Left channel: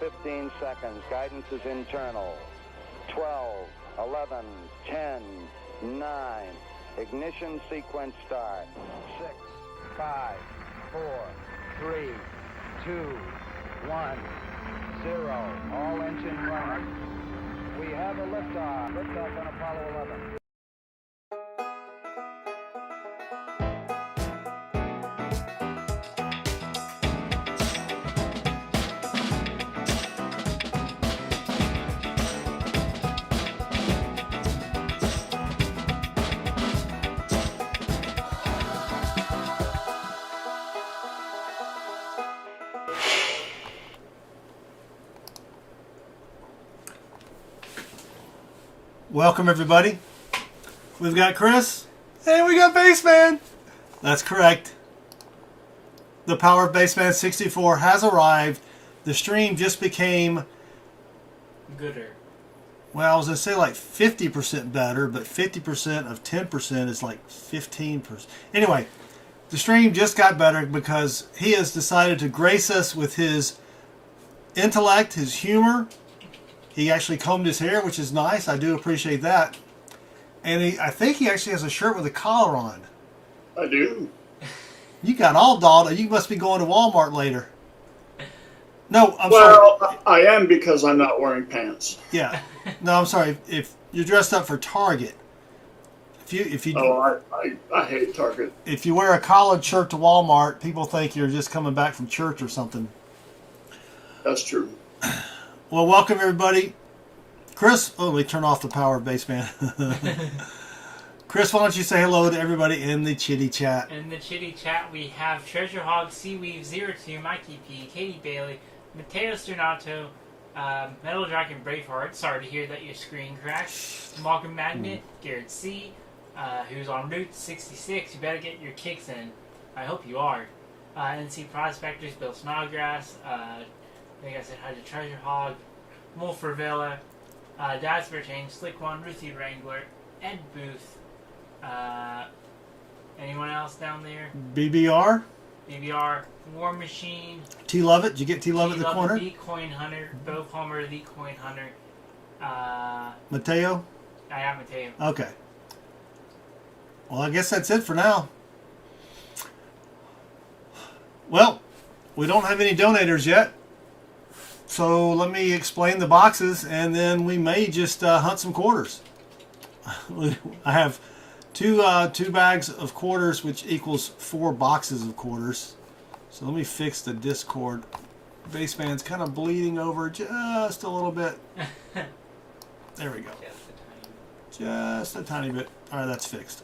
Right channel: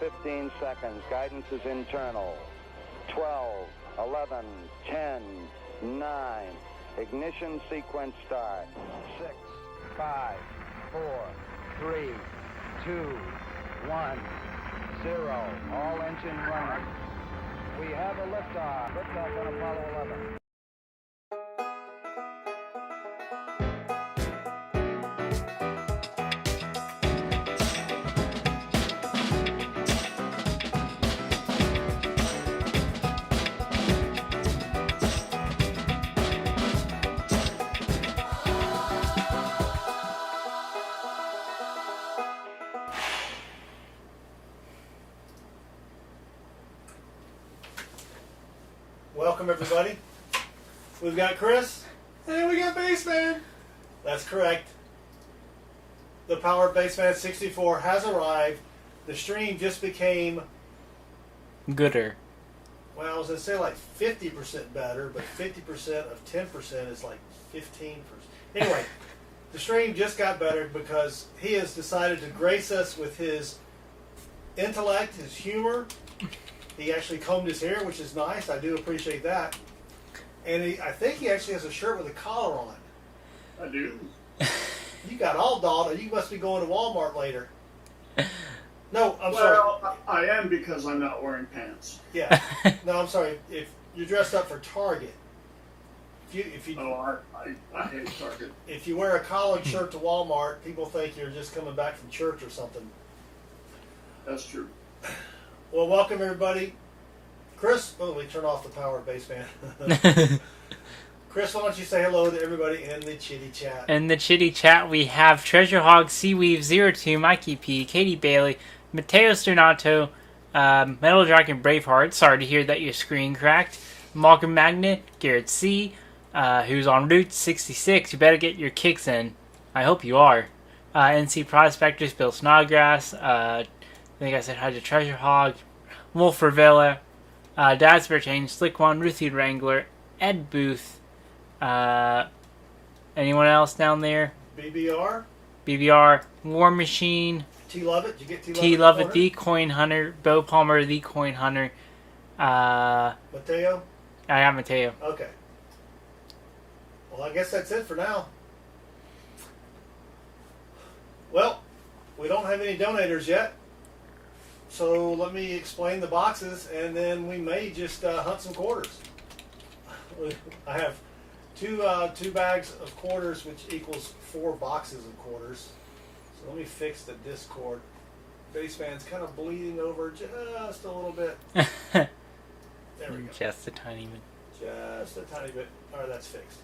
15 seconds. Guidance is internal. 12, 11, 10, 9. Ignition sequence start. 6, 5, 4, 3, 2, 1, 0. All engine running. We have a liftoff. Liftoff on Apollo 11. Welcome everybody. We've got Chris and we got Bassman. That's correct. The power of Bassman 64 has arrived. The stream just became gooder. Well, I was going to say like 50% better, but 50% of 10% is like 15%. Anyway, the stream just got better because he has decided to grace us with his intellect, his humor. He actually combed his hair, which is nice. I do appreciate that. And I think he actually has a shirt with a collar on. I do. You got all dolled. You must be going to Walmart later. No, I'm sorry. Well, I am because I'm not wearing pants. Yeah. No, I'm sorry. If you're dressed up for Target, if you Oh, I hate Target. if you wear a collared shirt to Walmart, people think you're just coming back from church or something. That's true. Well, welcome everybody. Chris, let me turn off the power of Bassman. Chris, why don't you say hello to everybody in the chitty chat? In the chitty chat, we have Treasure Hog, Seaweave02, Mikey P, Katie Bailey, Matteo Sternato, Metal Dragon Braveheart. Sorry to hear that your screen cracked. Malcolm Magnet, Garrett C, who's on Route 66. You better get your kicks in. I hope you are. NC Prospectors, Bill Snodgrass. I think I said hi to Treasure Hog, Wolf Revella, Dad's Bear Chain, Slick One, Ruthie Wrangler, Ed Booth. Anyone else down there? BBR? BBR, War Machine, T Lovett? Did you get T Lovett? T Lovett, The Coin Hunter, Bo Palmer, The Coin Hunter. Mateo? I got Mateo. Okay. Well, I guess that's it for now. Well, we don't have any donators yet. So let me explain the boxes, and then we may just hunt some quarters. I have two bags of quarters, which equals 4 boxes of quarters. So let me fix the Discord. Bassman's kind of bleeding over just a little bit. There we go. Just a tiny bit. Just a tiny bit. All right, that's fixed.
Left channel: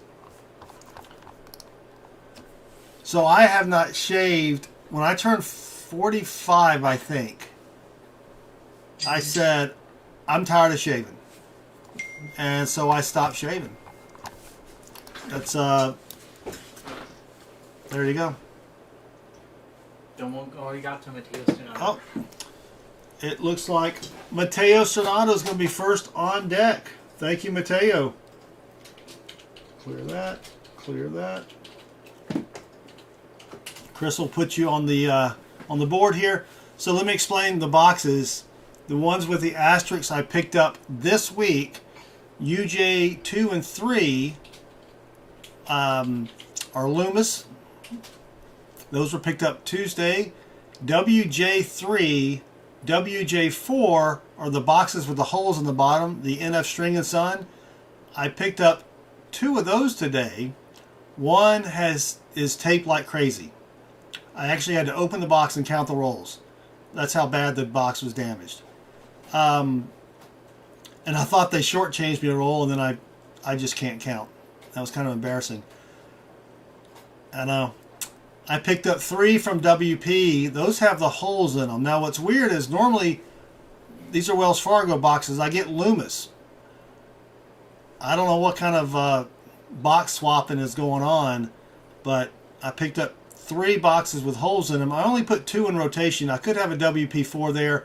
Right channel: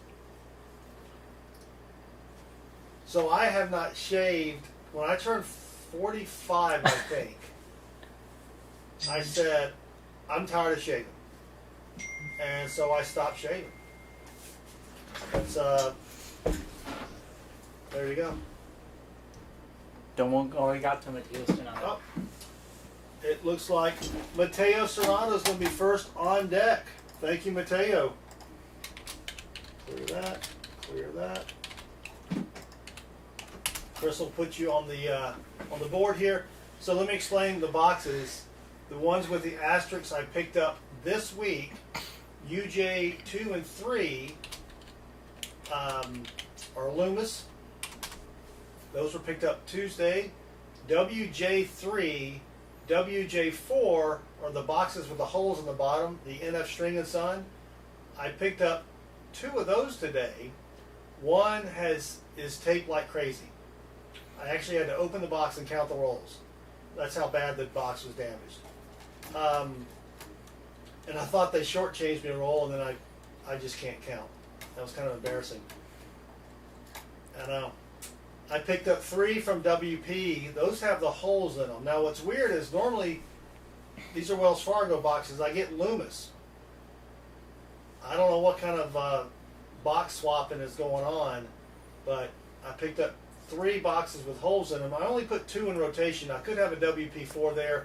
So I have not shaved. When I turned 45, I think, I said, I'm tired of shaving. And so I stopped shaving. That's, there you go. Already got to Mateo Sternato. Oh, it looks like Mateo Sternato is going to be first on deck. Thank you, Mateo. Clear that. Clear that. Chris will put you on the board here. So let me explain the boxes. The ones with the asterisks I picked up this week, UJ 2 and 3 are Loomis. Those were picked up Tuesday. WJ3, WJ4 are the boxes with the holes in the bottom, the NF String and Son. I picked up 2 of those today. One is taped like crazy. I actually had to open the box and count the rolls. That's how bad the box was damaged. And I thought they shortchanged me a roll, and then I just can't count. That was kind of embarrassing. I know. I picked up 3 from WP. Those have the holes in them. Now what's weird is normally these are Wells Fargo boxes. I get Loomis. I don't know what kind of box swapping is going on, but I picked up 3 boxes with holes in them. I only put 2 in rotation. I could have a WP4 there.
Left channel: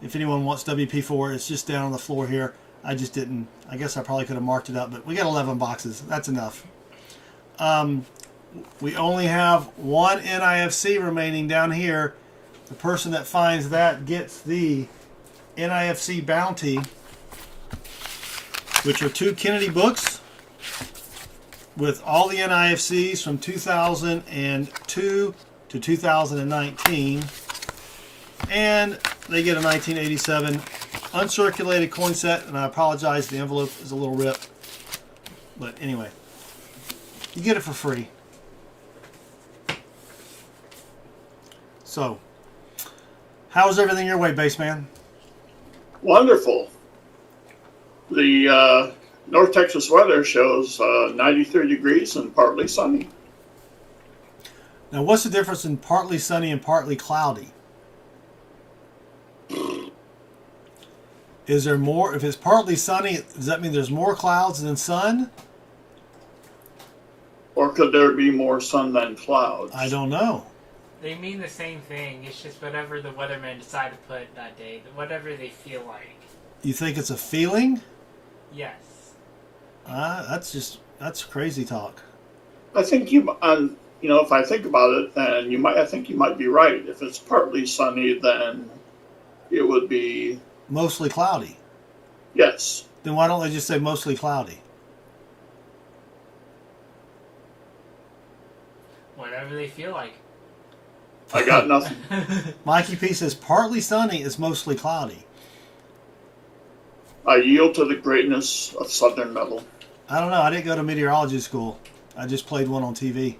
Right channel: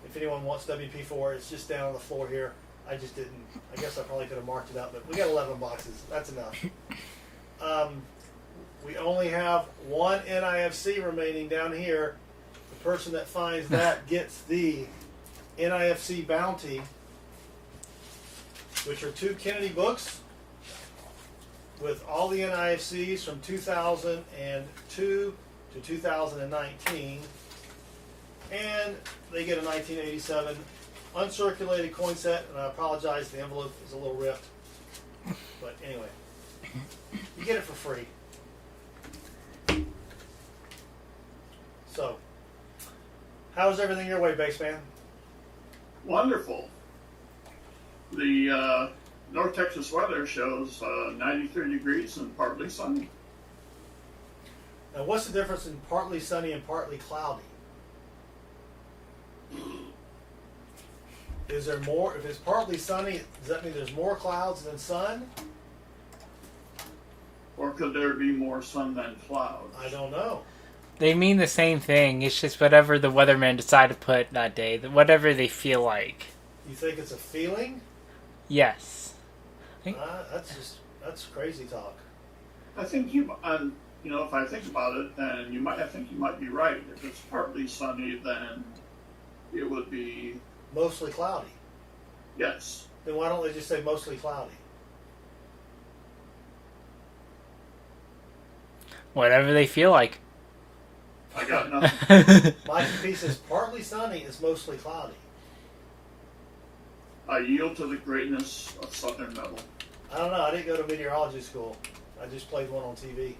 If anyone wants WP4, it's just down on the floor here. I just didn't. I guess I probably could have marked it up, but we got 11 boxes. That's enough. We only have 1 NIFC remaining down here, The person that finds that gets the NIFC Bounty, which are 2 Kennedy books with all the NIFCs from 2002 to 2019. And they get a 1987 uncirculated coin set, and I apologize, the envelope is a little ripped. But anyway, you get it for free. So, how's everything your way, Baseman? Wonderful. The North Texas weather shows 93 degrees and partly sunny. Now, what's the difference in partly sunny and partly cloudy? Is there more? If it's partly sunny, does that mean there's more clouds than sun? Or could there be more sun than clouds? I don't know. They mean the same thing. It's just whatever the weathermen decide to put that day, whatever they feel like. You think it's a feeling? Yes. That's crazy talk. I think if I think about it, then I think you might be right. If it's partly sunny, then it would be Mostly cloudy. yes. Then why don't they just say mostly cloudy? Whatever they feel like. I got nothing. Mikey P says partly sunny is mostly cloudy. I yield to the greatness of Southern metal. I don't know. I didn't go to meteorology school. I just played one on TV.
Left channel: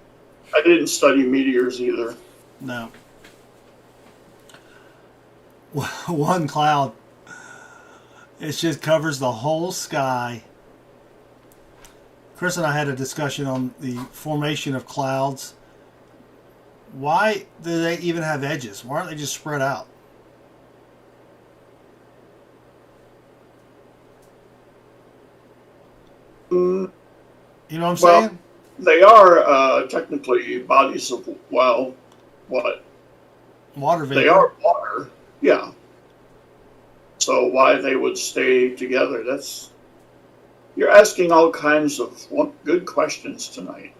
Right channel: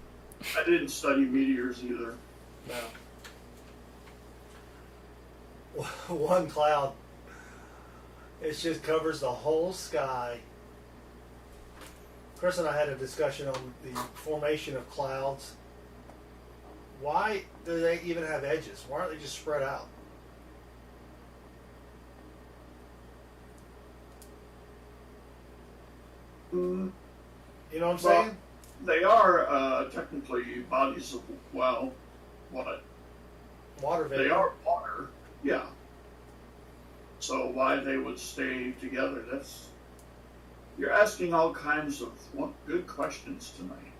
I didn't study meteors either. No. One cloud. It just covers the whole sky. Chris and I had a discussion on the formation of clouds. Why do they even have edges? Why aren't they just spread out? Mm, You know what I'm Well, saying? they are technically bodies of, what? Water vapor. They are water, yeah. So why they would stay together, you're asking all kinds of good questions tonight.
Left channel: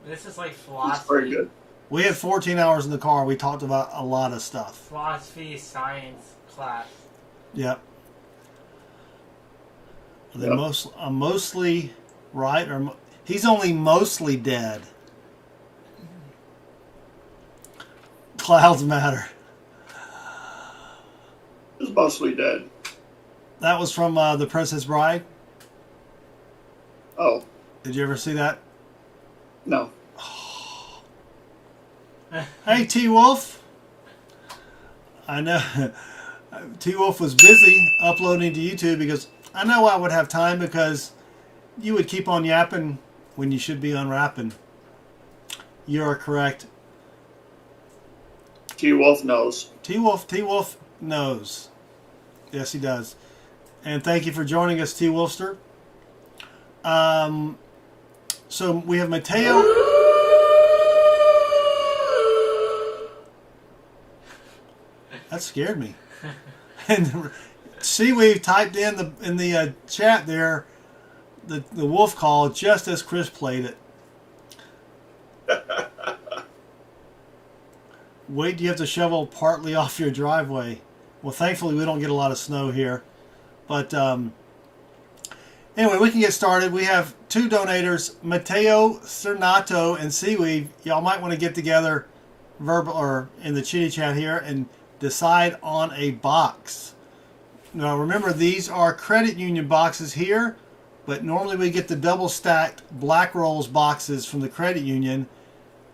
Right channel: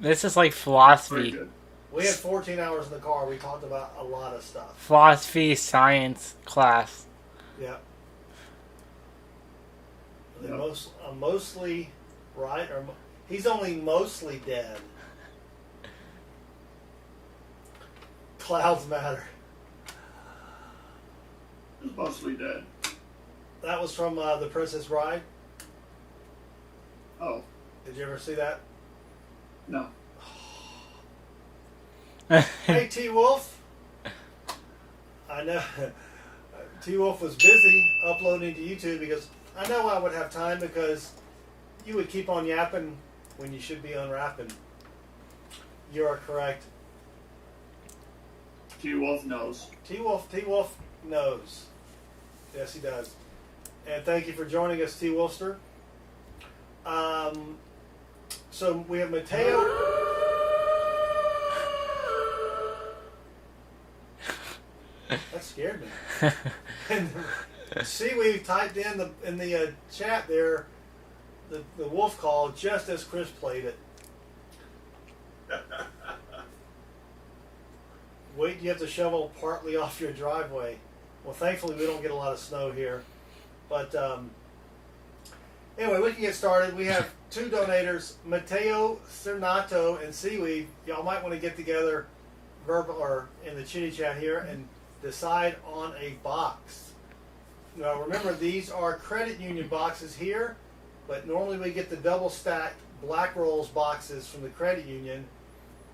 This is like Very philosophy. good. We had 14 hours in the car. We talked about a lot of stuff. Philosophy, science class. Yep. Are they Yep. mostly right, or he's only mostly dead? Clouds matter. It's mostly dead. That was from The Princess Bride. Oh, Did you ever see that? no. Hey, T Wolf. I know T Wolf was busy uploading to YouTube because I know I would have time because you would keep on yapping when you should be unwrapping. You are correct. T-Wolf knows. T Wolf knows. Yes, he does. And thank you for joining us, T Wolfster. So we have Mateo. That scared me. And Seaweed typed in the chat there the wolf call just as Chris played it. Wait, do you have to shovel partly off your driveway? Well, thankfully we don't get a lot of snow here. But anyway, we can get started. We have 2 donators, Mateo Cernato and Seaweed. Y'all might want to get together verbal or in the chitty chat here and decide on a box. Now remember, these are credit union boxes here, but normally we get the double stacked Black Rolls boxes from the credit union,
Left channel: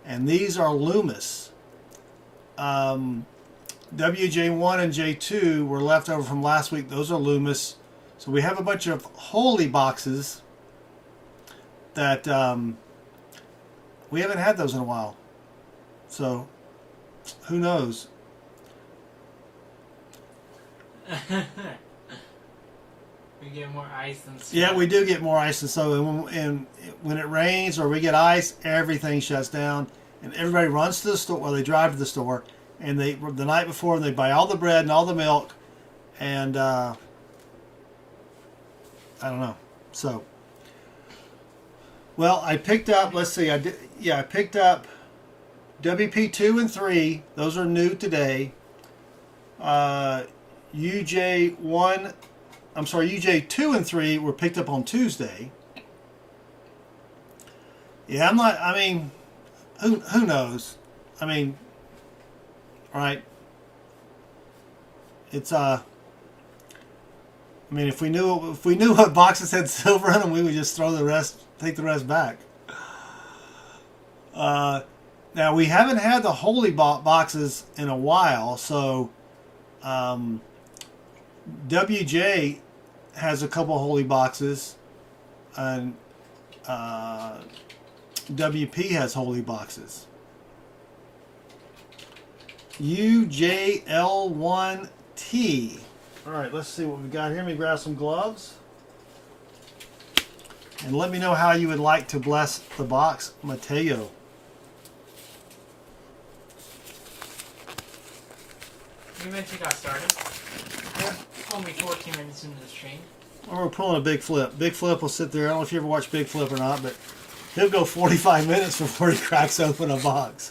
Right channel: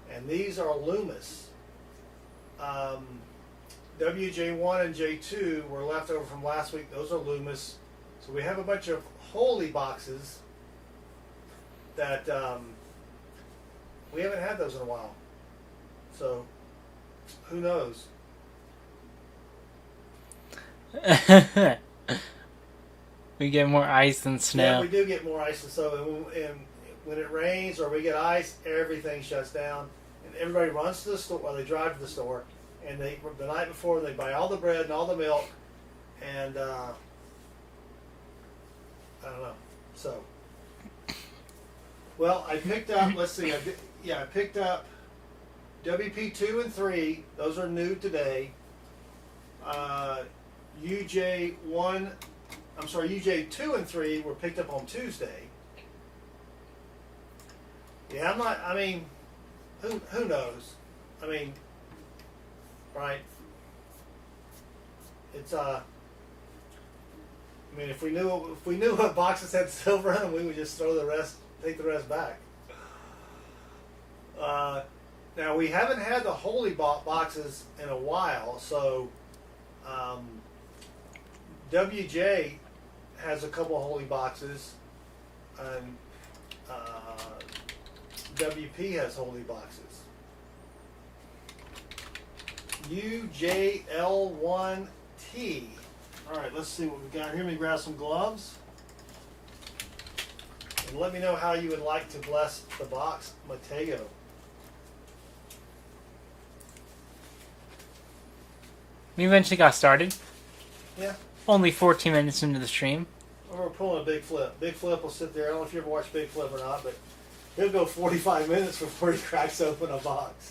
and these are Loomis. WJ1 and J2 were left over from last week. Those are Loomis. So we have a bunch of holy boxes that we haven't had those in a while. So who knows? We get more ice than snow. Yeah, we do get more ice and snow. And when it rains or we get ice, everything shuts down. And everybody runs to the store, well, they drive to the store. And the night before, they buy all the bread and all the milk. And I don't know. So, well, I picked up, let's see, I picked up WP 2 and 3, those are new today. UJ 2 and 3 were picked up on Tuesday. Yeah, I'm not. I mean, who knows? I mean, right? It's I mean, if we knew what boxes had silver in them, we would just throw the rest, take the rest back. Now we haven't had the holy boxes in a while, so WJ has a couple holy boxes, and WP has holy boxes. UJL1T. All right, let's see what we've got here. Let me grab some gloves. And let me know how you would like to bless the box, Mateo. We eventually got started. Yeah. Only 14 minutes into the stream. Or we're pulling a big flip. Big flip will sit there. I don't know if you ever watched Big Flip or not, but he'll go 45 minutes before he cracks open a box.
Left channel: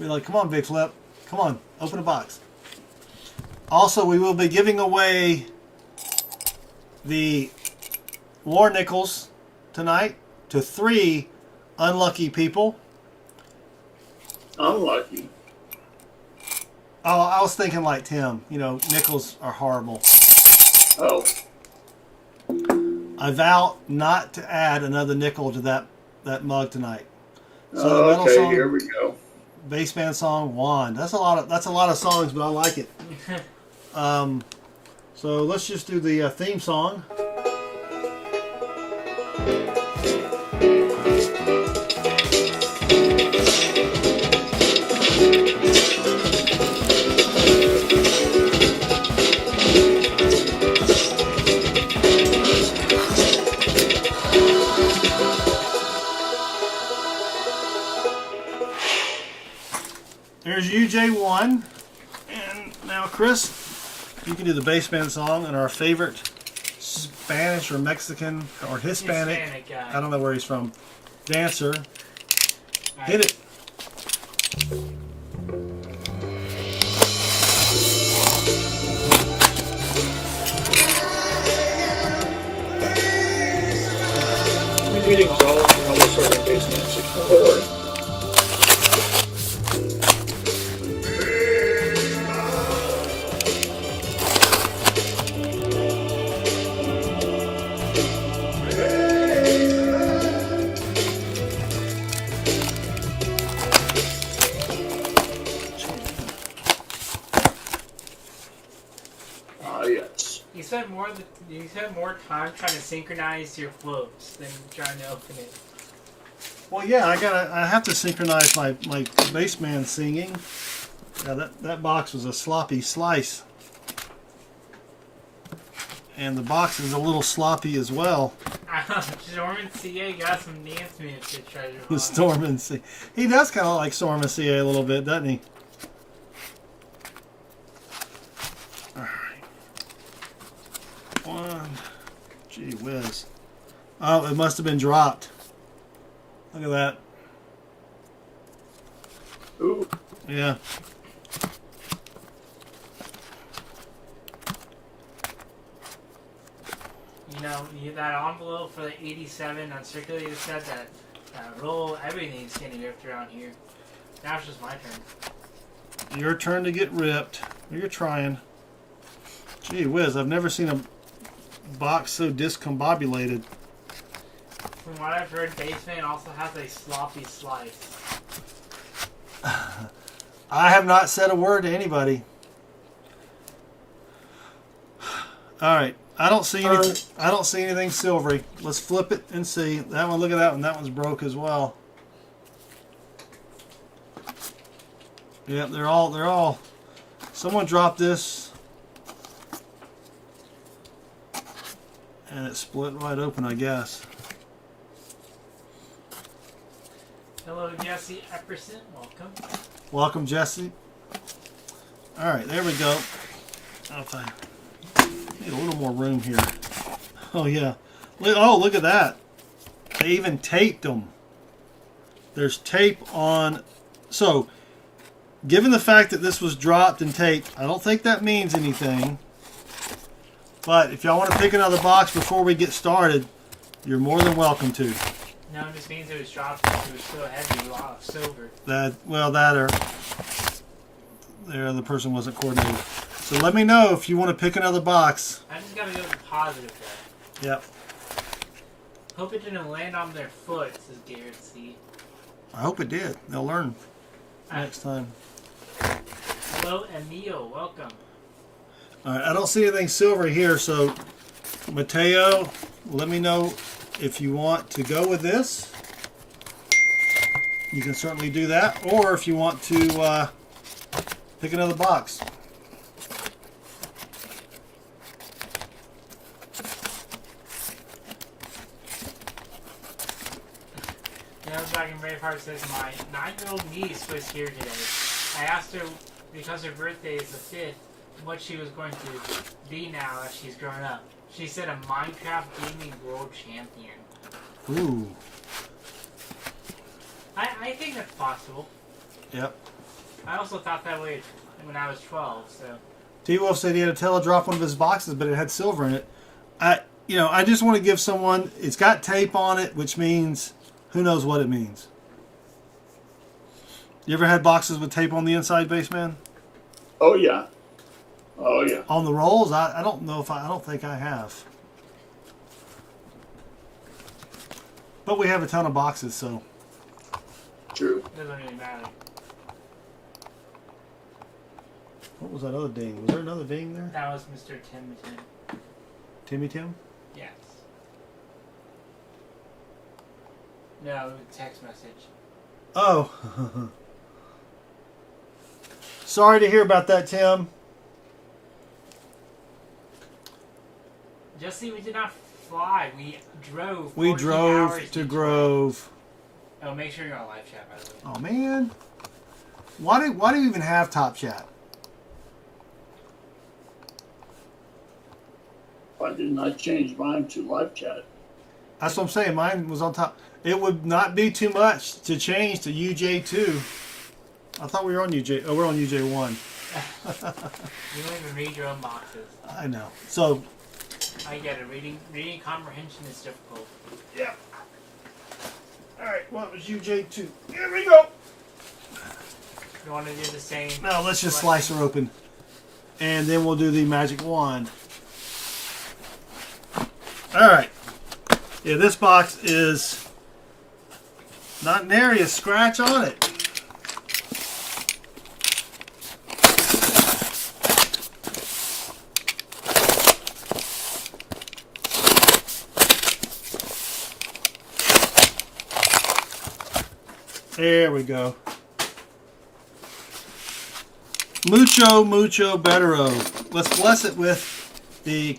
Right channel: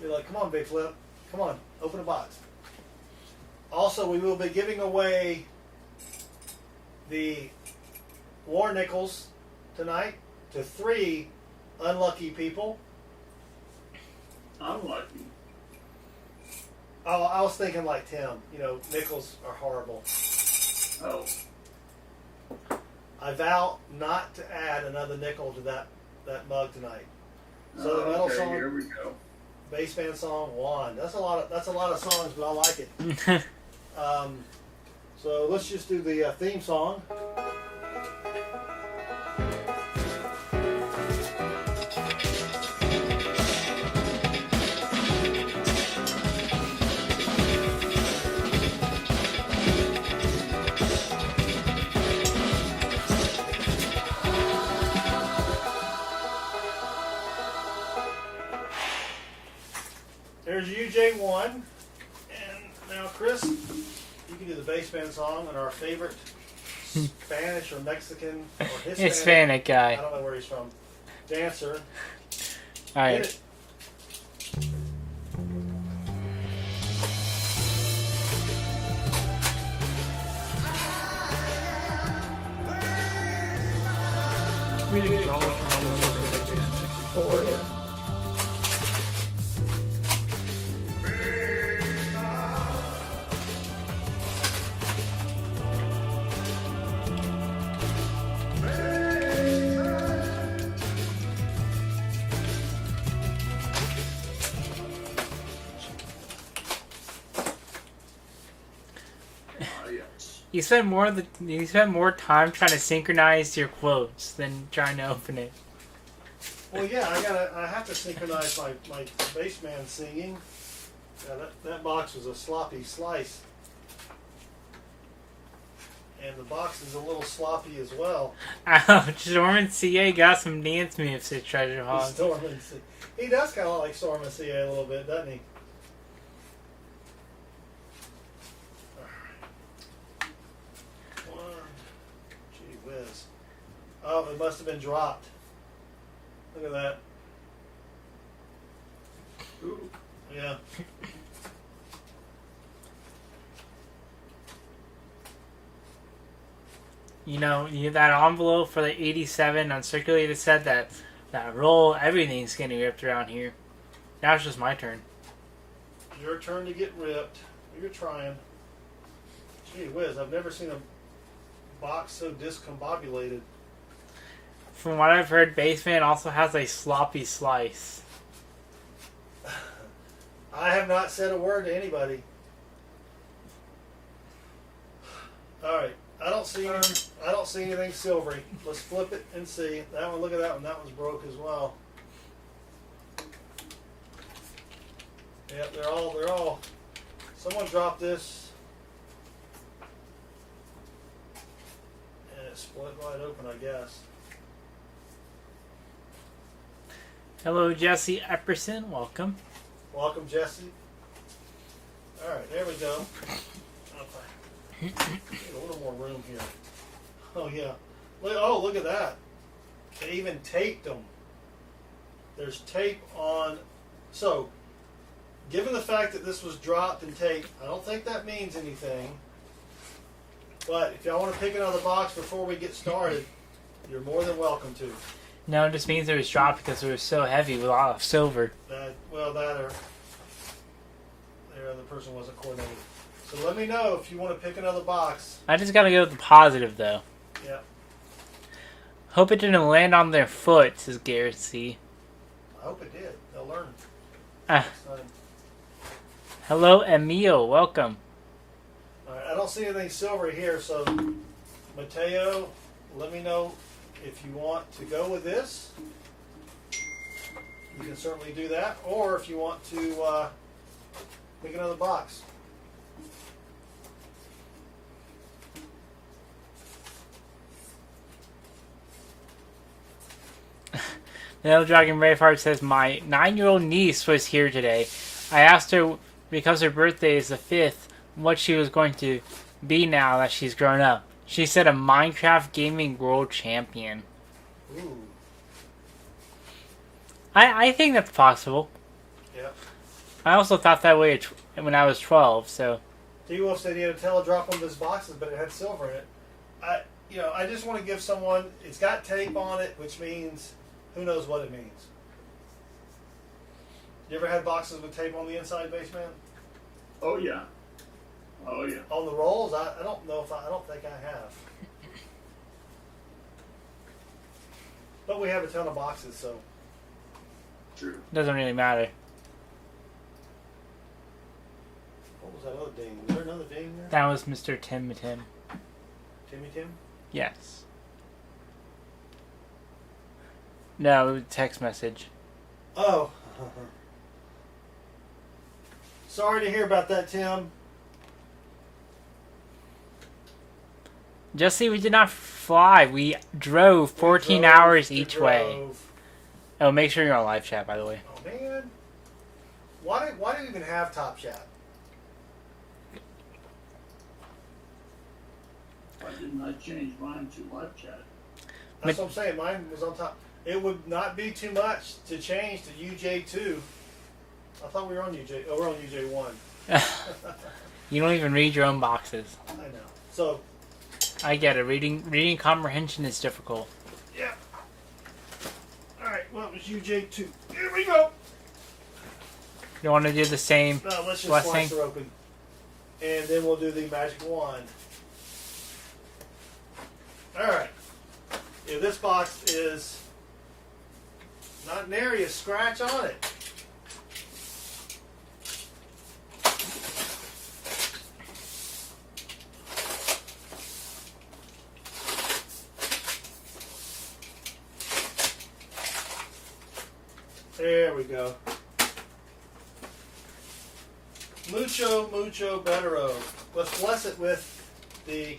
Be like, come on, Big Flip. Come on, open a box. Also, we will be giving away the war nickels tonight to 3 unlucky people. Unlucky. Oh, I was thinking like Tim. You know, nickels are horrible. Oh. I vow not to add another nickel to that mug tonight. So the Oh, metal okay, song, here we go. bass band song 1. That's a lot of songs, but I like it. So let's just do the theme song. There's UJ1, and now Chris, you can do the bass band song and our favorite Spanish or Mexican or Hispanic guy. I don't know where he's from. Dancer. All right. Hit it. We need to call another sort of basement support. You spend more time trying to synchronize your clothes than trying to open it. Well, yeah, I have to synchronize my bass man singing. Yeah, that box was a sloppy slice. And the box is a little sloppy as well. Storm CA got some dance moves at Treasure Hog. Storm and CA. He does kind of like Storm and CA a little bit, doesn't he? One. Gee whiz. Oh, it must have been dropped. Look at that. Ooh. Yeah. You know, that envelope for the 87 uncirculated said that roll, everything's getting ripped around here. Now it's just my turn. Your turn to get ripped. You're trying. Gee whiz, I've never seen a box so discombobulated. From what I've heard, Baseman also has a sloppy slice. I have not said a word to anybody. All right, I don't see anything silvery. Let's flip it and see. That one, look at that one. That one's broke as well. Yep, they're all. Someone dropped this, and it split wide open, I guess. Hello, Jesse Epperson. Welcome. Welcome, Jesse. All right, there we go. Okay. Need a little more room here. Oh yeah. Look at that. They even taped them. There's tape on. So, given the fact that this was dropped and taped, I don't think that means anything. But if y'all want to pick another box before we get started, you're more than welcome to. No, it just means it was dropped because it was so heavy with a lot of silver. That or the other person wasn't coordinated. So let me know if you want to pick another box. I just gotta go with the positive though. Yep. Hope it didn't land on their foot, says Garrett C. I hope it did. They'll learn next time. Hello, Emil. Welcome. All right. I don't see anything silver here, so Mateo, let me know if you want to go with this. You can certainly do that, or if you want to pick another box. Metal Dragon Braveheart says, my 9-year-old niece was here today. I asked her, because her birthday is the 5th, what she was going to be now that she's grown up. She said a Minecraft Gaming World Champion. Ooh. I think that's possible. Yep. I also thought that way when I was 12, so... T-Wolf said he had a teledrop one of his boxes, but it had silver in it. I just want to give someone... It's got tape on it, which means... Who knows what it means? You ever had boxes with tape on the inside, Baseman? Oh yeah. Oh yeah. On the rolls? I don't know if I don't think I have. But we have a ton of boxes, so. True. Doesn't really matter. What was that other ding? Was there another ding there? That was Mr. Tim. Timmy Tim? Yes. No, text message. Oh. Sorry to hear about that, Tim. Just see, we did not fly. We drove 14 hours each way. Oh, make sure you're on live chat, by the way. Oh, man. Why do we even have Top Chat? Why didn't I change mine to live chat? That's what I'm saying. Mine was on top. It would not be too much to change to UJ2. I thought we were on UJ. Oh, we're on UJ1. You don't even read your own boxes. I know. So. I get it. Reading comprehension is difficult. Yeah. All right. Well, it was UJ2. Here we go. You want to do the same? No, let's just slice her open, and then we'll do the magic wand. All right. Yeah, this box is not nary a scratch on it. There we go. Mucho bettero. Let's bless it with the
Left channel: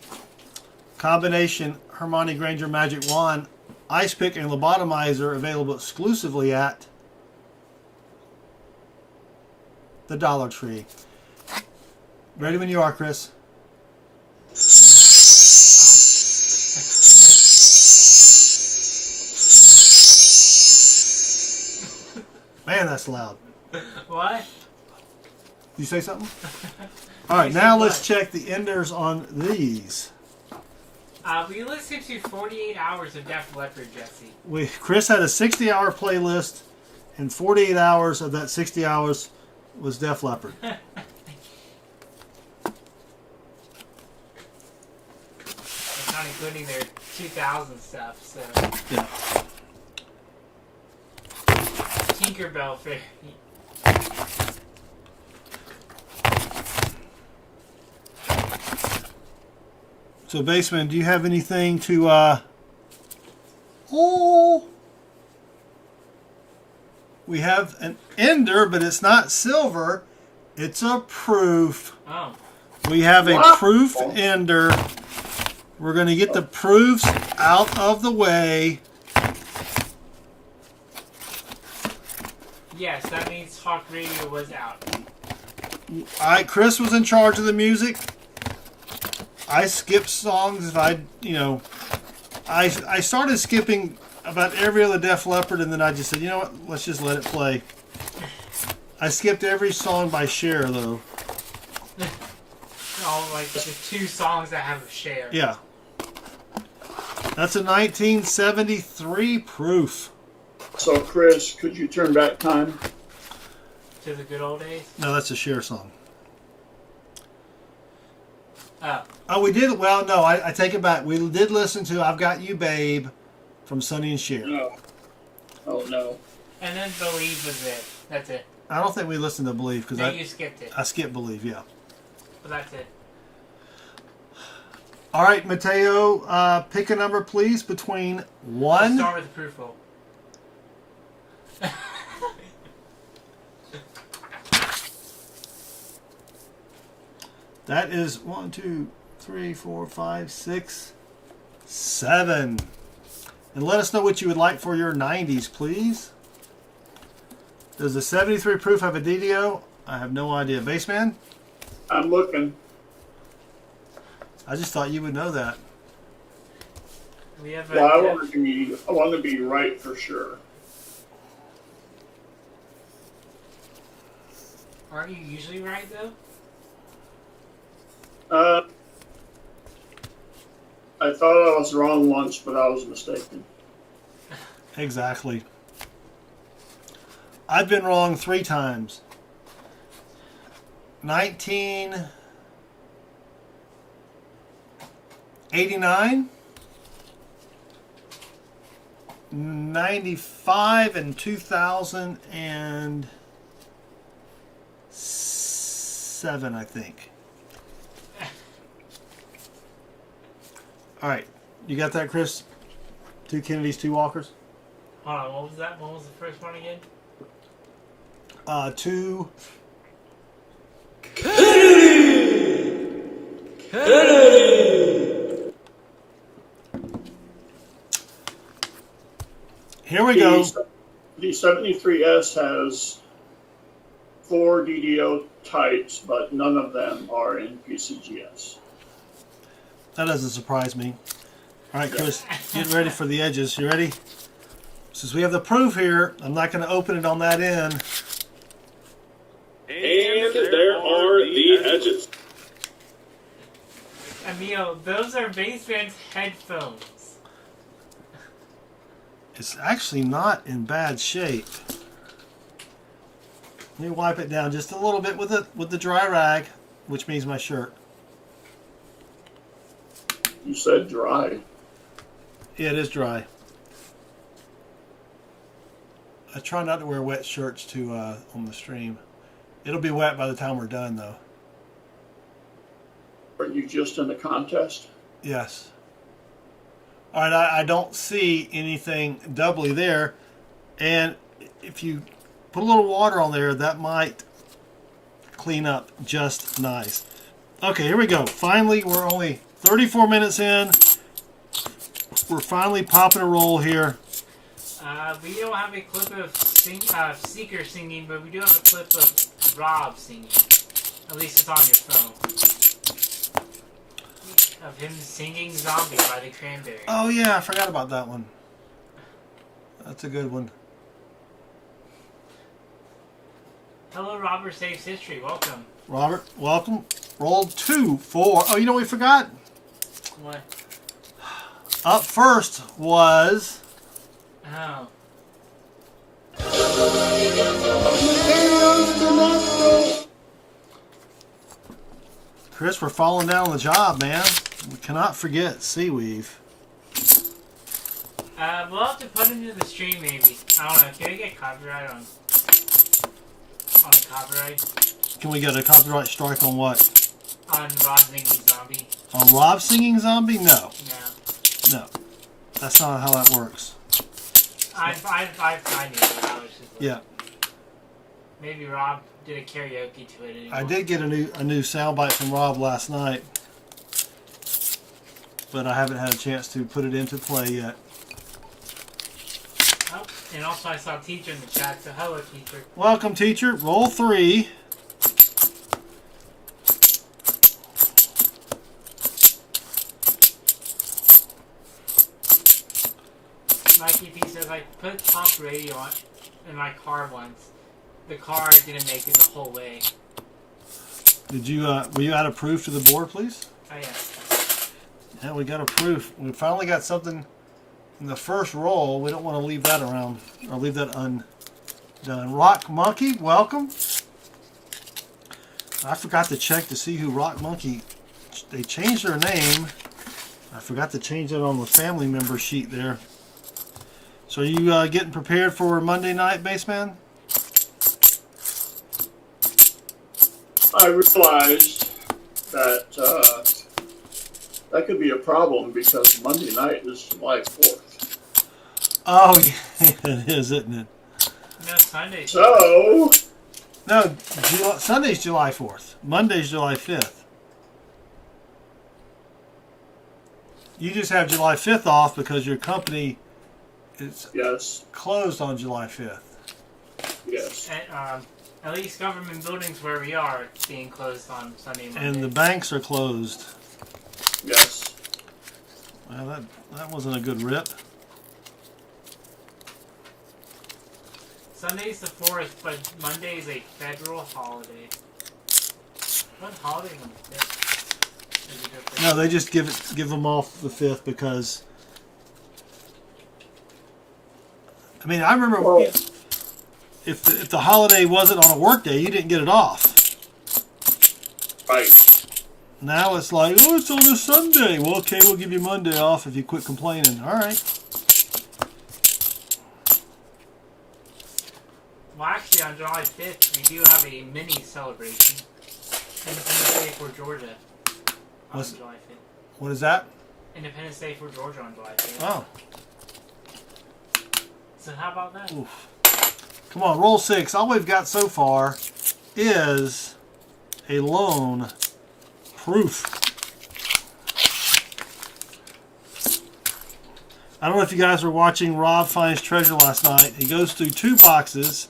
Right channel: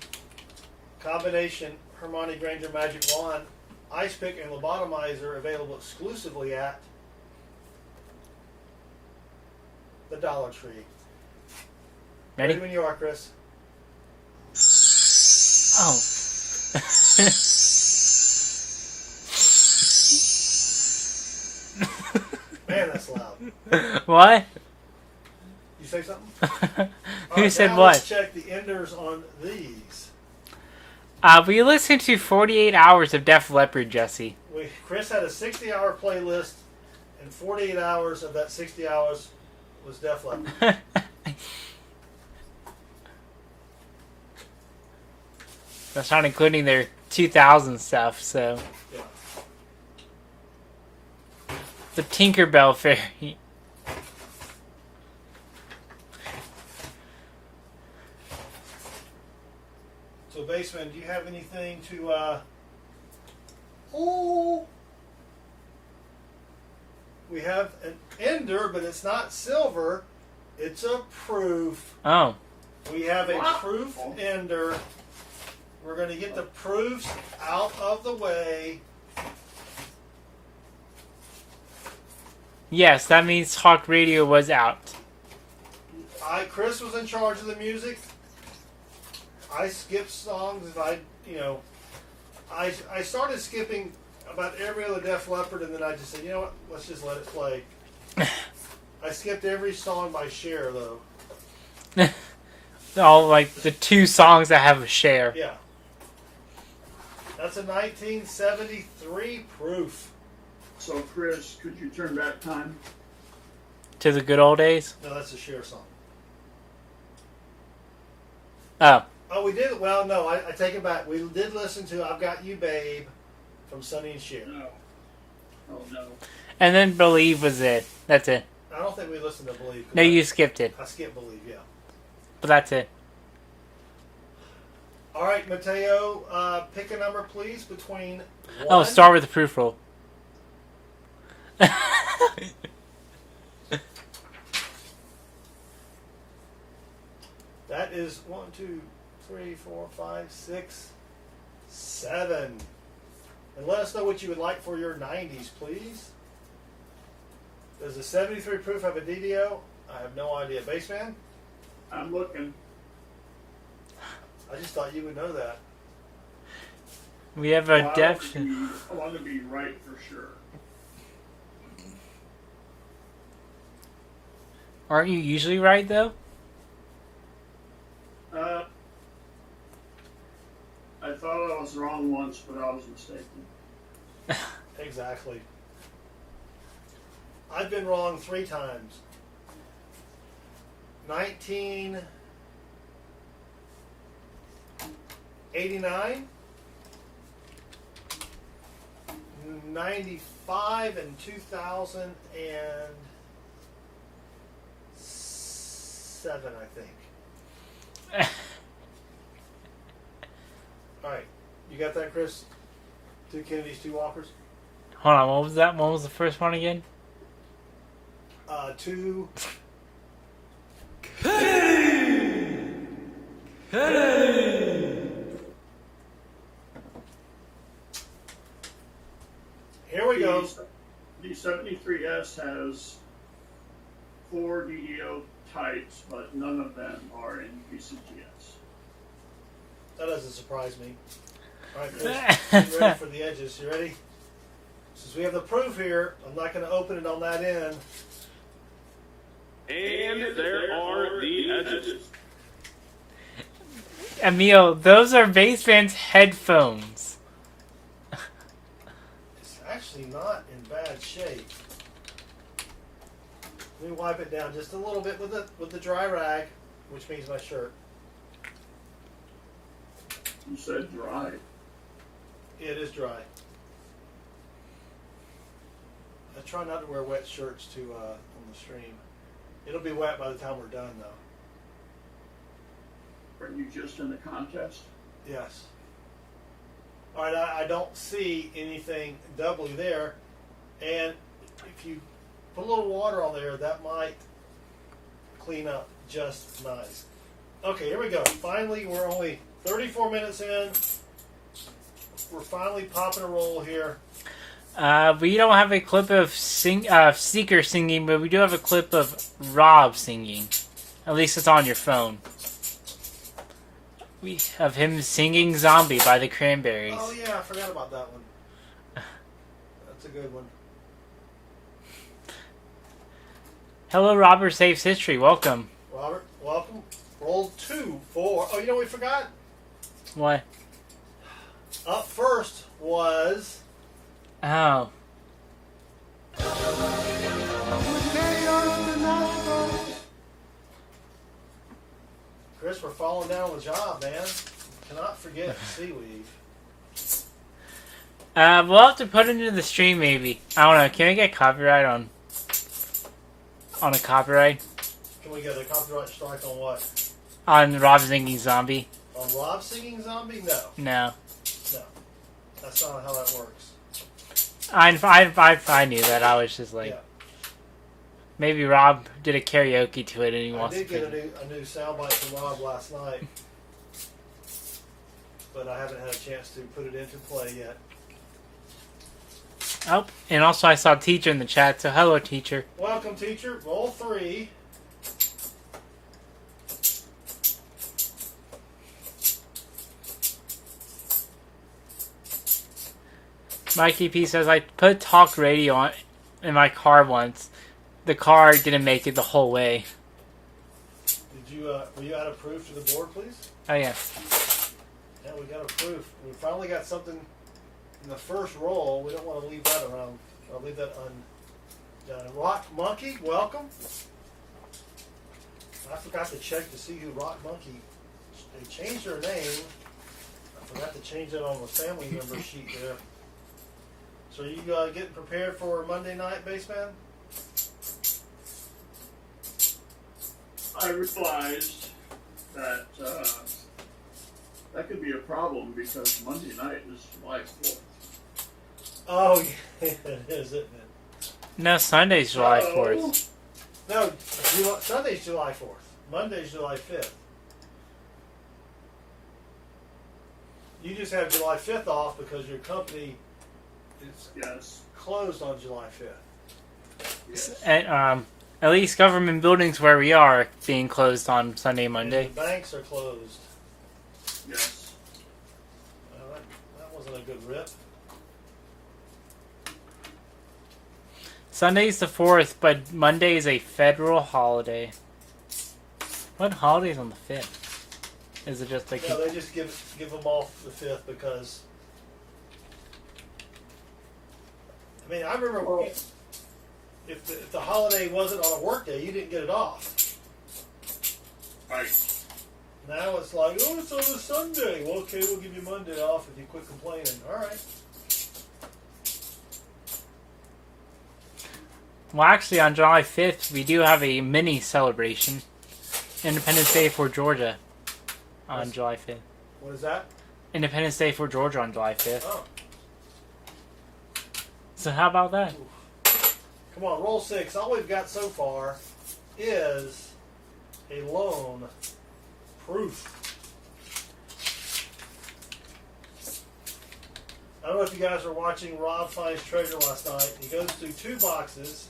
combination Hermione Granger Magic Wand, Ice Pick, and Lobotomizer, available exclusively at the Dollar Tree. Ready when you are, Chris. Man, that's loud. What? You say something? All right, now let's check the enders on these. We listened to 48 hours of Def Leppard, Jesse. Chris had a 60-hour playlist, and 48 hours of that 60 hours was Def Leppard. That's not including their 2000 stuff, so... Yeah. The Tinkerbell Fairy. So, Baseman, do you have anything to, Oh! We have an ender, but it's not silver. It's a proof. Oh. We have a proof ender. We're going to get the proofs out of the way. Yes, that means Talk Radio was out. Chris was in charge of the music. I skipped songs if I started skipping about every other Def Leppard, and then I just said, you know what? Let's just let it play. I skipped every song by Cher, though. All like the 2 songs that have a share. Yeah. That's a 1973 proof. So, Chris, could you turn back time? To the good old days. No, that's a Cher song. Oh. Oh, we did. Well, no, I take it back. We did listen to "I've Got You, Babe" from Sonny and Cher. No. Oh, no. And then Believe was it. That's it. I don't think we listened to "Believe" No, because you skipped it. I skipped "Believe." Yeah. But that's it. All right, Mateo, pick a number, please, between 1. Oh, start with the proof roll. That is 1, 2, 3, 4, 5, 6, 7. And let us know what you would like for your 90s, please. Does the 73 proof have a DDO? I have no idea. Bassman? I'm looking. I just thought you would know that. We have a Well, I def. want to be right for sure. Aren't you usually right though? I thought I was wrong once, but I was mistaken. Exactly. I've been wrong 3 times. 1989, 95, and 2007, I think. All right. You got that, Chris? 2 Kennedys, 2 Walkers? Hold on, what was that? What was the first one again? 2... Here we go. The 73S has 4 DDO types, but none of them are in PCGS. That doesn't surprise me. All right, Chris, get ready for the edges. You ready? Since we have the proof here, I'm not going to open it on that end. And there are the edges. Emil, those are Bassman's headphones. It's actually not in bad shape. Let me wipe it down just a little bit with the dry rag, which means my shirt. You said dry. Yeah, it is dry. I try not to wear wet shirts on the stream. It'll be wet by the time we're done, though. Are you just in the contest? Yes. All right, I don't see anything doubly there. And if you put a little water on there, that might clean up just nice. Okay, here we go. Finally, we're only 34 minutes in. We're finally popping a roll here. We don't have a clip of Seeker singing, but we do have a clip of Rob singing. At least it's on your phone. Of him singing Zombie by the Cranberries. Oh, yeah, I forgot about that one. That's a good one. Hello, Robert Saves History. Welcome. Robert, welcome. Roll 2, 4. Oh, you know what we forgot? What? Up first was... Oh. Chris, we're falling down on the job, man. We cannot forget Seaweave. We'll have to put it into the stream, maybe. I don't know. Can we get copyright on a copyright? Can we get a copyright strike on what? On Rob singing Zombie? On Rob singing Zombie? No. No. No. That's not how that works. I knew that. I was just like... Yeah. Maybe Rob did a karaoke to it anymore. I did get a new soundbite from Rob last night. But I haven't had a chance to put it into play yet. Oh, and also I saw Teacher in the chat, so hello, Teacher. Welcome, Teacher. Roll 3. Mikey P says, I put talk radio on in my car once. The car didn't make it the whole way. Did you, were you out of proof to the board, please? Oh, yeah. Yeah, we got a proof. We finally got something in the first roll. We don't want to leave that around, or leave that undone. Rock Monkey, welcome. I forgot to check to see who Rock Monkey, they changed their name. I forgot to change it on the family member sheet there. So are you getting prepared for Monday night, Baseman? I realized that that could be a problem because Monday night is July 4th. Oh, yeah, it is, isn't it? No, Sunday's July 4th. No, Sunday's July 4th. Monday's July 5th. You just have July 5th off because your company is closed on July 5th. Yes. And, at least government buildings where we are being closed on Sunday and Monday. And the banks are closed. Yes. Well, that wasn't a good rip. Sunday's the 4th, but Monday is a federal holiday. What holiday is on the 5th? Is it just like... No, they just give them off the 5th because... I mean, I remember if the holiday wasn't on a work day, you didn't get it off. Right. Now it's like, oh, it's on a Sunday. Well, okay, we'll give you Monday off if you quit complaining. All right. Well, actually, on July 5th, we do have a mini celebration. Independence Day for Georgia on July 5th. What is that? Independence Day for Georgia on July 5th. Oh. So how about that? Oof. Come on, roll 6. All we've got so far is a lone proof. I don't know if you guys were watching Rob Finds Treasure last night. He goes through 2 boxes,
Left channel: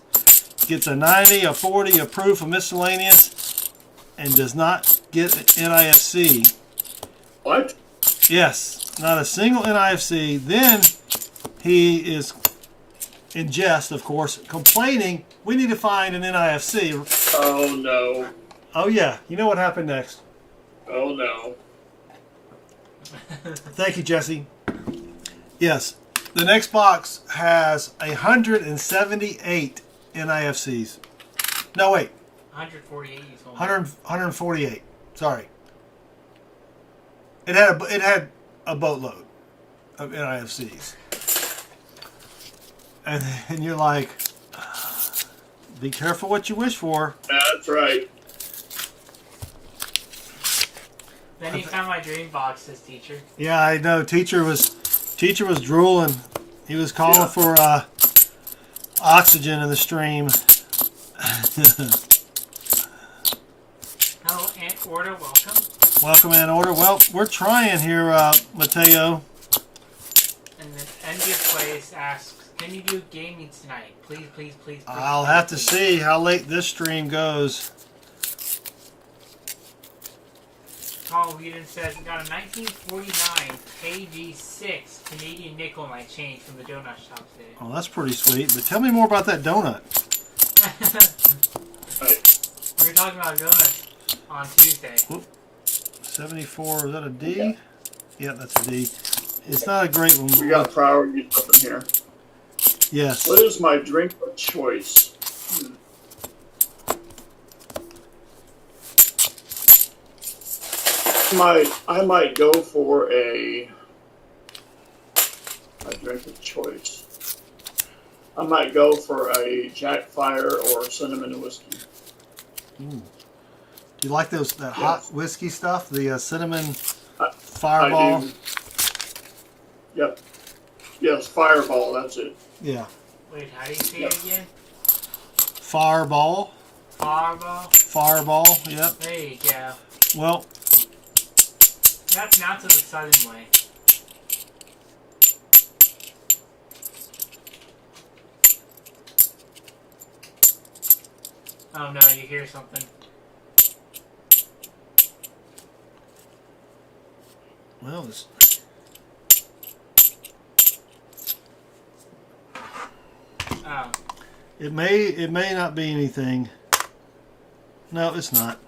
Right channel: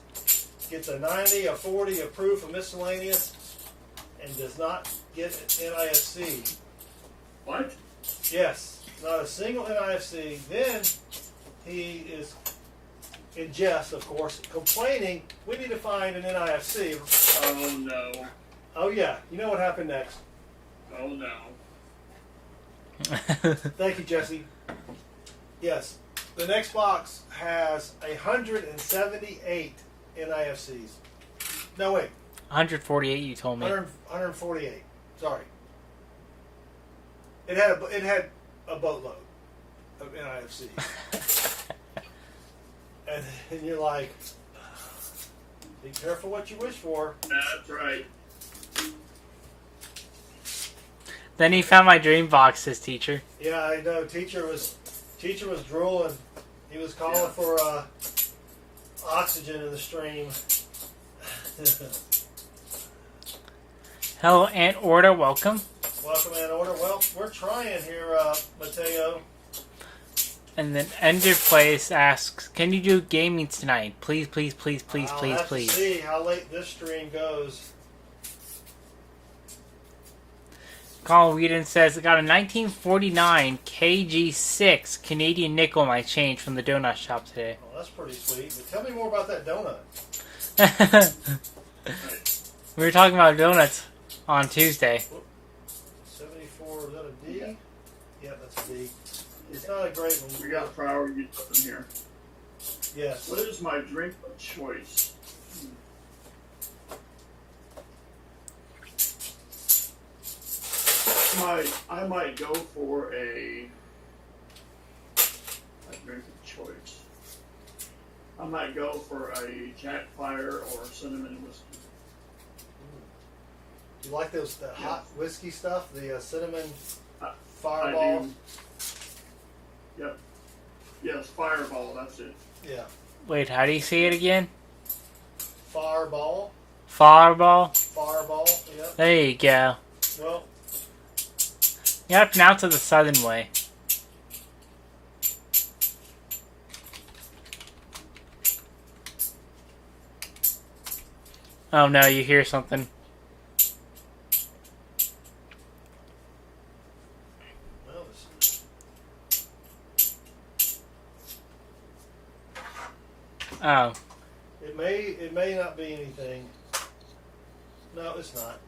gets a 90, a 40, a proof, a miscellaneous, and does not get an NIFC. What? Yes, not a single NIFC. Then he is, in jest, of course, complaining, we need to find an NIFC. Oh, no. Oh, yeah. You know what happened next. Oh, no. Thank you, Jesse. Yes, the next box has 178 NIFCs. No, wait. 148, you told me. 148. Sorry. It had a boatload of NIFCs. and you're like, be careful what you wish for. That's right. Then he found my dream box, his teacher. Yeah, I know. Teacher was drooling. He was calling for oxygen in the stream. Hello, Aunt Orta. Welcome. Welcome, Aunt Orta. Well, we're trying here, Mateo. And then Ender Place asks, can you do gaming tonight? Please, please, please, please, I'll please, have please. to see how late this stream goes. Colin Whedon says, I got a 1949 KG6 Canadian nickel in my change from the donut shop today. Oh, that's pretty sweet. But tell me more about that donut. We were talking about donuts on Tuesday. 74, is that a D? Yeah, that's a D. It's not a great one. We got priorities up in here. Yes. What is my drink of choice? I might go for a drink of choice. I might go for a Jack Fire or cinnamon whiskey. Ooh. Do you like that hot whiskey stuff? The cinnamon I fireball? do. Yep. Yes, Fireball, that's it. Yeah. Wait, how do you say it again? Fireball? Fireball? Fireball, yep. There you go. Well, you have to pronounce it the southern way. Oh no, you hear something. well, Oh. It may not be anything. No, it's not.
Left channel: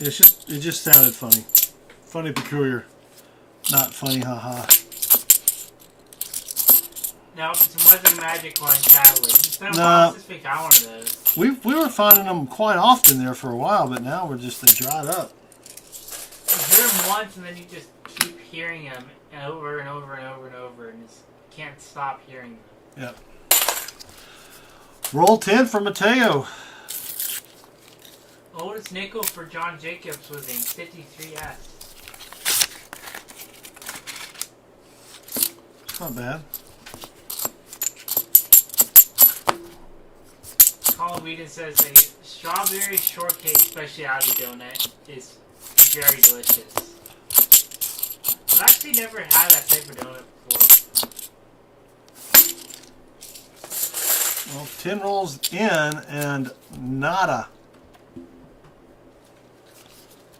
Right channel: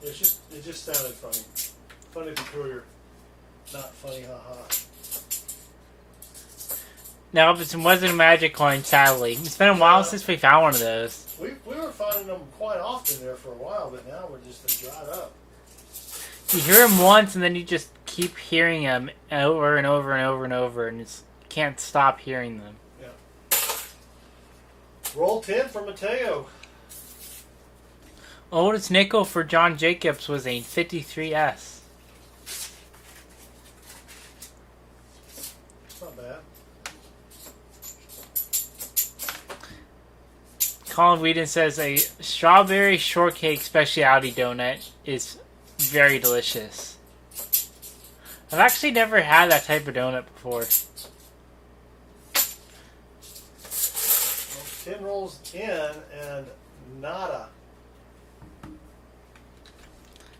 It just sounded funny. Funny, peculiar. Not funny, haha. No, but it wasn't a magic coin, sadly. It's been a while since we found one of those. We were finding them quite often there for a while, but now they dried up. You hear them once, and then you just keep hearing them over and over and over and over, and you can't stop hearing them. Yep. Roll 10 for Mateo. Oldest nickel for John Jacobs was a 53S. It's not bad. Colin Whedon says a strawberry shortcake specialty donut is very delicious. I've actually never had that type of donut before. Well, 10 rolls in and nada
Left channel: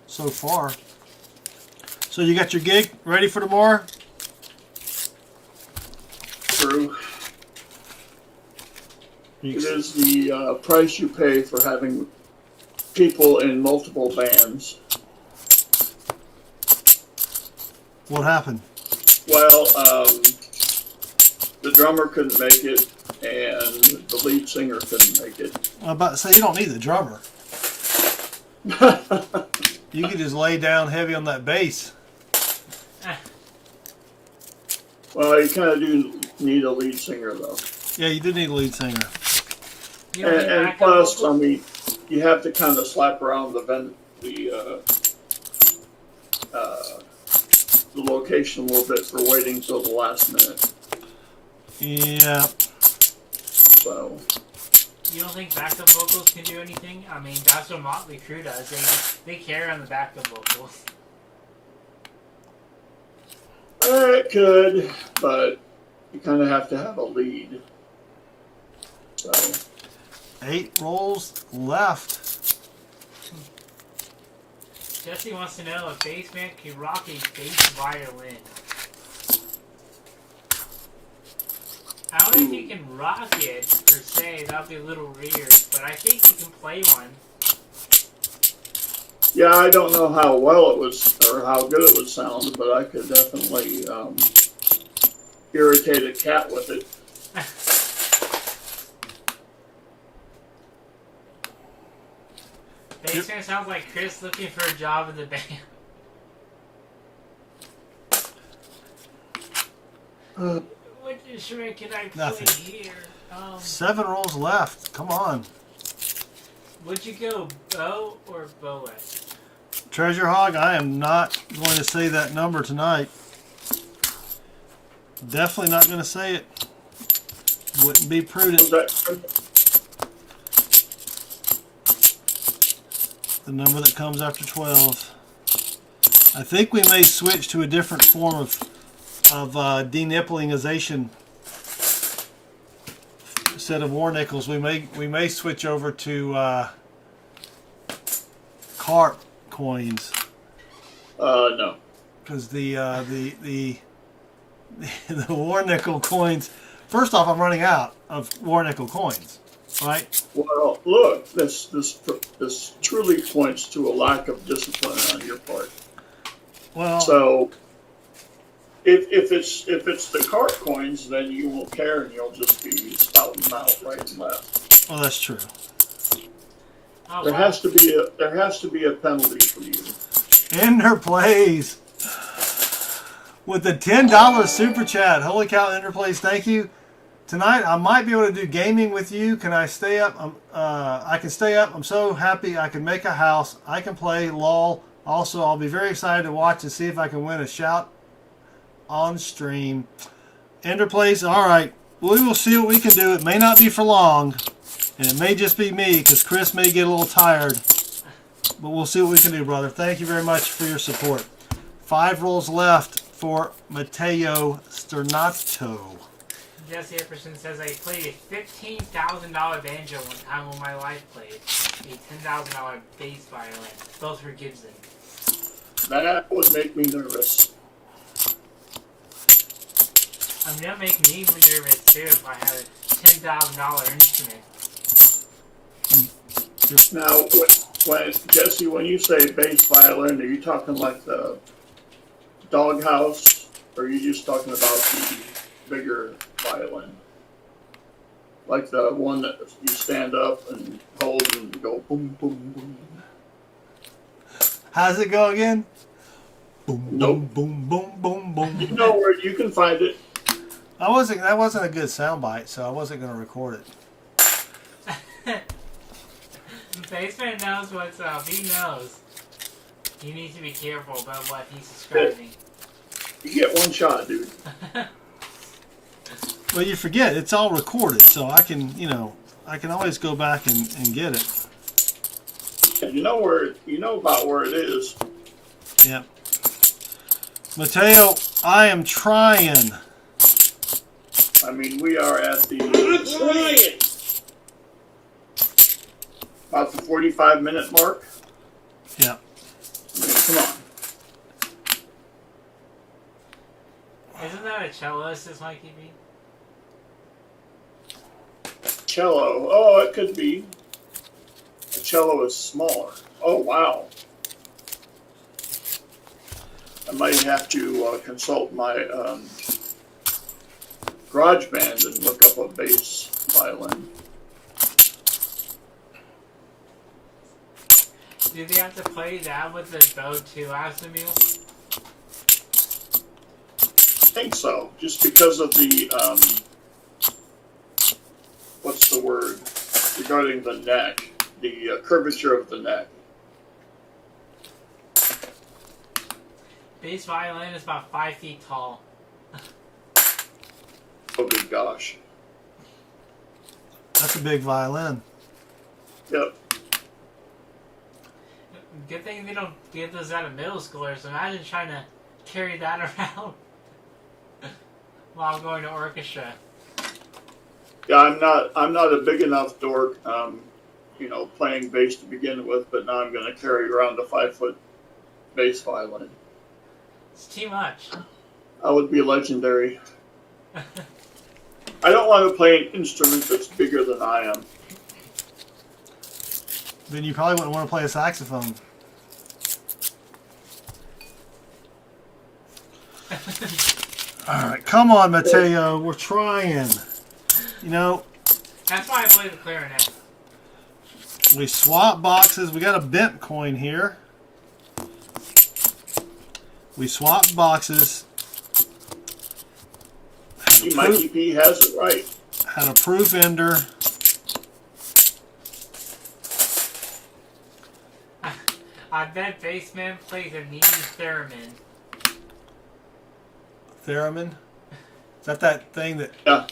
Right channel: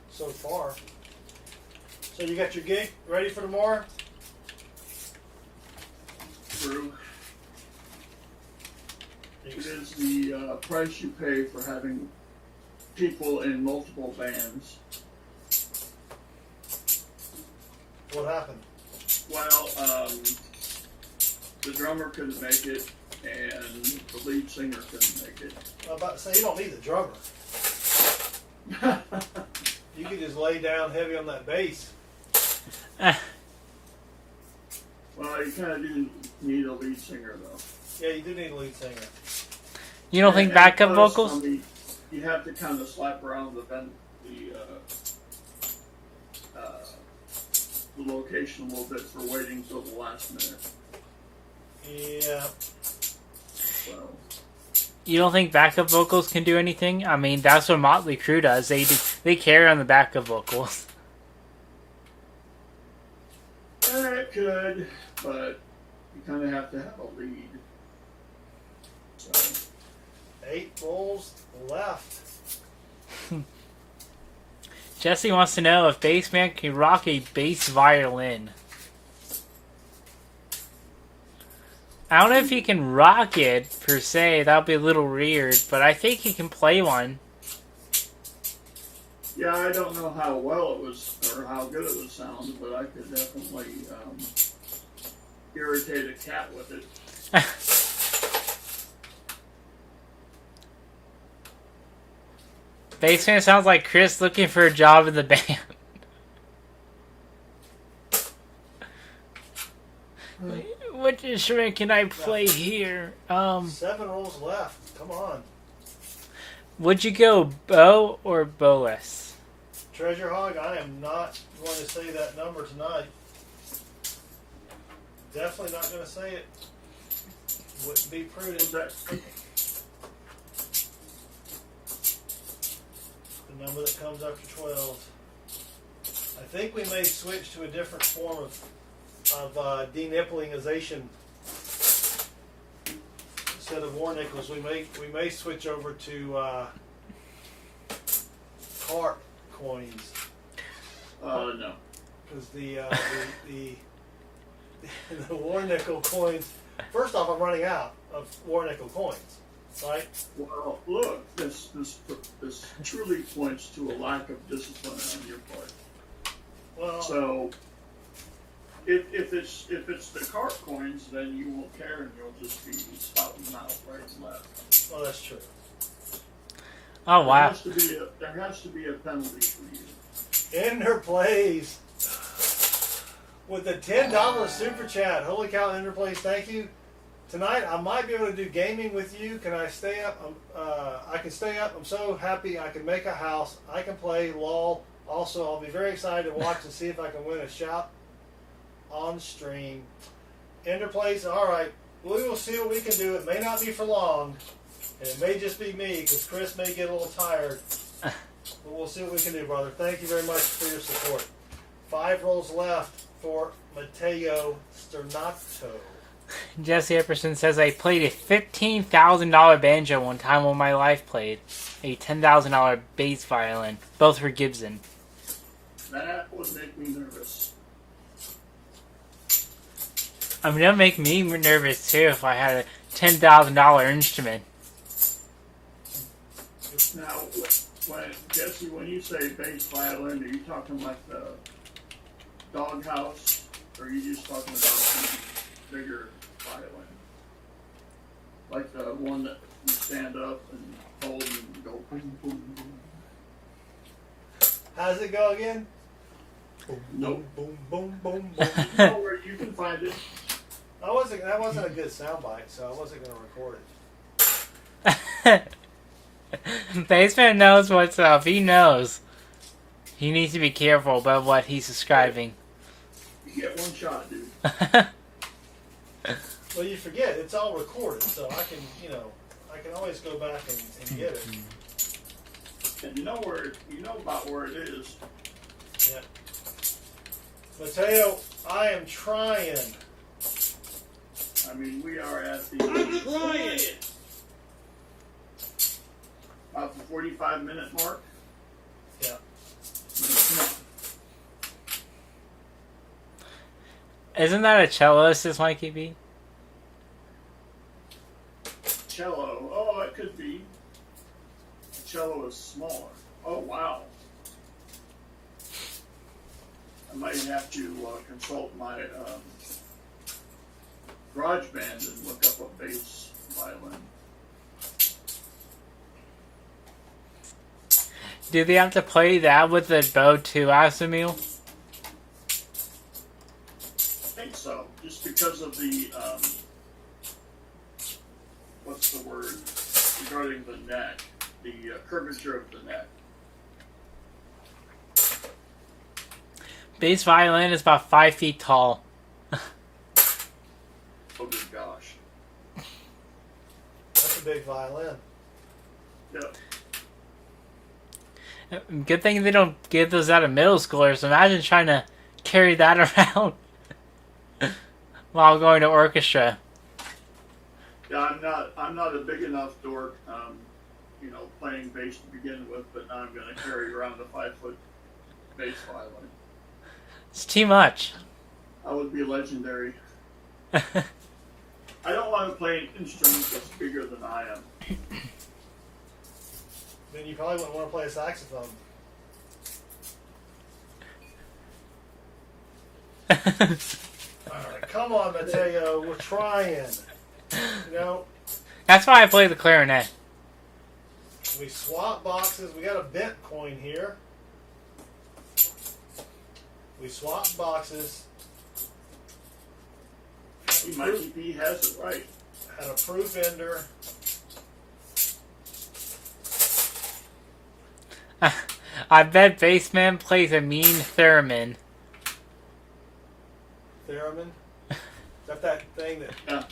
so far. So you got your gig ready for tomorrow? True. It is the price you pay for having people in multiple bands. What happened? Well, the drummer couldn't make it, and the lead singer couldn't make it. I'm about to say, you don't need the drummer. You can just lay down heavy on that bass. Well, you kind of do need a lead singer, though. Yeah, you do need a lead singer. You don't think backup plus, vocals? I mean, you have to kind of slap around the location a little bit for waiting till the last minute. Yeah. So. You don't think backup vocals can do anything? I mean, that's what Motley Crue does. They carry on the backup vocals. It could, but you kind of have to have a lead. So. 8 rolls left. Jesse wants to know if Bassman can rock a bass violin. I don't know if he can rock it, per se. That would be a little weird, but I think he can play one. Yeah, I don't know how well it was, or how good it would sound, but I could definitely irritate a cat with it. Bassman sounds like Chris looking for a job in the band. What instrument can I play Nothing. here? 7 rolls left. Come on. Would you go bow or bowless? Treasure Hog, I am not going to say that number tonight. Definitely not going to say it. Wouldn't be prudent. The number that comes after 12. I think we may switch to a different form of denipplingization. Instead of war nickels, we may switch over to carp coins. No. Because the war nickel coins. First off, I'm running out of war nickel coins. Right. Well, look, this truly points to a lack of discipline on your part. Well, so if it's the cart coins, then you won't care and you'll just be spouting them out right and left. well, that's true. Oh, There wow. has to be a penalty for you. Ender plays with the $10 super chat. Holy cow, Ender plays. Thank you. Tonight I might be able to do gaming with you. Can I stay up? I can stay up. I'm so happy I can make a house. I can play LOL. Also, I'll be very excited to watch and see if I can win a shout on stream. Ender plays. All right. We will see what we can do. It may not be for long, and it may just be me because Chris may get a little tired. But we'll see what we can do, brother. Thank you very much for your support. 5 rolls left for Mateo Sternato. Jesse Epperson says, I played a $15,000 banjo one time when my wife played. A $10,000 bass violin. Both were Gibson. That would make me nervous. I mean, that would make me nervous too if I had a $10,000 instrument. Now, when Jesse, when you say bass violin, are you talking like the doghouse, or are you just talking about the bigger violin? Like the one that you stand up and hold and go boom, boom, boom. How's it go again? Boom, Nope. boom, boom, boom, boom, boom. No, where you can find it. That wasn't a good soundbite, so I wasn't going to record it. Baseman knows what's up. He knows. He needs to be careful about what he's describing. You get one shot, dude. But you forget, it's all recorded, so I can, I can always go back and get it. And you know about where it is. Yep. Mateo, I am trying. I mean, we are at the about the 45-minute mark. Yeah. I mean, come on. Isn't that a celloist, this Mikey B? Cello. Oh, it could be. A cello is smaller. Oh, wow. I might have to consult my GarageBand and look up a bass violin. Do they have to play that with the bow too, Asimil? I think so, just because of the, what's the word, regarding the neck, the curvature of the neck. Bass violin is about 5 feet tall. Oh, good gosh. That's a big violin. Yep. Good thing they don't give those out of middle schoolers. Imagine trying to carry that around while going to orchestra. Yeah, I'm not a big enough dork, playing bass to begin with, but now I'm going to carry around a 5-foot bass violin. It's too much. I would be legendary. I don't want to play an instrument that's bigger than I am. Then you probably wouldn't want to play a saxophone. Alright, come on, Mateo. We're trying. That's why I play the clarinet. We swap boxes. We got a bent coin here. We swapped boxes. Mikey P has it right. Had a proof ender. I bet Bassman plays a mean theremin. Theremin? Is that thing that Yeah.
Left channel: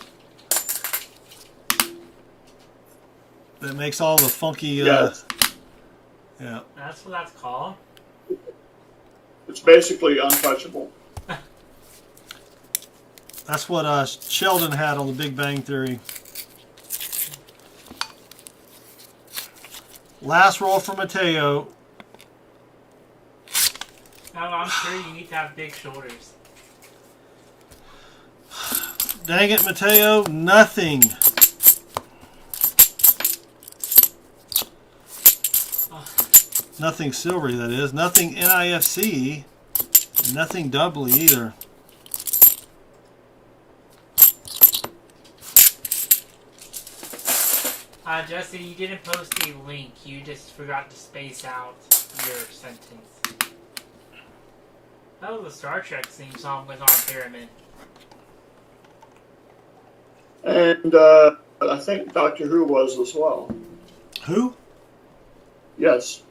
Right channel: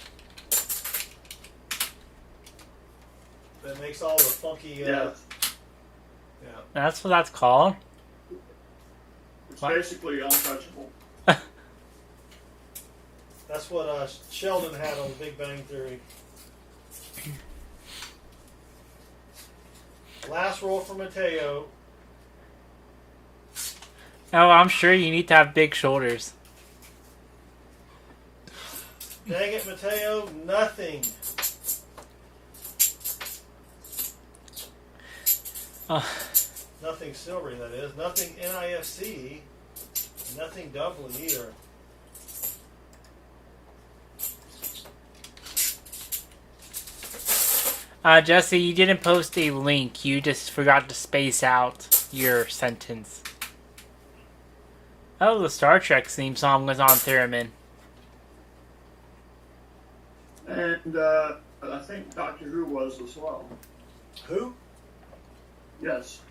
that makes all the funky Yes. yeah. That's what that's called. It's basically untouchable. That's what Sheldon had on The Big Bang Theory. Last roll for Mateo. Oh, I'm sure you need to have big shoulders. Dang it, Mateo. Nothing. Nothing silvery, that is. Nothing NIFC. Nothing doubly either. Jesse, you didn't post a link. You just forgot to space out your sentence. Oh, the Star Trek theme song was on theremin. And I think Doctor Who was as well. Who? Yes.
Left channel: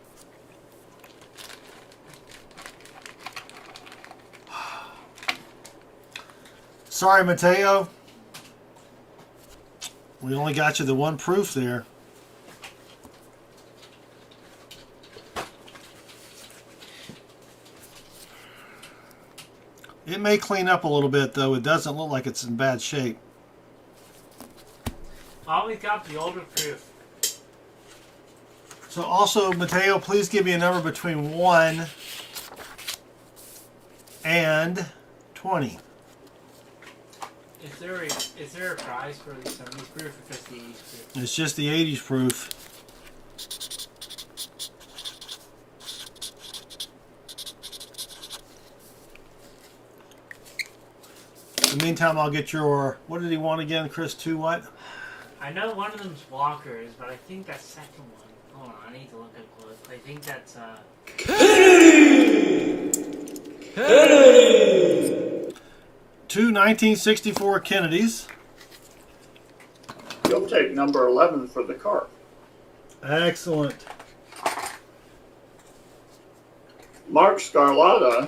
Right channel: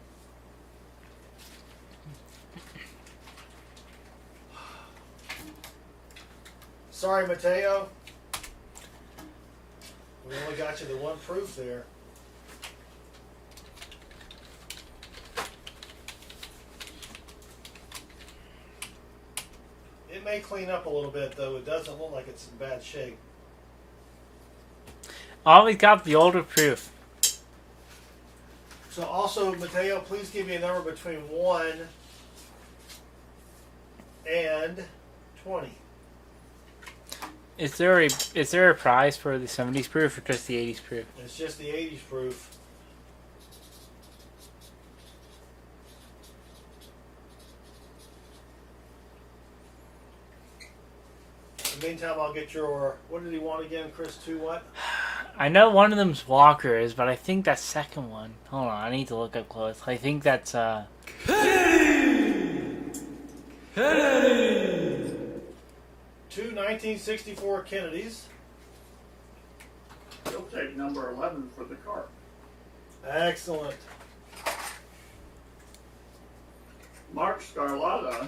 Sorry, Mateo. We only got you the one proof there. It may clean up a little bit, though. It doesn't look like it's in bad shape. Always got the older proof. So also, Mateo, please give me a number between 1 and 20. Is there a prize for the 70s proof or just the 80s proof? It's just the 80s proof. In the meantime, I'll get your... What did he want again, Chris? 2 what? I know one of them's Walker's, but I think that second one... Hold on, I need to look up close. I think that's, Two 1964 Kennedys. You'll take number 11 for the car. Excellent. Mark Scarlata,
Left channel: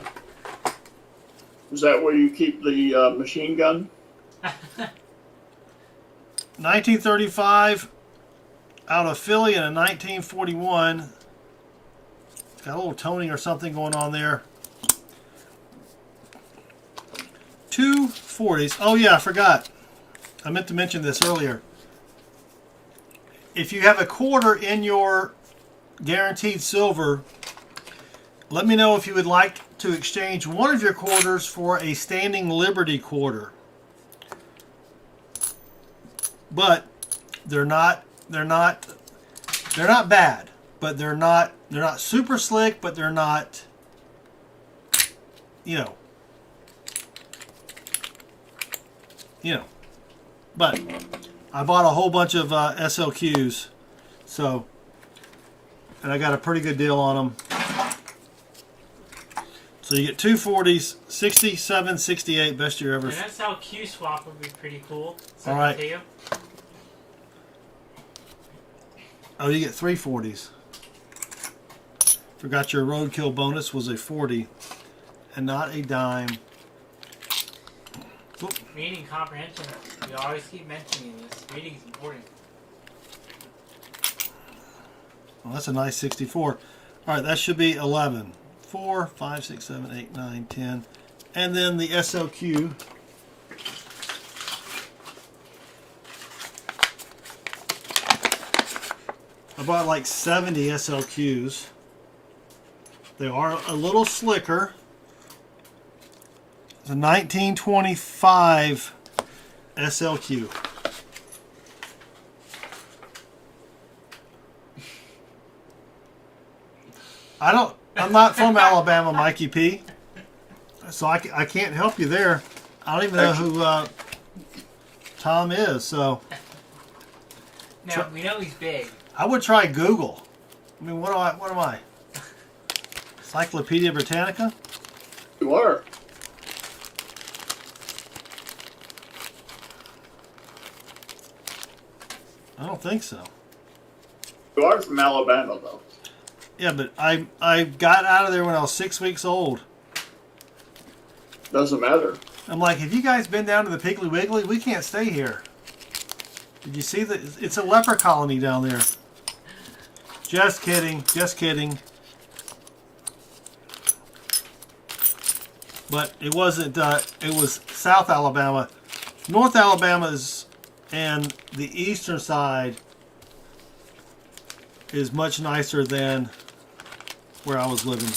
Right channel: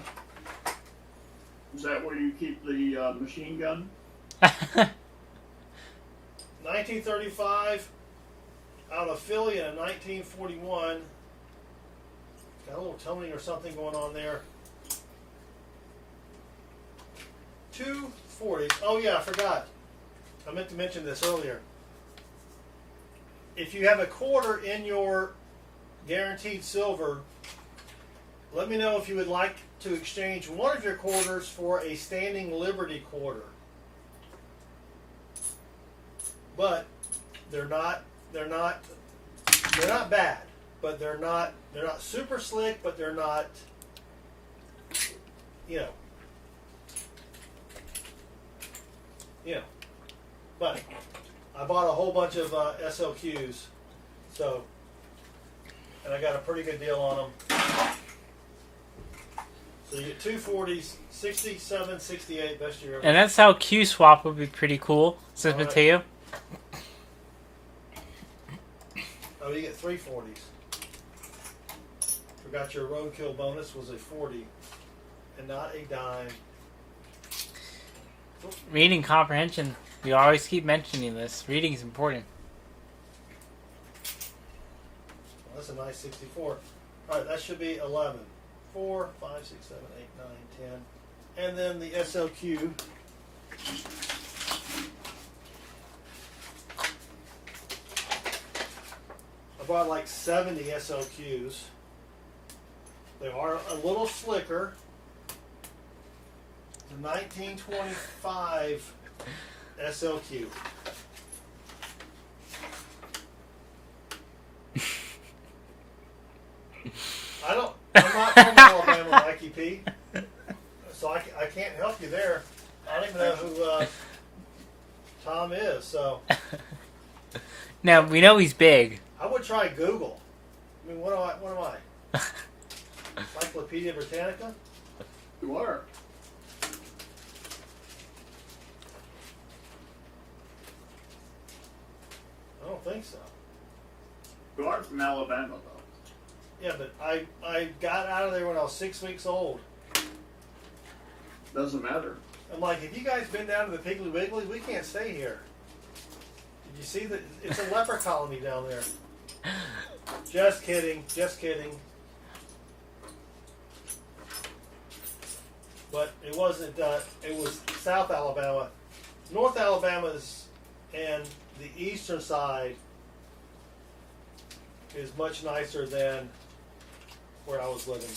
is that where you keep the machine gun? 1935 out of Philly and a 1941. Got a little toning or something going on there. 2 40s. Oh yeah, I forgot. I meant to mention this earlier. If you have a quarter in your guaranteed silver, let me know if you would like to exchange one of your quarters for a standing Liberty quarter. But they're not bad, but they're not super slick, but they're not, you know. But I bought a whole bunch of SLQs, so, and I got a pretty good deal on them. So you get 2 40s, 67, 68, best year ever. and that's how Q swap would be pretty cool, says All right. Mateo. Oh, you get 3 40s. Forgot your roadkill bonus was a 40 and not a dime. Reading comprehension. We always keep mentioning this. Reading is important. Well, that's a nice 64. All right, that should be 11. 4, 5, 6, 7, 8, 9, 10. And then the SLQ. I bought like 70 SLQs. They are a little slicker. It's a 1925 SLQ. I'm not from Alabama, Mikey P. So I can't help you there. I don't even know who Tom is. So Now, we know he's big. I would try Google. I mean, what am I? Encyclopedia Britannica? You are. I don't think so. You are from Alabama, though. Yeah, but I got out of there when I was 6 weeks old. Doesn't matter. I'm like, have you guys been down to the Piggly Wiggly? We can't stay here. Did you see that? It's a leper colony down there. Just kidding. Just kidding. But it wasn't, it was South Alabama. North Alabama's and the eastern side is much nicer than where I was living.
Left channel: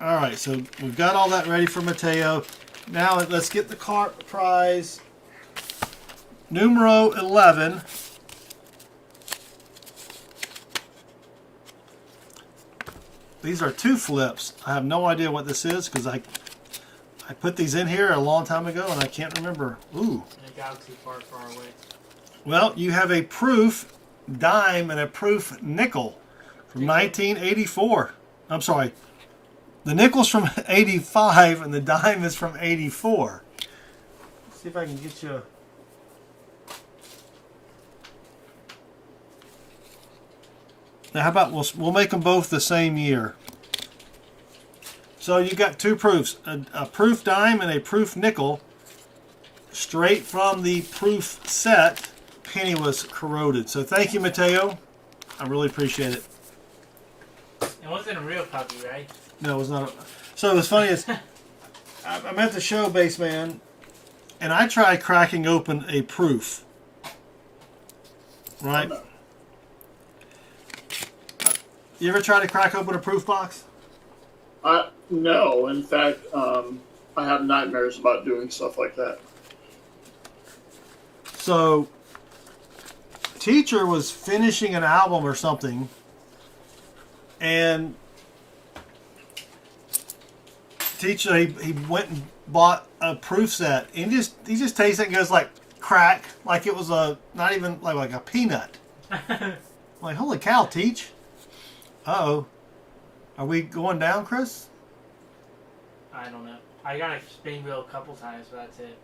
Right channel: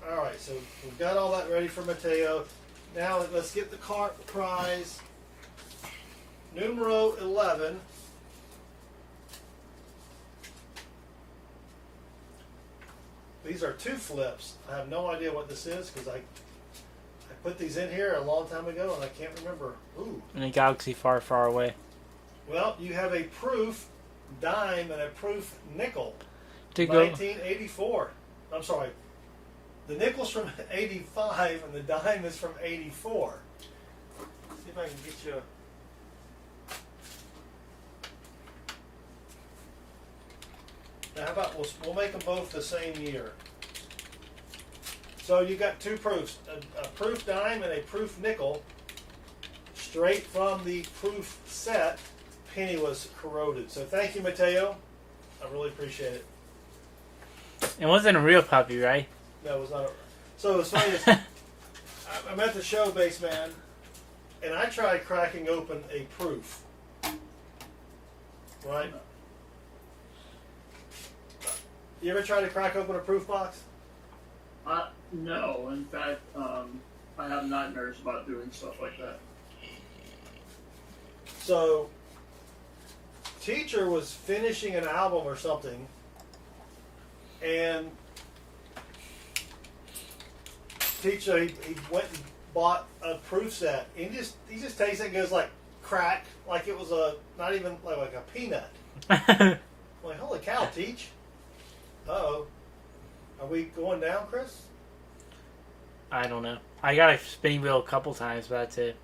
Alright, so we've got all that ready for Mateo. Now let's get the car prize. Numero 11. These are 2 flips. I have no idea what this is because I put these in here a long time ago and I can't remember. Ooh. In a galaxy far, far away. Well, you have a proof dime and a proof nickel from 1984. I'm sorry. The nickel's from 85 and the dime is from 84. Let's see if I can get you. Now, how about we'll make them both the same year. So you got 2 proofs, a proof dime and a proof nickel, straight from the proof set. Penny was corroded. So thank you, Mateo. I really appreciate it. It wasn't a real puppy, right? No, it was not. So what's funny is I'm at the show, Baseman, and I tried cracking open a proof. Right? You ever try to crack open a proof box? No. In fact, I I have nightmares about doing stuff like that. So, teacher was finishing an album or something, and teacher he went and bought a proof set. And he just tastes it and goes like crack, like it was a not even like a peanut. I'm like, holy cow, Teach. Uh-oh. Are we going down, Chris? I don't know. I got a spinning wheel a couple times, but that's it.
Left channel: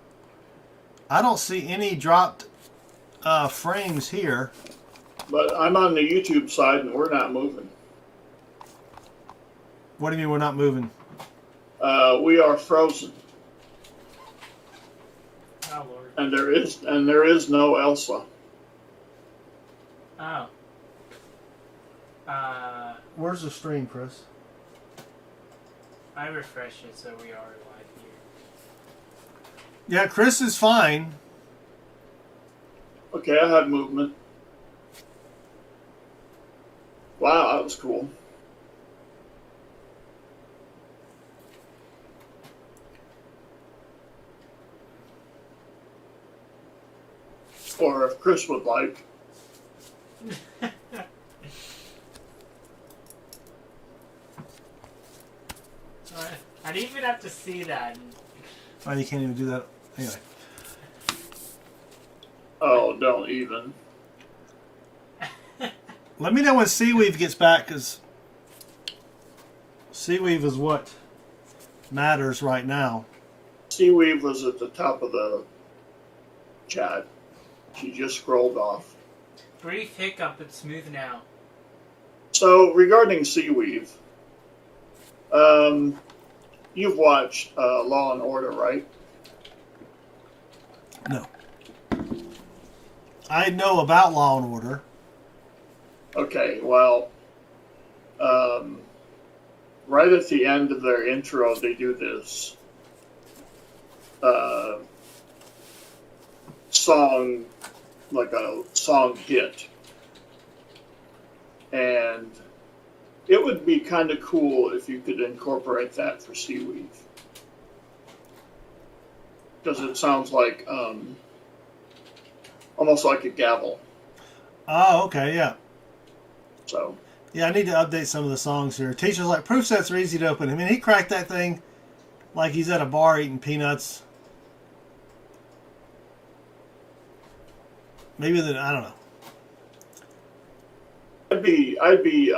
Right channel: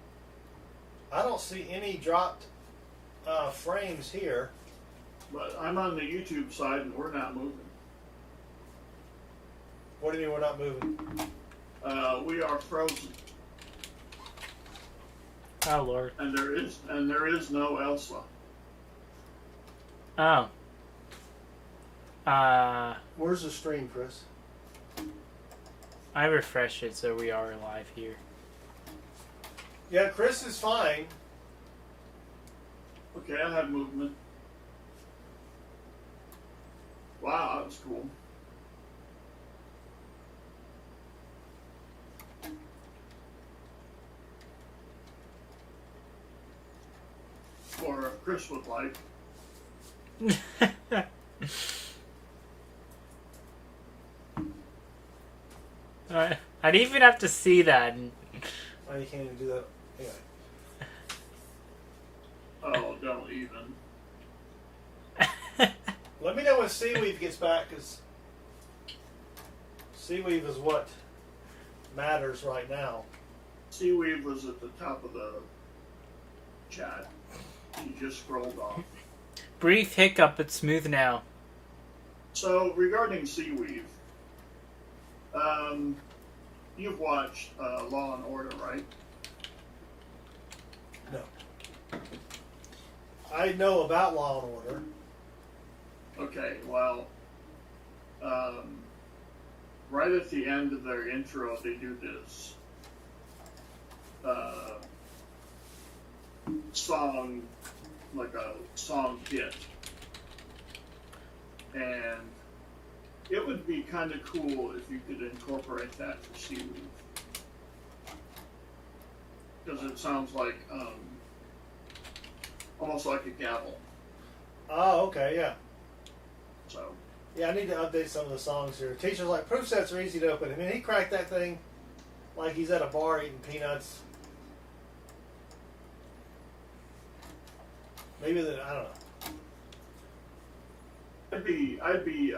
I don't see any dropped frames here. But I'm on the YouTube side and we're not moving. What do you mean we're not moving? We are frozen. Oh Lord. And there is no Elsa. Oh. Where's the stream, Chris? I refreshed it, so we are live here. Yeah, Chris is fine. Okay, I had movement. Wow, that was cool. Or if Chris would like. I didn't even have to see that. Oh, you can't even do that. Anyway. Oh, don't even. Let me know when Seaweave gets back, because Seaweave is what matters right now. Seaweave was at the top of the chat. She just scrolled off. Brief hiccup, but smooth now. So, regarding Seaweave, you've watched Law and Order, right? No. I know about Law and Order. Okay, well, right at the end of their intro, they do this song, like a song hit. And it would be kind of cool if you could incorporate that for Seaweave. Because it sounds like, almost like a gavel. Oh, okay, yeah. So, Yeah, I need to update some of the songs here. Teacher's like, proof sets are easy to open. I mean, he cracked that thing like he's at a bar eating peanuts. Maybe I don't know. I'd be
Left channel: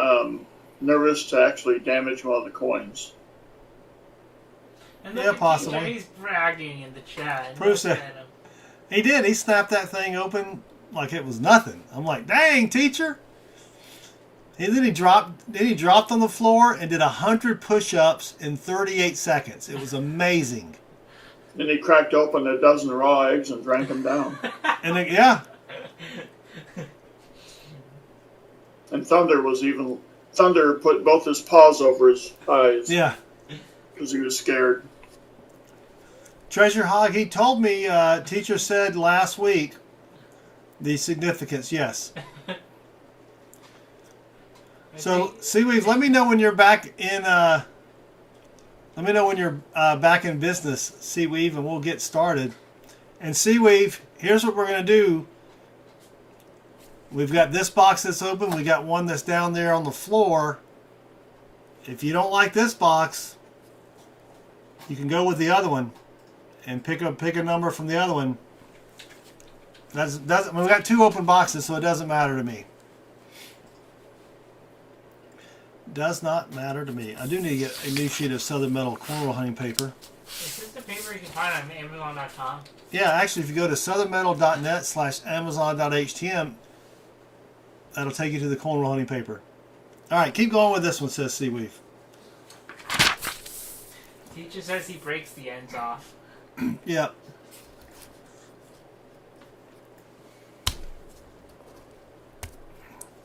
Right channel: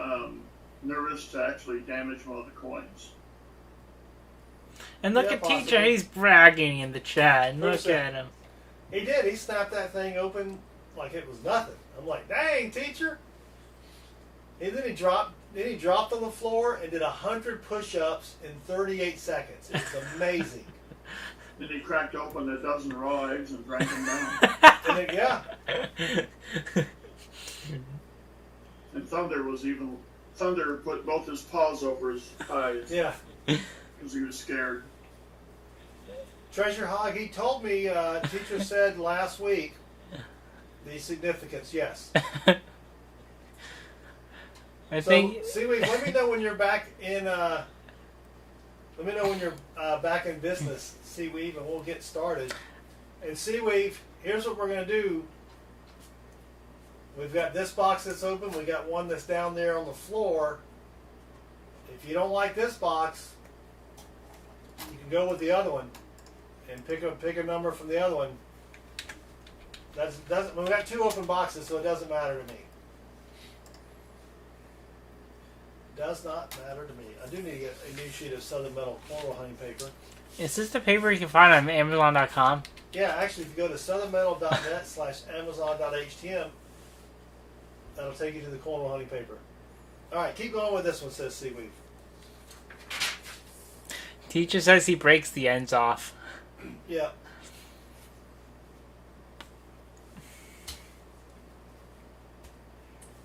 nervous to actually damage one of the coins. And look Yeah, at possibly. TJ, he's bragging in the chat. Look Proves that- at him. He did. He snapped that thing open like it was nothing. I'm like, dang, teacher. And then he dropped on the floor and did 100 push-ups in 38 seconds. It was amazing. Then he cracked open a dozen raw eggs and drank them down. And then, yeah, And Thunder put both his paws over his eyes yeah. because he was scared. Treasure Hog, he told me, teacher said last week, the significance, yes. So, Seaweave, let me know when you're back in, back in business, Seaweave, and we'll get started. And Seaweave, here's what we're going to do. We've got this box that's open. We got one that's down there on the floor. If you don't like this box, you can go with the other one and pick a number from the other one. We've got two open boxes, so it doesn't matter to me. Does not matter to me. I do need to get a new sheet of Southern Metal cornrow hunting paper. Is this the paper you can find on Amazon.com? Yeah, actually, if you go to southernmetal.net/amazon.htm, that'll take you to the cornrow hunting paper. All right, keep going with this one, says Seaweave. Teacher says he breaks the ends off. Yeah.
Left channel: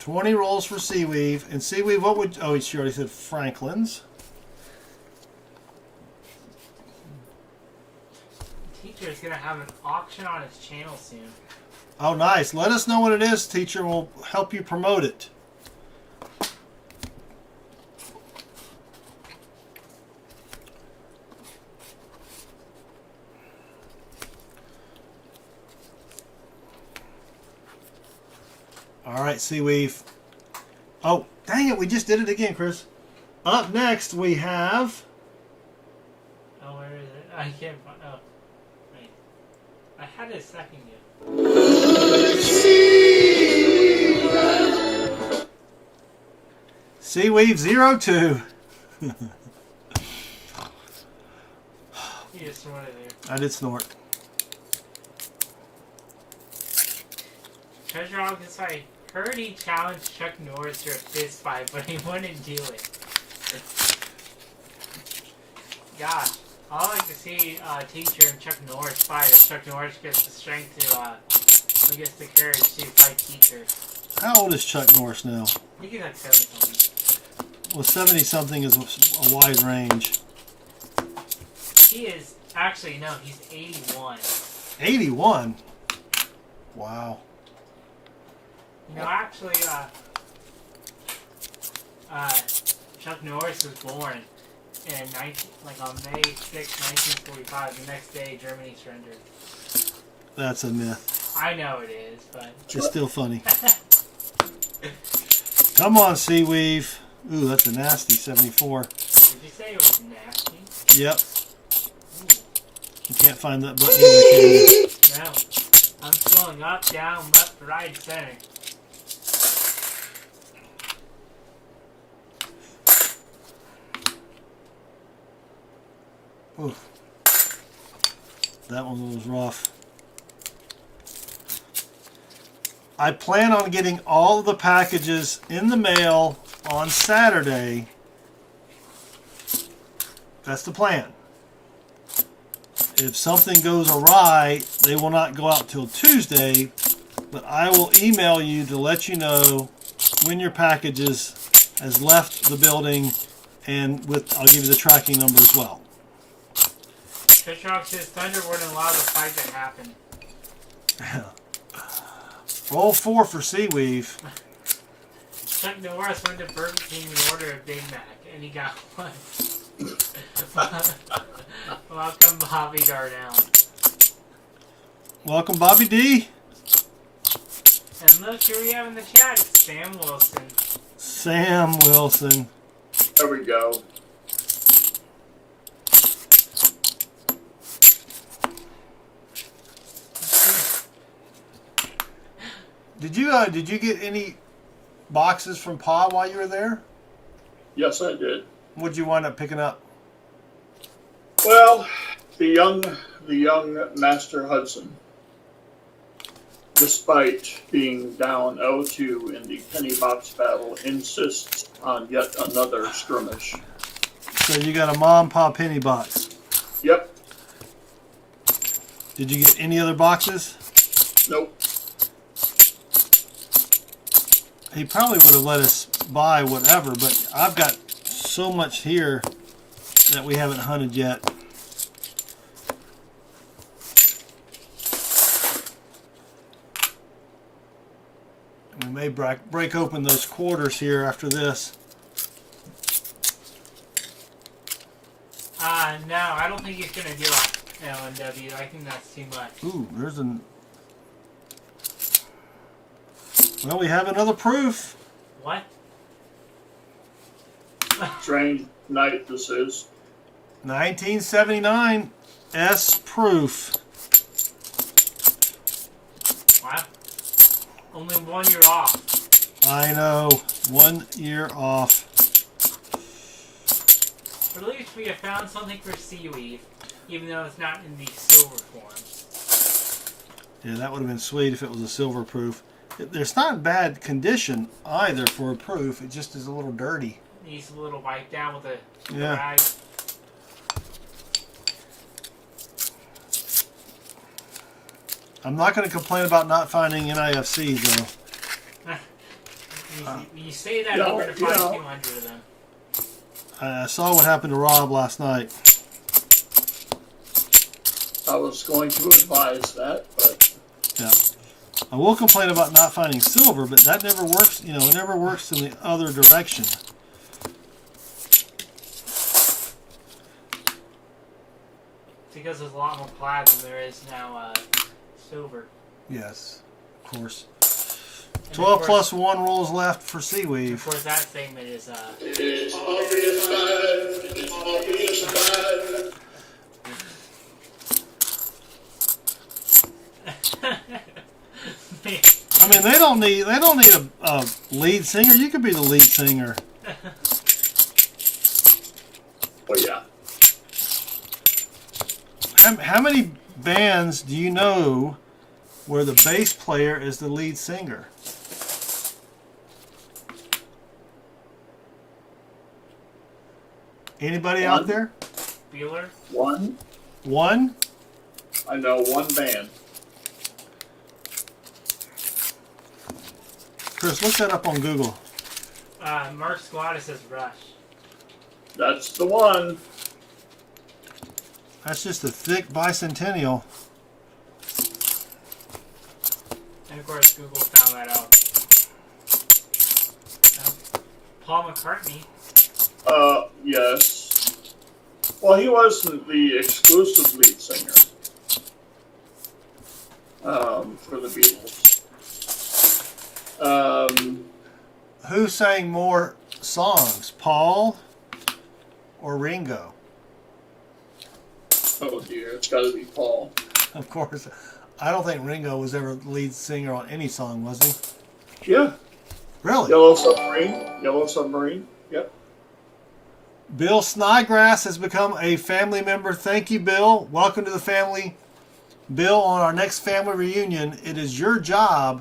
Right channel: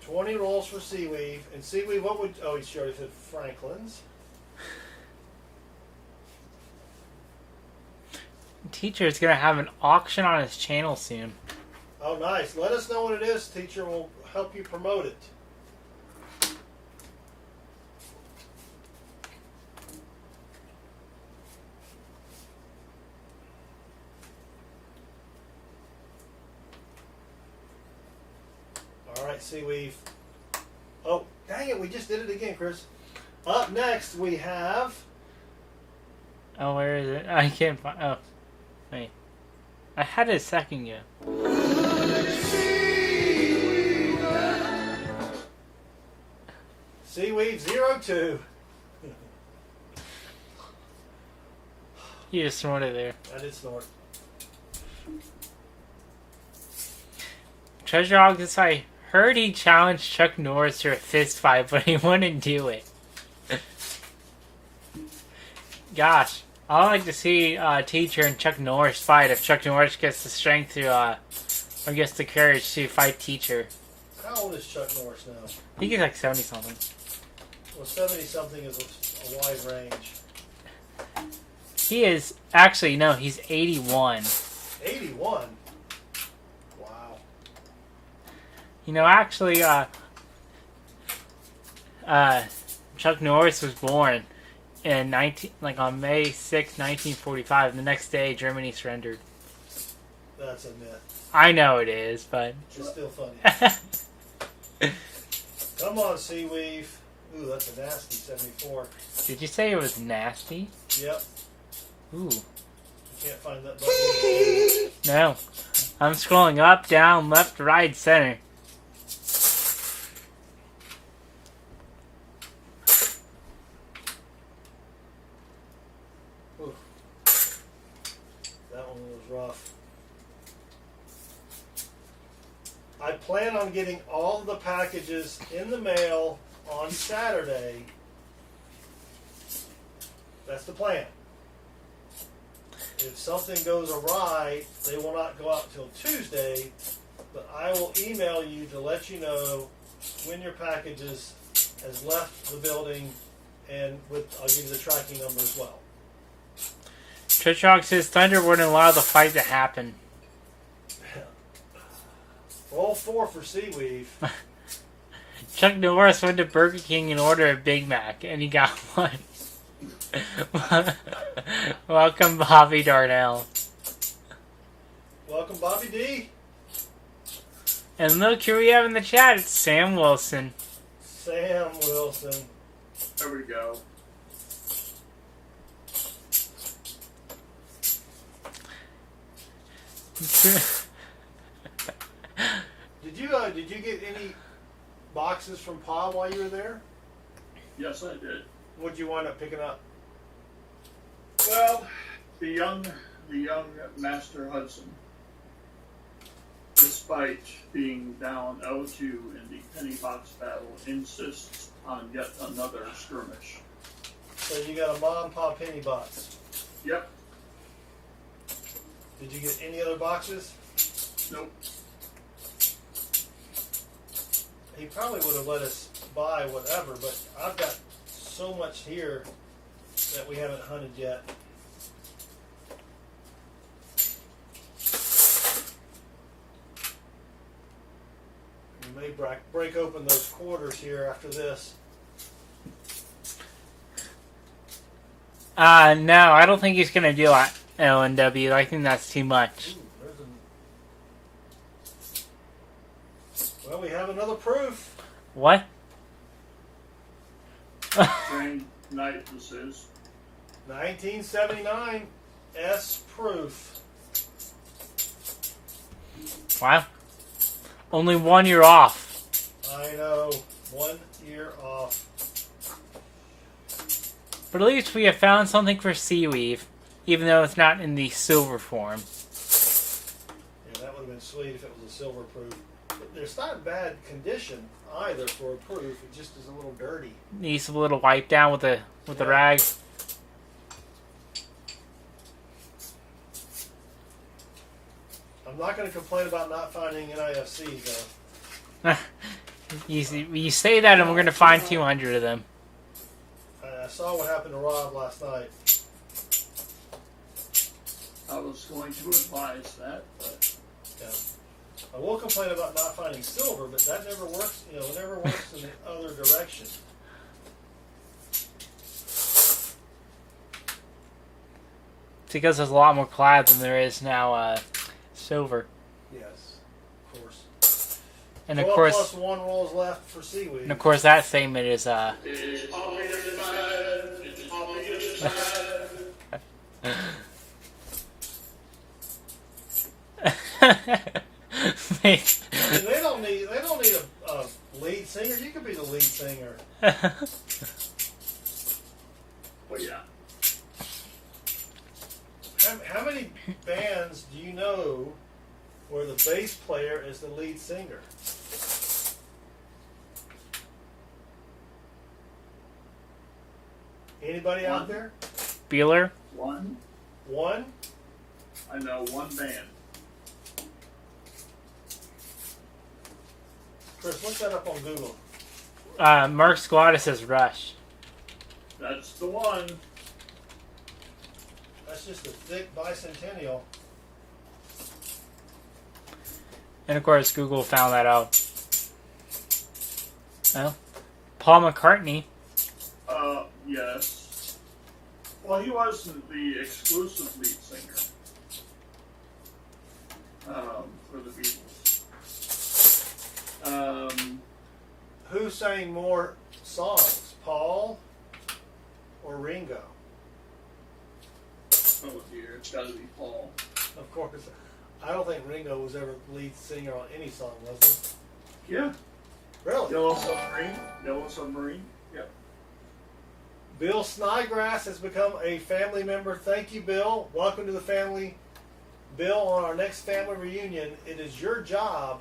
$20 rolls for Seaweave. And Seaweave, what would... Oh, she already said Franklin's. Teacher is going to have an auction on his channel soon. Oh, nice. Let us know what it is, teacher. We'll help you promote it. right, Seaweave. Oh, dang it, we just did it again, Chris. Up next, we have... Oh, where is it? I can't find... Oh, wait. I had it a second ago. Seaweave 02. You just snorted there. I did snort. Treasure Hog this I heard he challenged Chuck Norris to a fist fight, but he wouldn't do it. Gosh, I'd like to see Teacher and Chuck Norris fight if Chuck Norris gets the strength to, or gets the courage to fight Teacher. How old is Chuck Norris now? I think he's like 70-something. Well, 70-something is a wide range. He is, actually, no, he's 81. 81? Wow. You know, actually, Chuck Norris was born in on May 6, 1945. The next day, Germany surrendered. That's a myth. I know it is, but It's still funny. Come on, Seaweave. Ooh, that's a nasty 74. did you say it was nasty? Yep. Ooh. You can't find that button either, can you? No. I'm scrolling up, down, left, right, center. Ooh. That one was rough. I plan on getting all of the packages in the mail on Saturday. That's the plan. If something goes awry, they will not go out till Tuesday, but I will email you to let you know when your packages has left the building, and I'll give you the tracking number as well. Treasure Hog says Thunder wouldn't allow the fight to happen. Roll 4 for Seaweave. Chuck Norris went to Burger King and ordered a Big Mac, and he got one. Welcome, Bobby Darnell. Welcome, Bobby D. And look who we have in the chat. It's Sam Wilson. Sam Wilson. There we go. Did you get any boxes from Pa while you were there? Yes, I did. What'd you wind up picking up? Well, the young Master Hudson, despite being down 0-2 in the penny box battle, insists on yet another skirmish. So you got a Mom Pa penny box. Yep. Did you get any other boxes? Nope. He probably would have let us buy whatever, but I've got so much here that we haven't hunted yet. We may break open those quarters here after this. No, I don't think he's gonna do LNW. I think that's too much. Ooh, there's an... Well, we have another proof. What? Strange night this is. 1979 S proof. Wow. Only 1 year off. I know. 1 year off. But at least we have found something for Seaweave, even though it's not in the silver form. Yeah, that would have been sweet if it was a silver proof. It's not in bad condition either for a proof. It just is a little dirty. Needs a little wipe down with the rag. I'm not going to complain about not finding NIFCs though. You say that, and we're going to find 200 of them. I saw what happened to Rob last night. I was going to advise that, but Yeah. I will complain about not finding silver, but that never works. You know, it never works in the other direction. It's because there's a lot more plaid than there is now silver. Yes, of course. And 12 of course, plus 1 rolls left for Seaweed. of course, that segment is It's all you decide. It's all you decide. I mean, they don't need a lead singer. You could be the lead singer. Well, yeah. How many bands do you know where the bass player is the lead singer? Anybody out there? Bueller. One. One? I know one band. Chris, look that up on Google. Mark Squatta says Rush. That's the one. That's just a thick bicentennial. And of course, Google found that out. Well, Paul McCartney. Yes. Well, he wasn't the exclusive lead singer for the Beatles. Who sang more songs, Paul or Ringo? Oh dear, it's got to be Paul. Of course. I don't think Ringo was ever the lead singer on any song, was he? Yeah. Really? Yellow Submarine. Yellow Submarine. Yep. Bill Snodgrass has become a family member. Thank you, Bill. Welcome to the family. Bill, on our next family reunion, it is your job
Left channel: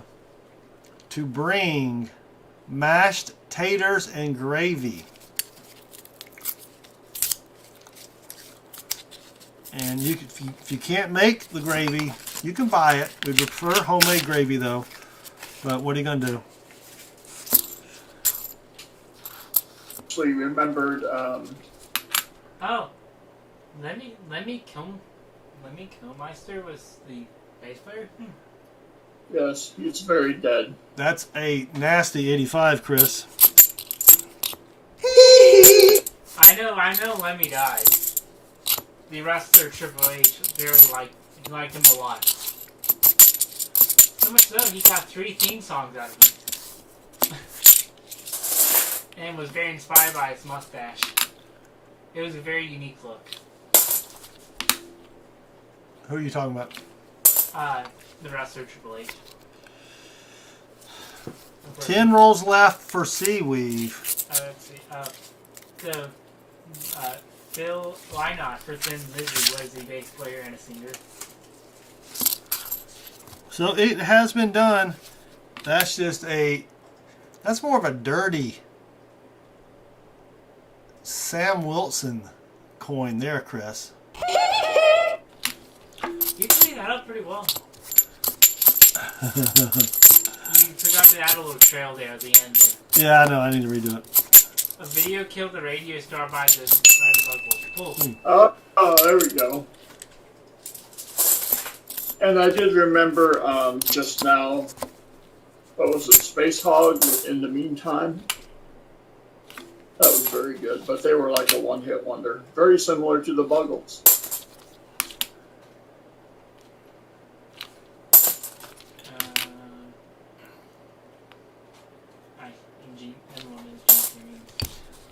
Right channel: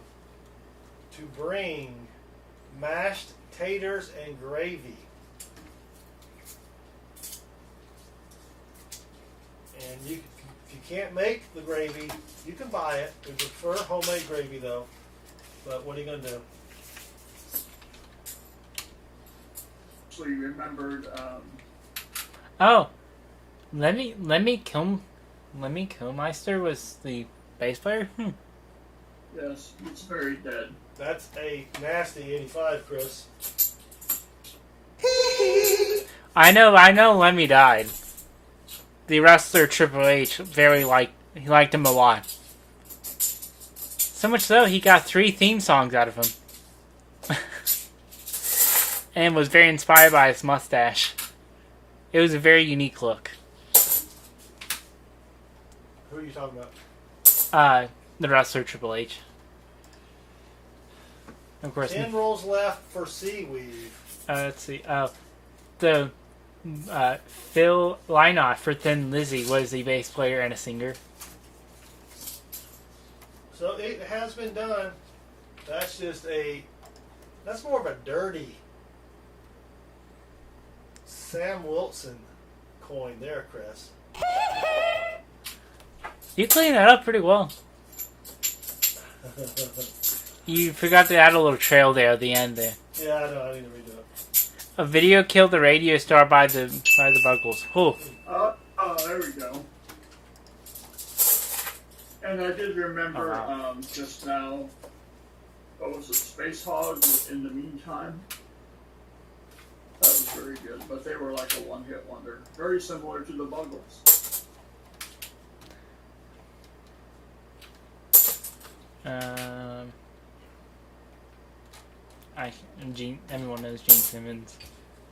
to bring mashed taters and gravy. And you, if you can't make the gravy, you can buy it. We prefer homemade gravy, though. But what are you going to do? Actually remembered. Oh, Lemmy Kilmeister was the bass player. Yes, he's very dead. That's a nasty 85, Chris. I know. Lemmy died. The wrestler Triple H he liked him a lot. So much so he got 3 theme songs out of him, and was very inspired by his mustache. It was a very unique look. Who are you talking about? The wrestler Triple H. Of course. 10 rolls left for Seaweave. Let's see. The Phil Lynott for Thin Lizzy was a bass player and a singer. So it has been done. That's more of a dirty Sam Wilson coin there, Chris. You cleaned that up pretty well. You forgot to add a little trail there at the end there. Yeah, I know. I need to redo it. A video killed the radio star by the Buggles. Cool. Oh, there we go. And I did remember just now, what was it, Space Hog in the Meantime? That was very good, but they were like a one-hit wonder. Very similar to the Buggles. Everyone knows Gene Simmons.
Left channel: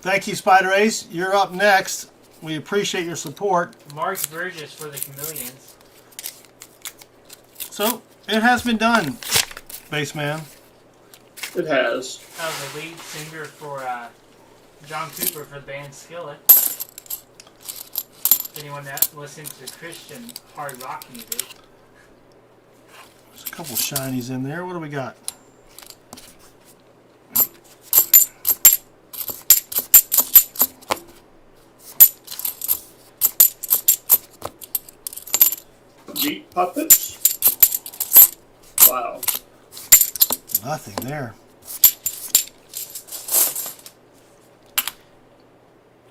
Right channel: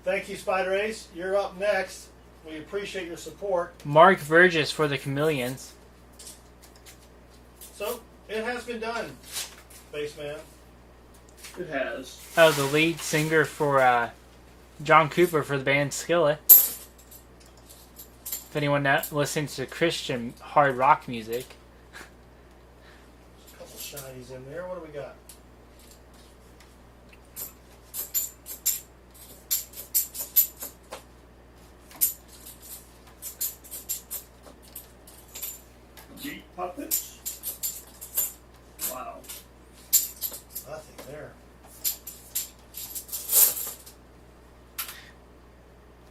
Thank you, Spider Ace. You're up next. We appreciate your support. Mark Burgess for the Chameleons. So, it has been done, Bassman. It has. Oh, the lead singer for John Cooper for the band Skillet. If anyone that listens to Christian hard rock music. There's a couple shinies in there. What do we got? Meat puppets? Wow. Nothing there.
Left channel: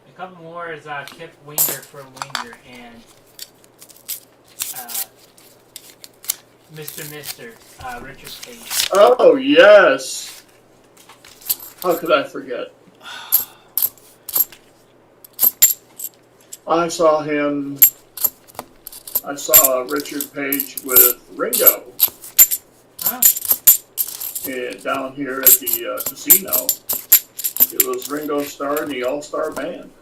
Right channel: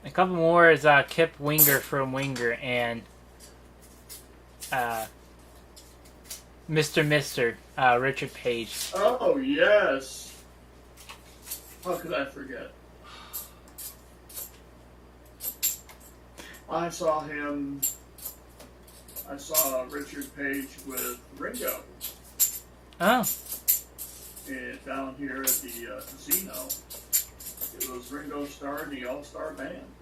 A couple more is Kip Winger from Winger and Mr. Richard Page. Oh, yes. How could I forget? I saw Richard Page with Ringo. Oh. down here at the casino. It was Ringo Starr and the All-Star Band.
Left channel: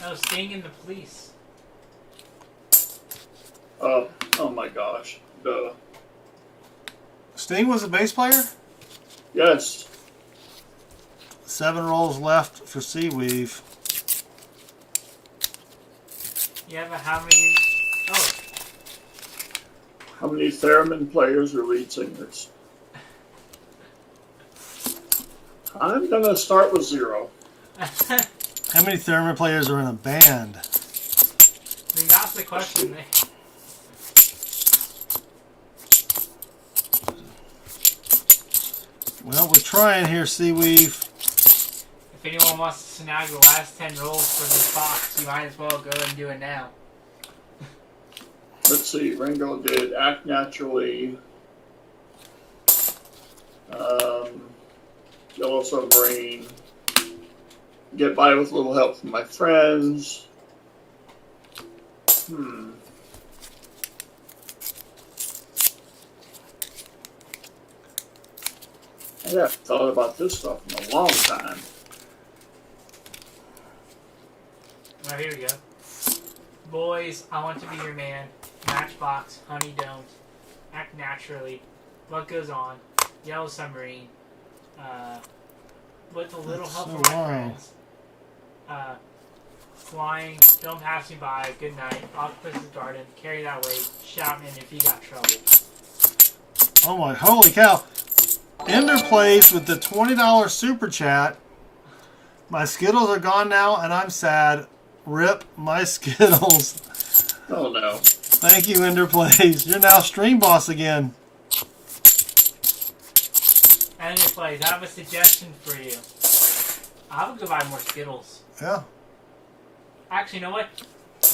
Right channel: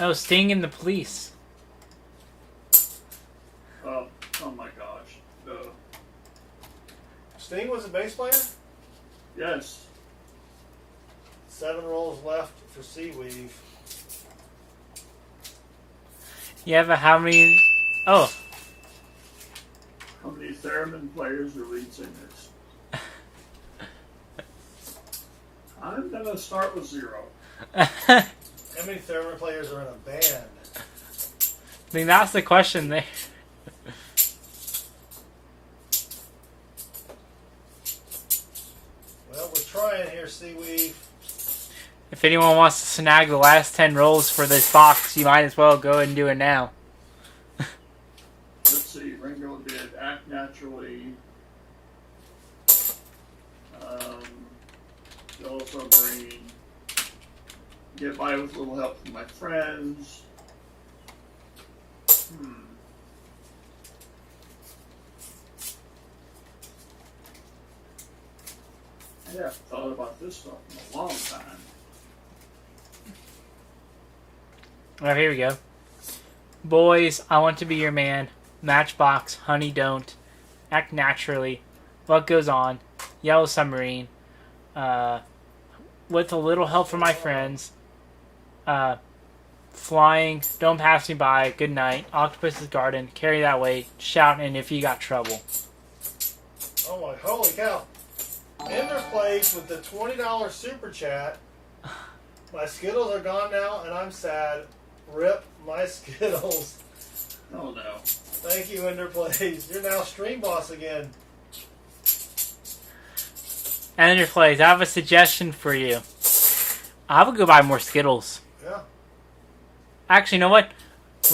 Oh, Sting and the Police. Oh my gosh. Sting was a bass player? Yes. 7 rolls left for Seaweave. You have a how many? Oh, How many theremin players are lead singers? I'm gonna start with 0. How many theremin players are in a band? I think that's the question there. Well, we're trying here, Seaweave. If anyone wants to snag the last 10 rolls for this box, you might as well go and do it now. Let's see, Ringo did Act Naturally, Yellow Submarine, Get By With a Little Help From My Friends. I haven't thought about this stuff in a long time. Alright, here we go. Boys, I Want to Be Your Man. Matchbox, Honey Don't. Act Naturally. What Goes On. Yellow Submarine. With a Little Help from My Friends. Flying. Don't Pass Me By. Good Night. Octopus's Garden. Carry That Weight. Shout and If You Got Trouble. Oh my, holy cow. Ender plays with the $20 super chat. My Skittles are gone now and I'm sad. Rip my Skittles. Oh no. Thank you, Ender Plays. You're now stream boss again. Ender Plays, I have a suggestion for you. I would go buy more Skittles. Yeah. Actually, you know what?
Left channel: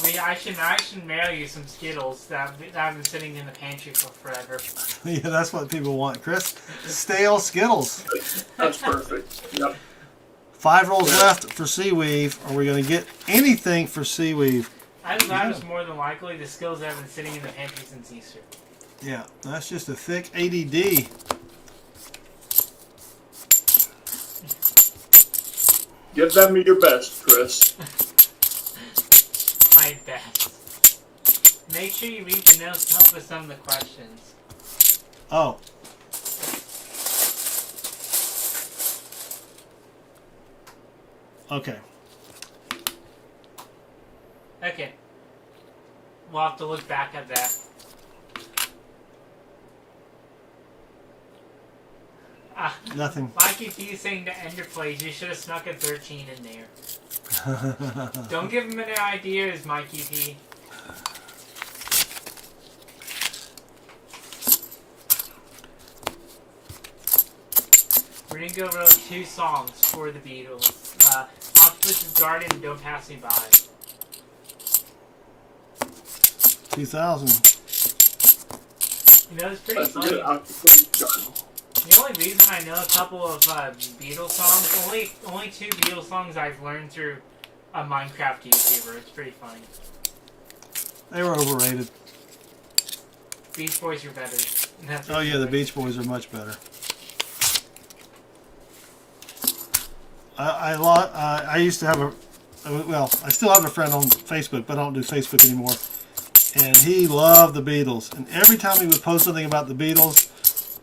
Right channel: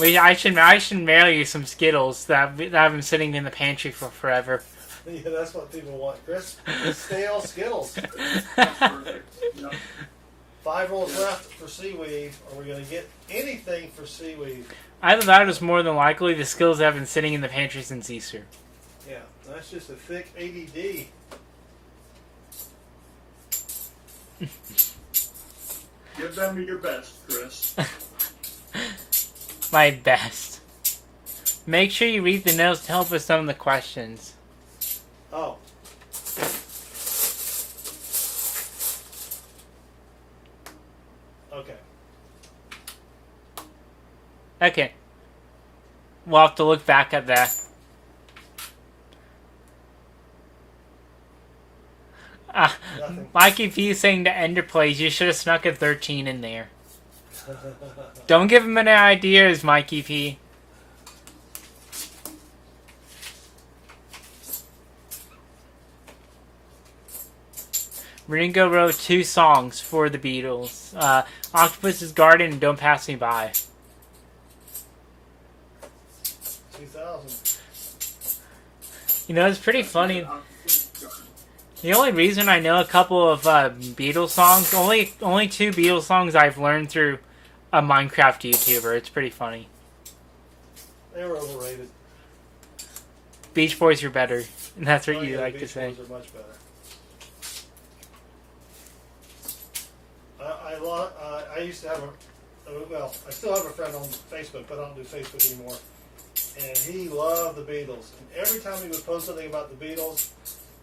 I should mail you some Skittles that have been sitting in the pantry for forever. Yeah, that's what people want, Chris. Stale Skittles. That's perfect. Yep. 5 rolls left for Seaweave. Are we going to get anything for Seaweave? Either that is more than likely the Skittles have been sitting in the pantry since Easter. Yeah, that's just a thick ADD. Give them your best, Chris. My best. Make sure you read the notes to help with some of the questions. Oh. Okay. Okay. We'll have to look back at that. Nothing. Mikey P saying to Ender Plays, you should have snuck a 13 in there. Don't give him any ideas, Mikey P. Ringo wrote 2 songs for the Beatles. Octopus's Garden and Don't Pass Me By. 2000. You know, it's pretty funny. The only reason I know a couple of Beatles songs, only 2 Beatles songs I've learned through a Minecraft YouTuber. It's pretty funny. They were overrated. Beach Boys are better. And that's what Oh you yeah, the like Beach to say. Boys are much better. I used to have I still have a friend on Facebook, but I don't do Facebook anymore. And he loved the Beatles. And every time he would post something about the Beatles,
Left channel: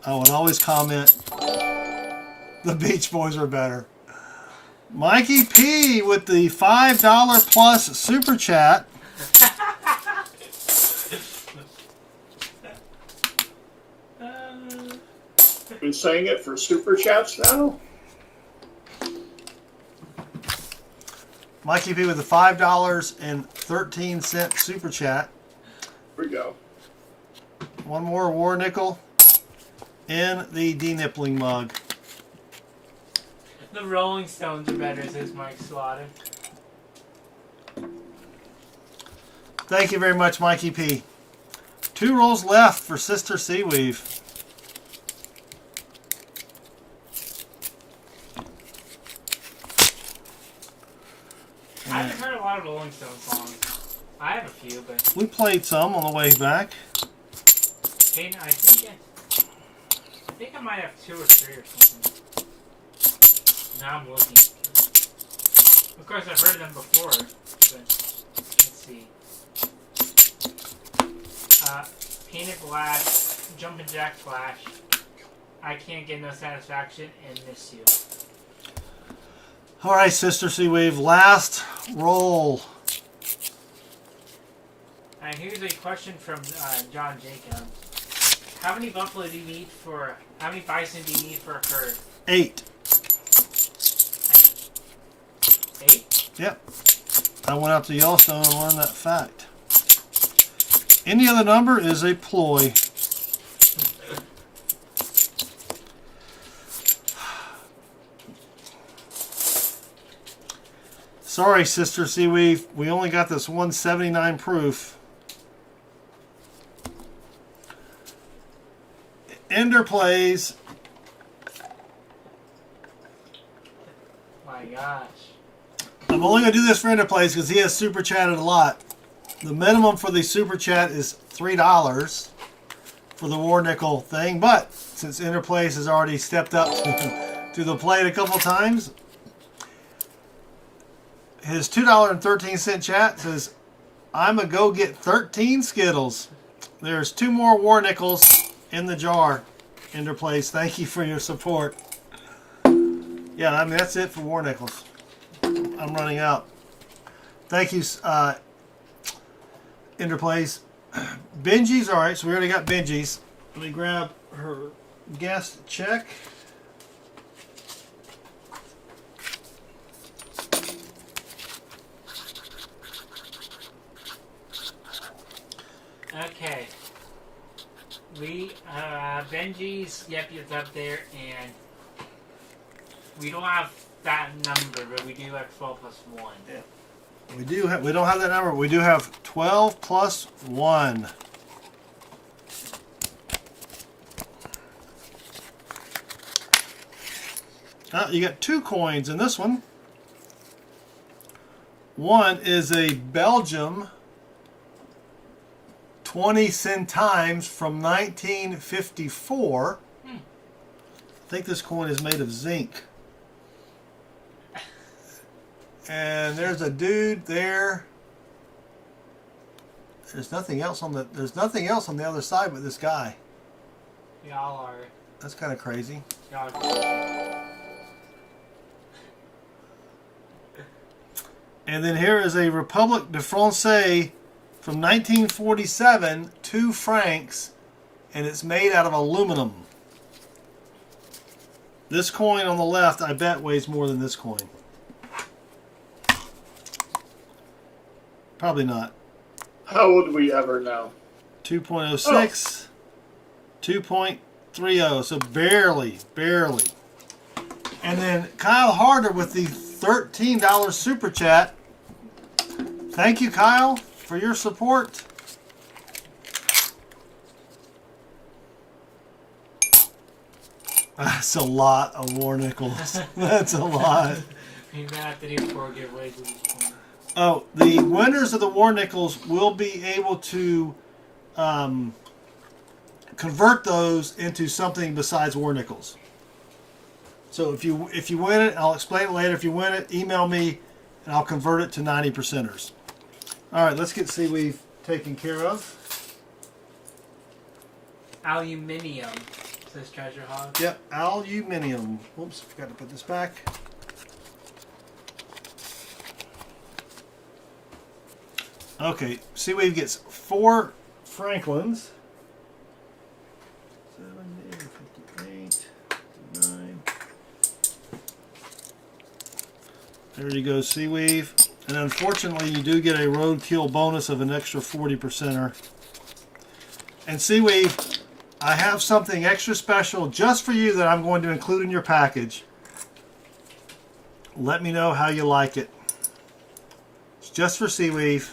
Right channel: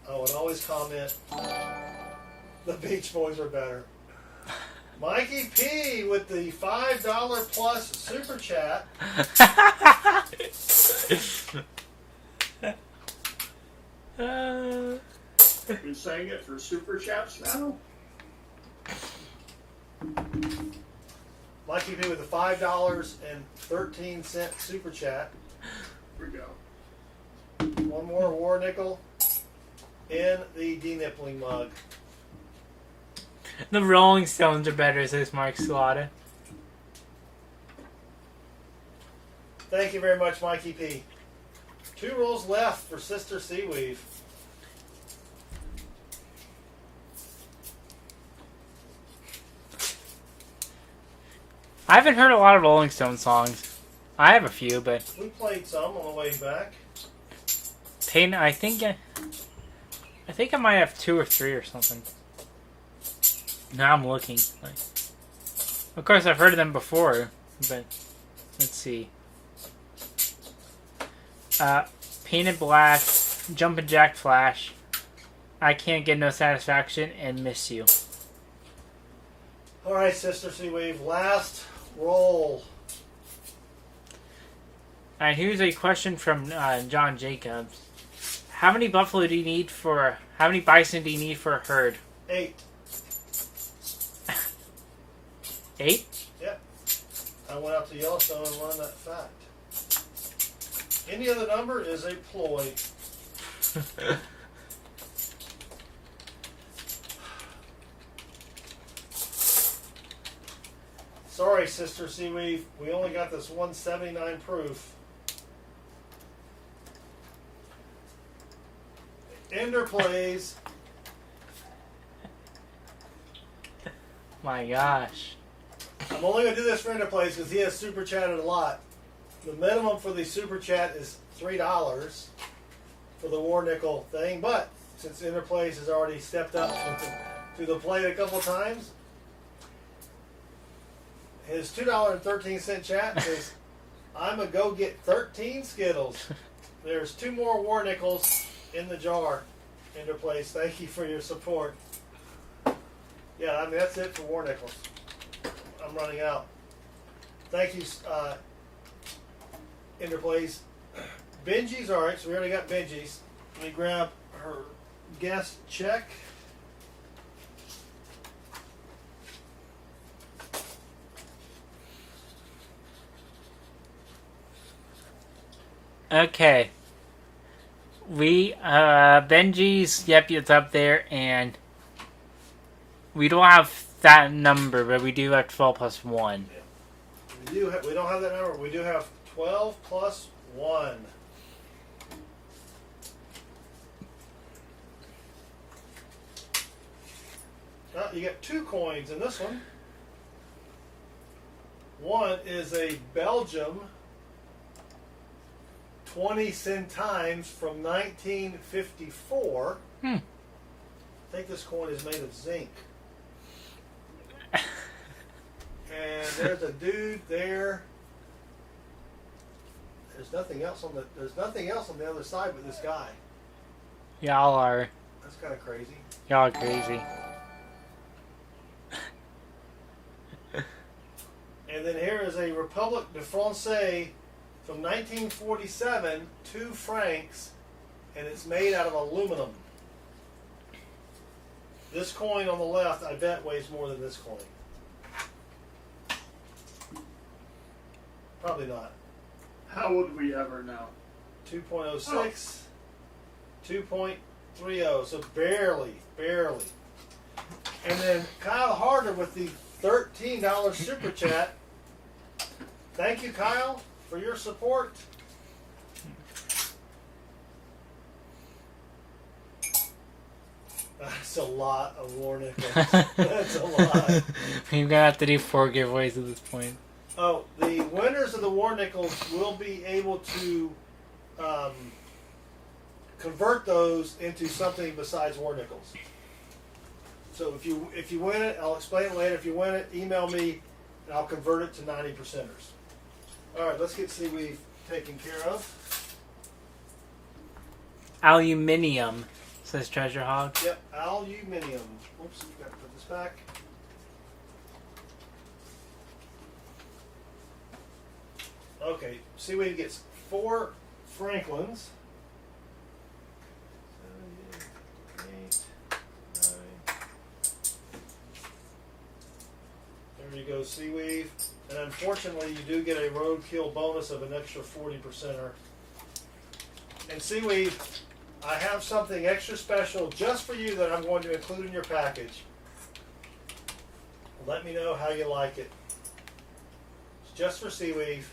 I would always comment, the Beach Boys are better. Mikey P with the $5 plus super chat. Been saying it for super chats now? Mikey P with the $5.13 super chat. Here we go. One more war nickel in the denippling mug. The Rolling Stones are better, says Mark Salata. Thank you very much, Mikey P. 2 rolls left for Sister Seaweave. I haven't heard a lot of Rolling Stone songs. I have a few, but We played some on the way back. I think think I might have 2 or 3 or something. Now I'm looking. Of course, I've heard of them before, but let's see. Painted Black, Jumpin' Jack Flash, I Can't Get No Satisfaction, and Miss You. All right, Sister Seaweave, last roll. And here's a question from John Jacobs. How many buffalo do you need for? How many bison do you need for a herd? 8. 8? Yep. I went out to Yellowstone and learned that fact. Any other number is a ploy. Sorry, Sister Seaweave. We only got this 179 proof. Ender plays. My gosh. I'm only going to do this for Ender plays because he has super chatted a lot. The minimum for the super chat is $3 for the War Nickel thing, but since Ender plays has already stepped up to the plate a couple times, his $2.13 chat says, I'm going to go get 13 Skittles. There's 2 more War Nickels in the jar. Ender plays, thank you for your support. Yeah, I mean, that's it for War Nickels. I'm running out. Thank you, Ender plays. Benji's, all right, so we already got Benji's. Let me grab her guest check. Okay. We, Benji's, yep, it's up there, and we don't have that number, but we do have 12 plus 1. We don't have that number. We do have 12 plus 1. You got 2 coins in this one. One is a Belgium 20 centimes from 1954. I think this coin is made of zinc. And there's a dude there. There's nothing else on the other side but this guy. Y'all are. That's kind of crazy. Y'all are crazy. And then here is a Republique de France from 1947, 2 francs, and it's made out of aluminum. This coin on the left, I bet, weighs more than this coin. Probably not. How would we ever know? 2.06, 2.30, so barely. And then Kyle Harder with the $13 super chat. Thank you, Kyle, for your support. That's a lot of War Nickels. That's a lot. We're gonna have to do 4 giveaways at this point. Oh, the winners of the War Nickels will be able to convert those into something besides War Nickels. So if you win it, I'll explain it later. If you win it, email me, and I'll convert it to 90%ers. All right, let's get Seaweave taken care of. Aluminium, says Treasure Hog. Yep, aluminium. Oops, got to put this back. Okay, Seaweave gets 4 Franklins. 7, 8, 58, 9. There you go, Seaweave. And unfortunately, you do get a roadkill bonus of an extra 40%er. And Seaweave, I have something extra special just for you that I'm going to include in your package. Let me know how you like it. It's just for Seaweave.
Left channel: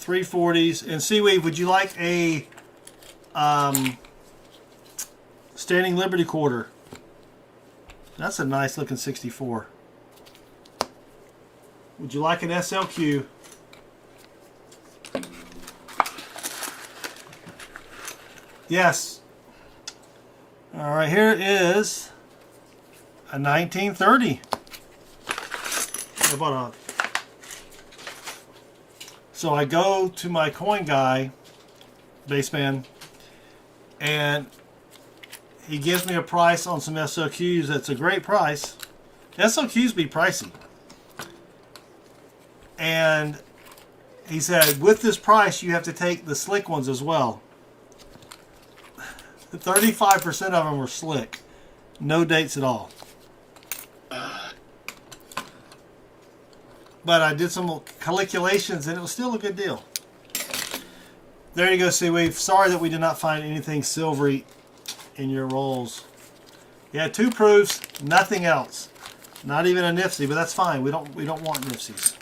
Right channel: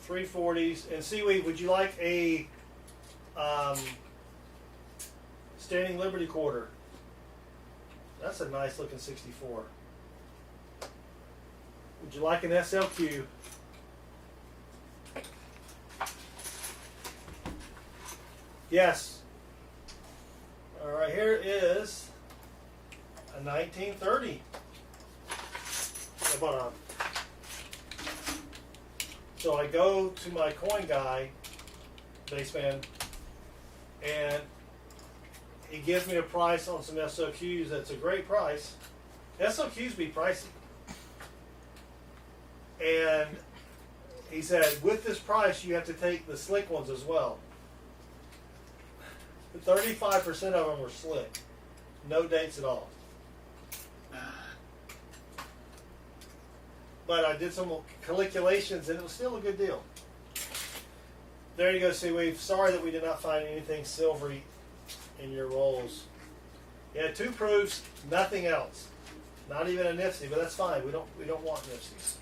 $340s. And Seaweave, would you like a Standing Liberty quarter? That's a nice looking 64. Would you like an SLQ? Yes. All right, here is a 1930. Hold on. So I go to my coin guy, baseman, and he gives me a price on some SOQs. That's a great price. SOQs be pricey. And he said, with this price, you have to take the slick ones as well. 35% of them were slick. No dates at all. But I did some calculations, and it was still a good deal. There you go, Seaweed. Sorry that we did not find anything silvery in your rolls. You had 2 proofs, nothing else. Not even a Nifty, but that's fine. We don't want Nifties.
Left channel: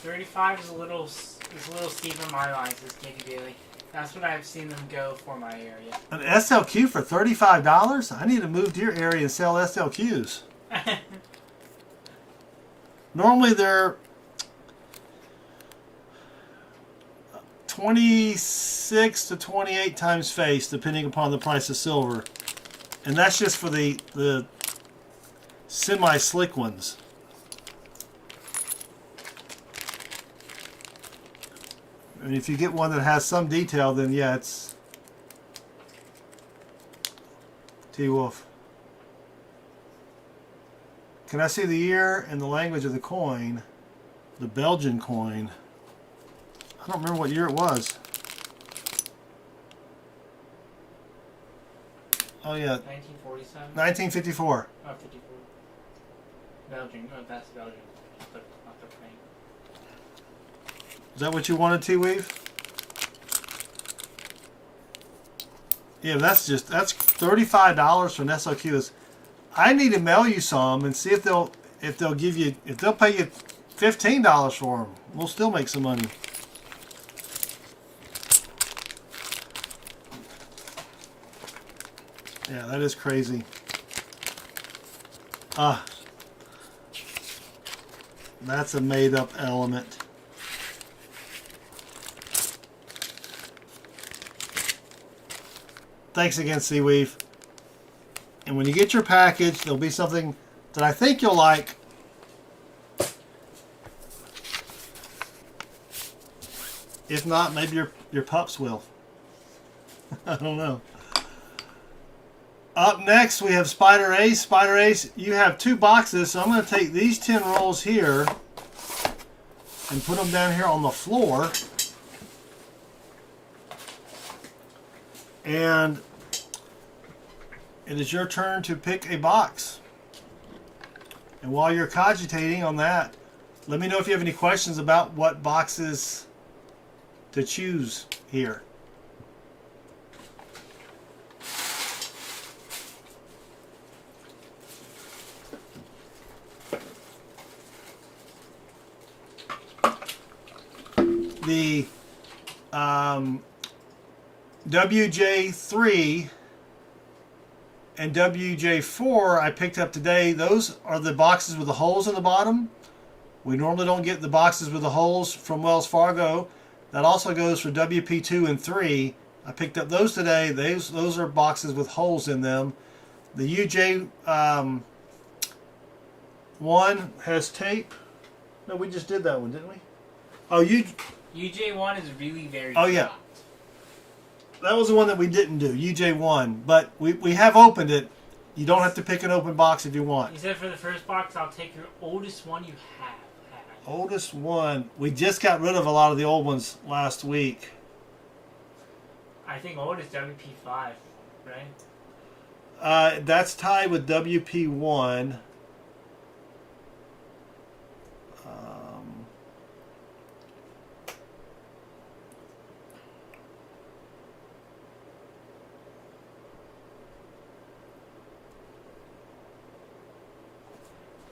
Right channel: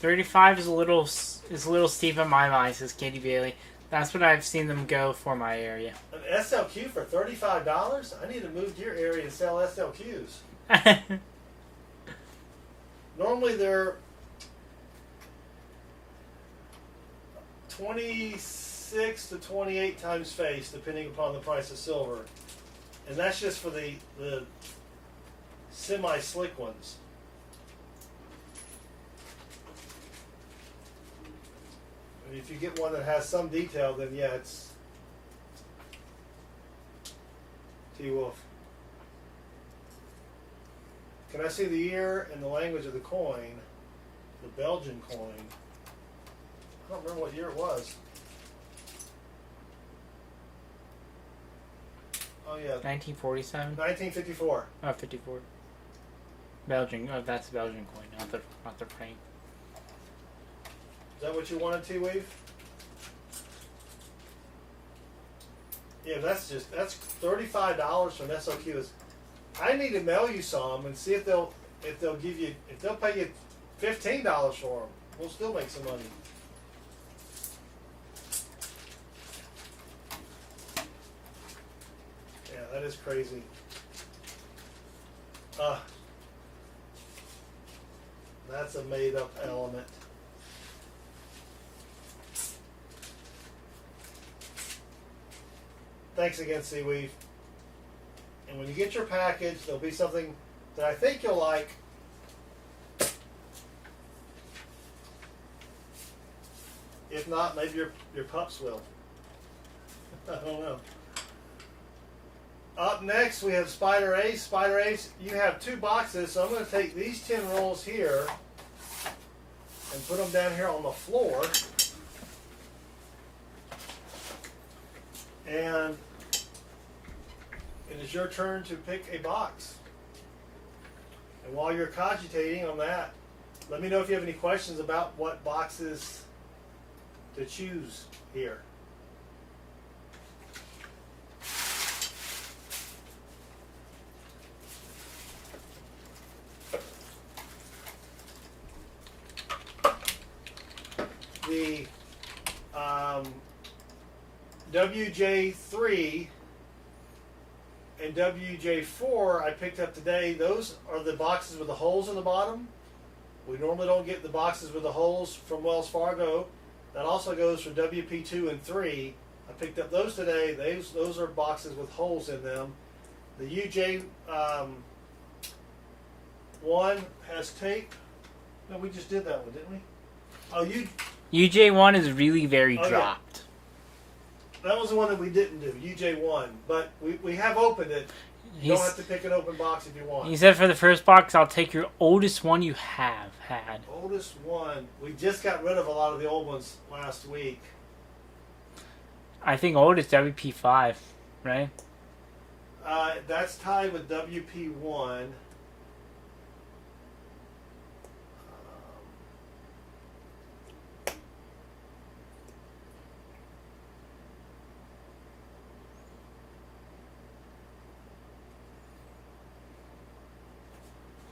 $35 is a little steep in my mind, says Katie Bailey. That's what I've seen them go for my area. An SLQ for $35? I need to move to your area and sell SLQs. Normally they're 26 to 28 times face, depending upon the price of silver. And that's just for the semi-slick ones. And if you get one that has some detail, then yeah, it's T-Wolf. Can I see the year and the language of the coin? The Belgian coin. I don't remember what year it was. Oh yeah. 1947? 1954. Oh, 54. Belgian. Oh, that's a Belgian coin, not the frame. Is that what you wanted, T-Weave? Yeah, that's $35 for an SLQ. I need to mail you some and see if they'll pay you $15 for them. We'll still make some money. Yeah, that is crazy. That's a made-up element. Thanks again, Seaweave. And when you get your package, there'll be something that I think you'll like. If not, maybe your pups will. I don't know. Up next, we have Spider Ace. Spider Ace, you have 2 boxes, so I'm going to take these 10 rolls here and put them down here on the floor. And it is your turn to pick a box. And while you're cogitating on that, let me know if you have any questions about what boxes to choose here. The WJ3 and WJ4 I picked up today. Those are the boxes with the holes in the bottom. We normally don't get the boxes with the holes from Wells Fargo. That also goes for WP2 and 3. I picked up those today. Those are boxes with holes in them. The UJ one has tape. No, we just did that one, didn't we? Oh, UJ1 is really very dropped. Yeah. That was the one that we didn't do, UJ1. But we have opened it. You don't have to pick an open box if you want. He said for the first box, I'll take your oldest one you have had. Oldest one. We just got rid of a lot of the old ones last week. I think oldest WP5, right? That's tied with WP1.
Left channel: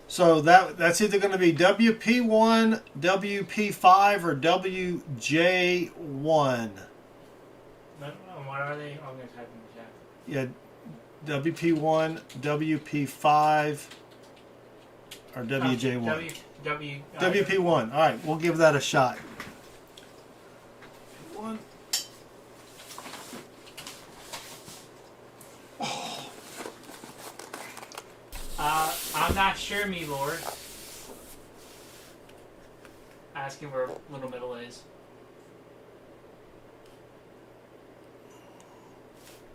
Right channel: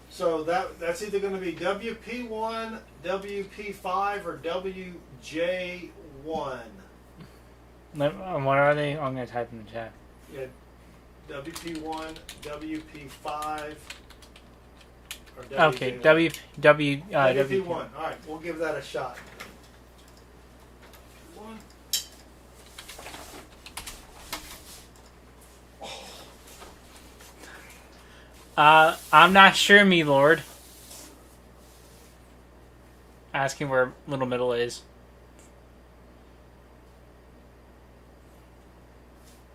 So that's either going to be WP1, WP5, or WJ1. What are they? I'm going to type in the chat. Yeah, WP1, WP5, or WJ1. Okay, WP1. All right, we'll give that a shot. One. I'm not sure, me lord. Asking where Little Middle is.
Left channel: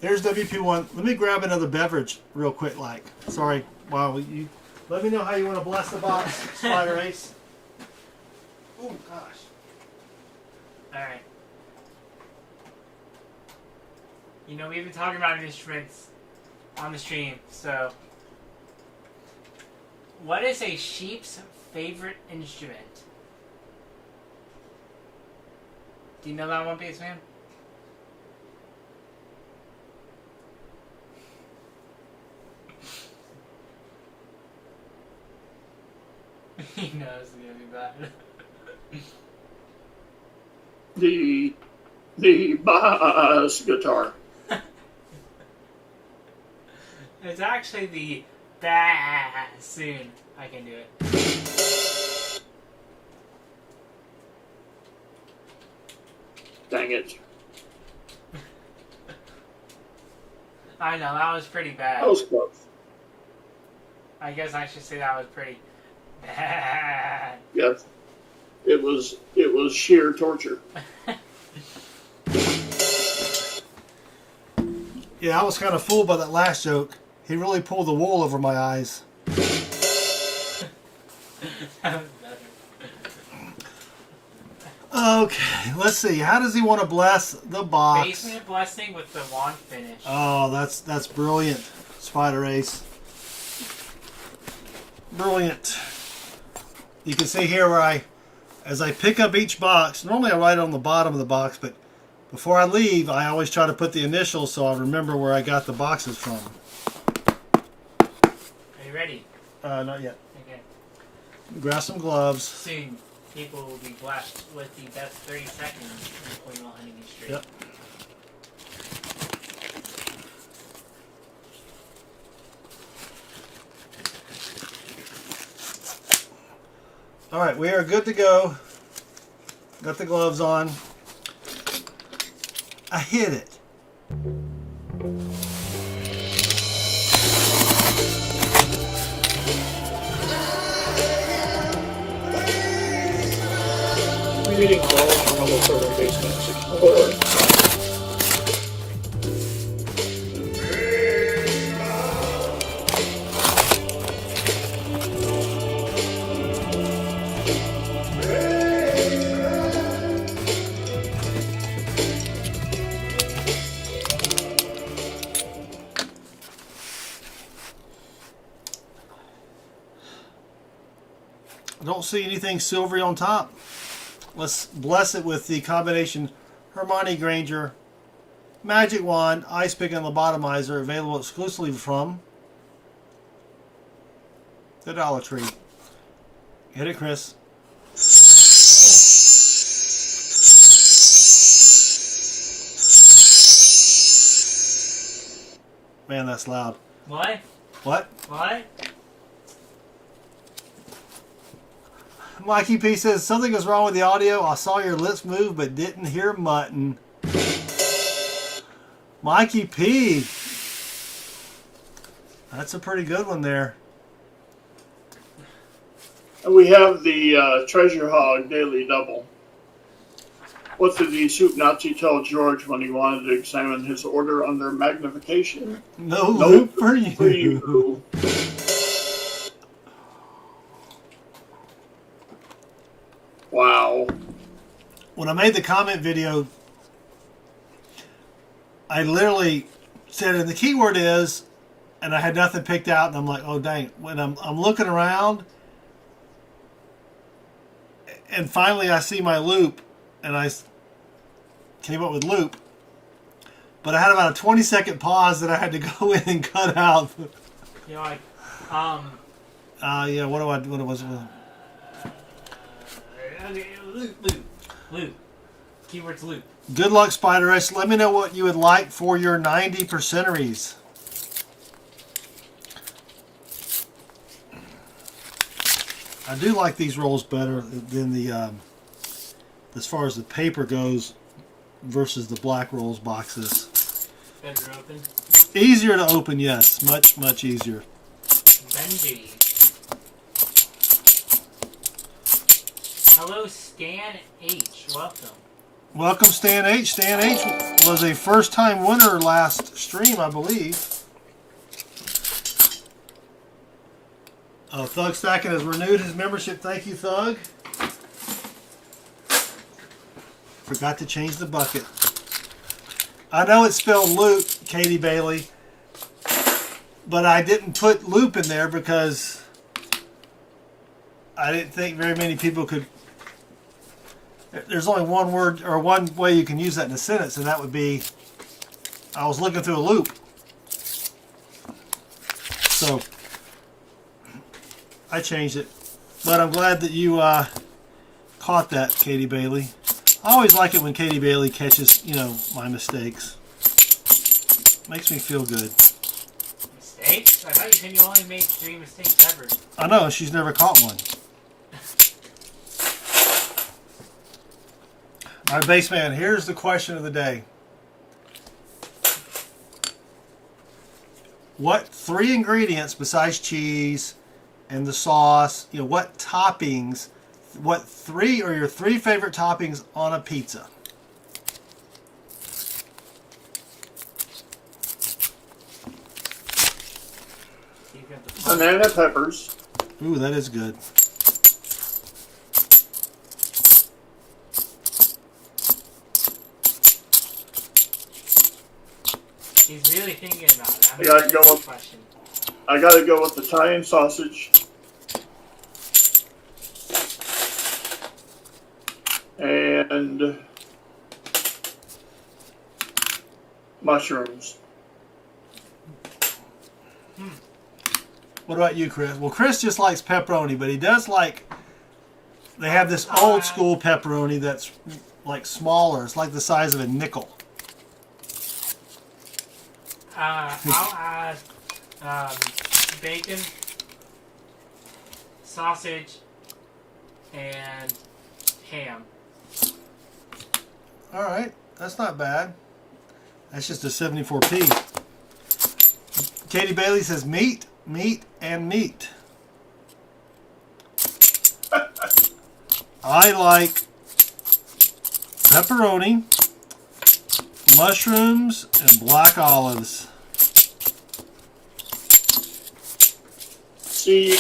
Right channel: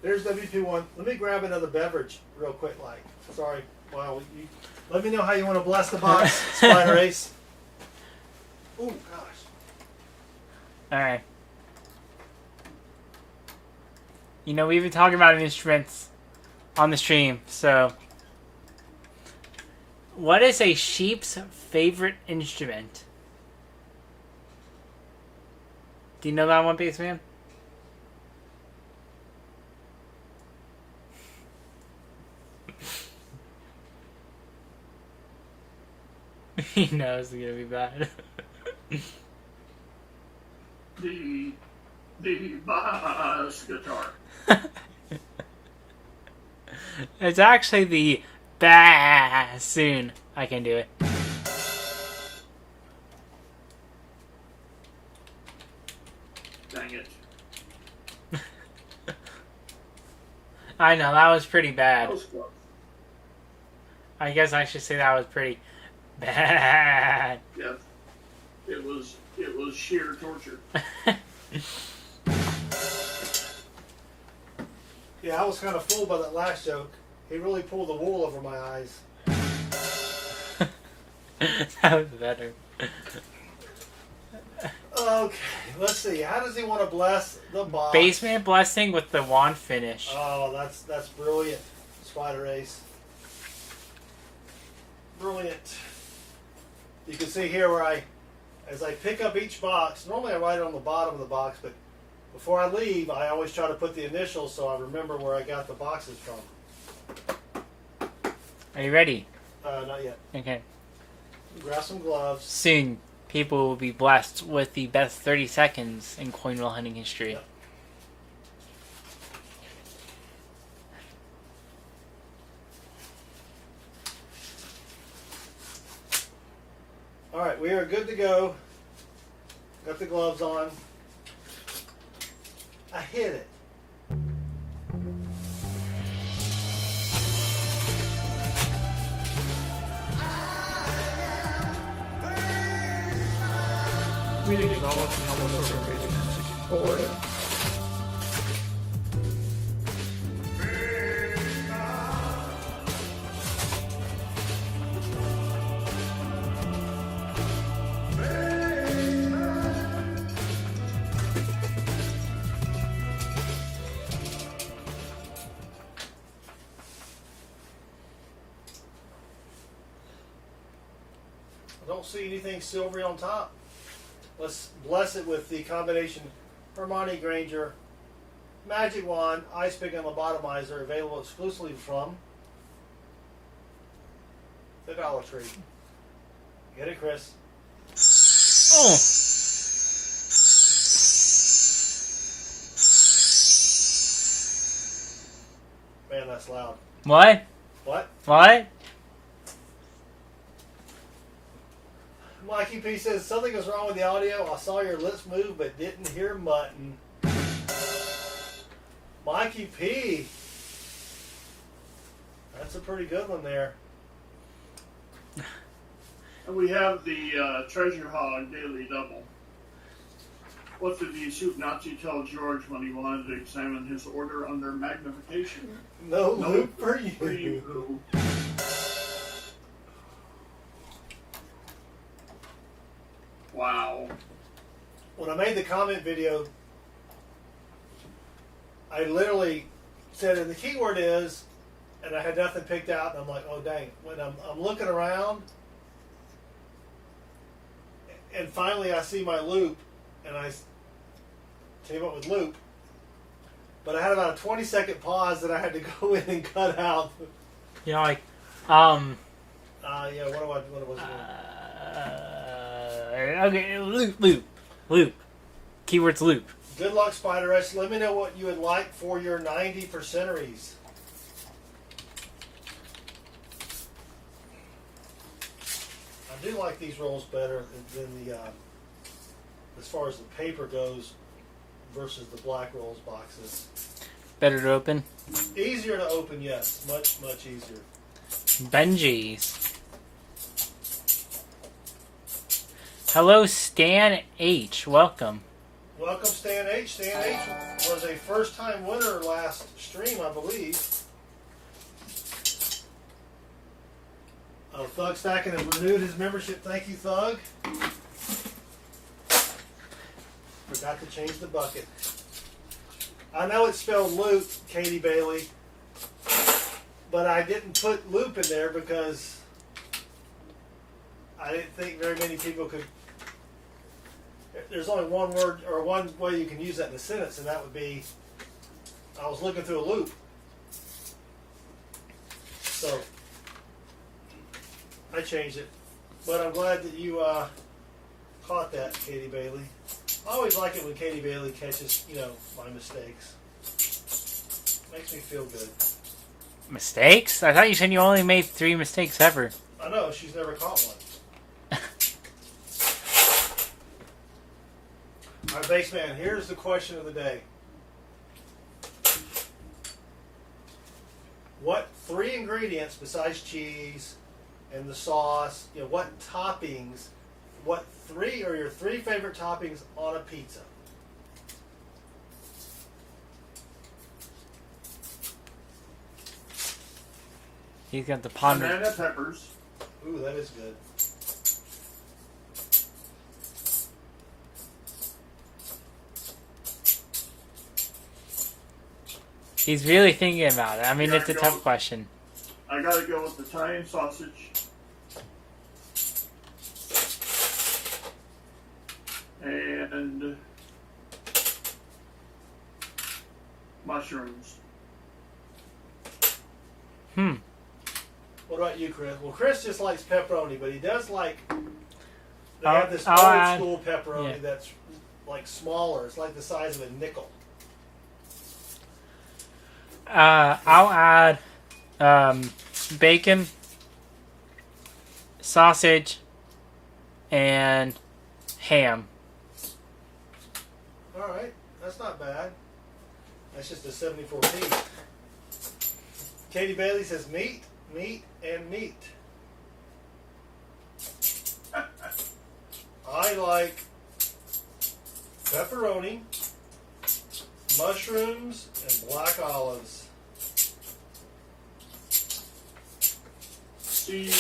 There's WP1. Let me grab another beverage real quick, Sorry. Wow, you let me know how you want to bless the box, Spider Ace. Oh, gosh. Alright. You know, we've been talking about instruments on the stream, so... What is a sheep's favorite instrument? Do you know that one, Base Man? He knows it's gonna be bad. The bass guitar. It's actually the bassoon. I can do it. Dang it. I know, that was pretty bad. That was close. I guess I should say that was pretty bad. Yes. It was sheer torture. Yeah, I was kind of fooled by that last joke. He really pulled the wool over my eyes. That was better. Okay, let's see. How does he want to bless the box? Basement blessing with the wand finish. Oh, that's brilliant, Spider Ace. Brilliant. You can see here where as I pick up each box, normally I write it on the bottom of the box, but before I leave, I always try to put the initials so I remember where I got the boxes from. Are you ready? Not yet. Okay. Grab some gloves. Soon, people will be blessed with the best 30 seconds in coin roll hunting history. Yep. All right, we are good to go. Got the gloves on. I hit it. Reading all on the third basement. Or I don't see anything silvery on top. Let's bless it with the combination Hermione Granger Magic Wand Ice Pick and Lobotomizer, available exclusively from the Dollar Tree. Hit it, Chris. Oh. Man, that's loud. What? What? What? Mikey P says, something is wrong with the audio. I saw your lips move but didn't hear mutton. Mikey P. That's a pretty good one there. and we have the Treasure Hog Daily Double. What did the soup Nazi tell George when he wanted to examine his order under magnification? No loop for you. For you. Wow. When I made the comment video, I literally said, and the keyword is, and I had nothing picked out, and I'm like, oh dang. When I'm looking around, and finally I see my loop, and I came up with loop, but I had about a 20-second pause that I had to go in and cut out. You know, like, yeah, what was it? okay, loop. Keyword's loop. Good luck, Spider S. Let me know what you would like for your 90%eries. I do like these rolls better than the, as far as the paper goes, versus the black rolls boxes. Better to open. Easier to open, yes. Much, much easier. Benji. Hello, Stan H. Welcome. Welcome, Stan H. Stan H was a first-time winner last stream, I believe. Thug Stacking has renewed his membership. Thank you, Thug. Forgot to change the bucket. I know it's spelled loot, Katie Bailey, but I didn't put loop in there because I didn't think very many people could. There's only one word or one way you can use that in a sentence, and that would be, I was looking through a loop. So I changed it, but I'm glad that you caught that, Katie Bailey. I always like it when Katie Bailey catches, you know, my mistakes. Makes me feel good. Mistakes? I thought you said you only made 3 mistakes ever. I know, she's never caught one. All right, Baseman, here's the question of the day. What 3 ingredients besides cheese and the sauce, you know, what toppings, what 3 are your 3 favorite toppings on a pizza? He's got the pot. Banana peppers. Ooh, that is good. He's really thinking about it. I mean, Yeah, it's a tough question. I gotta go with Italian sausage. And mushrooms. What about you, Chris? Well, Chris just likes pepperoni, but he does like, they have this Oh, old school pepperoni that's like smaller. It's like the size of a nickel. I'll add bacon, sausage, and ham. All right, that's not bad. That's just a 74p. Katie Bailey says meat, meat, and meat. I like pepperoni, mushrooms, and black olives. See,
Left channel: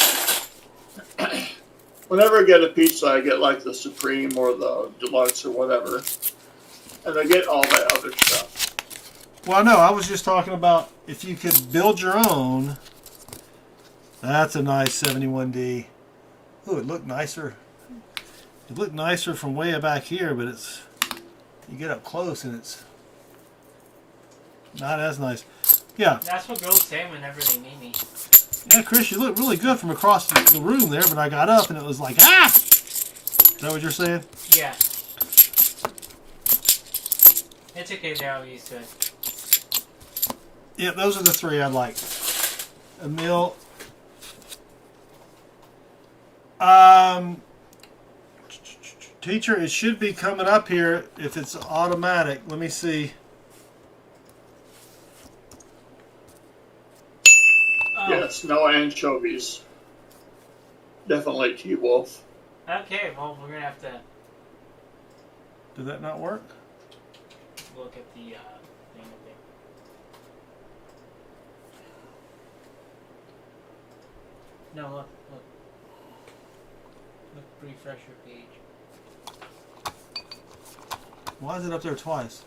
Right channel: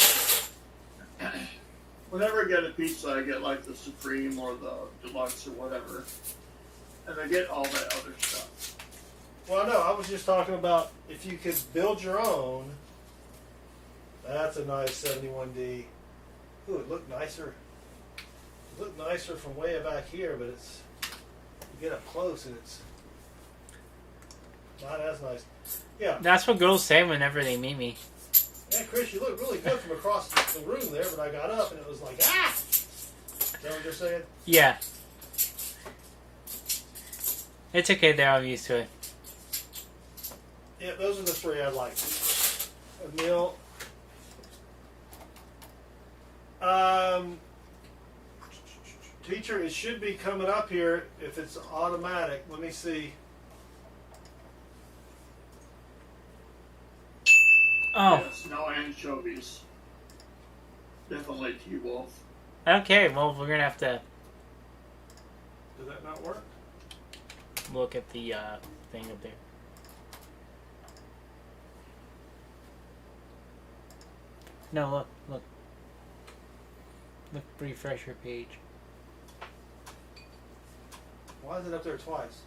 whenever I get a pizza, I get like the Supreme or the Deluxe or whatever. And I get all that other stuff. Well, no, I was just talking about if you could build your own. That's a nice 71D. Ooh, it looked nicer. It looked nicer from way back here, but it's, you get up close and it's not as nice. Yeah. That's what girls say whenever they meet me. Yeah, Chris, you look really good from across the room there, but I got up and it was like, ah! Is that what you're saying? Yeah. It's okay there, I'm used to it. Yeah, those are the 3 I'd like. A meal. Teacher, it should be coming up here if it's automatic. Let me see. Oh, Yes, no anchovies. Definitely T-Wolf. okay, well, we're gonna have to Did that not work? look at the thing up there. No, look. Look, refresh your page. Why is it up there twice?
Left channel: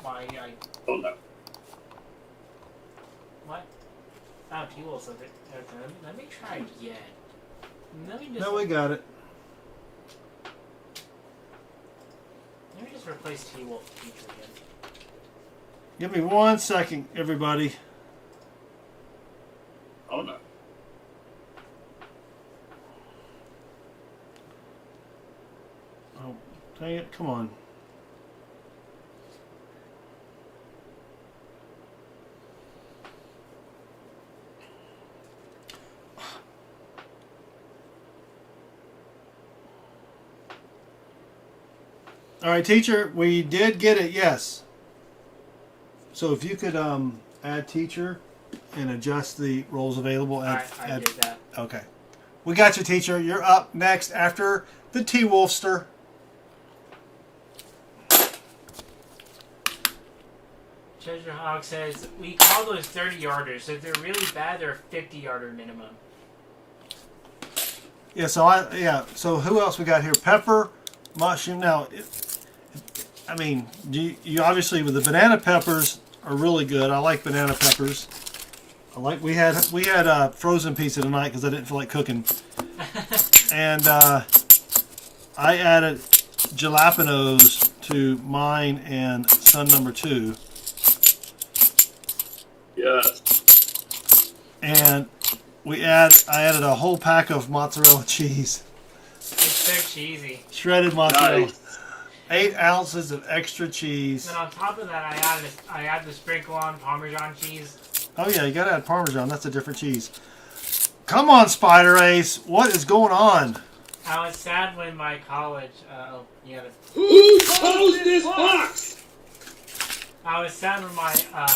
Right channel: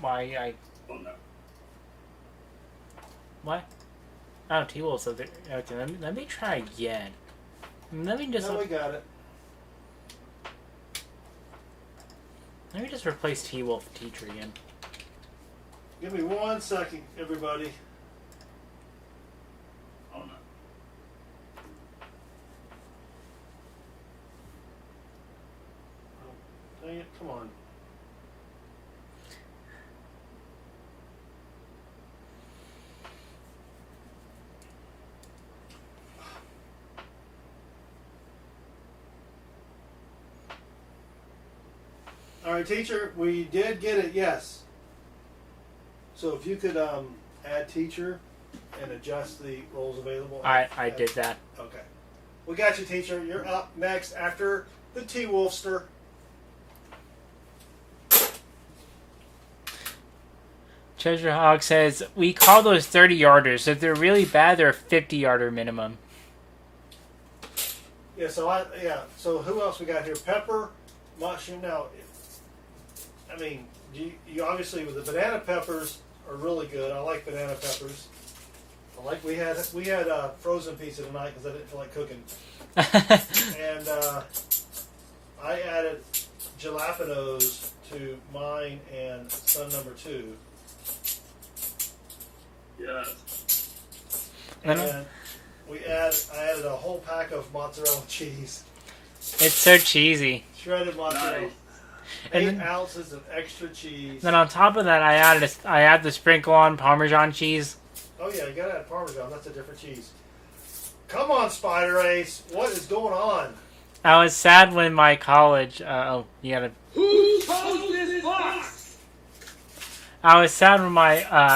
Why, Oh no. what? Oh, T-Wolf's up there. Okay, let me try again. Let me just... No, we got it. Let me just replace T-Wolf with teacher again. Give me 1 second, everybody. Oh no. Oh, Dang it, come on. All right, teacher, we did get it, yes. So if you could add teacher and adjust the roles available. I did that. Okay. We got you, teacher. You're up next after the T-Wolfster. Treasure Hog says, we call those 30-yarders. If they're really bad, they're a 50-yarder minimum. Yeah, so who else we got here? Pepper, mushroom. Now, I mean, you obviously, with the banana peppers are really good. I like banana peppers. We had frozen pizza tonight because I didn't feel like cooking. And I added jalapenos to mine and son number 2. Yes. And I added a whole pack of mozzarella cheese. It's so cheesy. Shredded mozzarella. Nice. 8 ounces of extra cheese. Then on top of that, I add the sprinkle on Parmesan cheese. Oh yeah, you gotta add Parmesan. That's a different cheese. Come on, Spider Ace. What is going on? I was sad when my college. You gotta. Who closed this box? I was sad when my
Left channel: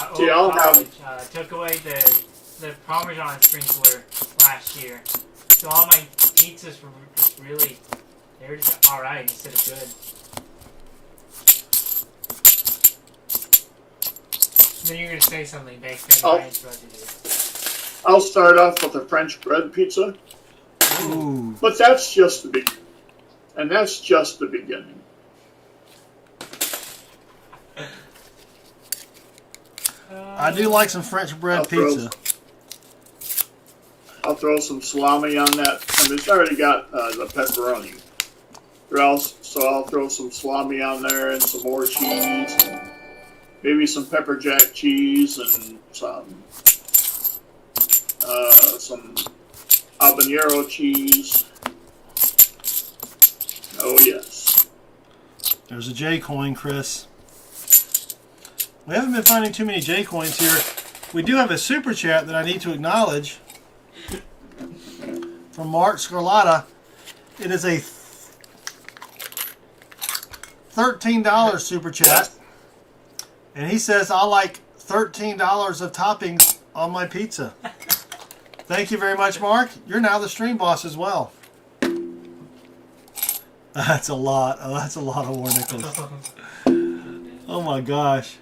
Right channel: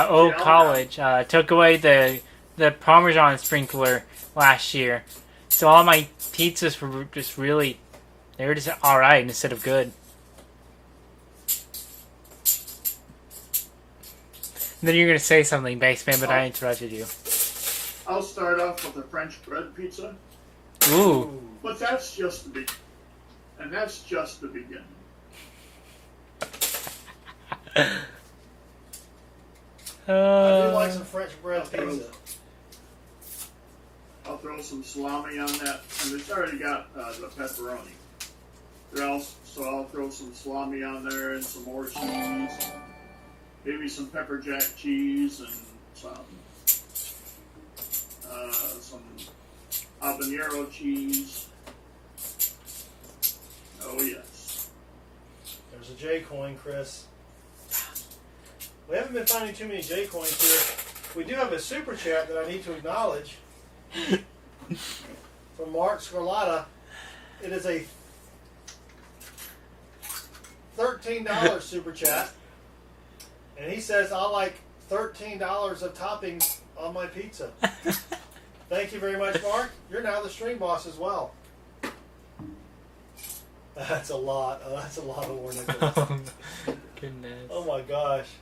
old college took away the Parmesan sprinkler last year. So all my pizzas were just really. They were just alright instead of good. Then you're gonna say something, Baseman, but I interrupted you. I'll start off with a French bread pizza. Ooh. But that's just the beginning. And that's just the beginning. I do like some French bread pizza. I'll throw some salami on that. I mean, it's already got the pepperoni. So I'll throw some salami on there and some more cheese. Maybe some pepper jack cheese and some habanero cheese. Oh yes. There's a J coin, Chris. We haven't been finding too many J coins here. We do have a super chat that I need to acknowledge from Mark Scarlata. It is a $13 super chat. And he says, I like $13 of toppings on my pizza. Thank you very much, Mark. You're now the stream boss as well. That's a lot. Oh, that's a lot of war nickels. Oh my gosh.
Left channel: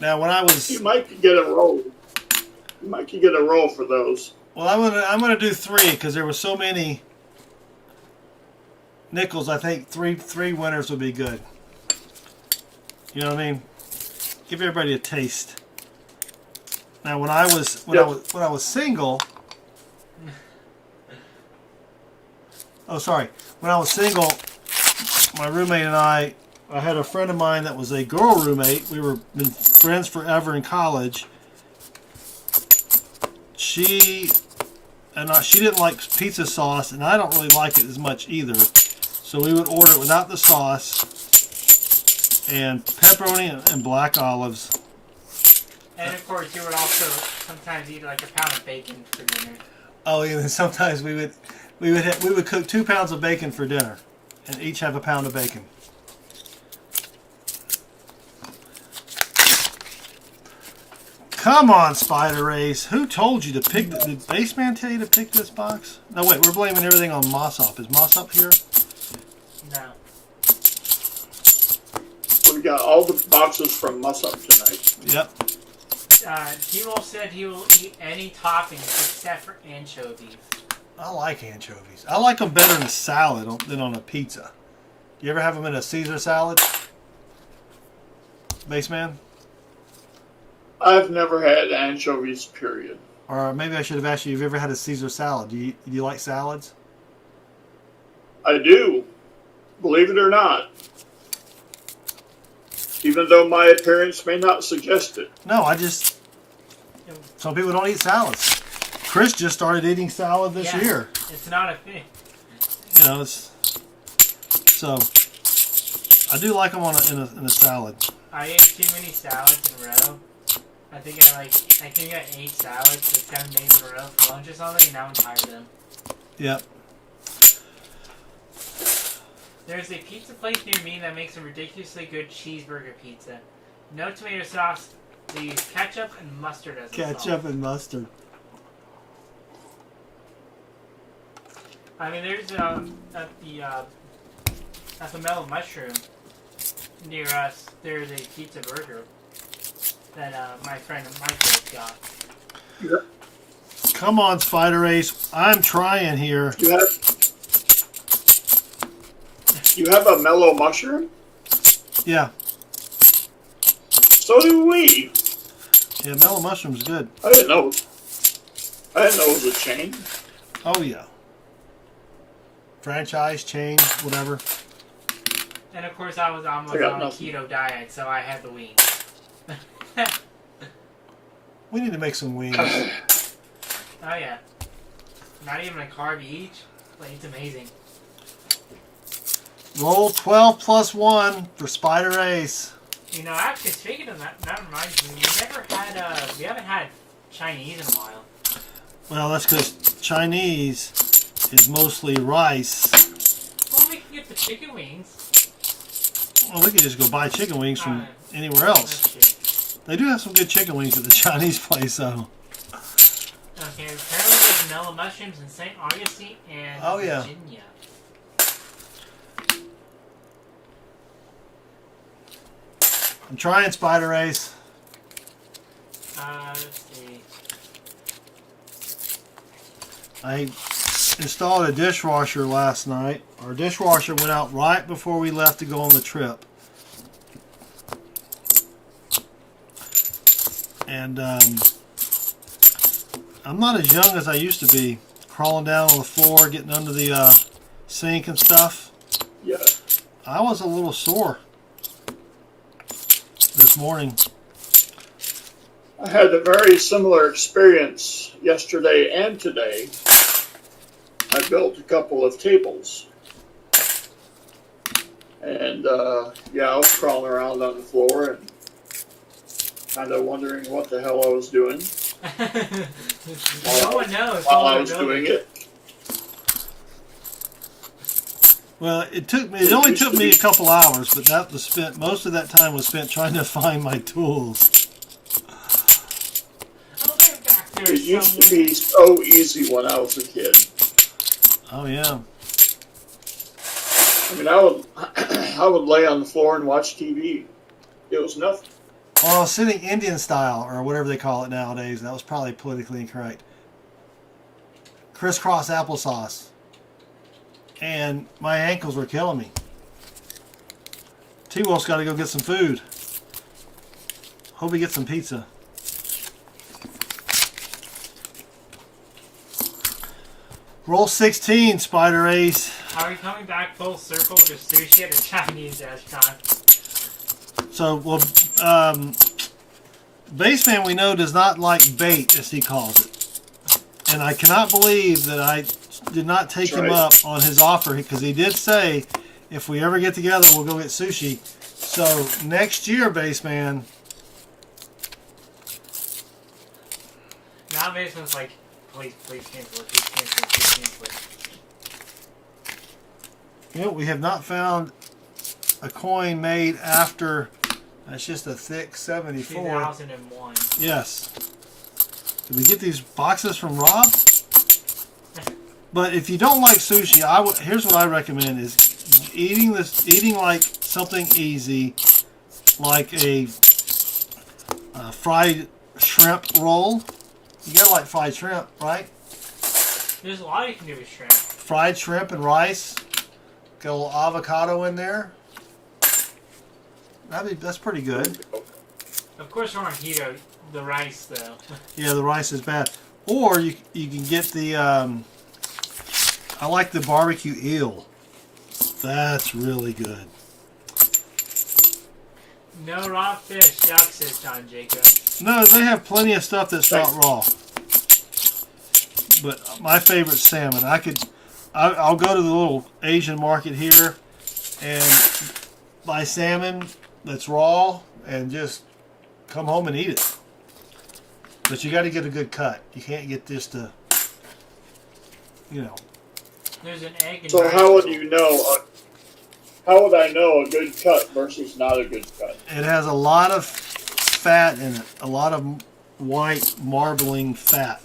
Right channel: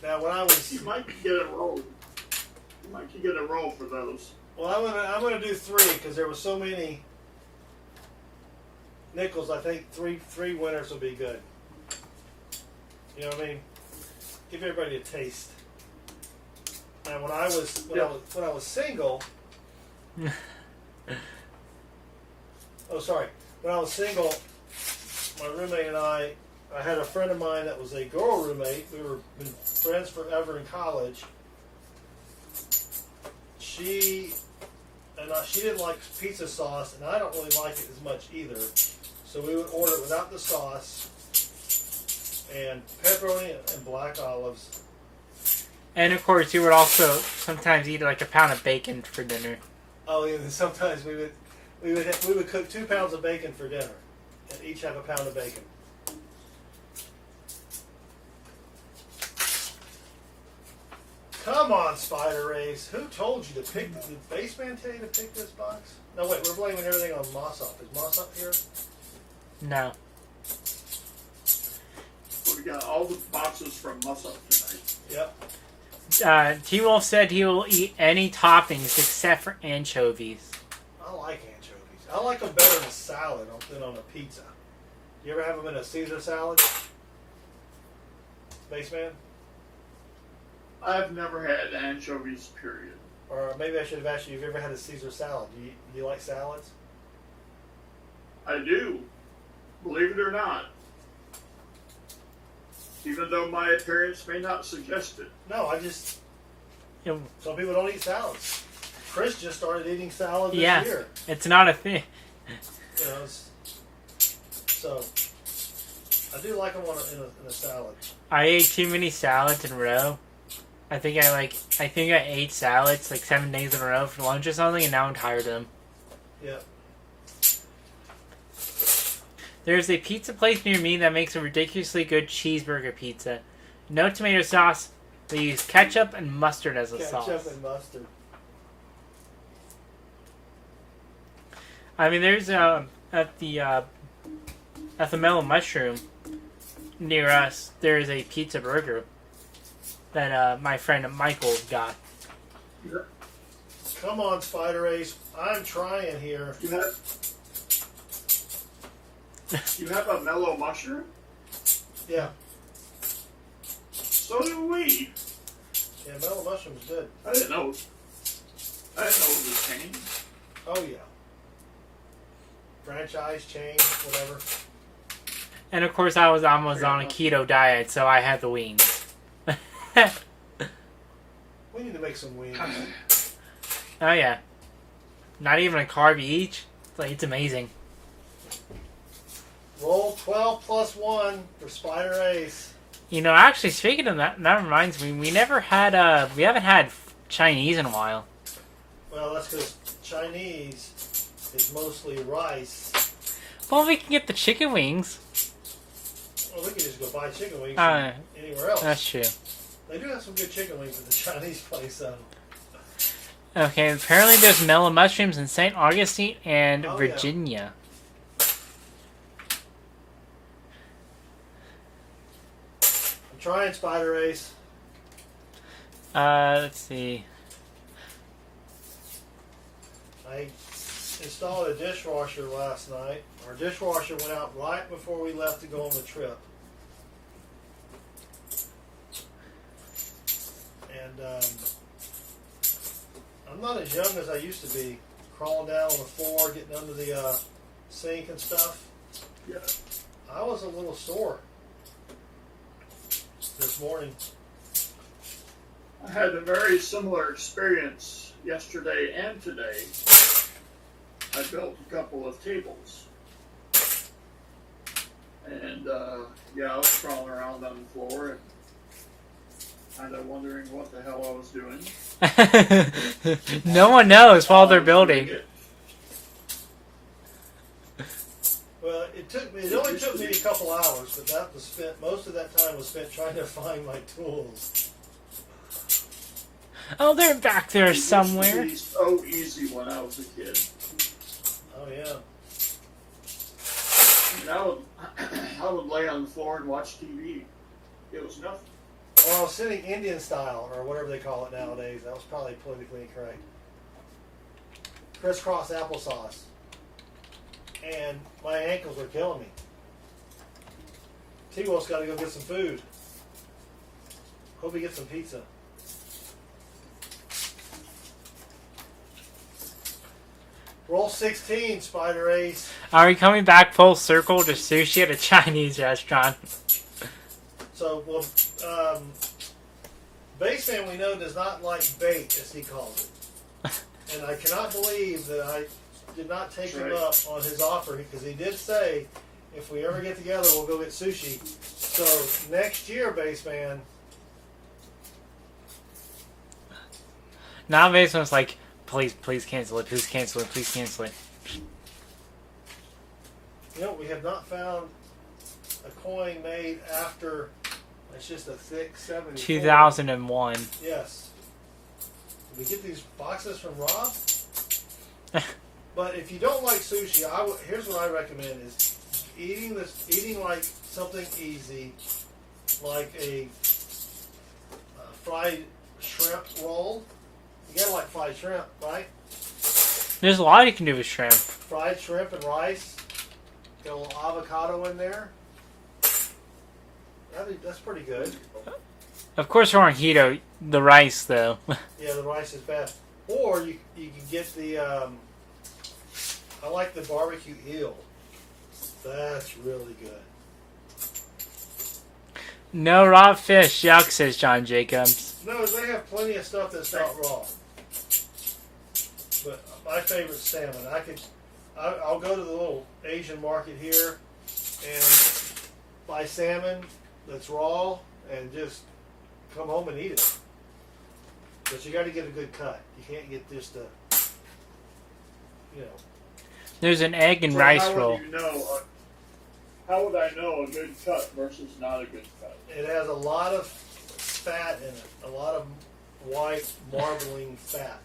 Now, when I was... You might get a roll. You might get a roll for those. Well, I'm gonna do 3 because there were so many nickels. I think three winners would be good. You know what I mean? Give everybody a taste. Now, when I was single. Oh, sorry. When I was single, my roommate and I had a friend of mine that was a girl roommate. We were been friends forever in college. She didn't like pizza sauce, and I don't really like it as much either. So we would order it without the sauce. And pepperoni and black olives. And of course, you would also sometimes eat like a pound of bacon for dinner. Oh, yeah. And sometimes we would cook 2 pounds of bacon for dinner, and each have a pound of bacon. Come on, Spider Ace. Who told you to pick? Did Baseman tell you to pick this box? No, wait. We're blaming everything on Mossop. Is Mossop here? No. We got all the boxes from Musup tonight. Yep. T-Wolf said he will eat any toppings except for anchovies. I like anchovies. I like them better in a salad than on a pizza. You ever have them in a Caesar salad? Baseman? I've never had anchovies, period. Or maybe I should have asked you, have you ever had a Caesar salad? Do you like salads? I do. Believe it or not. Even though my appearance may not suggest it. No, some people don't eat salads. Chris just started eating salad this year. It's not a thing. You know, So I do like them in a salad. I ate too many salads in a row. I think I ate salads like 7 days in a row for lunch or something, and now I'm tired of them. Yep. There's a pizza place near me that makes a ridiculously good cheeseburger pizza. No tomato sauce. They use ketchup and mustard as a sauce. Ketchup and mustard. I mean, there's at the Mellow Mushroom near us. There is a pizza burger that my friend Michael got. Come on, Spider Ace. I'm trying here. You have a mellow mushroom? Yeah. So do we. Yeah, mellow mushroom's good. I didn't know. I didn't know it was a chain. Oh, yeah. Franchise, chain, whatever. And of course, I was almost on a keto diet, so I had the wings. We need to make some wings. Oh yeah. Not even a carb each. Like, it's amazing. Roll 12 plus 1 for Spider Ace. You know, actually, speaking of that, that reminds me, we haven't had Chinese in a while. Well, that's because Chinese is mostly rice. Well, we can get the chicken wings. Well, we could just go buy chicken wings from anywhere else. That's true. They do have some good chicken wings at the Chinese place, though. Okay, apparently there's mellow mushrooms in St. Augustine and Virginia. I'm trying Spider Ace. Let's see. I installed a dishwasher last night. Our dishwasher went out right before we left to go on the trip. And I'm not as young as I used to be. Crawling down on the floor, getting under the sink and stuff. Yeah. I was a little sore this morning. I had a very similar experience yesterday and today. I built a couple of tables. And, yeah, I was crawling around on the floor and kind of wondering what the hell I was doing. No one knows while they're building. Well, it only took me a couple hours, but that was spent. Most of that time was spent trying to find my tools. Oh, they're back there It somewhere. used to be so easy when I was a kid. Oh yeah. I mean, I would lay on the floor and watch TV. It was nothing. Well, I was sitting Indian style, or whatever they call it nowadays. That was probably politically incorrect. Crisscross applesauce. And my ankles were killing me. T-Wolf's got to go get some food. Hope he gets some pizza. Roll 16, Spider Ace. Are we coming back full circle to sushi at a Chinese restaurant? So, well, Baseman we know does not like bait, as he calls it. And I cannot believe that I did not take him up on his offer, because he did say, if we ever get together, we'll go get sushi. So, next year, Baseman. Now Baseman's like, please cancel it, please cancel it, please cancel it. You know, we have not found a coin made after, that's just a thick 74. 2001. Yes. Did we get these boxes from Rob? But if you don't like sushi, here's what I recommend is eating like something easy, like a fried shrimp roll. You gotta like fried shrimp, right? There's a lot you can do with shrimp. Fried shrimp and rice. Got a little avocado in there. That's pretty good. Of course, we're on keto. The rice, though. Yeah, the rice is bad. Or you can get the I like the barbecue eel. That's really good. No raw fish, yuck, says John Jacobs. No, they have plenty of stuff that's not raw. But my favorite's salmon. I'll go to the little Asian market here, and buy salmon that's raw and just come home and eat it. But you got to get a good cut. You can't get just a, you know. There's an egg and So rice how roll. would you know? How would I know a good cut versus not a good cut? It has a lot of fat in it, a lot of white marbling fat.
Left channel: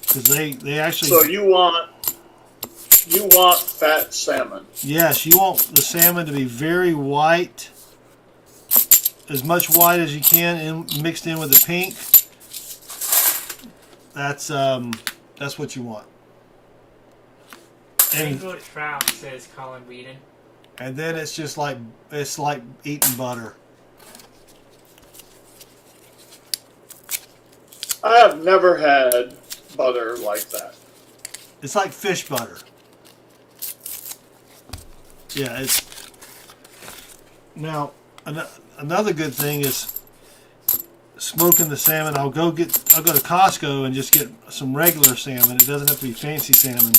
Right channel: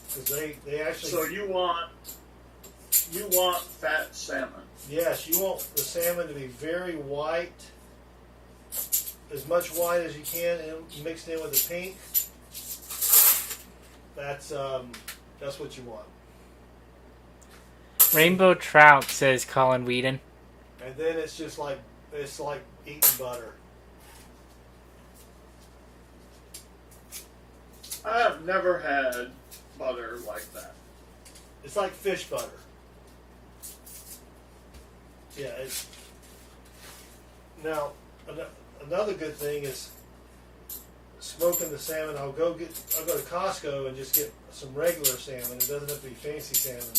Because they actually. So you want fat salmon. Yes, you want the salmon to be very white, as much white as you can, mixed in with the pink. That's what you want. Rainbow trout, says Colin Whedon. And then it's just like eating butter. I have never had butter like that. It's like fish butter. Yeah, it's now another good thing is smoking the salmon. I'll go to Costco and just get some regular salmon. It doesn't have to be fancy salmon,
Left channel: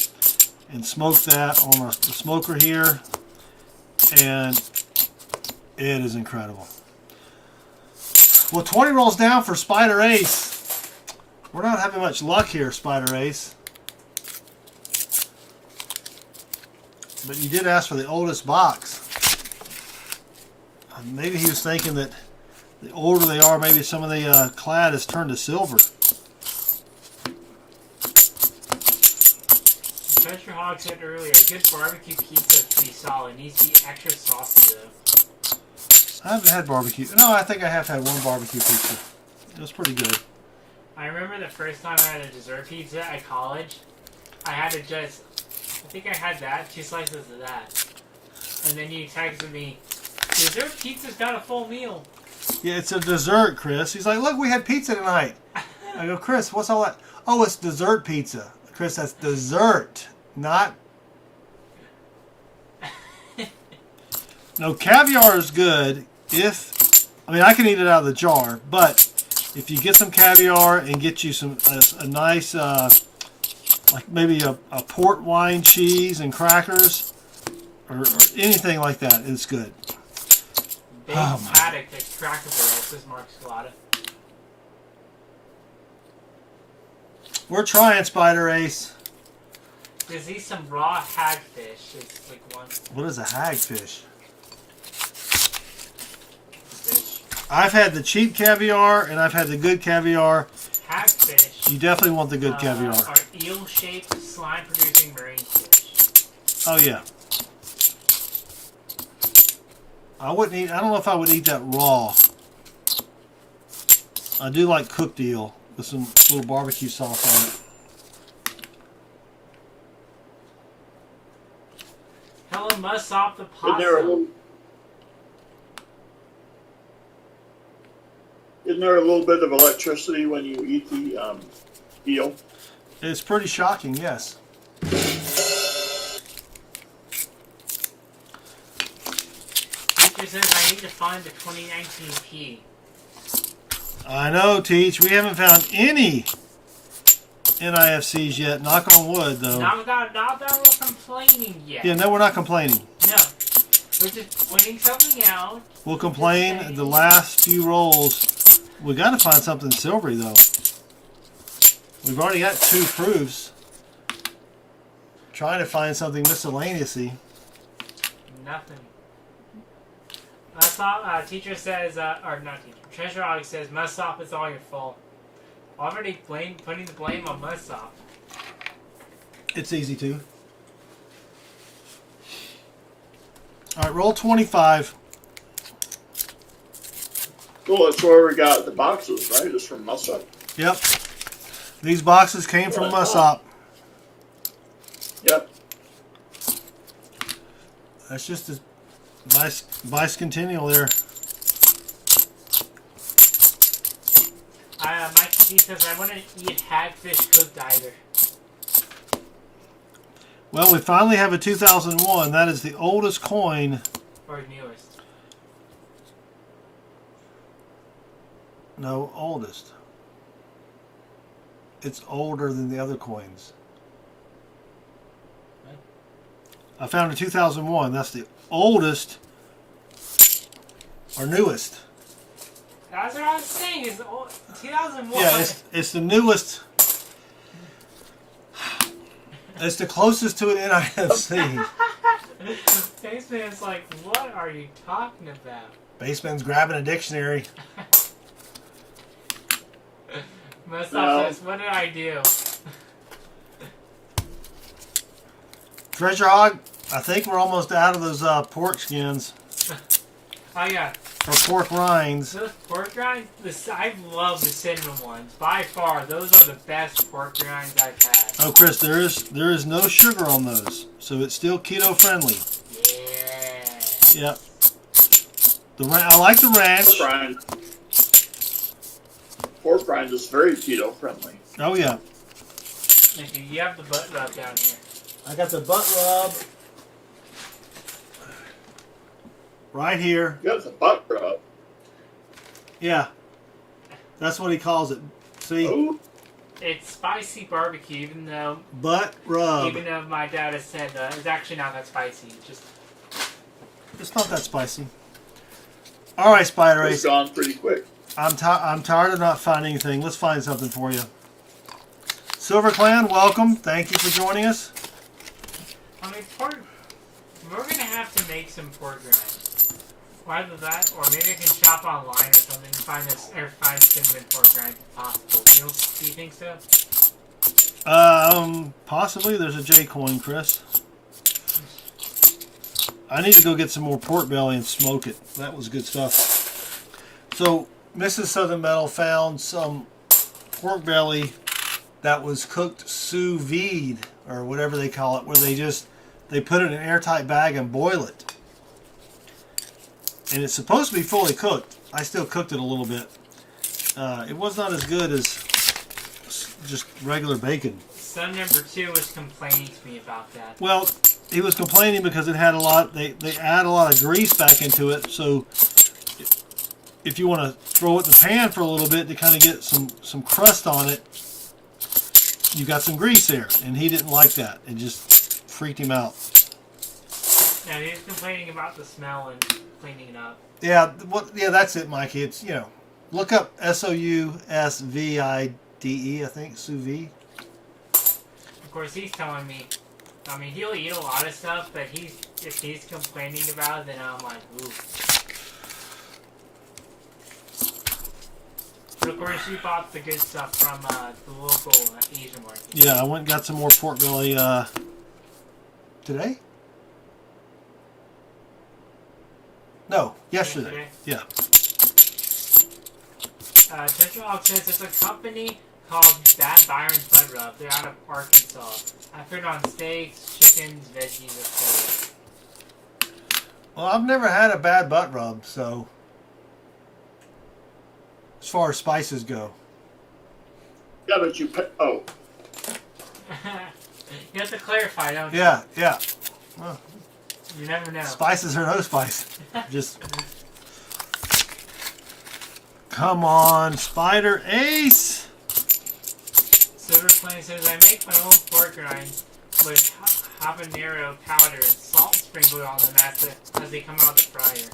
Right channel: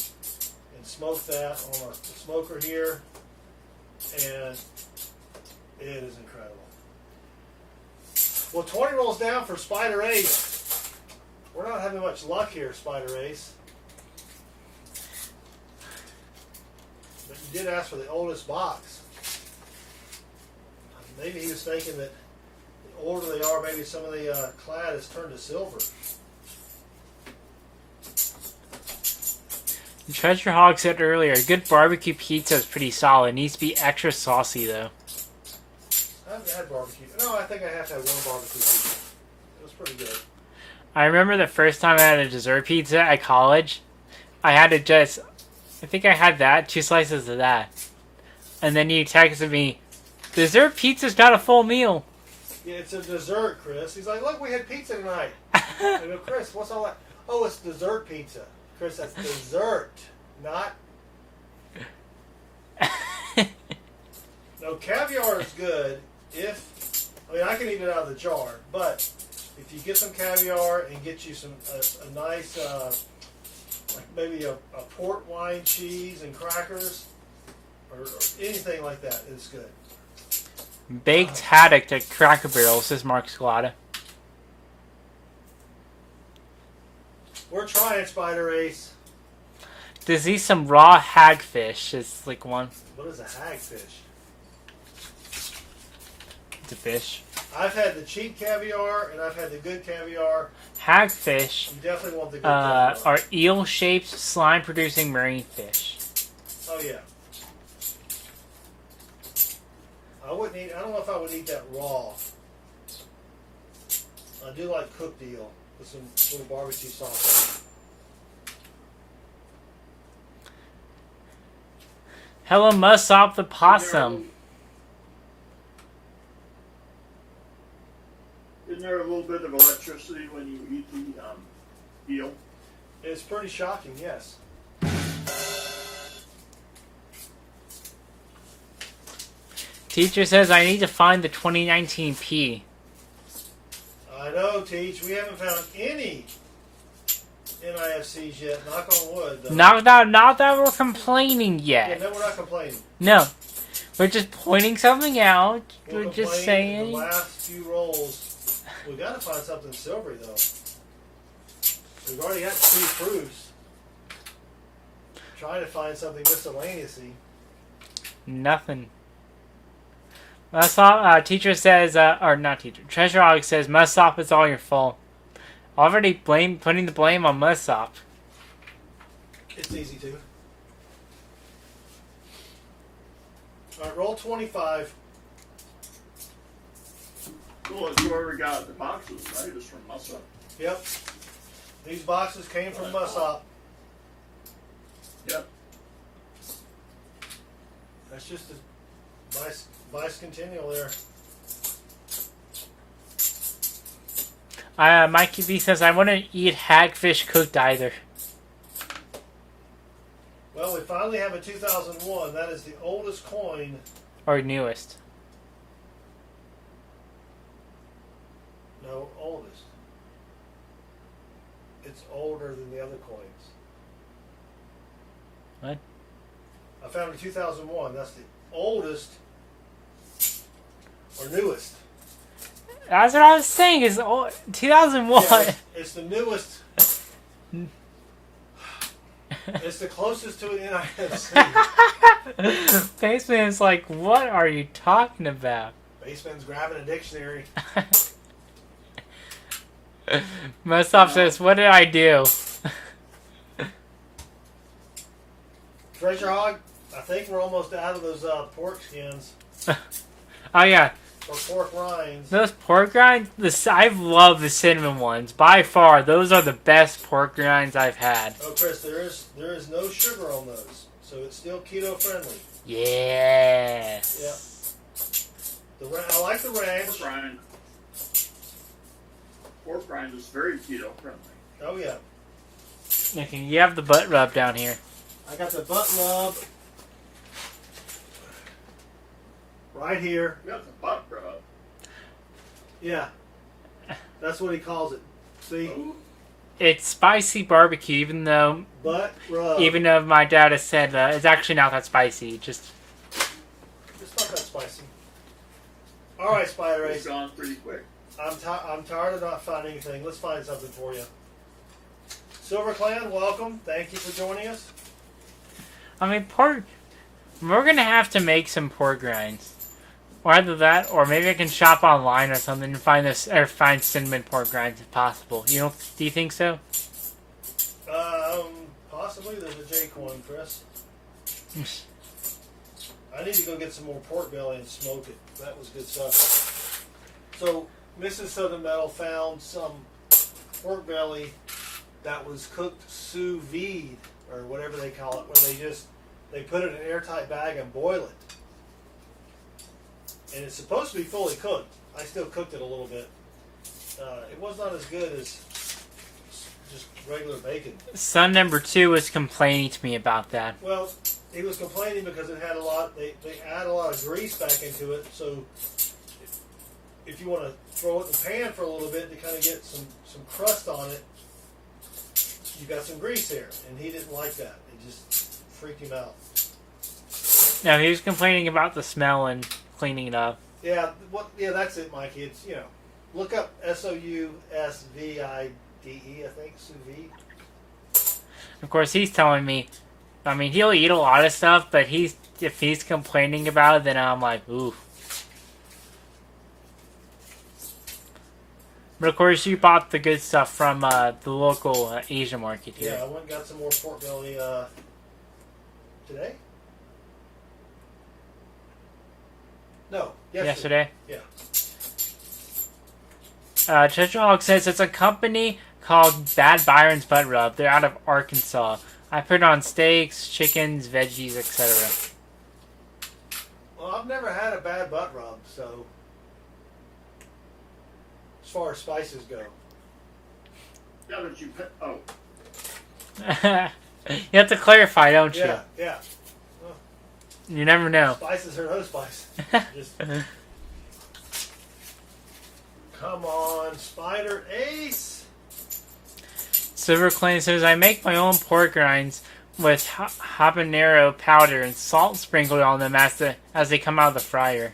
and smoke that on the smoker here, and it is incredible. Well, 20 rolls down for Spider Ace. We're not having much luck here, Spider Ace. But you did ask for the oldest box. Maybe he was thinking that the older they are, maybe some of the clad has turned to silver. Treasure Hog said earlier, a good barbecue pizza is pretty solid. It needs to be extra saucy, though. I haven't had barbecue. No, I think I have had one barbecue pizza. It was pretty good. I remember the first time I had a dessert pizza at college. I think I had 2 slices of that. And then you texted me, dessert pizza's not a full meal. Yeah, it's a dessert, Chris. He's like, look, we had pizza tonight. I go, Chris, what's all that? Oh, it's dessert pizza. Chris, that's dessert, not... No, caviar is good I can eat it out of the jar, but if you get some caviar and get you a nice, like maybe a port wine cheese and crackers, or anything like that, it's good. Baked haddock at Cracker Barrel, says Mark Scalata. We're trying, Spider Ace. There's some raw hagfish. It's like one. What is a hagfish? It's a fish. I've had the cheap caviar and I've had the good caviar. Hagfish You definitely want the good caviar. are eel-shaped, slime-producing marine fish. Oh yeah. I don't know if I would eat that raw. I do like cooked eel with some little barbecue sauce on it. Hello, Mussop the possum. Isn't there a little bit of electricity when you eat the eel? It's pretty shocking, yes. Teacher says I need to find the 2019 P. I know, Teach. We haven't found any NIFCs yet. Knock on wood, though. Not that we're complaining yet. Yeah, no, we're not complaining. No. We're just pointing something out. We'll We're complain just saying. the last few rolls. We got to find something silvery, though. We've already got 2 proofs. Trying to find something miscellaneousy. Nothing. Mussop, teacher says, or not teacher, Treasure Hog says, Mussop, it's all your fault. Already putting the blame on Mussop. It's easy to. Alright, roll 25. Well, that's where we got the boxes, right? It's from Mussop. Yep. These boxes came from Mussop. Yep. That's just a bicentennial there. Mikey B says, I wouldn't eat hagfish cooked either. Well, we finally have a 2001. That is the oldest coin. Or newest. No, oldest. It's older than the other coins. I found in 2001. That's the oldest or newest. That's what I was saying. Is 2001. Yeah, it's the newest. It's the closest to an NIFC. Baseman's like, what are you talking about? Baseman's grabbing a dictionary. Mustaf says, what did I do? Treasure Hog, I think we're almost out of those pork skins. Oh yeah, Or pork rinds. those pork rinds. I love the cinnamon ones. By far, those are the best pork rinds I've had. Oh, Chris, there is no sugar on those, so it's still keto friendly. Yeah. Yep. I like the ranch. Pork rind is very keto friendly. Oh yeah. Okay, you have the butt rub down here. I got the butt rub right here. You got the butt rub. Yeah. That's what he calls it. See? Ooh. It's spicy barbecue, even though Butt rub. my dad has said it's actually not that spicy. Just It's not that spicy. All right, Spider It's Ace. gone pretty quick. I'm tired of not finding anything. Let's find something for you. Silver Clan, welcome. Thank you for joining us. I mean, pork. We're gonna have to make some pork rinds, or either that, or maybe I can shop online or something and find cinnamon pork rinds if possible. Do you think so? Possibly. There's a J coin, Chris. I need to go get some more pork belly and smoke it. That was good stuff. So, Mrs. Southern Metal found some pork belly that was cooked sous vide, or whatever they call it, where they put it in an airtight bag and boil it. And it's supposed to be fully cooked. I still cooked it a little bit. It was not as good as just regular bacon. Son number 2 was complaining to me about that. Well, he was complaining because it had a lot. They add a lot of grease back into it. So if you want to throw it in the pan for a little bit to kind of get some crust on it, you got some grease there, and he didn't like that. It just freaked him out. No, he was complaining about the smell and cleaning it up. Yeah, yeah, that's it, Mikey. It's look up SOUSVIDE. I think sous vide. Of course, he's telling me. I mean, he'll eat a lot of stuff, but if he's complaining about it, then I'm like, ooh. But of course, you bought the good stuff from the local Asia market. Yeah, I went and got some more pork belly today. No, yesterday. Yesterday? Yeah. Treasure Hog says it's a company called Bad Byron's Butt Rub. They're out of Arkansas. I put it on steaks, chickens, veggies, etc. Well, I've never had a bad butt rub, so as far as spices go. Yeah, but you put. Oh, You have to clarify, don't you? Yeah. Well, You never know. spices or no spice. Just come on, Spider Ace. Silver Clay says, I make my own pork rinds with habanero powder and salt sprinkled on them as they come out of the fryer.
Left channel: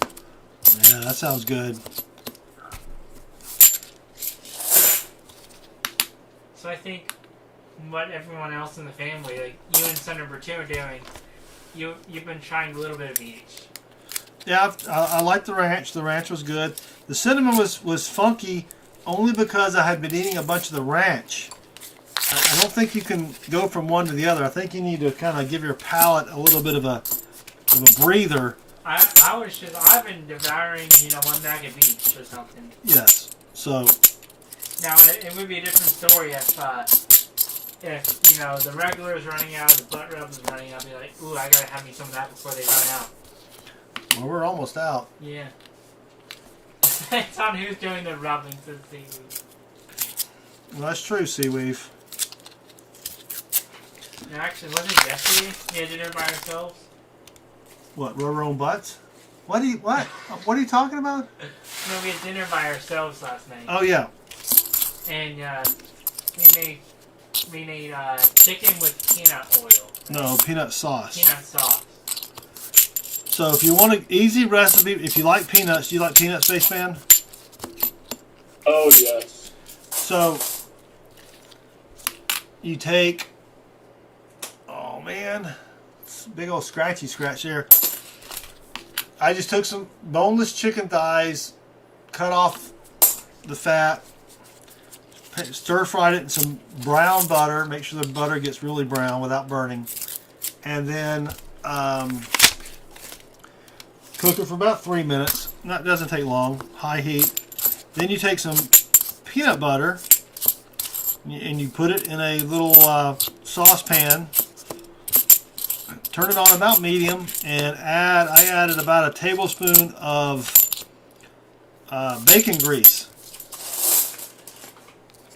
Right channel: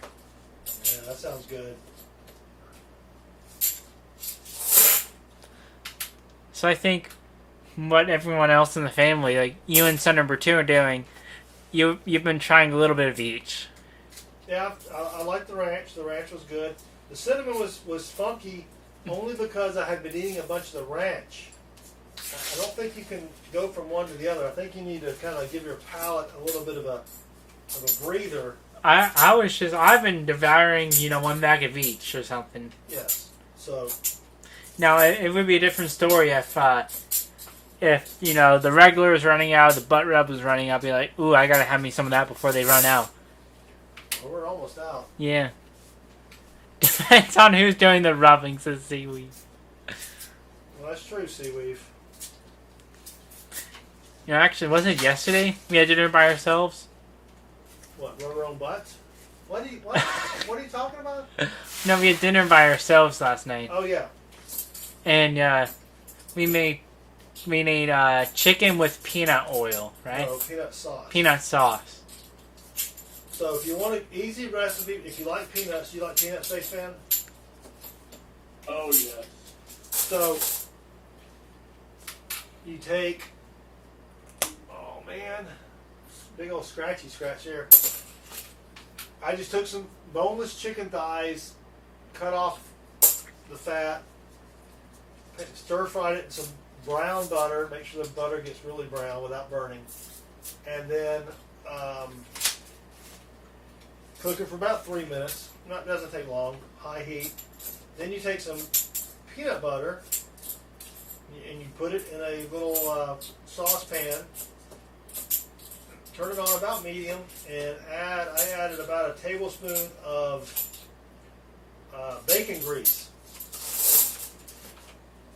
Yeah, that sounds good. So I think what everyone else in the family, like you and son number 2 are doing, you've been trying a little bit of each. Yeah, I like the ranch. The ranch was good. The cinnamon was funky only because I had been eating a bunch of the ranch. I don't think you can go from one to the other. I think you need to kind of give your palate a little bit of a breather. I've been devouring, one bag of each or something. Yes. So. Now, it would be a different story if the regular is running out, the butt rub is running out. I'd be like, ooh, I gotta have me some of that before they run out. Well, we're almost out. Yeah. Depends on who's doing the rubbing, says Seaweed. Well, that's true, Seaweave. Actually, wasn't it yesterday we had dinner by ourselves? What, rub our own butts? What are you talking about? No, we had dinner by ourselves last night. Oh yeah. And we made chicken with peanut oil, right? No, peanut sauce. Peanut sauce. So if you want an easy recipe, if you like peanuts, do you like peanuts, Spaceman? Oh, yes. So you take, oh man, it's a big old scratchy scratch here. I just took some boneless chicken thighs, cut off the fat, stir fried it in some brown butter. Make sure the butter gets really brown without burning. And then cook it for about 3 minutes. That doesn't take long. High heat. Then you take some peanut butter and you put it in a little saucepan. Turn it on about medium and I added about a tablespoon of bacon grease.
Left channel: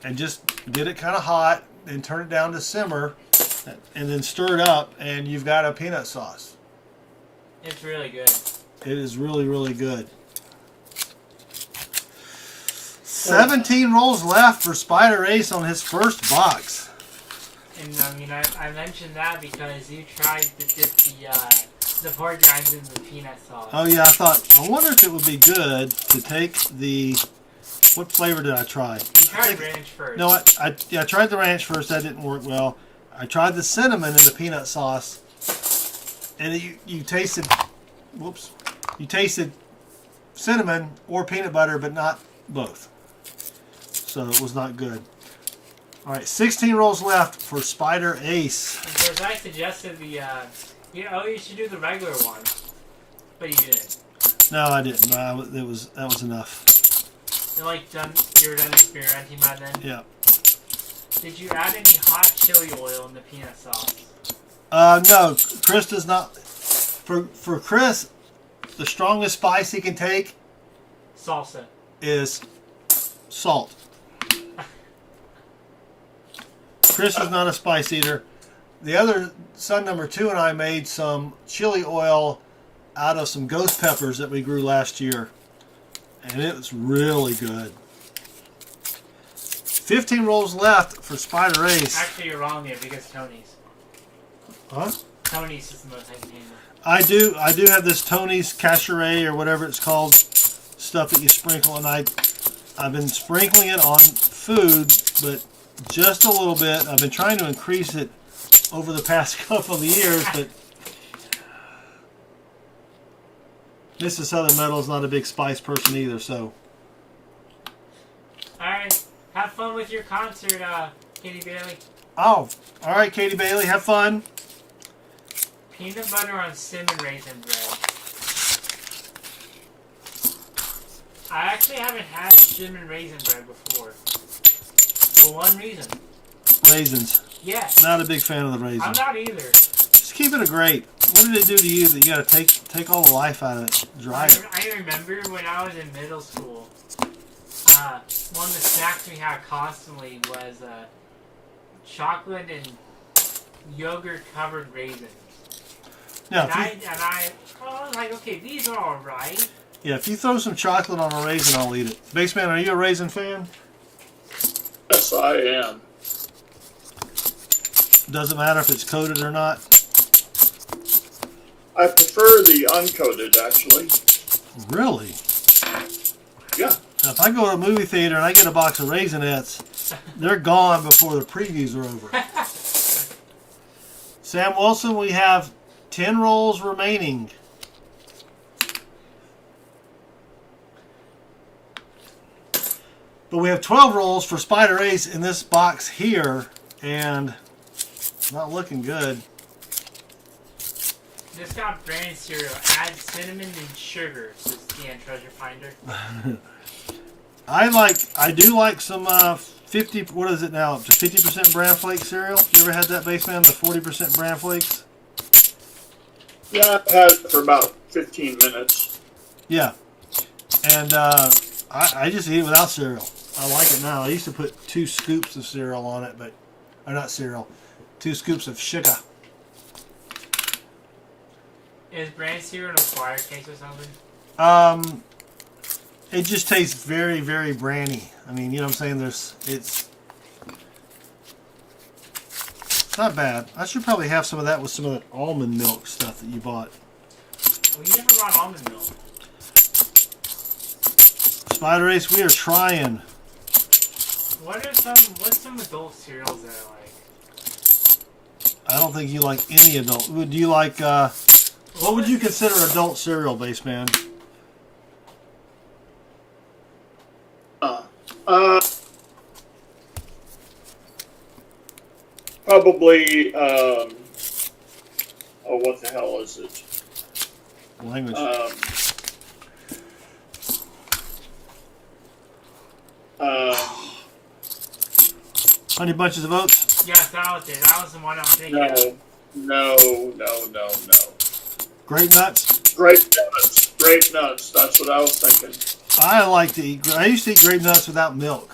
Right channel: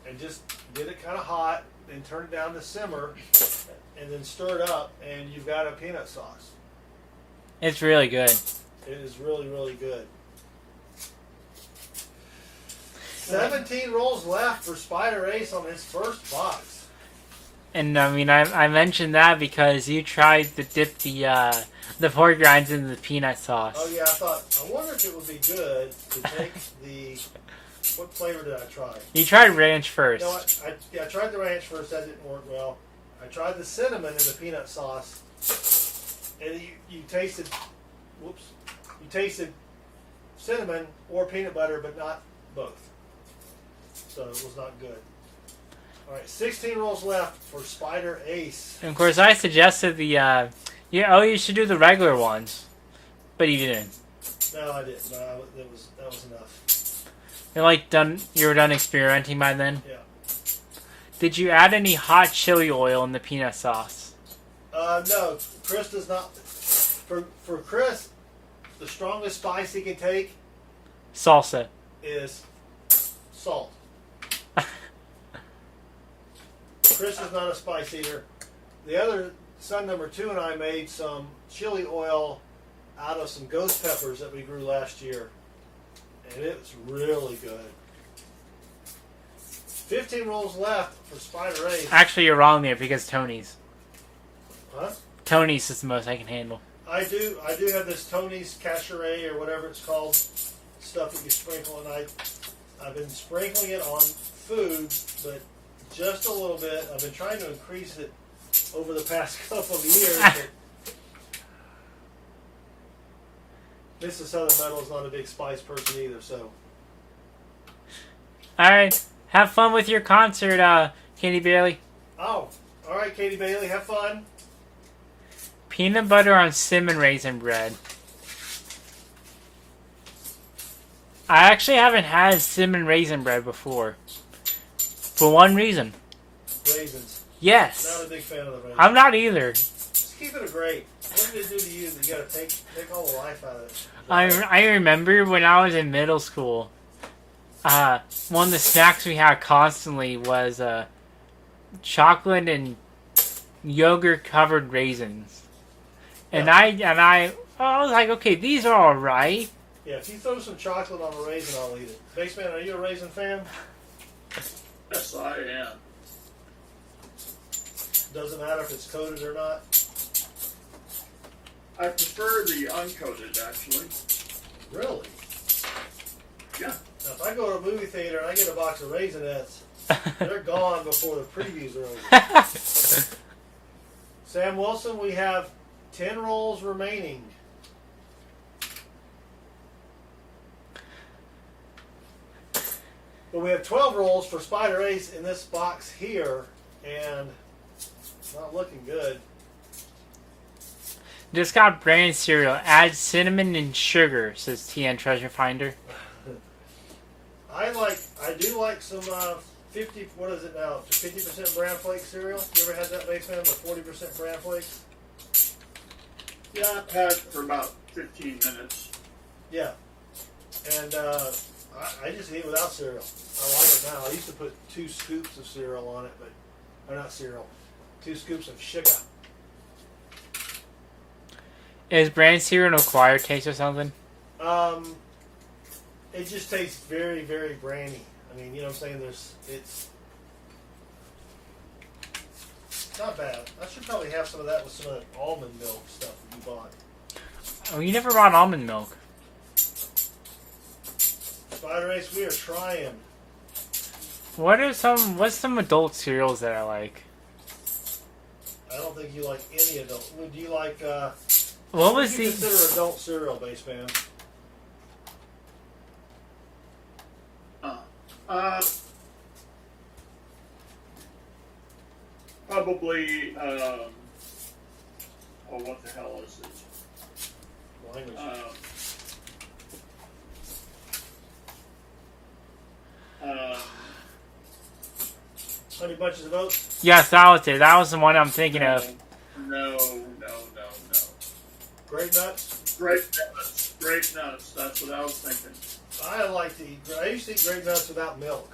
And just get it kind of hot and turn it down to simmer and then stir it up and you've got a peanut sauce. It's really good. It is really, really good. 17 rolls left for Spider Ace on his first box. And I mean, I mentioned that because you tried to dip the pork rinds into the peanut sauce. Oh yeah, I wonder if it would be good to take the, what flavor did I try? You tried ranch first. No, I tried the ranch first. That didn't work well. I tried the cinnamon in the peanut sauce, and you tasted, whoops, you tasted cinnamon or peanut butter, but not both. So it was not good. All right, 16 rolls left for Spider Ace. Of course, I suggested the you should do the regular ones, but you didn't. No, I didn't. That was enough. You were done experimenting by then. Yeah. Did you add any hot chili oil in the peanut sauce? No, Chris does not. For Chris, the strongest spice he can take Salsa. is salt. Chris is not a spice eater. The other son number 2 and I made some chili oil out of some ghost peppers that we grew last year, and it was really good. 15 rolls left for Spider Ace. Actually, you're wrong there because Tony's. Huh? Tony's is the most I can handle. I do have this Tony's Cacheray or whatever it's called stuff that you sprinkle, and I've been sprinkling it on food, but just a little bit. I've been trying to increase it over the past couple of years, but Mrs. Southern Metal is not a big spice person either, so. Alright, have fun with your concert, Katie Bailey. Oh, all right, Katie Bailey, have fun. Peanut butter on cinnamon raisin bread. I actually haven't had cinnamon raisin bread before. For one reason. Raisins. Yes. Not a big fan of the raisins. I'm not either. Just keep it a grape. What did it do to you that you got to take all the life out of it? Dry it? I remember when I was in middle school, one of the snacks we had constantly was chocolate and yogurt covered raisins. Yeah, And I was like, okay, these are all right. Yeah, if you throw some chocolate on a raisin, I'll eat it. Baseman, are you a raisin fan? Yes, I am. Doesn't matter if it's coated or not. I prefer the uncoated, actually. Really? Yeah. Now, if I go to a movie theater and I get a box of Raisinets, they're gone before the previews are over. Sam Wilson, we have 10 rolls remaining. But we have 12 rolls for Spider Ace in this box here, and not looking good. Just got brand cereal. Add cinnamon and sugar, says TN Treasure Finder. I do like some 50, what is it now, up to 50% bran flake cereal. You ever had that, Baseman, the 40% bran flakes? Yeah, I've had it for about 15 minutes. Yeah. And I just eat it without cereal. I like it now. I used to put 2 scoops of cereal on it, or not cereal, 2 scoops of sugar. Is brand cereal an acquired taste or something? It just tastes very, very brandy. I mean, you know what I'm saying? It's not bad. I should probably have some of that with some of that almond milk stuff that you bought. Oh, you never brought almond milk. Spider Ace, we are trying. What's some adult cereals that I like? I don't think you like any adult. Do you like, what would you consider adult cereal, Baseman? Probably, oh, what the hell is it? Language. Honey Bunches of Oats? Yes, that was it. That was the one I'm thinking of. No. Grape Nuts? Grape nuts. That's what I was thinking. I used to eat grape nuts without milk.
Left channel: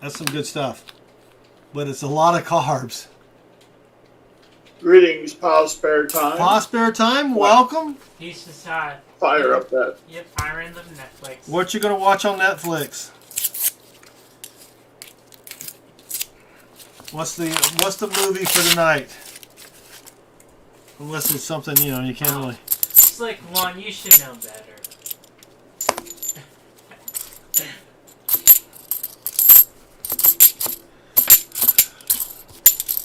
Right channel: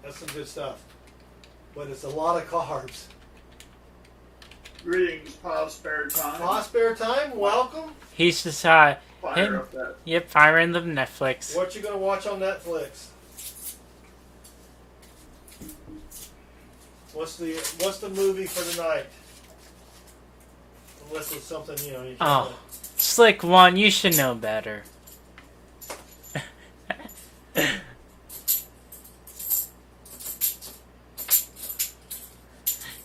That's some good stuff. But it's a lot of carbs. Greetings, Pa Spare Time. Pa Spare Time, welcome. He's just Fire up that. Yep, firing the Netflix. What you gonna watch on Netflix? What's the movie for tonight? Unless it's something, you can't really... Slick One, you should know better.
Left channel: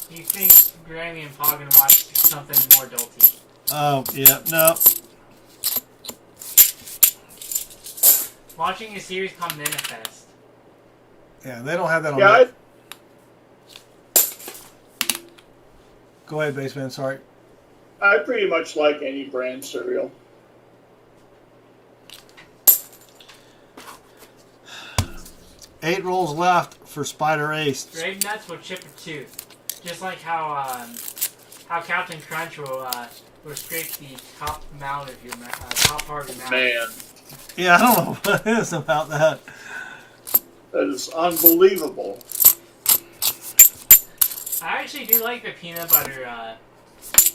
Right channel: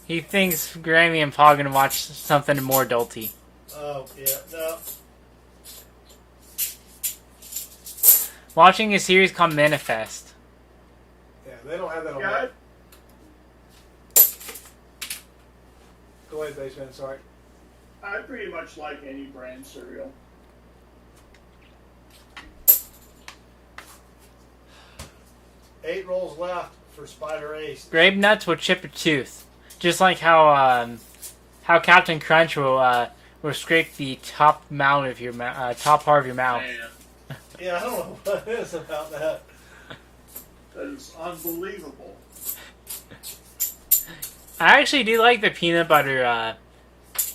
He thinks Grammy and Pa are gonna watch something more adulty. Oh, yeah, no. Watching a series called Manifest. Yeah, they don't have that on Yeah, Go ahead, Baseman, sorry. I pretty much like any brand cereal. Eight rolls left for Spider Ace. Grape nuts will chip a tooth, just like how Captain Crunch will scrape the top part of your mouth. Man, Yeah, I don't know what it is about that. that is unbelievable. I actually do like the peanut butter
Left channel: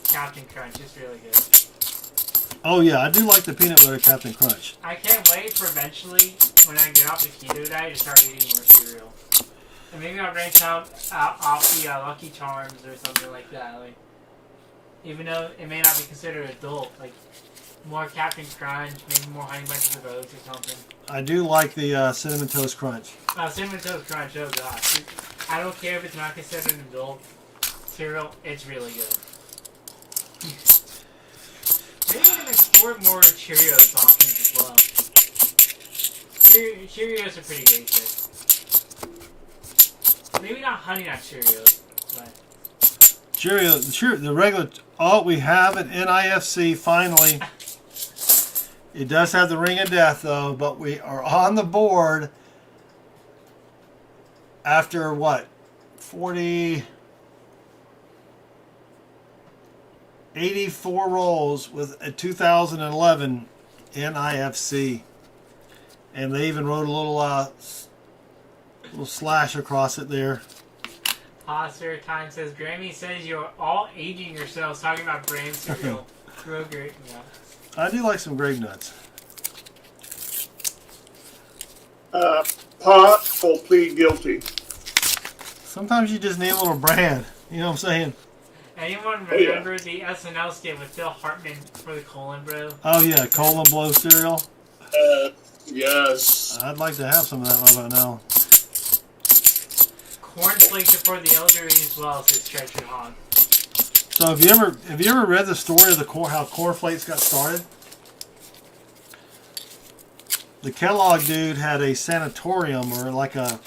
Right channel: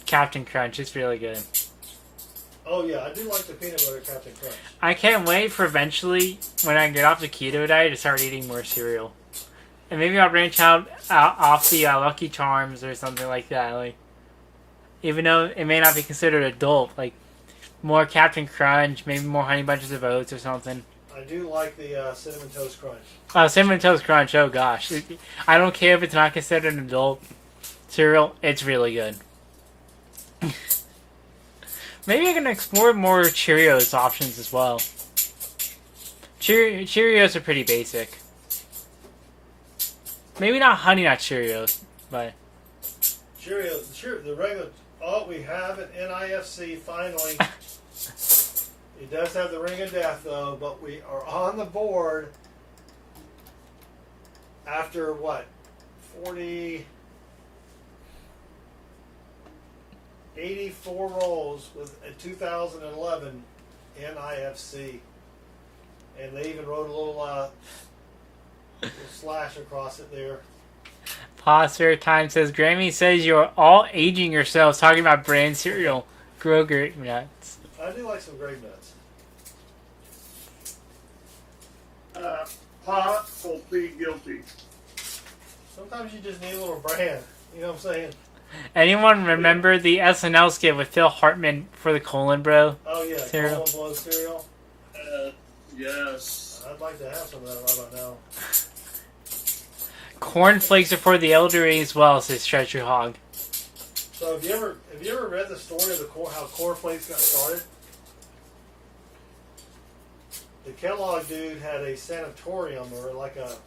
Captain Crunch. It's really good. Oh yeah, I do like the peanut butter Captain Crunch. I can't wait for eventually, when I get off the keto diet, to start eating more cereal. And maybe I'll branch out off the Lucky Charms or something like that. Like, even though it may not be considered adult, like more Captain Crunch, maybe more Honey Bunches of Oats or something. I do like the Cinnamon Toast Crunch. Cinnamon Toast Crunch, oh gosh. I don't care if it's not considered an adult cereal, it's really good. Maybe I can explore more Cheerios options as well. Cheerios are pretty basic. Maybe not Honey Nut Cheerios, but... The regular... Oh, we have an NIFC, finally. It does have the Ring of Death, though, but we are on the board after, what, 84 rolls with a 2011 NIFC. And they even wrote a little slash across it there. Posture Time says, Grammy says you're all aging yourselves talking about brand cereal. Grow grape nuts. I do like some grape nuts. Pa will plead guilty. Sometimes you just need a little brand. You know what I'm saying? Anyone remember the SNL skit with Phil Hartman for the Colon Bro? Oh yeah, cereal? Colon Blow cereal. Yes. I'd like to have some of that right about now. Corn flakes are for the elderly as well, says Treasure Hog. So have you ever read the story of how Corn Flakes got started? The Kellogg dude had a sanatorium, or like a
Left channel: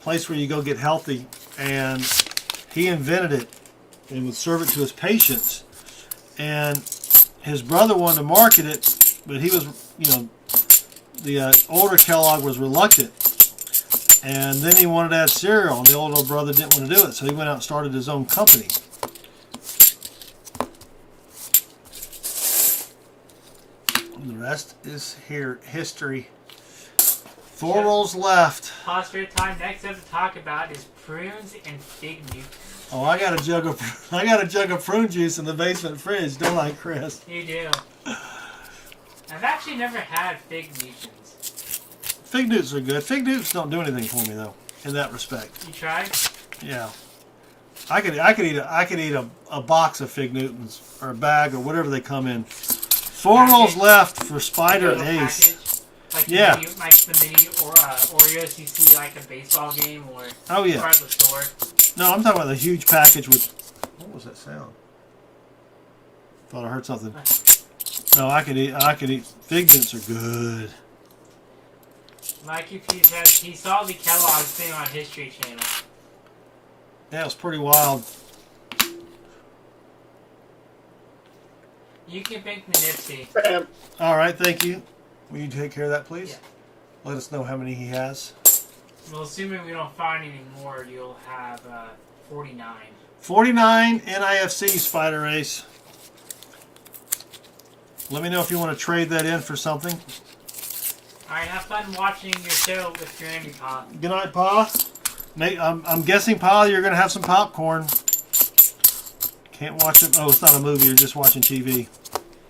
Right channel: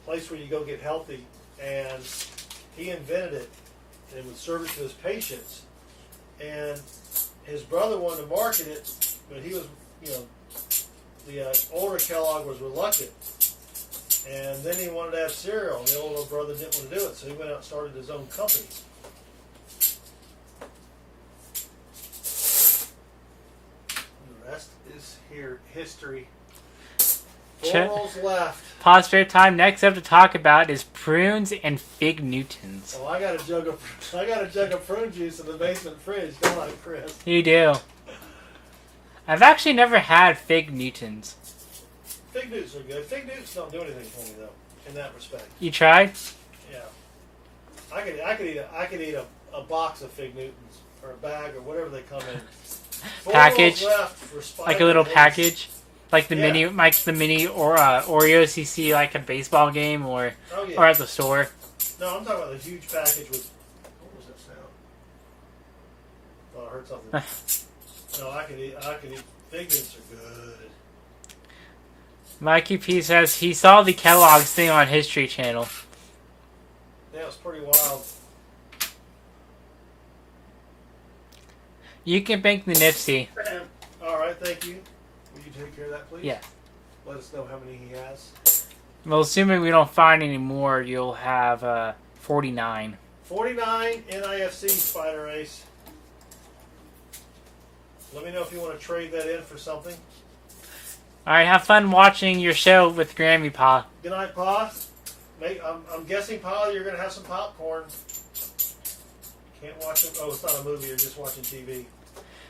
place where you go get healthy, and he invented it and would serve it to his patients. And his brother wanted to market it, but he was, the older Kellogg was reluctant. And then he wanted to add cereal, and the older brother didn't want to do it, so he went out and started his own company. And the rest is history. 4 rolls left. Pause for time. Next up to talk about is prunes and fig Newtons. Oh, I got a jug of prune juice in the basement fridge, don't I, Chris? You do. I've actually never had fig Newtons. Fig Newtons are good. Fig Newtons don't do anything for me, though, in that respect. You tried? Yeah. I could eat a box of Fig Newtons or a bag or whatever they come in. 4 Package. rolls left for Spider Like a little Ace. package. Like the Yeah. mini or Oreos you see like at a baseball game or Oh yeah. or at the store. No, I'm talking about the huge package with. What was that sound? Thought I heard something. No, I could eat. Fig Newtons are good. Mikey P says he saw the Kellogg's thing on History Channel. Yeah, it was pretty wild. You can bank the Nipsey. Bam. All right, thank you. Will you take care of that, please? Yeah. Let us know how many he has. Well, assuming we don't find any more, you'll have 49. 49 NIFC Spider Ace. Let me know if you want to trade that in for something. Alright, have fun watching your show with Grammy Pa. Good night, Pa. Nate, I'm guessing, Pa, you're going to have some popcorn. Can't watch it. Oh, it's not a movie. You're just watching TV.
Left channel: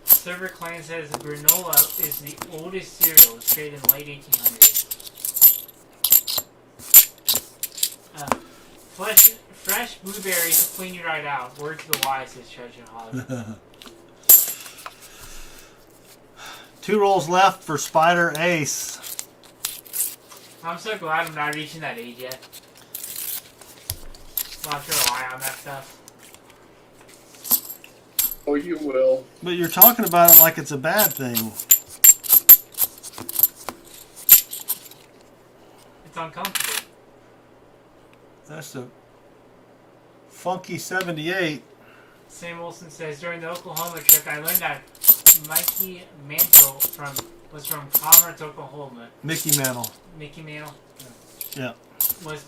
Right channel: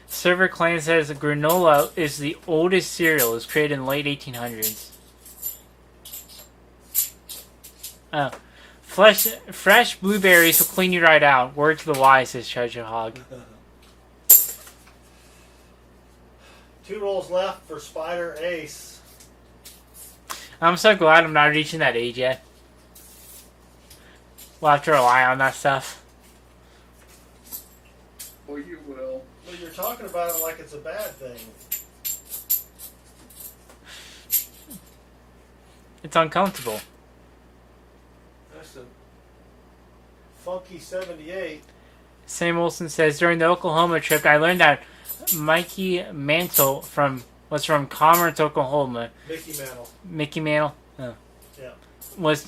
Server Clan says granola is the oldest cereal. It was created in the late 1800s. Fresh blueberries will clean you right out. Word to the wise, says Treasure Hog. 2 rolls left for Spider Ace. I'm so glad I'm not reaching that age yet. We'll have to rely on that stuff. Oh, you will. But you're talking about it like it's a bad thing. It's uncomfortable. That's a funky 78. Sam Olson says, during the Oklahoma trip, I learned that Mikey Mantle was from Commerce, Oklahoma. Mickey Mantle. Mickey Mantle? No. Yeah. Was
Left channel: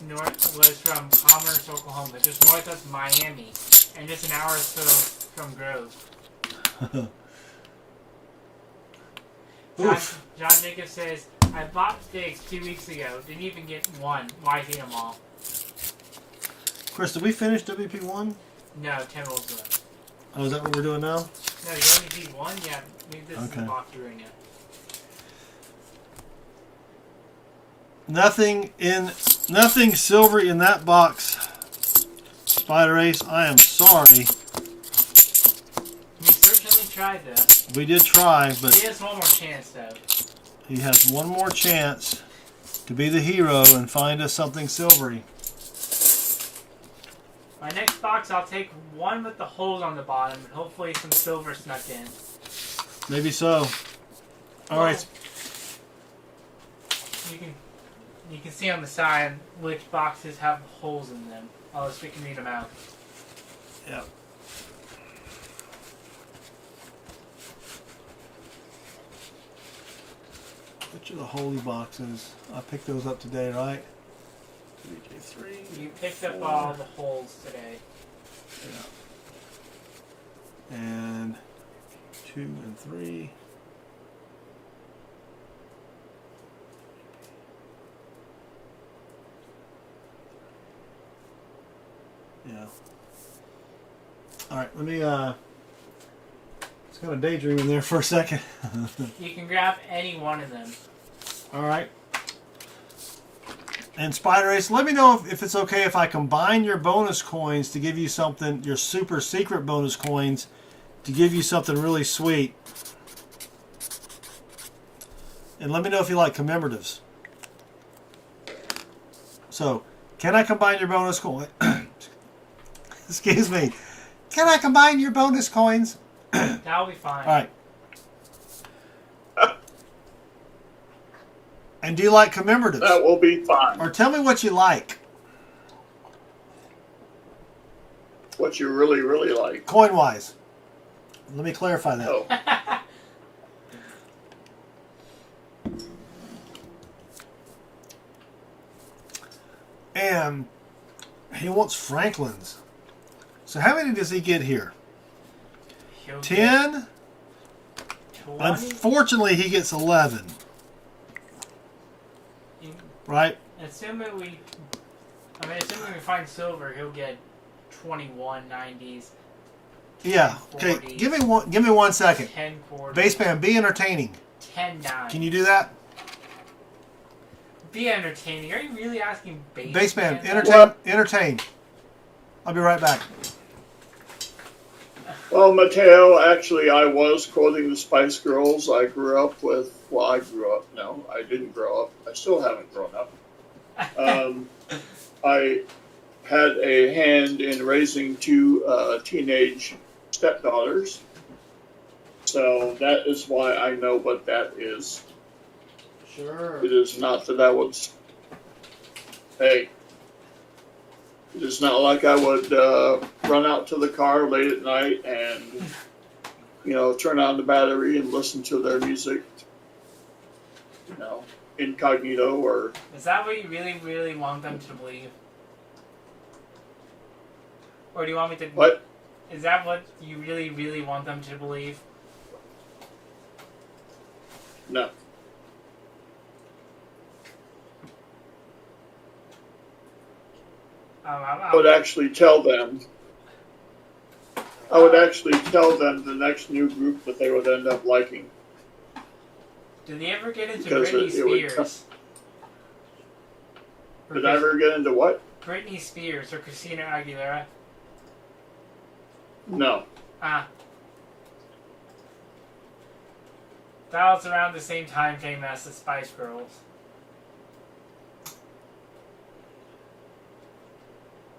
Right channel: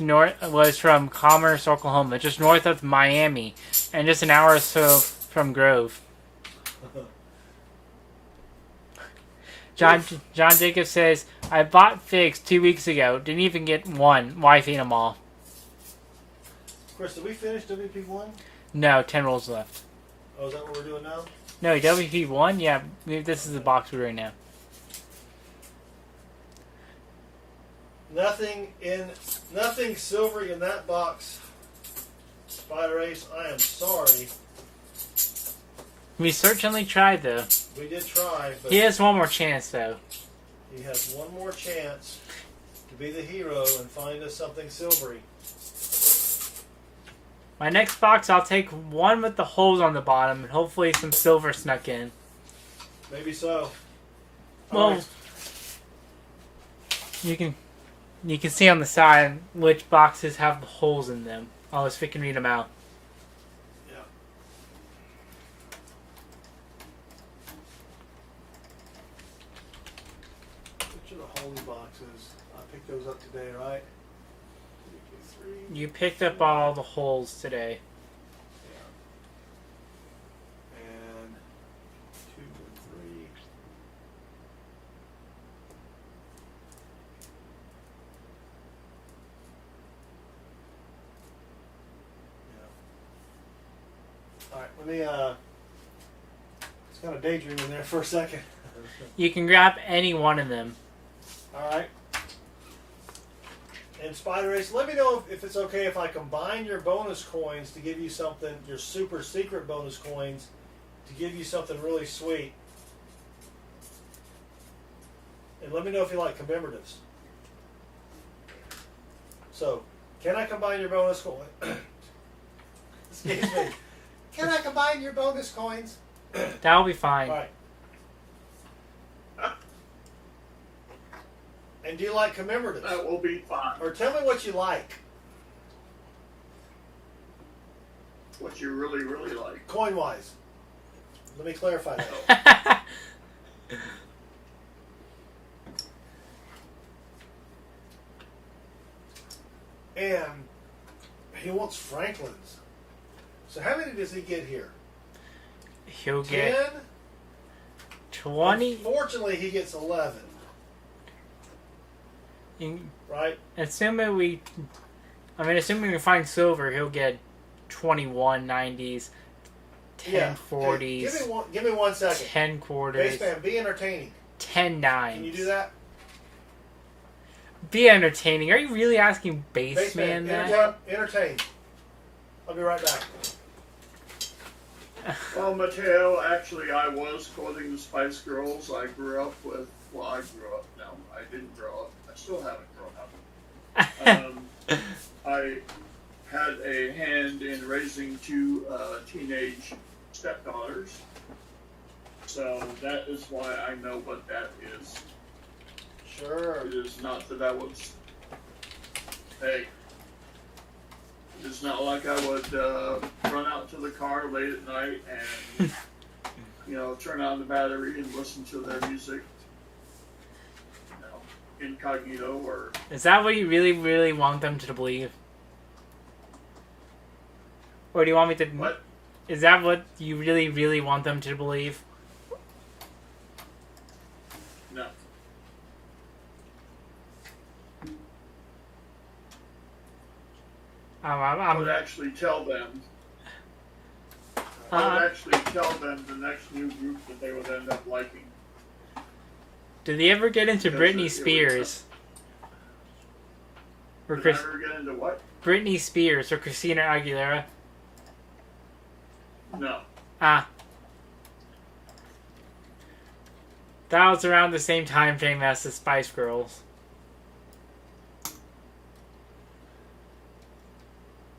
from Commerce, Oklahoma, just north of Miami, and just an hour or so from Grove. John Jacobs says, I bought figs 2 weeks ago. Didn't even get one. Wife ate them all. Chris, did we finish WP1? No, 10 rolls left. Oh, is that what we're doing now? No, WP1? Yeah, this is the Okay. box we're in now. Nothing silvery in that box. Spider Ace, I am sorry. We certainly tried, though. We did try, but He has one more chance, though. he has one more chance to be the hero and find us something silvery. My next box, I'll take one with the holes on the bottom, and hopefully some silver snuck in. Maybe so. All Well, right. You can see on the side which boxes have the holes in them. Unless we can read them out. Yeah. Which are the holy boxes? I picked those up today, right? 3. You picked up all the holes today. And 2 and 3. Yeah. All right, let me it's kind of daydream in there for a second. You can grab any one of them. All right. And Spider Ace, let me know if it's okay if I combine your bonus coins to give you something, your super secret bonus coins, to give you something really sweet. And let me know if you like commemoratives. So, can I combine your bonus coin? Excuse me. Can I combine your bonus coins? That'll be fine. All right. And do you like commemoratives? That will be fine. Or tell me what you like. What you really, really like. Coin-wise. Let me clarify that. Oh, And he wants Franklin's. So how many does he get here? He'll 10? get 20. Unfortunately, he gets 11. Right? Assuming we can find silver, he'll get 21 90s. 10 Yeah. 40s. Okay. Give me 1 second. 10 quarters. Baseman, be entertaining. 10 9. Can you do that? Be entertaining. Are you really asking baseman? Baseman, that? entertain. I'll be right back. Well, Mateo, actually, I was quoting the Spice Girls. I grew up with, well, I grew up, no, I didn't grow up. I still haven't grown up. I had a hand in raising two teenage stepdaughters. So that is why I know what that is. Sure. It is not that I would, hey, it is not like I would run out to the car late at night and, you know, turn on the battery and listen to their music, you know, incognito or... Is that what you really, really want them to believe? Or do you want me to... What? Is that what you really, really want them to believe? No. I would actually tell them. I would actually tell them the next new group that they would end up liking. Did they ever get into Because Britney it would Spears? Or Did I ever get into what? Britney Spears or Christina Aguilera? No. Ah. That was around the same time frame as the Spice Girls.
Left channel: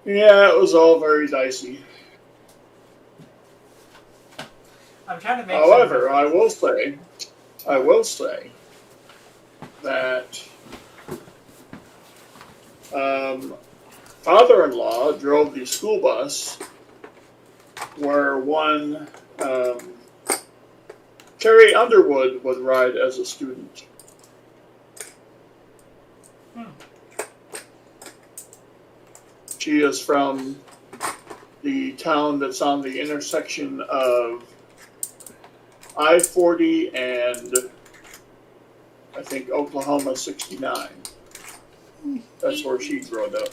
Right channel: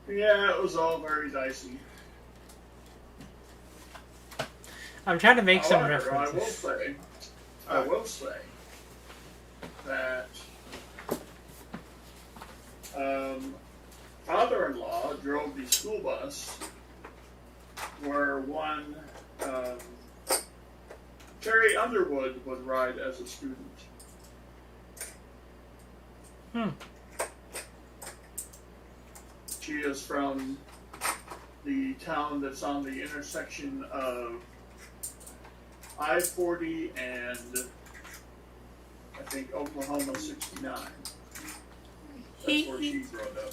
Yeah, it was all very dicey. I'm trying to make However, some I references. will say that father-in-law drove the school bus where one Carrie Underwood would ride as a student. She is from the town that's on the intersection of I-40 and I think Oklahoma 69. That's where she grew up.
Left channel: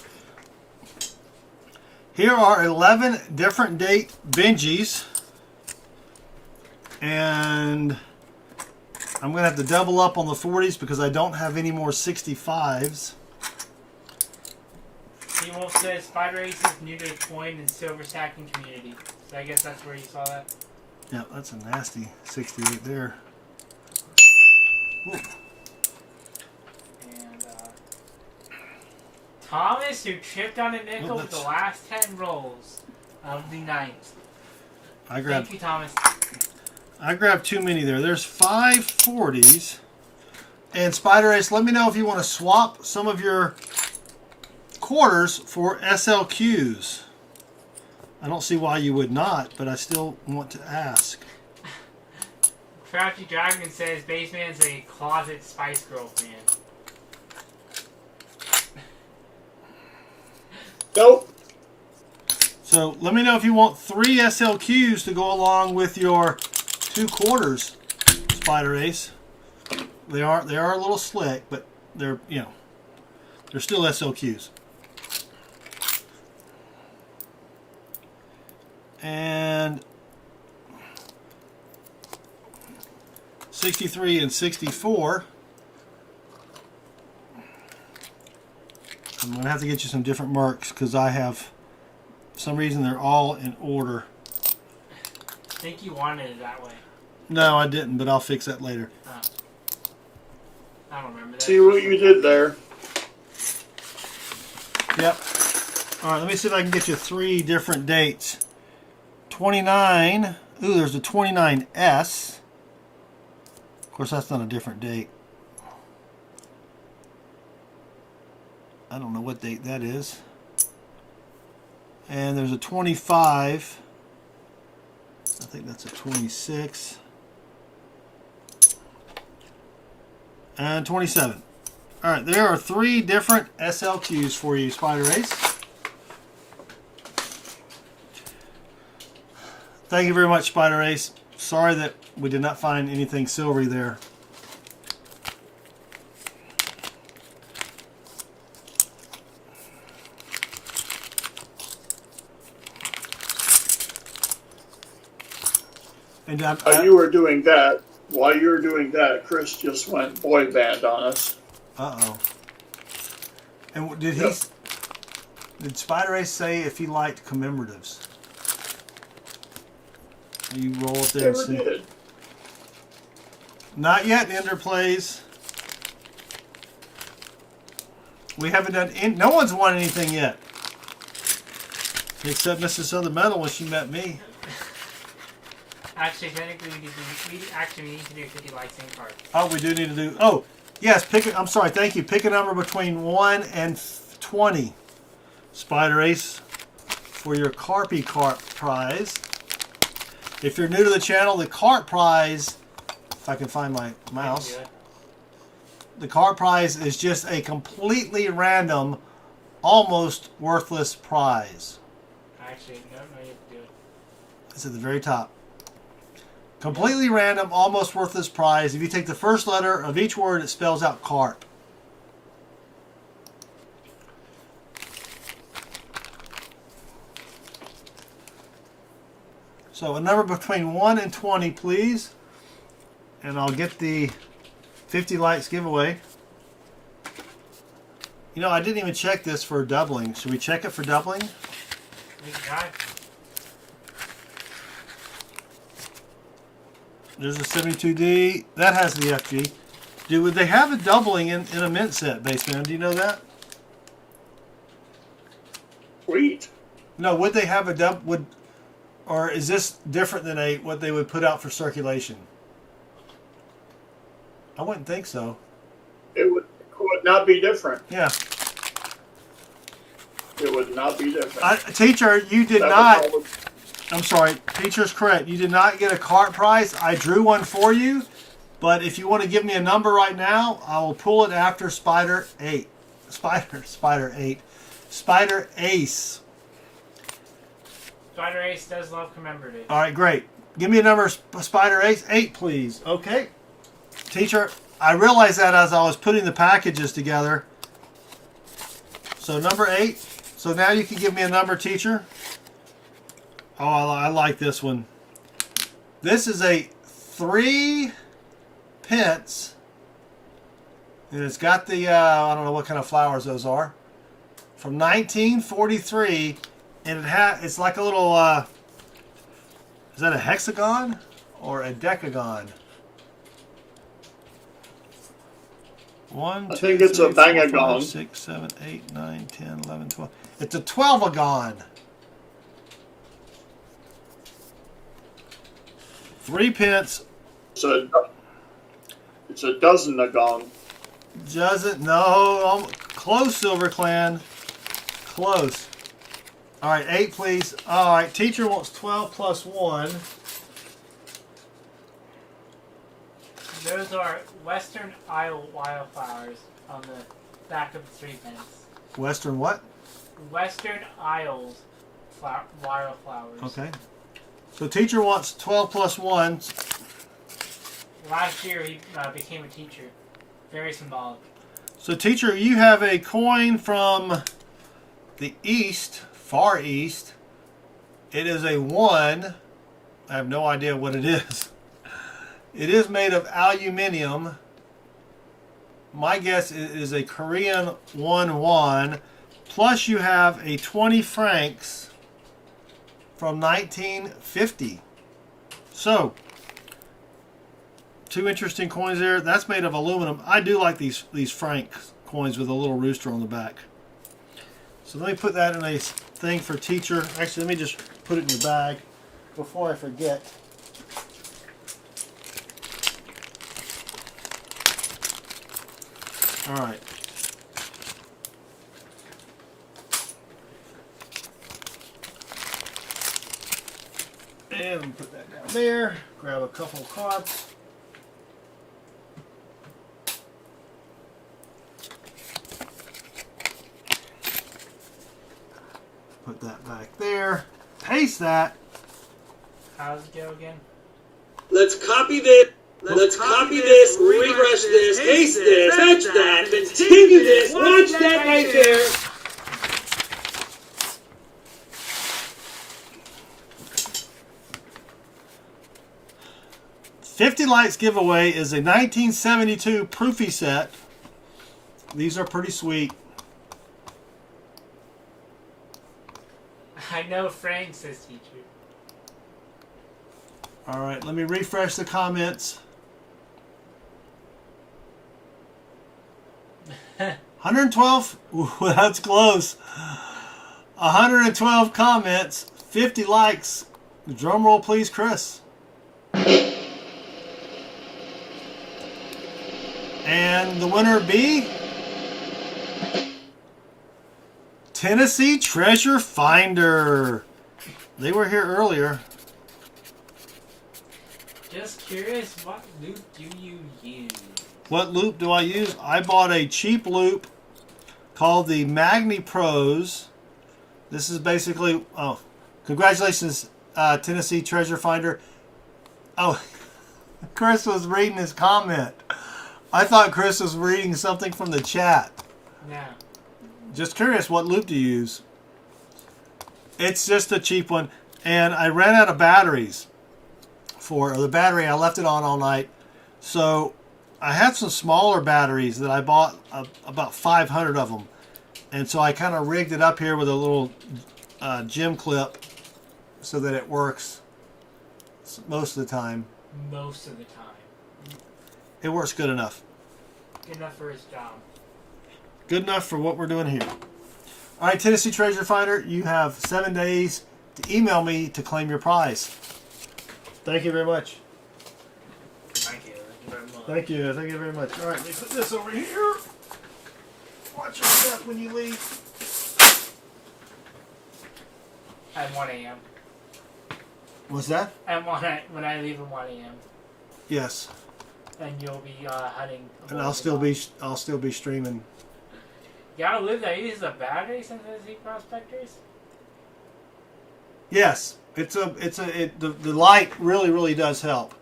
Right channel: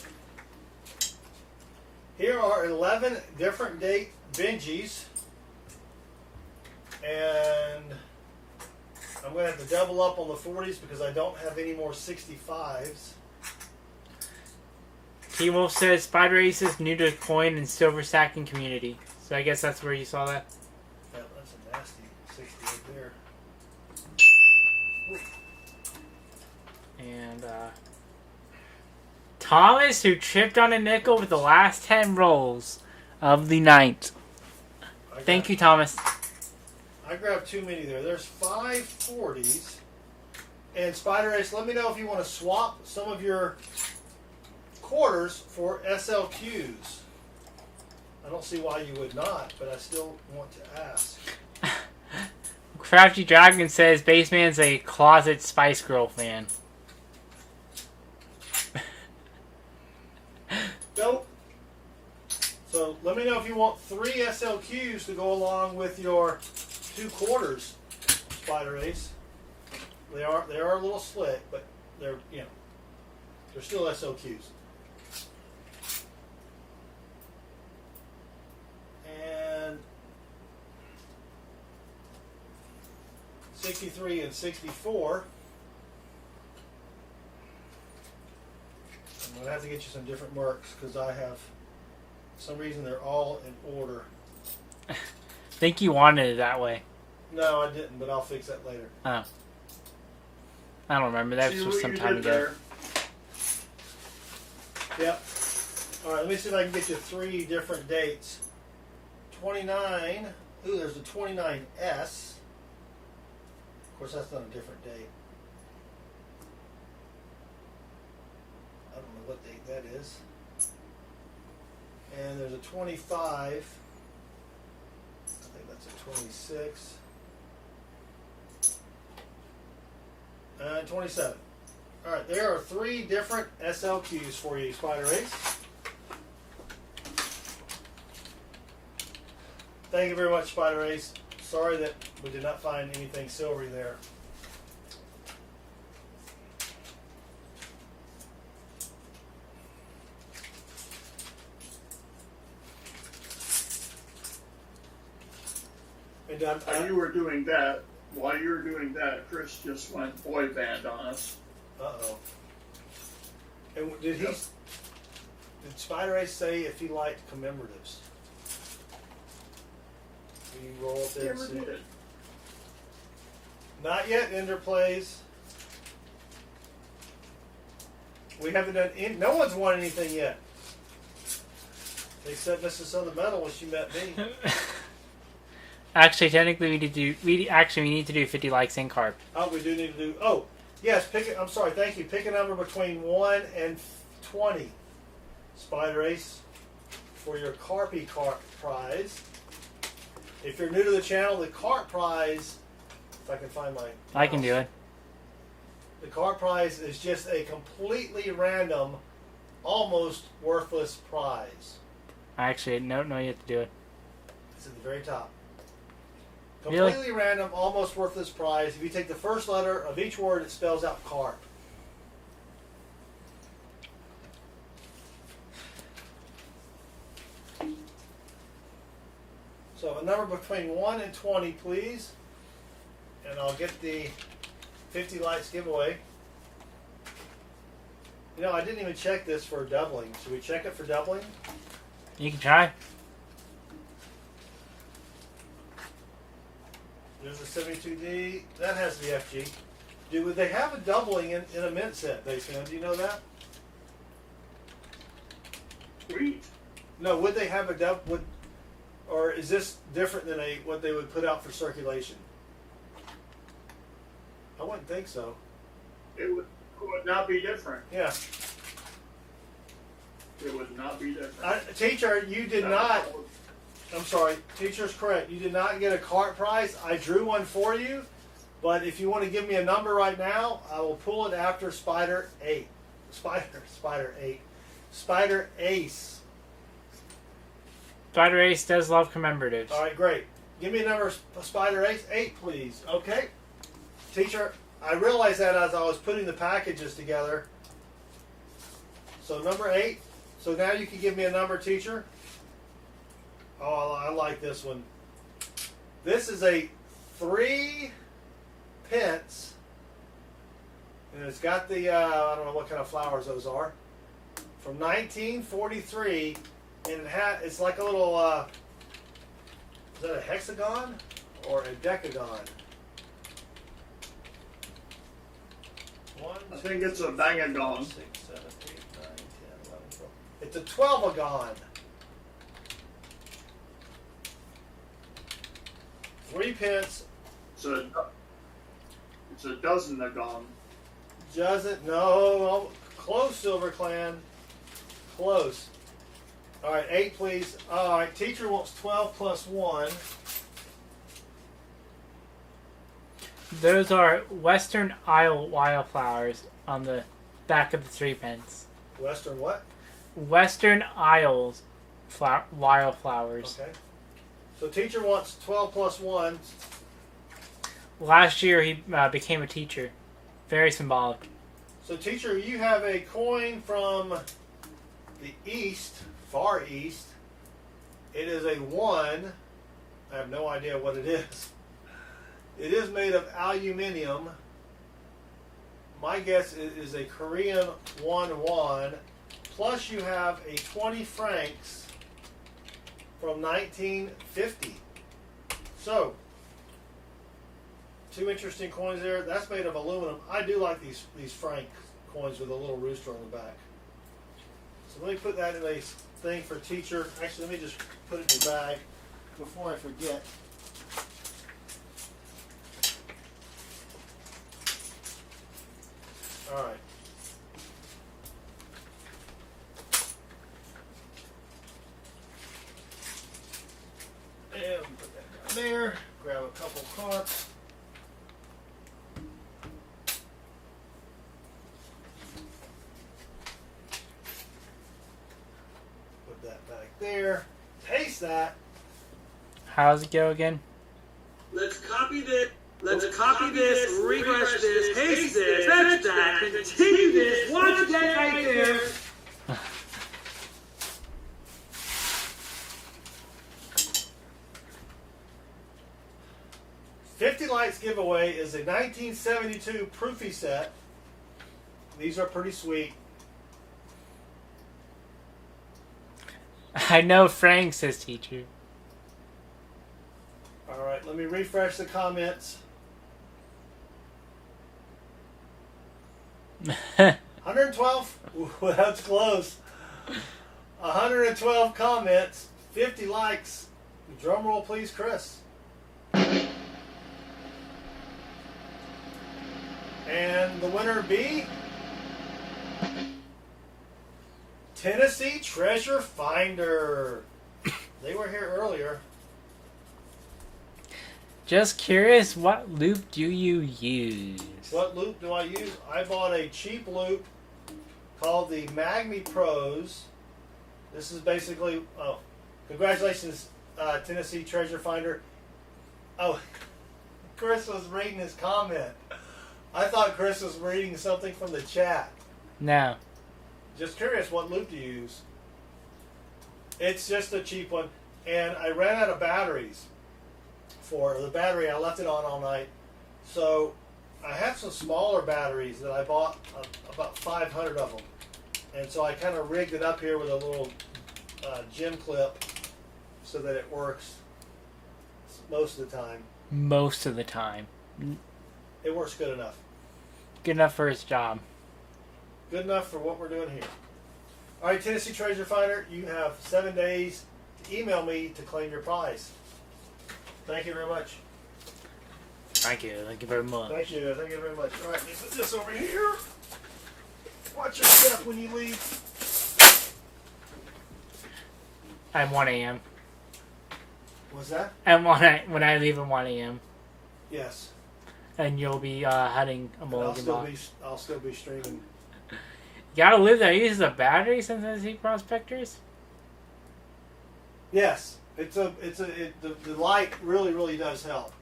Here are 11 different date Benjis. And I'm going to have to double up on the 40s because I don't have any more 65s. T-Wolf says Spider Ace is new to coin and silver stacking community. So I guess that's where you saw that. Yeah, that's a nasty 68 there. Ooh. And Thomas, who tripped on a nickel with the last 10 rolls of the night. Thank you, Thomas. I grabbed too many there. There's 5 40s. And Spider Ace, let me know if you want to swap some of your quarters for SLQs. I don't see why you would not, but I still want to ask. Crafty Dragon says Baseman's a closet Spice Girl fan. Nope. So let me know if you want 3 SLQs to go along with your 2 quarters, Spider Ace. They are a little slick, but they're they're still SLQs. And 63 and 64. I'm going to have to get you some different marks because I have, for some reason, they're all in order. I think you wanted it that way. No, I didn't, but I'll fix that later. Oh. I don't remember that. See what you did there. Yep. All right, let me see if I can get you 3 different dates. 29. Ooh, there's a 29S. Of course, that's not a different date. I don't know what date that is. And there's a 25. I think that's a 26. And 27. All right, there are 3 different SLQs for you, Spider Ace. Thank you very much, Spider Ace. Sorry that we did not find anything silvery there. And While you were doing that, Chris just went boy band on us. Uh-oh. And did he... Yep. Did Spider Ace say if he liked commemoratives? You roll up there and Never see. did. Not yet, Ender plays. We haven't done. No one's won anything yet, except Mrs. Southern Metal when she met me. Actually, technically, we need to do 50 likes and carp. Oh, we do need to do. Oh, yes. I'm sorry. Thank you. Pick a number between 1 and 20. Spider Ace for your Carpy Carp prize. If you're new to the channel, the Carp prize. If I can find my mouse. I can do it. The Carp prize is just a completely random, almost worthless prize. Actually, no, you have to do it. It's at the very top. Completely random, almost worthless prize. If you take the first letter of each word, it spells out carp. So a number between 1 and 20, please. And I'll get the 50 likes giveaway. You know, I didn't even check this for doubling. Should we check it for doubling? You can try. There's a 72D. That has the FG. Would they have a doubling in a mint set, Baseman? Do you know that? Sweet. No, would they have a double? Or is this different than what they would put out for circulation? I wouldn't think so. It would not be different. Yeah. It would not be different. Teacher, you did That not. was all I'm sorry. Teacher's correct. You did not get a cart prize. I drew one for you. But if you want to give me a number right now, I will pull it after Spider 8. Spider 8. Spider Ace. Spider Ace does love commemoratives. All right, great. Give me a number, Spider Ace. 8, please. Okay. Teacher, I realized that as I was putting the packages together. So number 8. So now you can give me a number, teacher. Oh, I like this one. This is a 3 pence. And it's got the, I don't know what kind of flowers those are. From 1943. And it's like a little, is that a hexagon or a decagon? 1, 2, I think it's 3, a 4, bangagon. 5, 6, 7, 8, 9, 10, 11, 12. It's a 12agon. 3 pence. it's a dozen-agon. Doesn't, no, close, Silver Clan. Close. All right, 8, please. All right, teacher wants 12 plus 1. Those are Western Isle wildflowers on the back of the 3 pence. Western what? Western Isles wildflowers. Okay. So teacher wants 12 plus 1. Last year he became a teacher. Very symbolic. So teacher, you have a coin from the east, far east. It is a 1. I have no idea what it is. It is made of aluminium. My guess is a Korean 1 won. Plus you have a 20 francs from 1950. So, 2 interesting coins there. That's made of aluminum. I do like these franc coins with a little rooster on the back. So let me put that in a thing for teacher. Actually, let me just put it in your bag before I forget. All right. And put that down there. Grab a couple of cards. Put that back there. Paste that. How's it go again? Let's copy this. Let's copy this, refresh this, paste this, fetch that, continue this, watch that right there. $50 Lights giveaway is a 1972 Proofy set. These are pretty sweet. I know Frank, says teacher. All right, let me refresh the comments. 112. Ooh, that's close. 112 comments, 50 likes. Drum roll, please, Chris. And the winner be Tennessee Treasure Finder. They were here earlier. Just curious, what loop do you use? What loop do I use? I bought a cheap loop called the Magni Pros. This is basically, oh, congratulations, Tennessee Treasure Finder. Oh, Chris was reading his comment. I thought Chris was reading something from the chat. No. Just curious, what loop do you use? It's just a cheap one. And I ran out of batteries for the battery. I left it on all night. So I had some smaller batteries that I bought, about 500 of them. And so I kind of rigged it up here with a little gym clip so that it works most of the time. Most of the time. It works good enough. Good enough for his job. Good enough for what we're doing here. All right, Tennessee Treasure Finder, you have 7 days to email me to claim your prize. Thank you very much. Thank you. Thank you very much. Thank you. Thank you very much. All right, let me put this over here. Watch your step when you leave. At 1 a.m. What's that? At when I leave at 1 a.m. Yes. And you'll be heading. And I'll still be streaming. You gotta live there. Uses a battery since Tennessee Prospectors. Yes, the light really does help.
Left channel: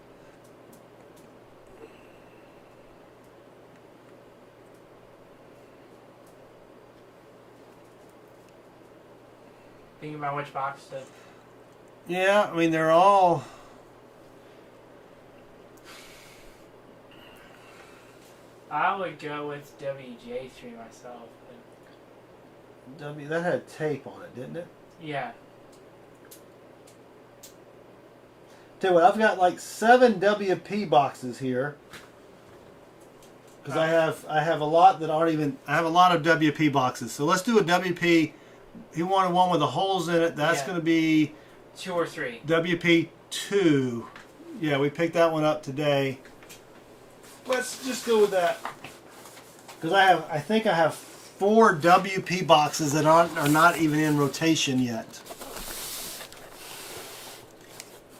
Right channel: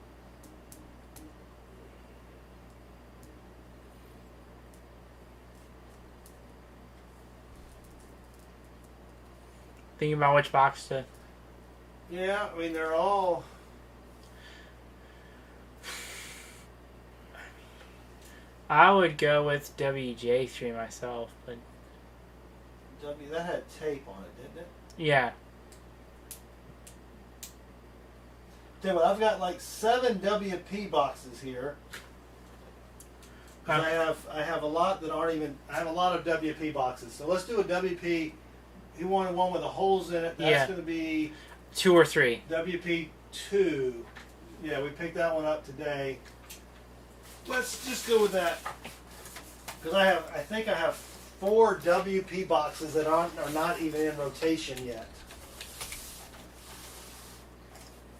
Thinking about which box to. Yeah, I mean they're all. I would go with WJ3 myself, but That had tape on it, didn't it? yeah. Tell you what, I've got like 7 WP boxes here. Because I have a lot that aren't even. I have a lot of WP boxes. So let's do a WP. He wanted one with the holes in it. That's going to be 2 or 3. WP 2. Yeah, we picked that one up today. Let's just go with that. Because I think I have 4 WP boxes that are not even in rotation yet.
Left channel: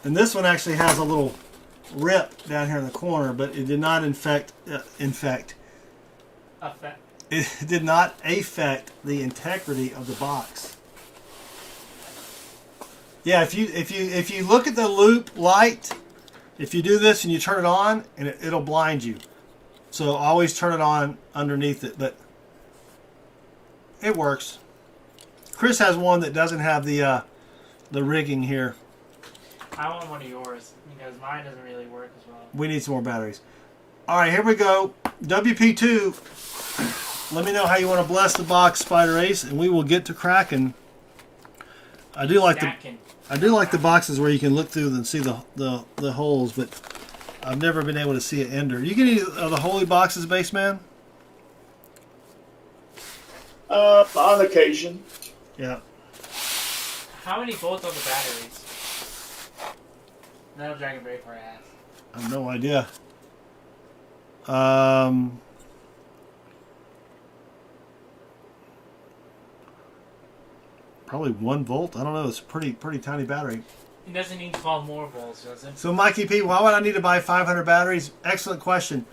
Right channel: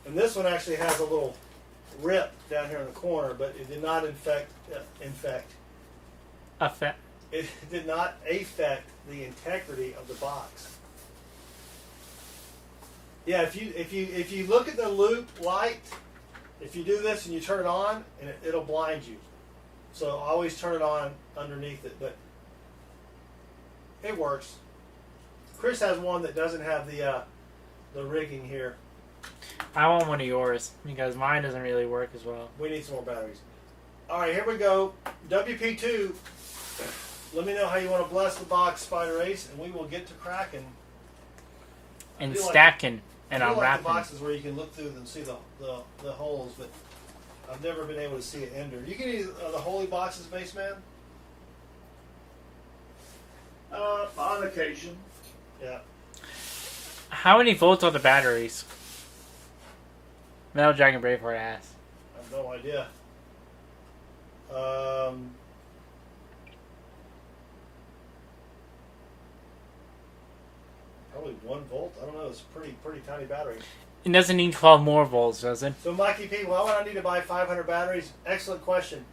And this one actually has a little rip down here in the corner, but it did not affect the integrity of the box. Yeah, if you look at the loop light, if you do this and you turn it on, and it'll blind you. So always turn it on underneath it, but it works. Chris has one that doesn't have the rigging here. I want one of yours because mine doesn't really work as well. We need some more batteries. All right, here we go. WP2. Let me know how you want to bless the box, Spider Ace, and we will get to cracking. I do like the boxes where you can look through and see the holes, but I've never been able to see an ender. You get any of the holy boxes, Baseman? On occasion. Yeah. How many volts are the batteries? Metal Dragon Braveheart asks. I have no idea. Probably 1 volt. I don't know. It's a pretty tiny battery. It doesn't need 12 more volts, does it? So, Mikey P, why would I need to buy 500 batteries? Excellent question.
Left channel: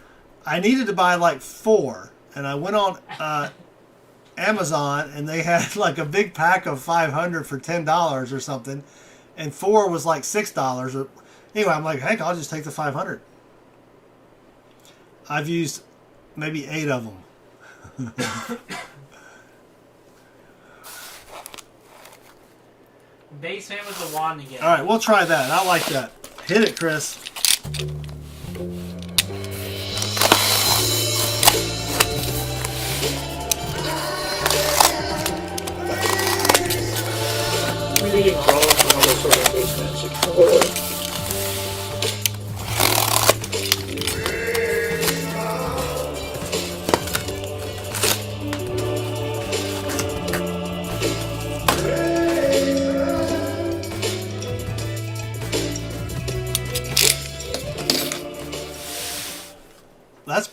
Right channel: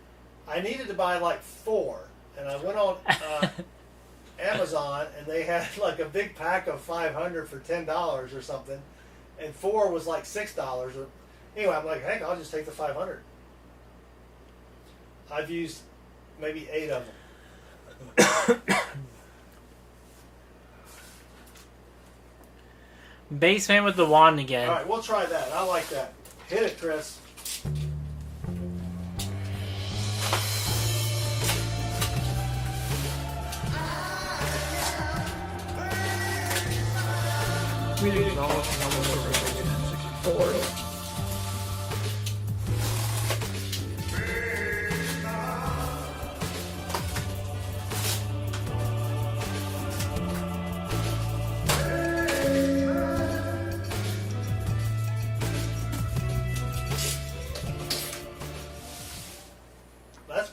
I needed to buy like 4, and I went on Amazon, and they had like a big pack of 500 for $10 or something, and 4 was like $6. Or anyway, I'm like, heck, I'll just take the 500. I've used maybe 8 of them. Baseman with the wand again. All right, we'll try that. I like that. Hit it, Chris.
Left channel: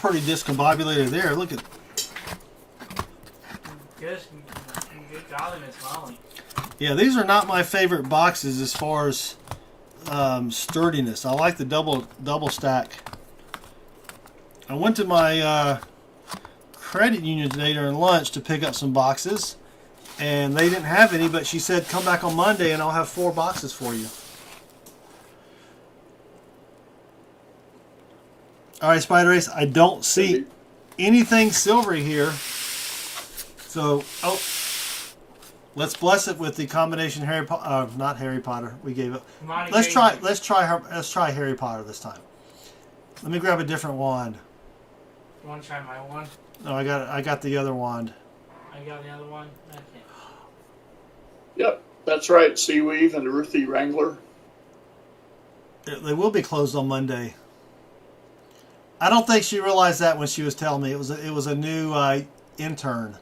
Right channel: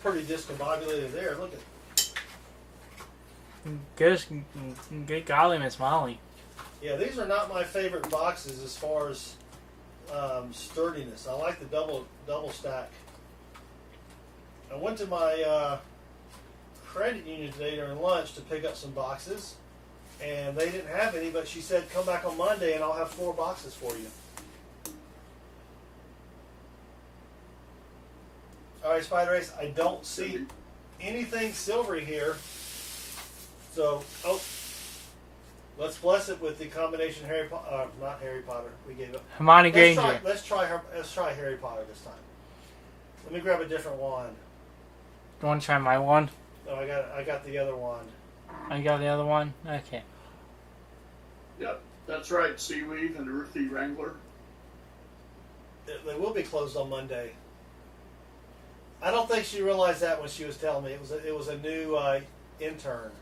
pretty discombobulated there. Look at. Good golly, Miss Molly. Yeah, these are not my favorite boxes as far as sturdiness. I like the double stack. I went to my credit union today during lunch to pick up some boxes, and they didn't have any, but she said come back on Monday and I'll have 4 boxes for you. All right, Spider Ace, I don't see anything silvery here. So, let's bless it with the combination Harry Potter. Not Harry Potter. We gave it. Hermione Let's Granger. Let's try Harry Potter this time. Let me grab a different wand. You want to try my one? No, I got the other wand. I got the other one? Okay. Yep, that's right. Seaweave and Ruthie Wrangler. They will be closed on Monday. I don't think she realized that when she was telling me. It was a new intern.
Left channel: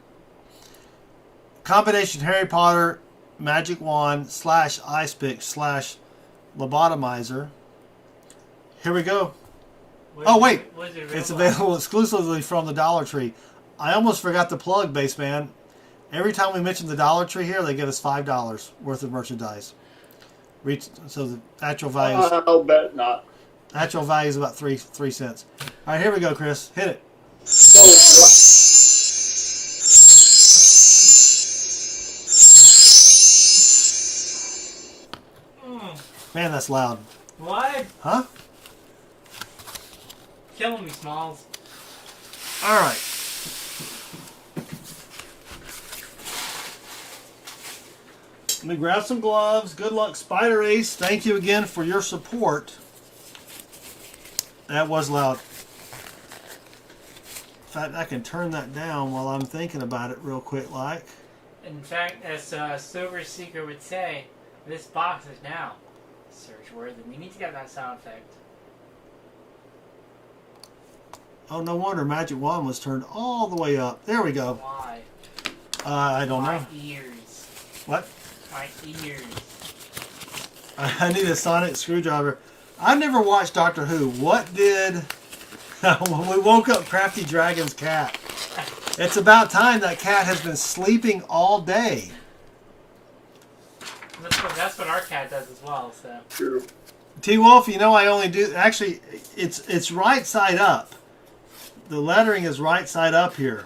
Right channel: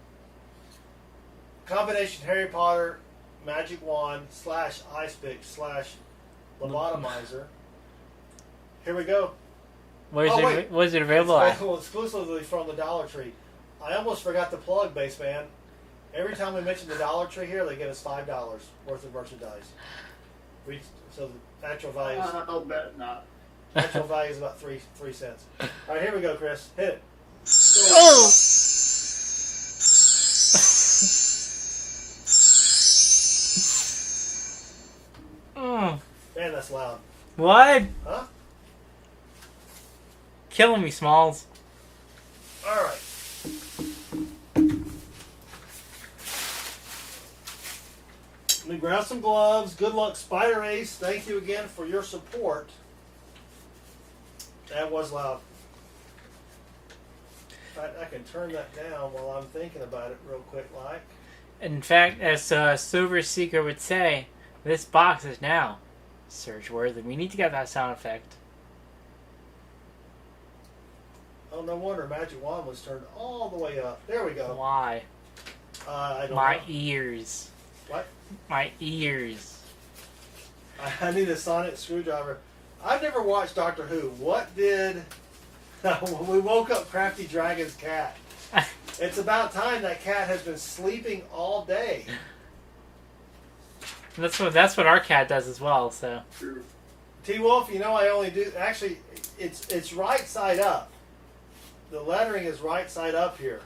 Combination Harry Potter magic wand / ice pick / lobotomizer. Here we go. Wait. Was it It's available? at? available exclusively from the Dollar Tree. I almost forgot to plug, Baseman. Every time we mention the Dollar Tree here, they give us $5 worth of merchandise. So the actual value is, I'll bet not. actual value is about 3 cents. All right, here we go, Chris. Hit it. Man, that's loud. What? Huh? Killing me, Smalls. All right. Let me grab some gloves. Good luck, Spider Ace. Thank you again for your support. That was loud. In fact, I can turn that down while I'm thinking about it real quick, like. In fact, as Silver Seeker would say, this box is now search worthy. We need to get that sound effect. Oh, no wonder Magic Wand was turned all the way up. There we go. Why? I don't My know. ears. What? My ears. I need a sonic screwdriver. I've never watched Doctor Who. What did... when we woke up Crafty Dragon's cat. It's about time. That cat has been sleeping all day. That's what our cat does as well. So. True. T-Wolf, you know I only do... Actually, it's right side up. The lettering is right side up here.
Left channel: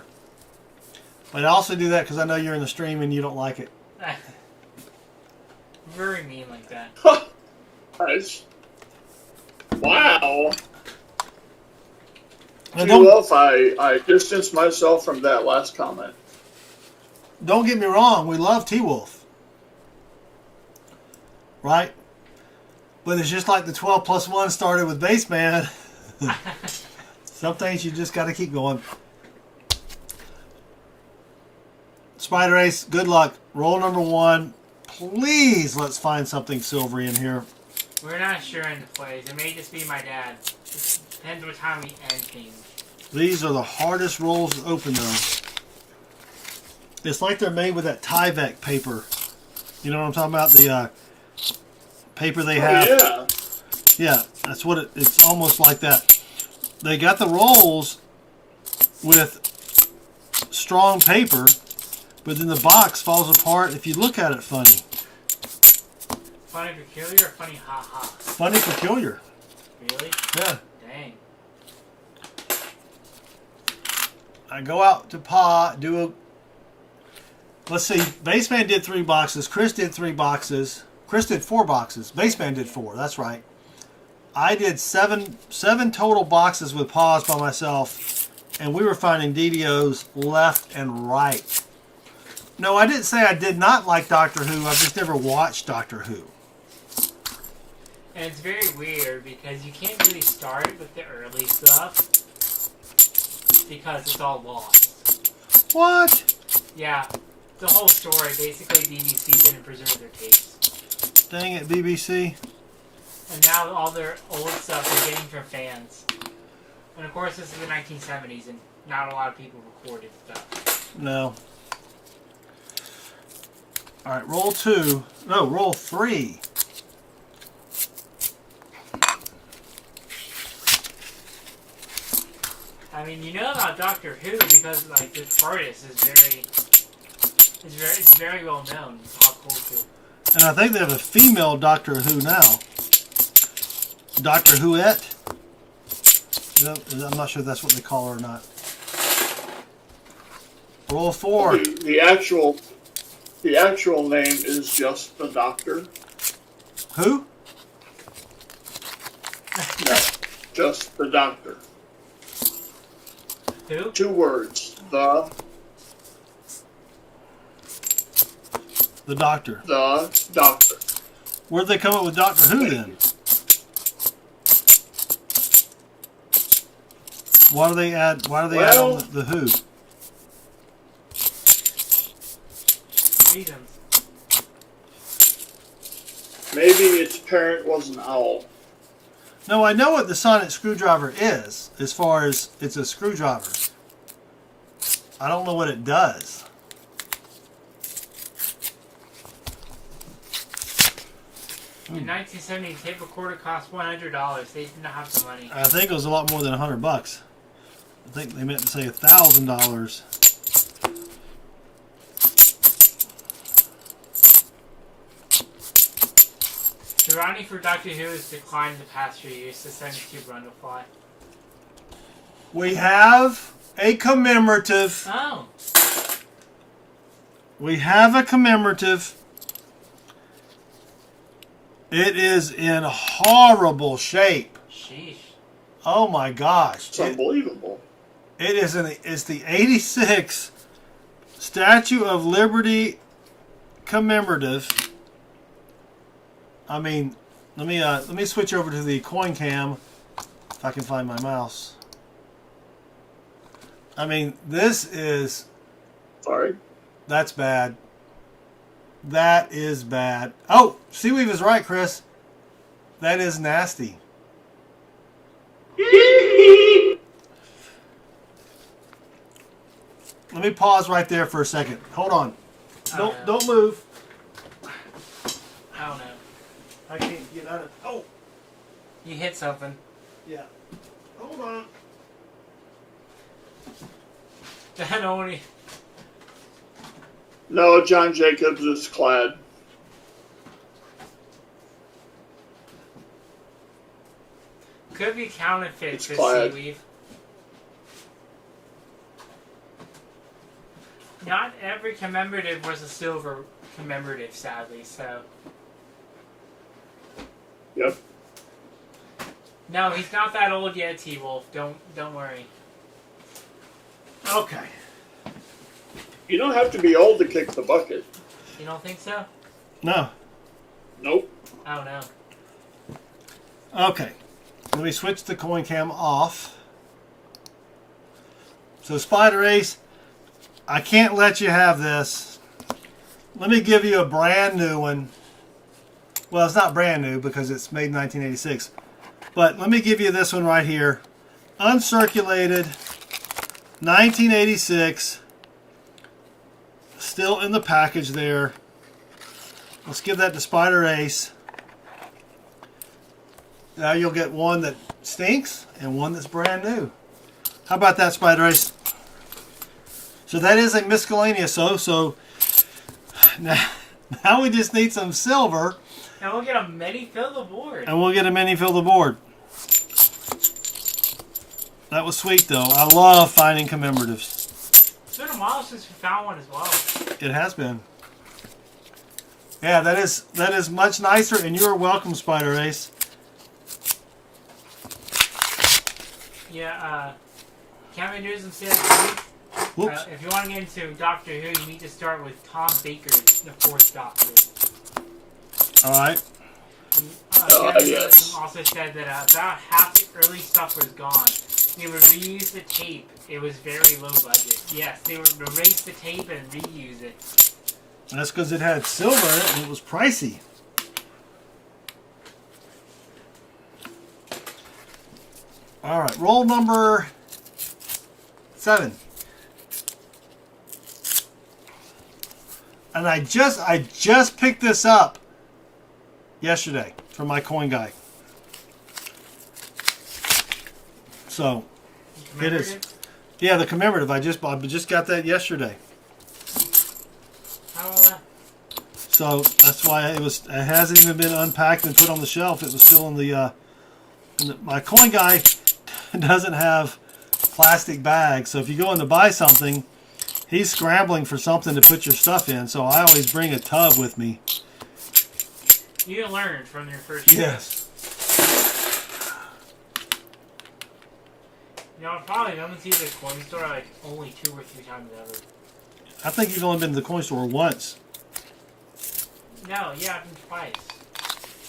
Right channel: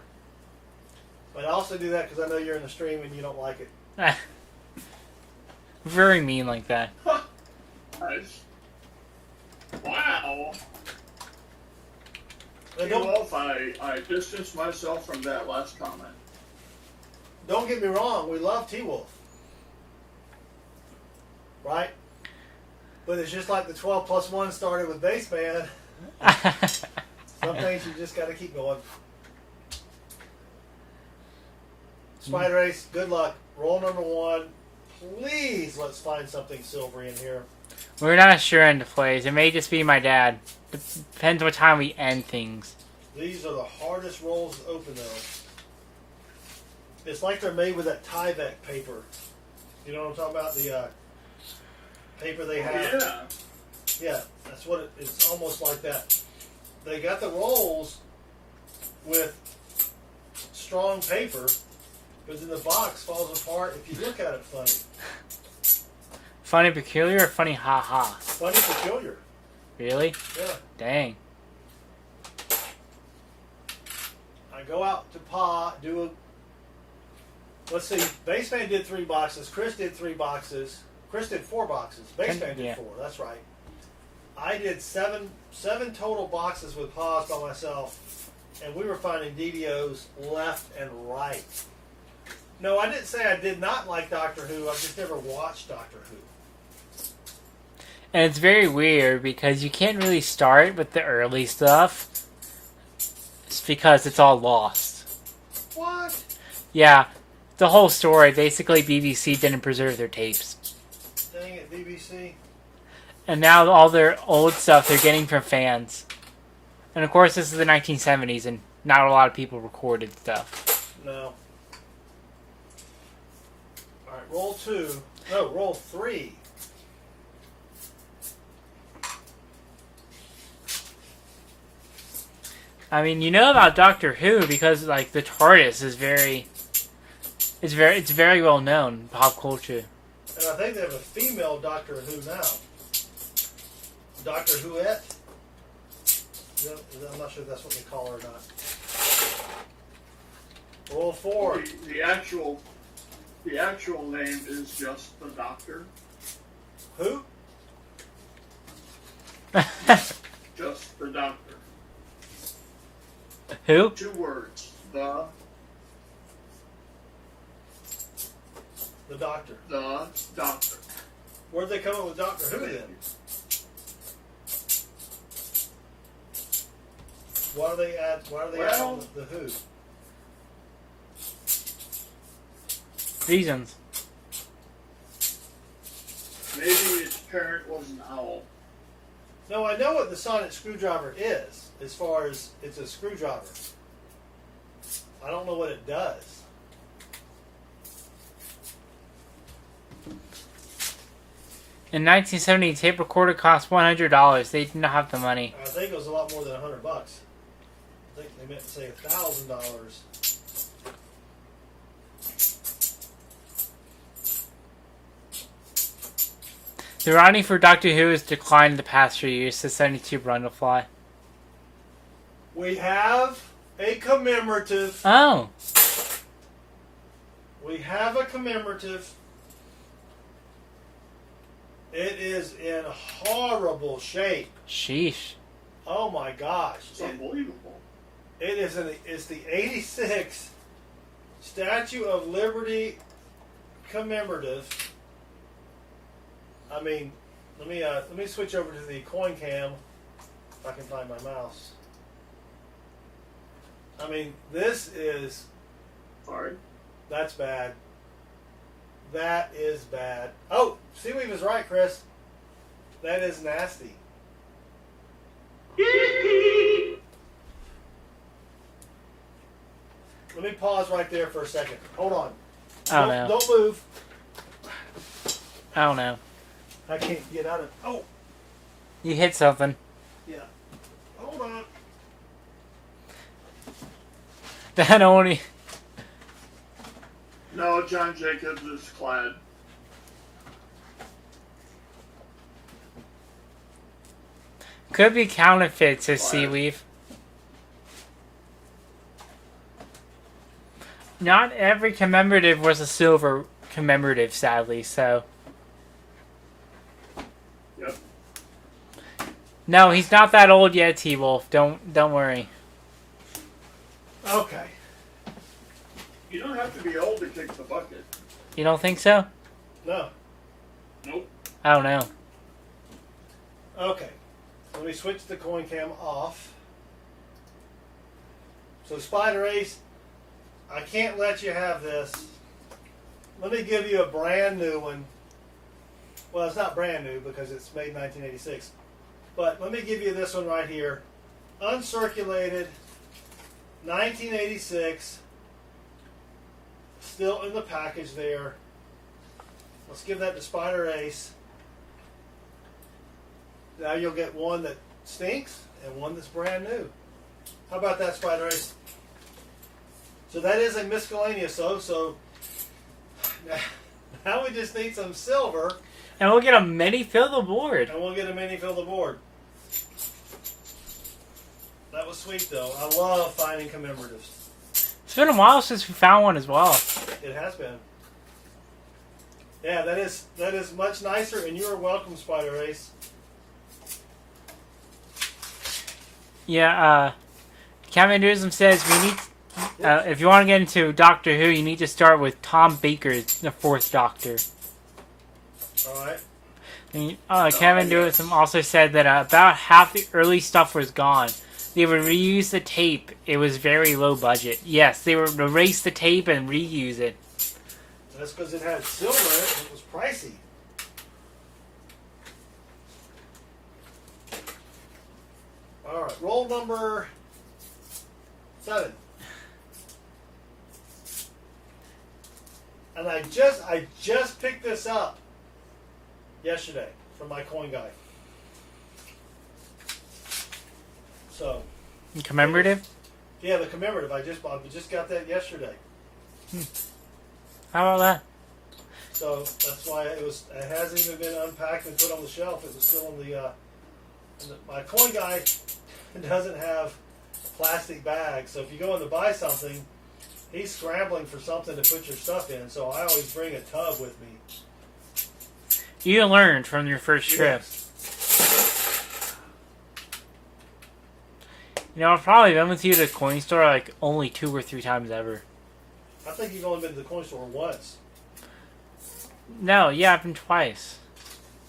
But I also do that because I know you're in the stream and you don't like it. Very mean like that. Nice. Wow. And Wolf, I distanced myself from that last comment. don't get me wrong, we love T-Wolf. Right? But it's just like the 12 plus 1 started with Baseman. Some things you just got to keep going. Spider Ace, good luck. Roll number 1. Please, let's find something silvery in here. We're not sure in the plays. It may just be my dad. It depends what time we end things. These are the hardest rolls to open, though. It's like they're made with that Tyvek paper. You know what I'm talking about? The paper they have. Yeah. Yeah, that's what it's almost like that. They got the rolls with strong paper, but then the box falls apart if you look at it funny. Funny peculiar or funny ha-ha? Funny peculiar. Really? Yeah. Dang. I go out to Pa, do a... Let's see, Baseman did 3 boxes. Chris did 3 boxes. Chris did 4 boxes. Baseman did 4. That's right. I did 7 total boxes with Paws by myself, and we were finding DDOs left and right. No, I didn't say I did not like Doctor Who. I've just never watched Doctor Who. And it's very weird because you can't really start with the early stuff because it's all lost. What? Yeah, the whole story, basically BBC didn't preserve their tapes. Dang it, BBC. And now all their old stuff they're getting from fans. And of course this is the 1970s and not a lot of people recorded stuff. No. Alright, roll 2. No, roll 3. I mean, you know about Doctor Who because like the TARDIS is it's very well known in pop culture. And I think they have a female Doctor Who now. Doctor Whoette? I'm not sure if that's what they call her or not. Roll 4. The actual name is just the Doctor. Who? Just the Doctor. Who? 2 words. The Doctor. The Doctor. Where'd they come up with Doctor Who then? Why do they add on the Who? Reasons. Maybe its parent was an owl. No, I know what the sonic screwdriver is, as far as it's a screwdriver. I don't know what it does. In 1970, tape recorder cost $100. They did not have the money. I think it was a lot more than $100. I think they meant to say $1,000. The writing for Doctor Who has declined the past few years, says 72 Brundlefly. We have a commemorative. Oh. We have a commemorative. It is in horrible shape. Sheesh. Oh my gosh. It's unbelievable. It's the 86th Statue of Liberty commemorative. I mean, let me switch over to the coin cam if I can find my mouse. I mean, this is... Sorry. That's bad. That is bad. Oh, Seaweave is right, Chris. That is nasty. Let me pause right there for a second. Hold on. Don't move. I don't know. I can't get out of... Oh! You hit something. Yeah. Hold on. That only... No, John Jacobs is clad. Could be counterfeit, says Clad. Seaweave. Not every commemorative was a silver commemorative, sadly, so... Yep. No, he's not that old yet, T-Wolf. Don't worry. Okay. You don't have to be old to kick the bucket. You don't think so? No. Nope. I don't know. Okay. Let me switch the coin cam off. So, Spider Ace, I can't let you have this. Let me give you a brand new one. Well, it's not brand new because it's made in 1986. But let me give you this one right here. Uncirculated, 1986. Still in the package there. Let's give that to Spider Ace. Now you'll get one that stinks and one that's brand new. How about that, Spider Ace? So that is a miscellaneous. So now we just need some silver. And we'll get a mini fill the board. And we'll get a mini fill the board. That was sweet, though. I love finding commemoratives. It's been a while since we found one as well. It has been. Yeah, that is much nicer, and you're welcome, Spider Ace. Yeah, Kevin Newsom says you need, if you want to get into Doctor Who, you need to start with Tom Baker, the 4th Doctor. Alright. Kevin Newsom also said that about half the early stuff was gone. They would reuse the tape. It was very low budget. Yes, they would erase the tape and reuse it. That's because it had silver in it and it was pricey. Alright, roll number 7. And I just picked this up yesterday from my coin guy. So, Commemorative? Yeah, the commemorative. I just got that yesterday. How about that? So that's why it hasn't even been unpacked and put on the shelf. It was still in the my coin guy doesn't have plastic bags. So if you go in to buy something, he's scrambling for something to put your stuff in. So I always bring a tub with me. You learned from your first trip. Yes. You know, I've probably been with you to the coin store like only 2 or 3 times ever. I think you've only been to the coin store once. No, yeah, I've been twice.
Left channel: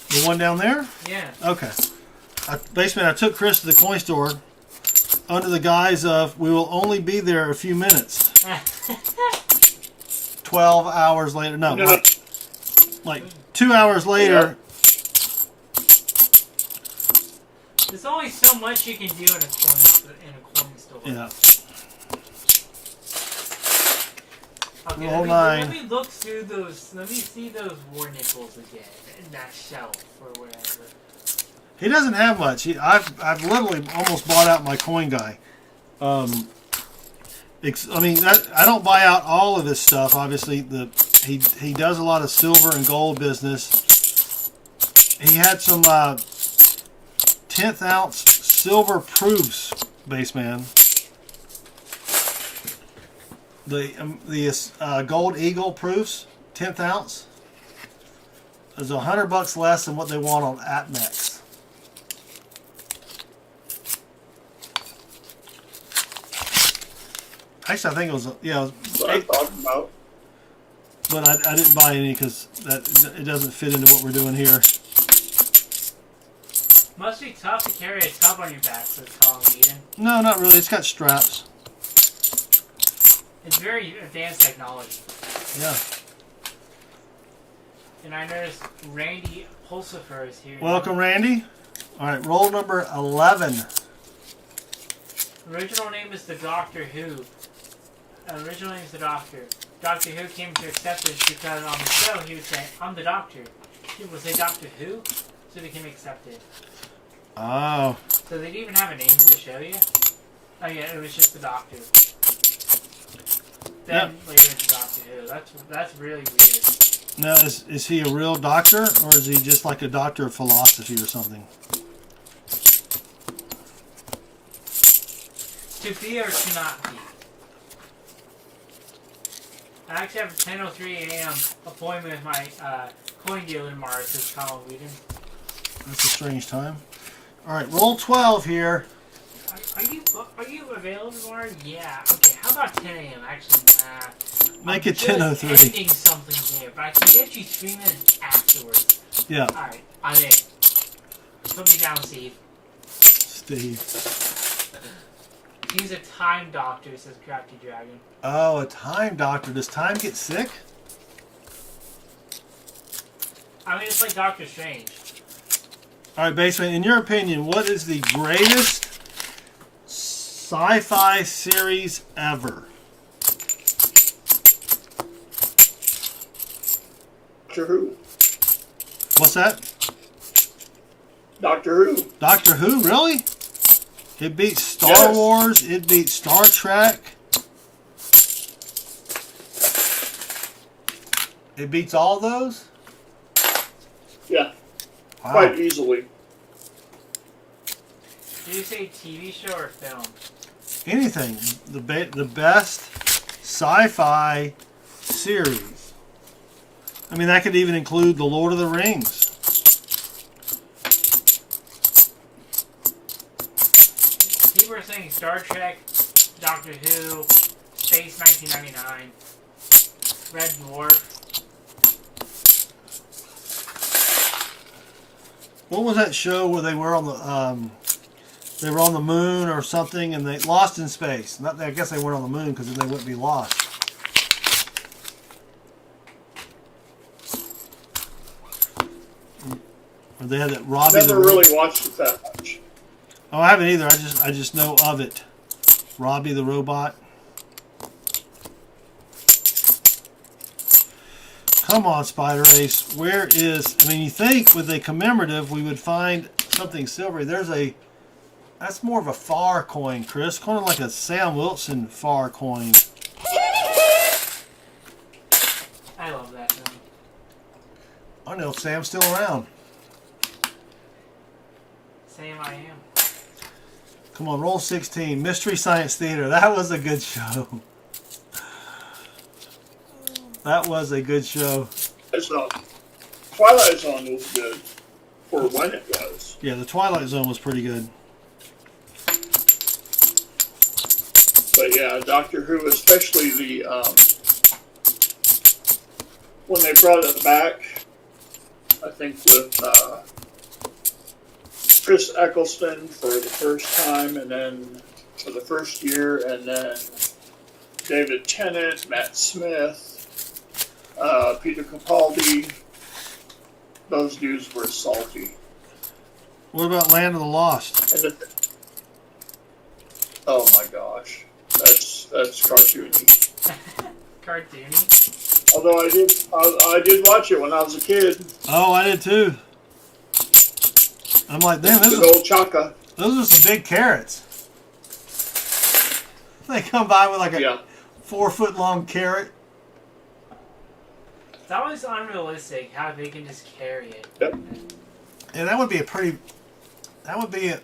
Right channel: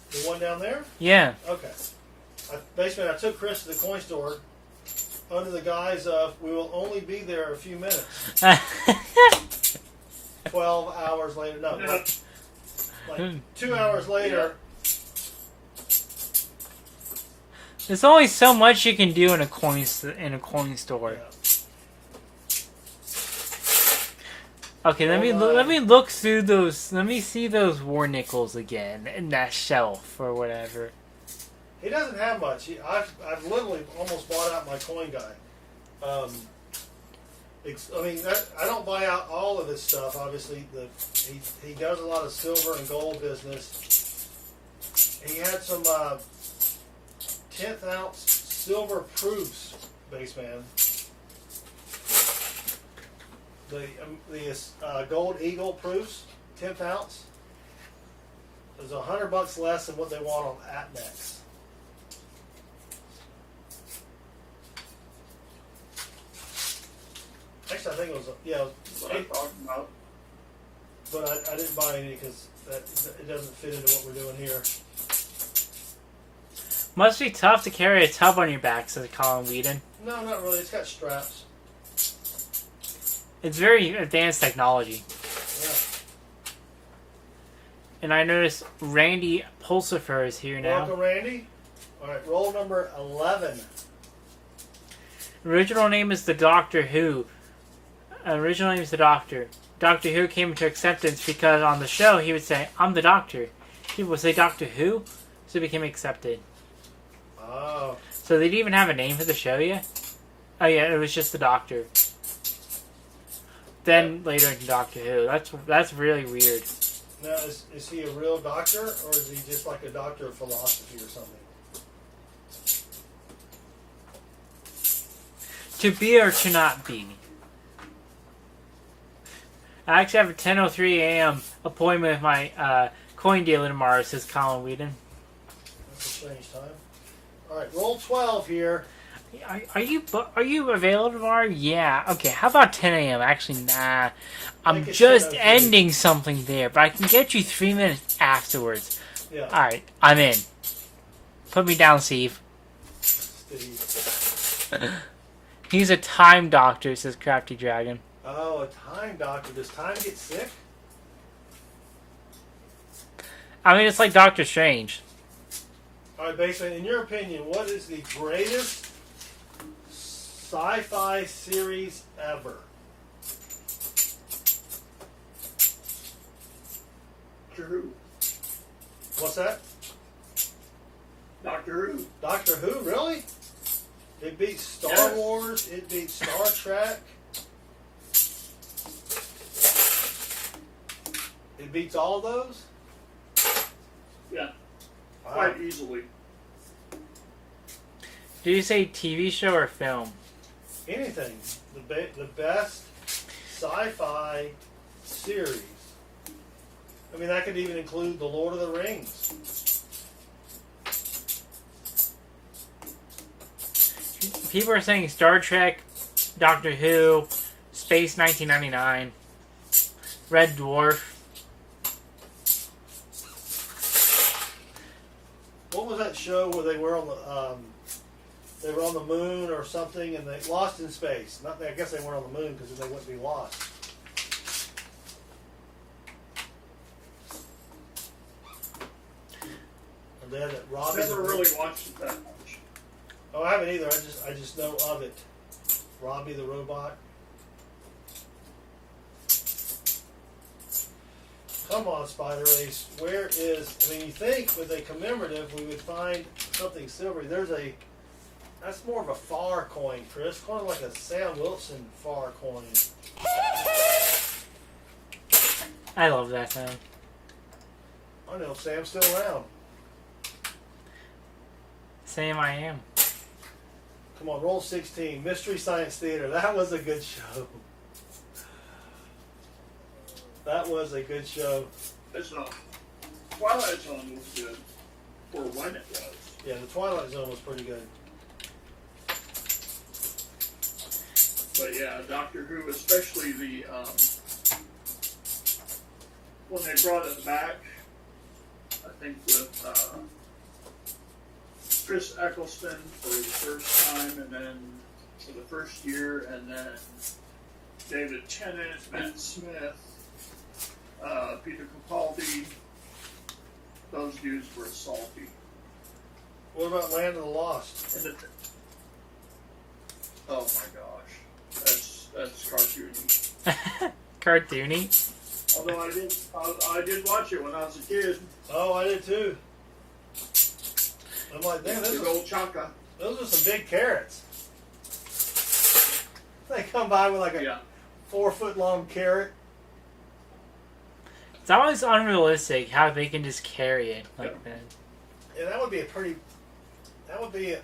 The one down there? Yeah. Okay. Basically, I took Chris to the coin store under the guise of we will only be there a few minutes. 12 hours later. No, like 2 hours later. There's only so much you can do in a coin store. Yeah. Okay, let me look through those. Let me see those war nickels again in that shelf or whatever. He doesn't have much. I've literally almost bought out my coin guy. I mean, I don't buy out all of his stuff. Obviously, he does a lot of silver and gold business. He had some 10th ounce silver proofs, Baseman. The Gold Eagle proofs, 10th ounce. There's $100 less than what they want on APMEX. Actually, I think it was What I'm talking about. but I didn't buy any because it doesn't fit into what we're doing here. Must be tough to carry a tub on your back, says Colin Whedon. No, not really. It's got straps. It's very advanced technology. Yeah. And I noticed Randy Pulsifer is here now. Welcome, Randy. All right, roll number 11. Original name is the Doctor Who. Original name is the Doctor. Doctor Who came into acceptance because on the show he would say, "I'm the Doctor." People would say Doctor Who, so it became accepted. Oh. So they didn't even have a name for the show yet? Oh yeah, it was just the Doctor. Then later into Doctor Who. That's really weird. Now, is he a real doctor, or is he just like a doctor of philosophy or something? To be or to not be. I actually have a 10:03 a.m. appointment with my coin dealer tomorrow, says Colin Whedon. That's a strange time. All right, roll 12 here. Are you available tomorrow? Yeah. Okay. How about 10 a.m.? Actually, nah. I'm Make it just 10:03. ending something there, but I can get you 3 minutes afterwards. Yeah. All right. I'm in. Put me down, Steve. Steve. He's a time doctor, says Crafty Dragon. Oh, a time doctor. Does time get sick? I mean, it's like Doctor Strange. All right, Baseman, in your opinion, what is the greatest sci-fi series ever? Doctor Who. What's that? Doctor Who. Doctor Who, really? It beats Star Yes. Wars. It beats Star Trek. It beats all those? Yeah, Wow. quite easily. Did you say TV show or film? Anything. The best sci-fi series. I mean, that could even include The Lord of the Rings. People are saying Star Trek, Doctor Who, Space 1999, Red Dwarf. What was that show where they were on the moon or something, and they lost in space? I guess they weren't on the moon because then they wouldn't be lost. Or they had that Robbie. Never really watched it that much. Oh, I haven't either. I just know of it. Robbie the robot. Come on, Spider Ace. Where is... I mean, you think with a commemorative we would find something silvery. There's a That's more of a far coin, Chris. Kind of like a Sam Wilson far coin. I love that thing. I don't know if Sam's still around. Same I am. Come on, roll 16. Mystery Science Theater. That was a good show. That was a good show. It's not. Twilight Zone was good for when it was. Yeah, the Twilight Zone was pretty good. But yeah, Doctor Who, especially the when they brought it back, I think with Chris Eccleston for the first time, and then for the first year, and then David Tennant, Matt Smith, Peter Capaldi. Those dudes were salty. What about Land of the Lost? And oh my gosh, that's cartoony. Cartoony. Although I did watch it when I was a kid. Oh, I did too. I'm like, damn, Good old Chaka. those are some big carrots. They come by with like a Yeah. 4-foot long carrot. It's always unrealistic how they can just carry it like that. And that would be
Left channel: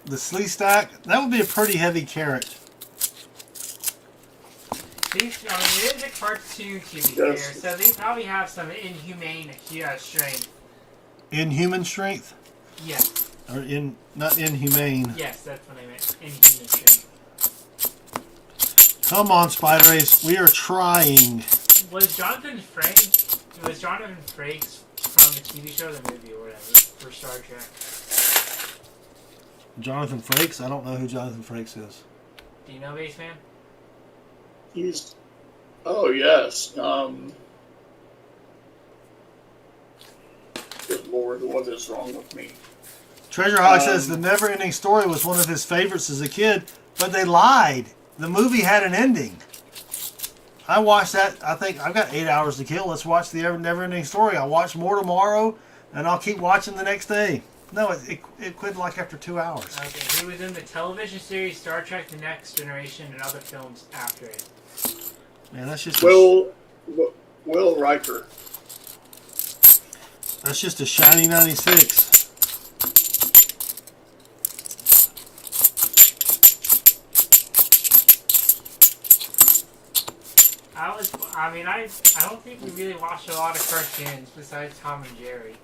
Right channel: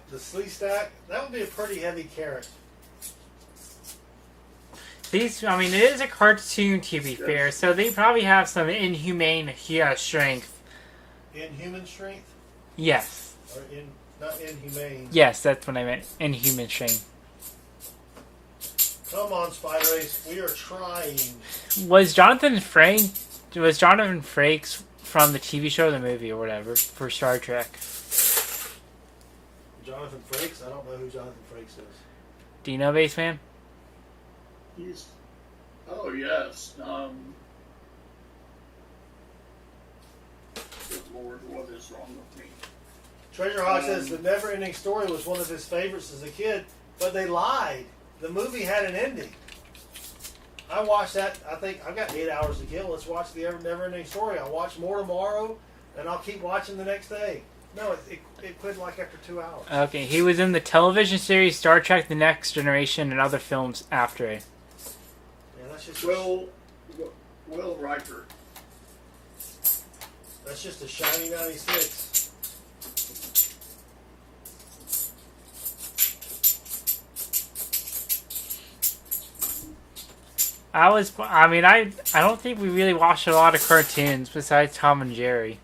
the slee stack. That would be a pretty heavy carrot. These, I mean, it is a cartoon to be fair, so they probably have some inhumane strength. Inhuman strength? Yes. Or not inhumane. Yes, that's what I meant. Inhuman strength. Come on, Spider Ace. We are trying. Was Jonathan Frakes from the TV show or the movie or whatever for Star Trek? Jonathan Frakes? I don't know who Jonathan Frakes is. Do you know, Baseman? He's. Oh yes. Good Lord, what is wrong with me? Treasure Hawk says the Never Ending Story was one of his favorites as a kid, but they lied. The movie had an ending. I watched that. I think I've got 8 hours to kill. Let's watch the Never Ending Story. I'll watch more tomorrow, and I'll keep watching the next day. No, it quit like after 2 hours. Okay, he was in the television series Star Trek: The Next Generation and other films after it. Man, that's just Will Riker. that's just a shiny 96. I don't think we really watched a lot of cartoons besides Tom and Jerry.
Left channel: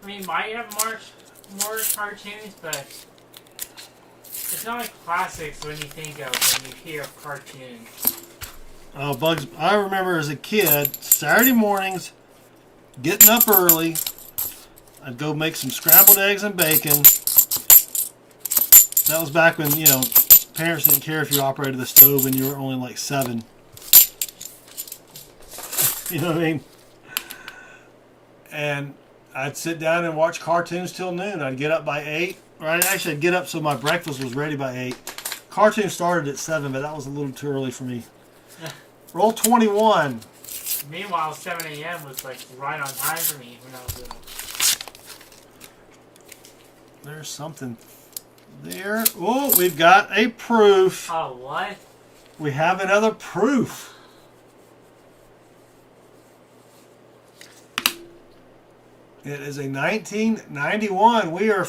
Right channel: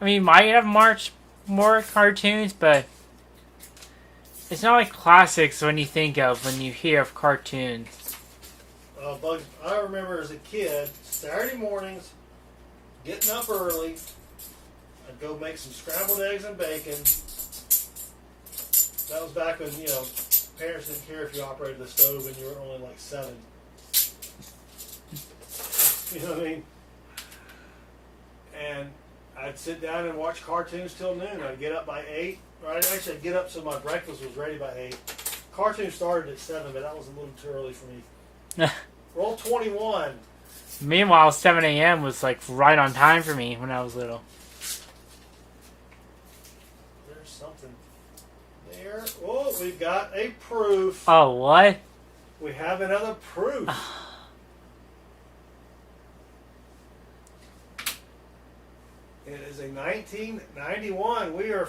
I mean, might have more cartoons, but it's not like classics when you think of when you hear of cartoons. Oh, Bugs! I remember as a kid, Saturday mornings, getting up early. I'd go make some scrambled eggs and bacon. That was back when, parents didn't care if you operated the stove and you were only like 7. You know what I mean? And I'd sit down and watch cartoons till noon. I'd get up by 8. Actually, I'd get up so my breakfast was ready by 8. Cartoon started at 7, but that was a little too early for me. Roll 21. Meanwhile, 7 a.m. was like right on time for me when I was little. There's something there. Oh, we've got a proof. Oh, what? We have another proof. It is a 1991. We are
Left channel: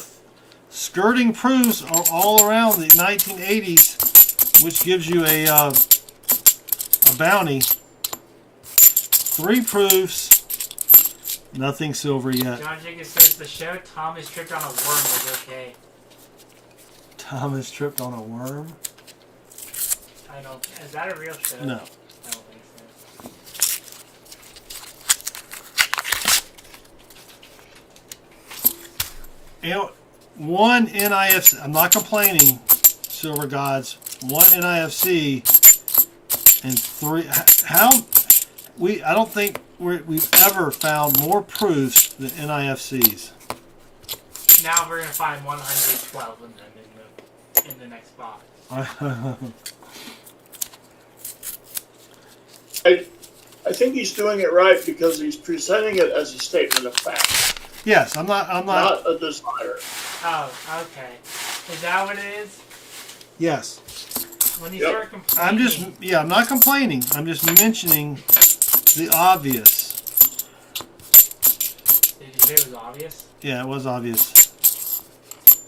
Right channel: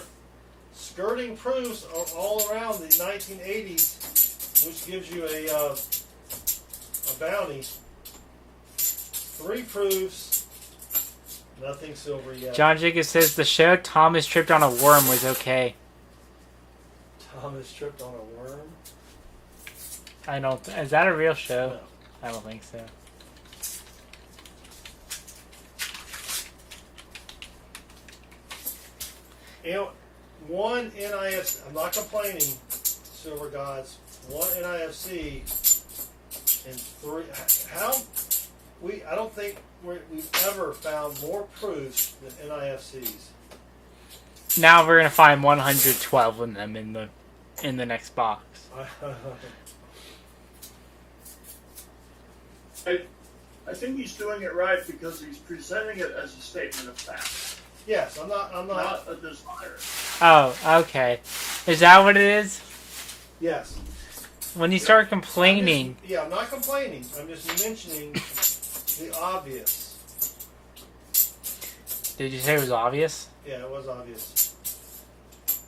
skirting proofs all around the 1980s, which gives you a bounty. 3 proofs. Nothing silver yet. John Jacobs says the show Thomas tripped on a worm was okay. Thomas tripped on a worm? Is that a real show? No. I don't think so. One NIFC, I'm not complaining, Silver Gods, one NIFC and 3, I don't think we've ever found more proofs than NIFCs. Now we're gonna find 112 of them in the next box. I think he's doing it right because he's presenting it as a statement of fact. Yes, I'm not. not a desire. Oh, okay. Is that what it is? Yes. When you Yep. start complaining. I'm not complaining. I'm just mentioning the obvious. Did you say it was obvious? Yeah, it was obvious.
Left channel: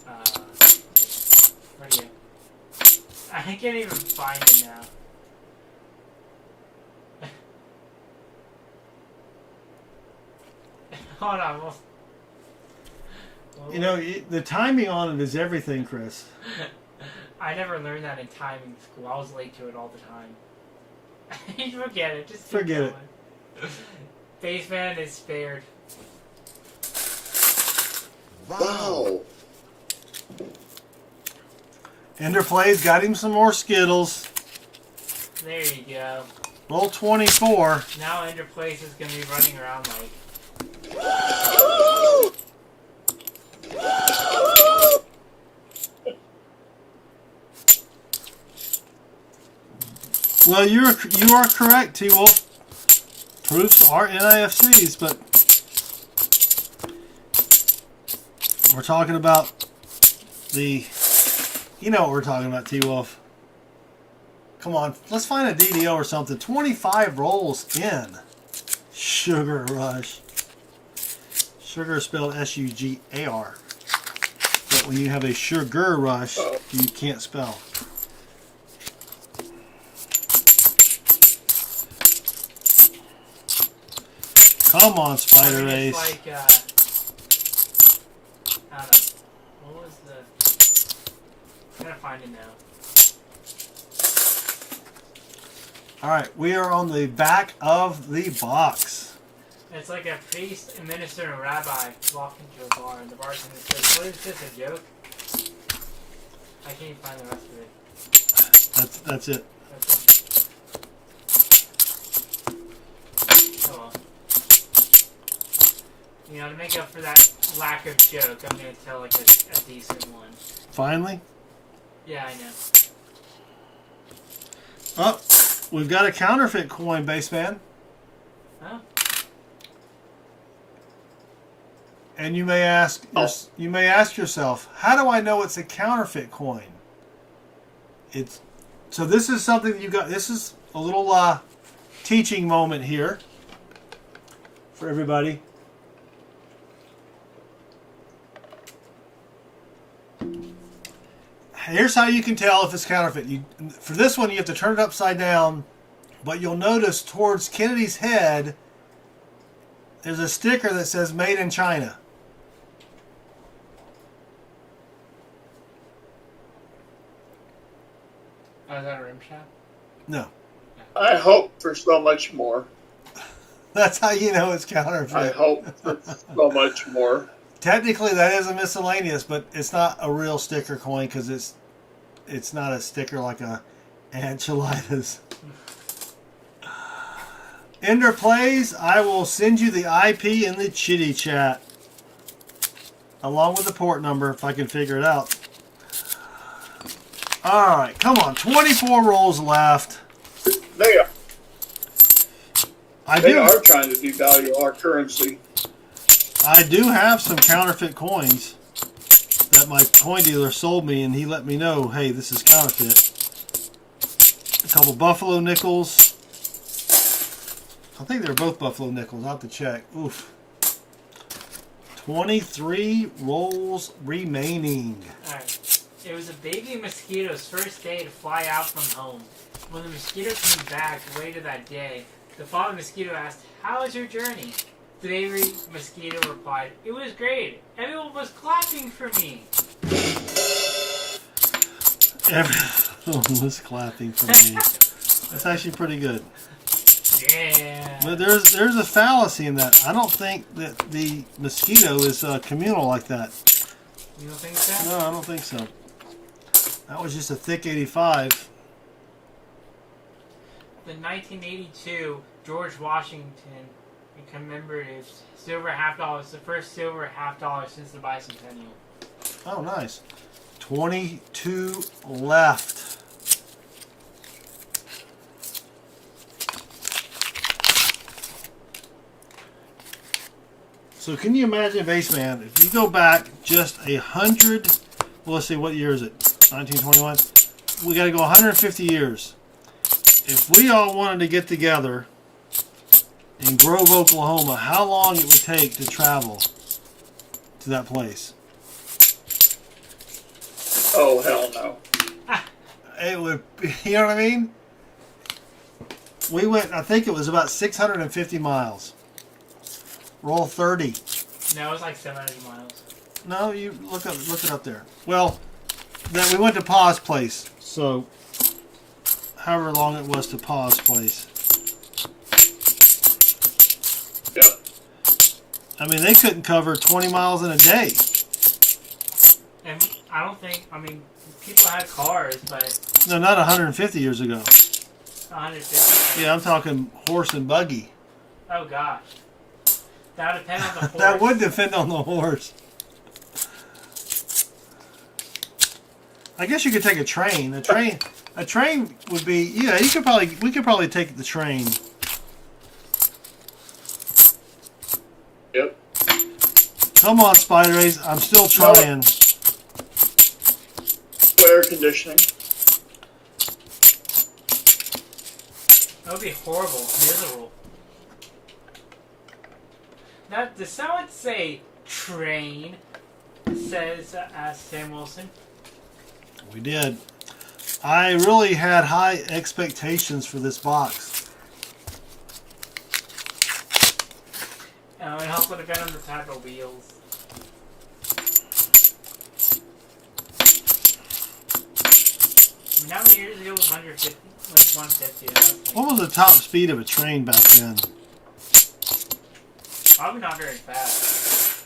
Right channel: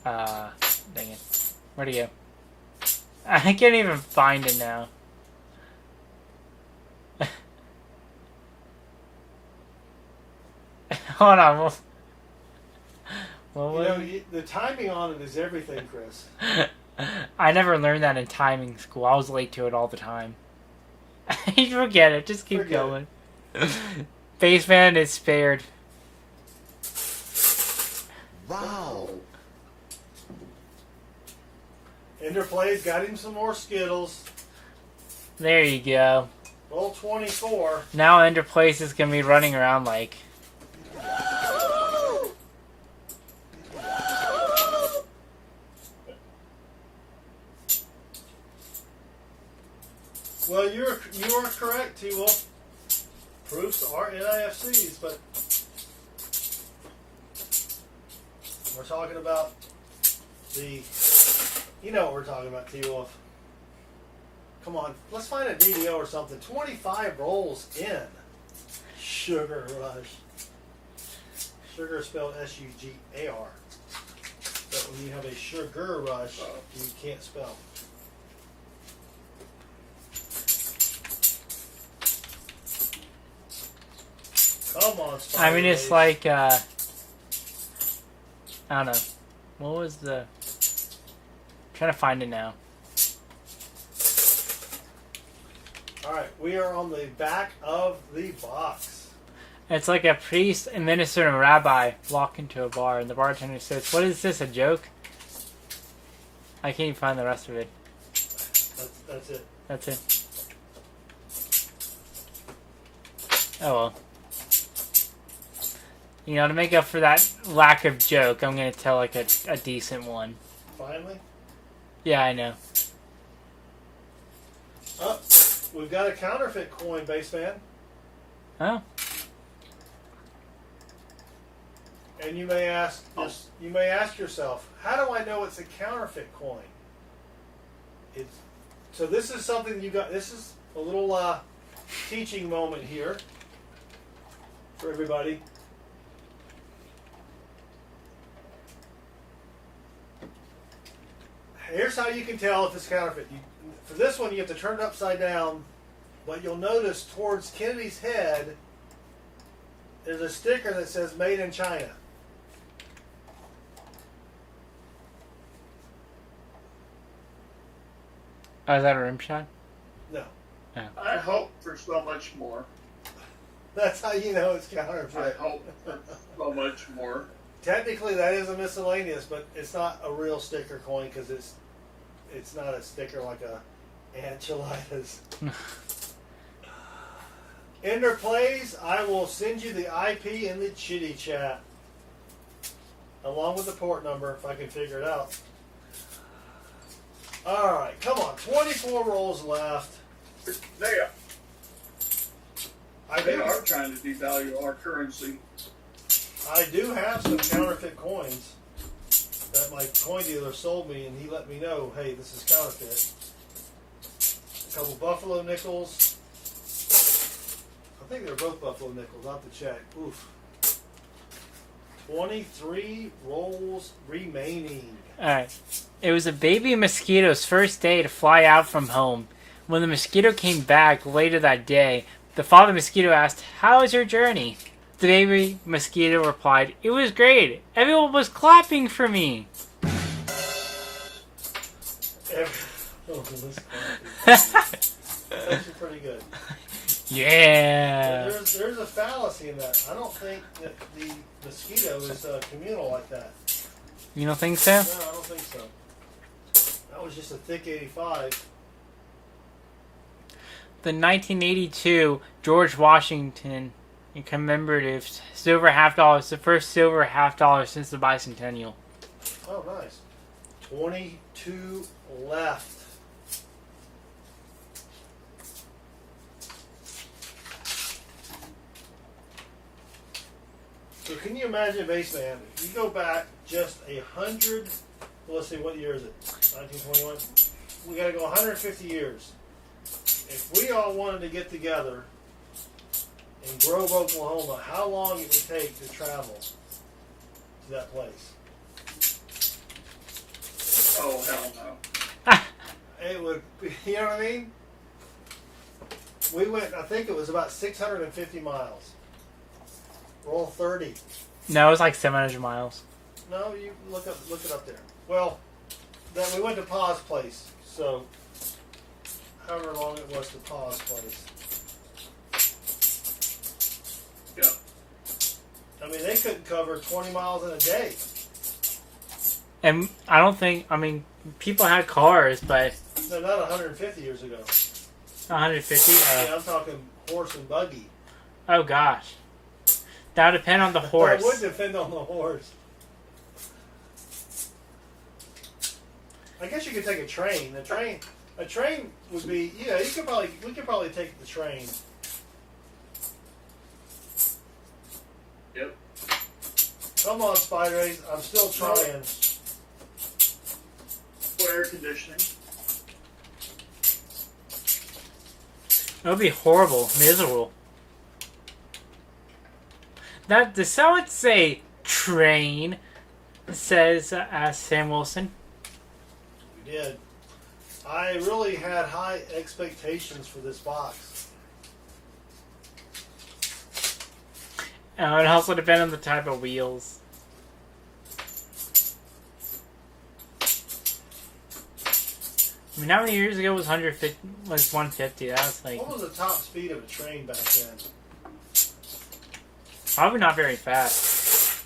Dang it. Where'd he go? I can't even find it now. Hold on. You know, the timing on it is everything, Chris. I never learned that in timing school. I was late to it all the time. You forget it. Just keep Forget going. Baseman is spared. Wow. Ender plays, got him some more Skittles. There you go. Roll 24. Now Ender Place is gonna be running around like. Well, you are correct, T-Wolf. Proofs are NIFCs, but we're talking about the... You know what we're talking about, T-Wolf. Come on, let's find a DDO or something. 25 rolls in. Sugar Rush. Sugar is spelled S-U-G-A-R. But when you have a sugar rush, you can't spell. Come on, Spider I mean, Race. it's like, I don't know. What was the... I'm trying to find it now. Alright, we are on the back of the box. It's like a priest, a minister, and a rabbi walk into a bar, and the bartender says, "What is this, a joke?" I can't even find the rest of it. That's it. That's it. Oh well. You know, to make up for that lack of joke, I'm gonna tell like a decent one. Finally. Yeah, I know. Oh, we've got a counterfeit coin, Baseman. Oh. And you may ask, yourself, how do I know it's a counterfeit coin? So this is something that you got. This is a little teaching moment here for everybody. Here's how you can tell if it's counterfeit. For this one, you have to turn it upside down, but you'll notice towards Kennedy's head, there's a sticker that says "Made in China." Oh, is that a rim shot? No. I hope for so much more. That's how you know it's counterfeit. I hope for so much more. Technically, that is a miscellaneous, but it's not a real sticker coin because it's not a sticker like a enchiladas. Ender plays. I will send you the IP in the chitty chat, along with the port number if I can figure it out. All right, come on. 24 rolls left. They I are trying to devalue our currency. I do have some counterfeit coins that my coin dealer sold me, and he let me know, hey, this is counterfeit. A couple Buffalo nickels. I think they're both Buffalo nickels. I'll have to check. Oof. 23 rolls remaining. Alright. It was a baby mosquito's first day to fly out from home. When the mosquito came back later that day, the father mosquito asked, "How was your journey?" The baby mosquito replied, "It was great. Everyone was clapping for me." Everyone was clapping for me. That's actually pretty good. Yeah. But there's a fallacy in that. I don't think that the mosquito is communal like that. You don't think so? No, I don't think so. That was just a thick 85. The 1982 George Washington commemorative silver half dollar is the first silver half dollar since the bicentennial. Oh, nice. 22 left. So can you imagine, Baseman, if you go back just 100, well, let's see, what year is it? 1921? We got to go 150 years. If we all wanted to get together in Grove, Oklahoma, how long it would take to travel to that place? Oh, hell no. It would, you know what I mean? We went, I think it was about 650 miles. Roll 30. No, it was like 700 miles. No, you look it up there. Well, then we went to Pa's place. So, however long it was to Pa's place. Yep. I mean, they couldn't cover 20 miles in a day. And I don't think, I mean, people had cars, but No, not 150 years ago. 150? Yeah, I'm talking horse and buggy. Oh, gosh. That would depend on the horse. That would depend on the horse. I guess you could take a train. A train would be, yeah, we could probably take the train. Yep. Come on, Spider Ace, I'm still trying. Air conditioning. It would be horrible, miserable. That does someone say train? Says Sam Wilson. We did. I really had high expectations for this box. It also depends on the type of wheels. I mean, how many years ago was 150? Like 150. That was like What was the top speed of a train back then? probably not very fast.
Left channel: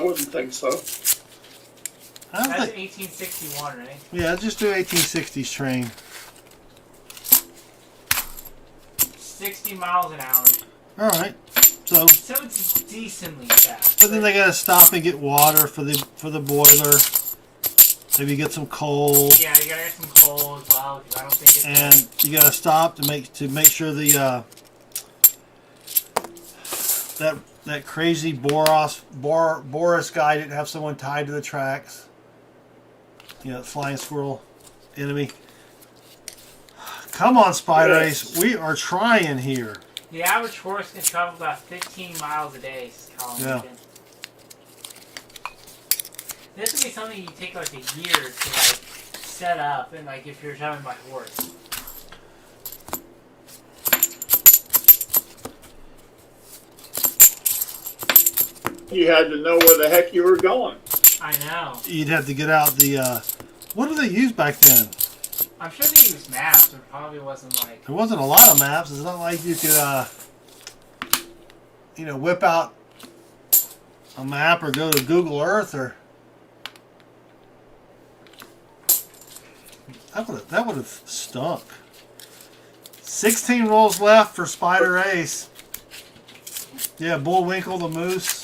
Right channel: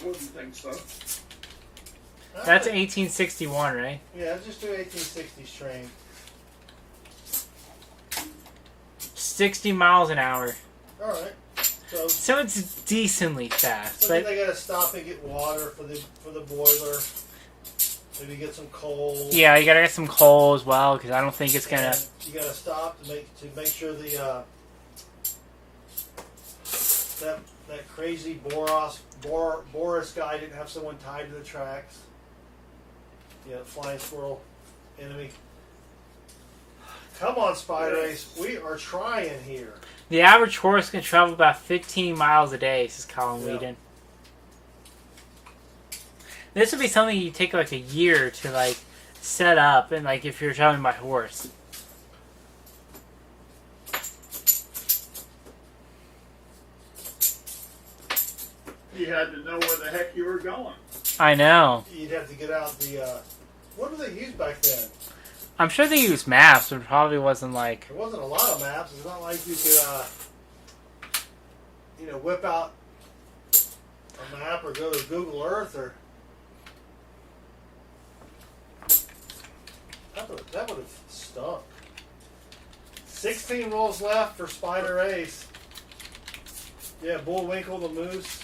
I wouldn't think so. I That's think- 1861, right? Yeah, just do 1860s train. 60 miles an hour. All right. So it's decently fast. but then they gotta stop and get water for the boiler. Maybe get some coal. Yeah, you gotta get some coal as well because I don't think it's gonna. And you gotta stop to make sure the that crazy Boris guy didn't have someone tied to the tracks. You know, flying squirrel enemy. Come on, Spider Ace. We are trying here. The average horse can travel about 15 miles a day, says Colin Whedon. This would be something you take like a year to like set up, and like if you're traveling by horse. You had to know where the heck you were going. I know. You'd have to get out the what did they use back then? I'm sure they used maps, but it probably wasn't like. There wasn't a lot of maps. It's not like you could whip out a map or go to Google Earth or that would have stunk. 16 rolls left for Spider Ace. Yeah, Bullwinkle the Moose.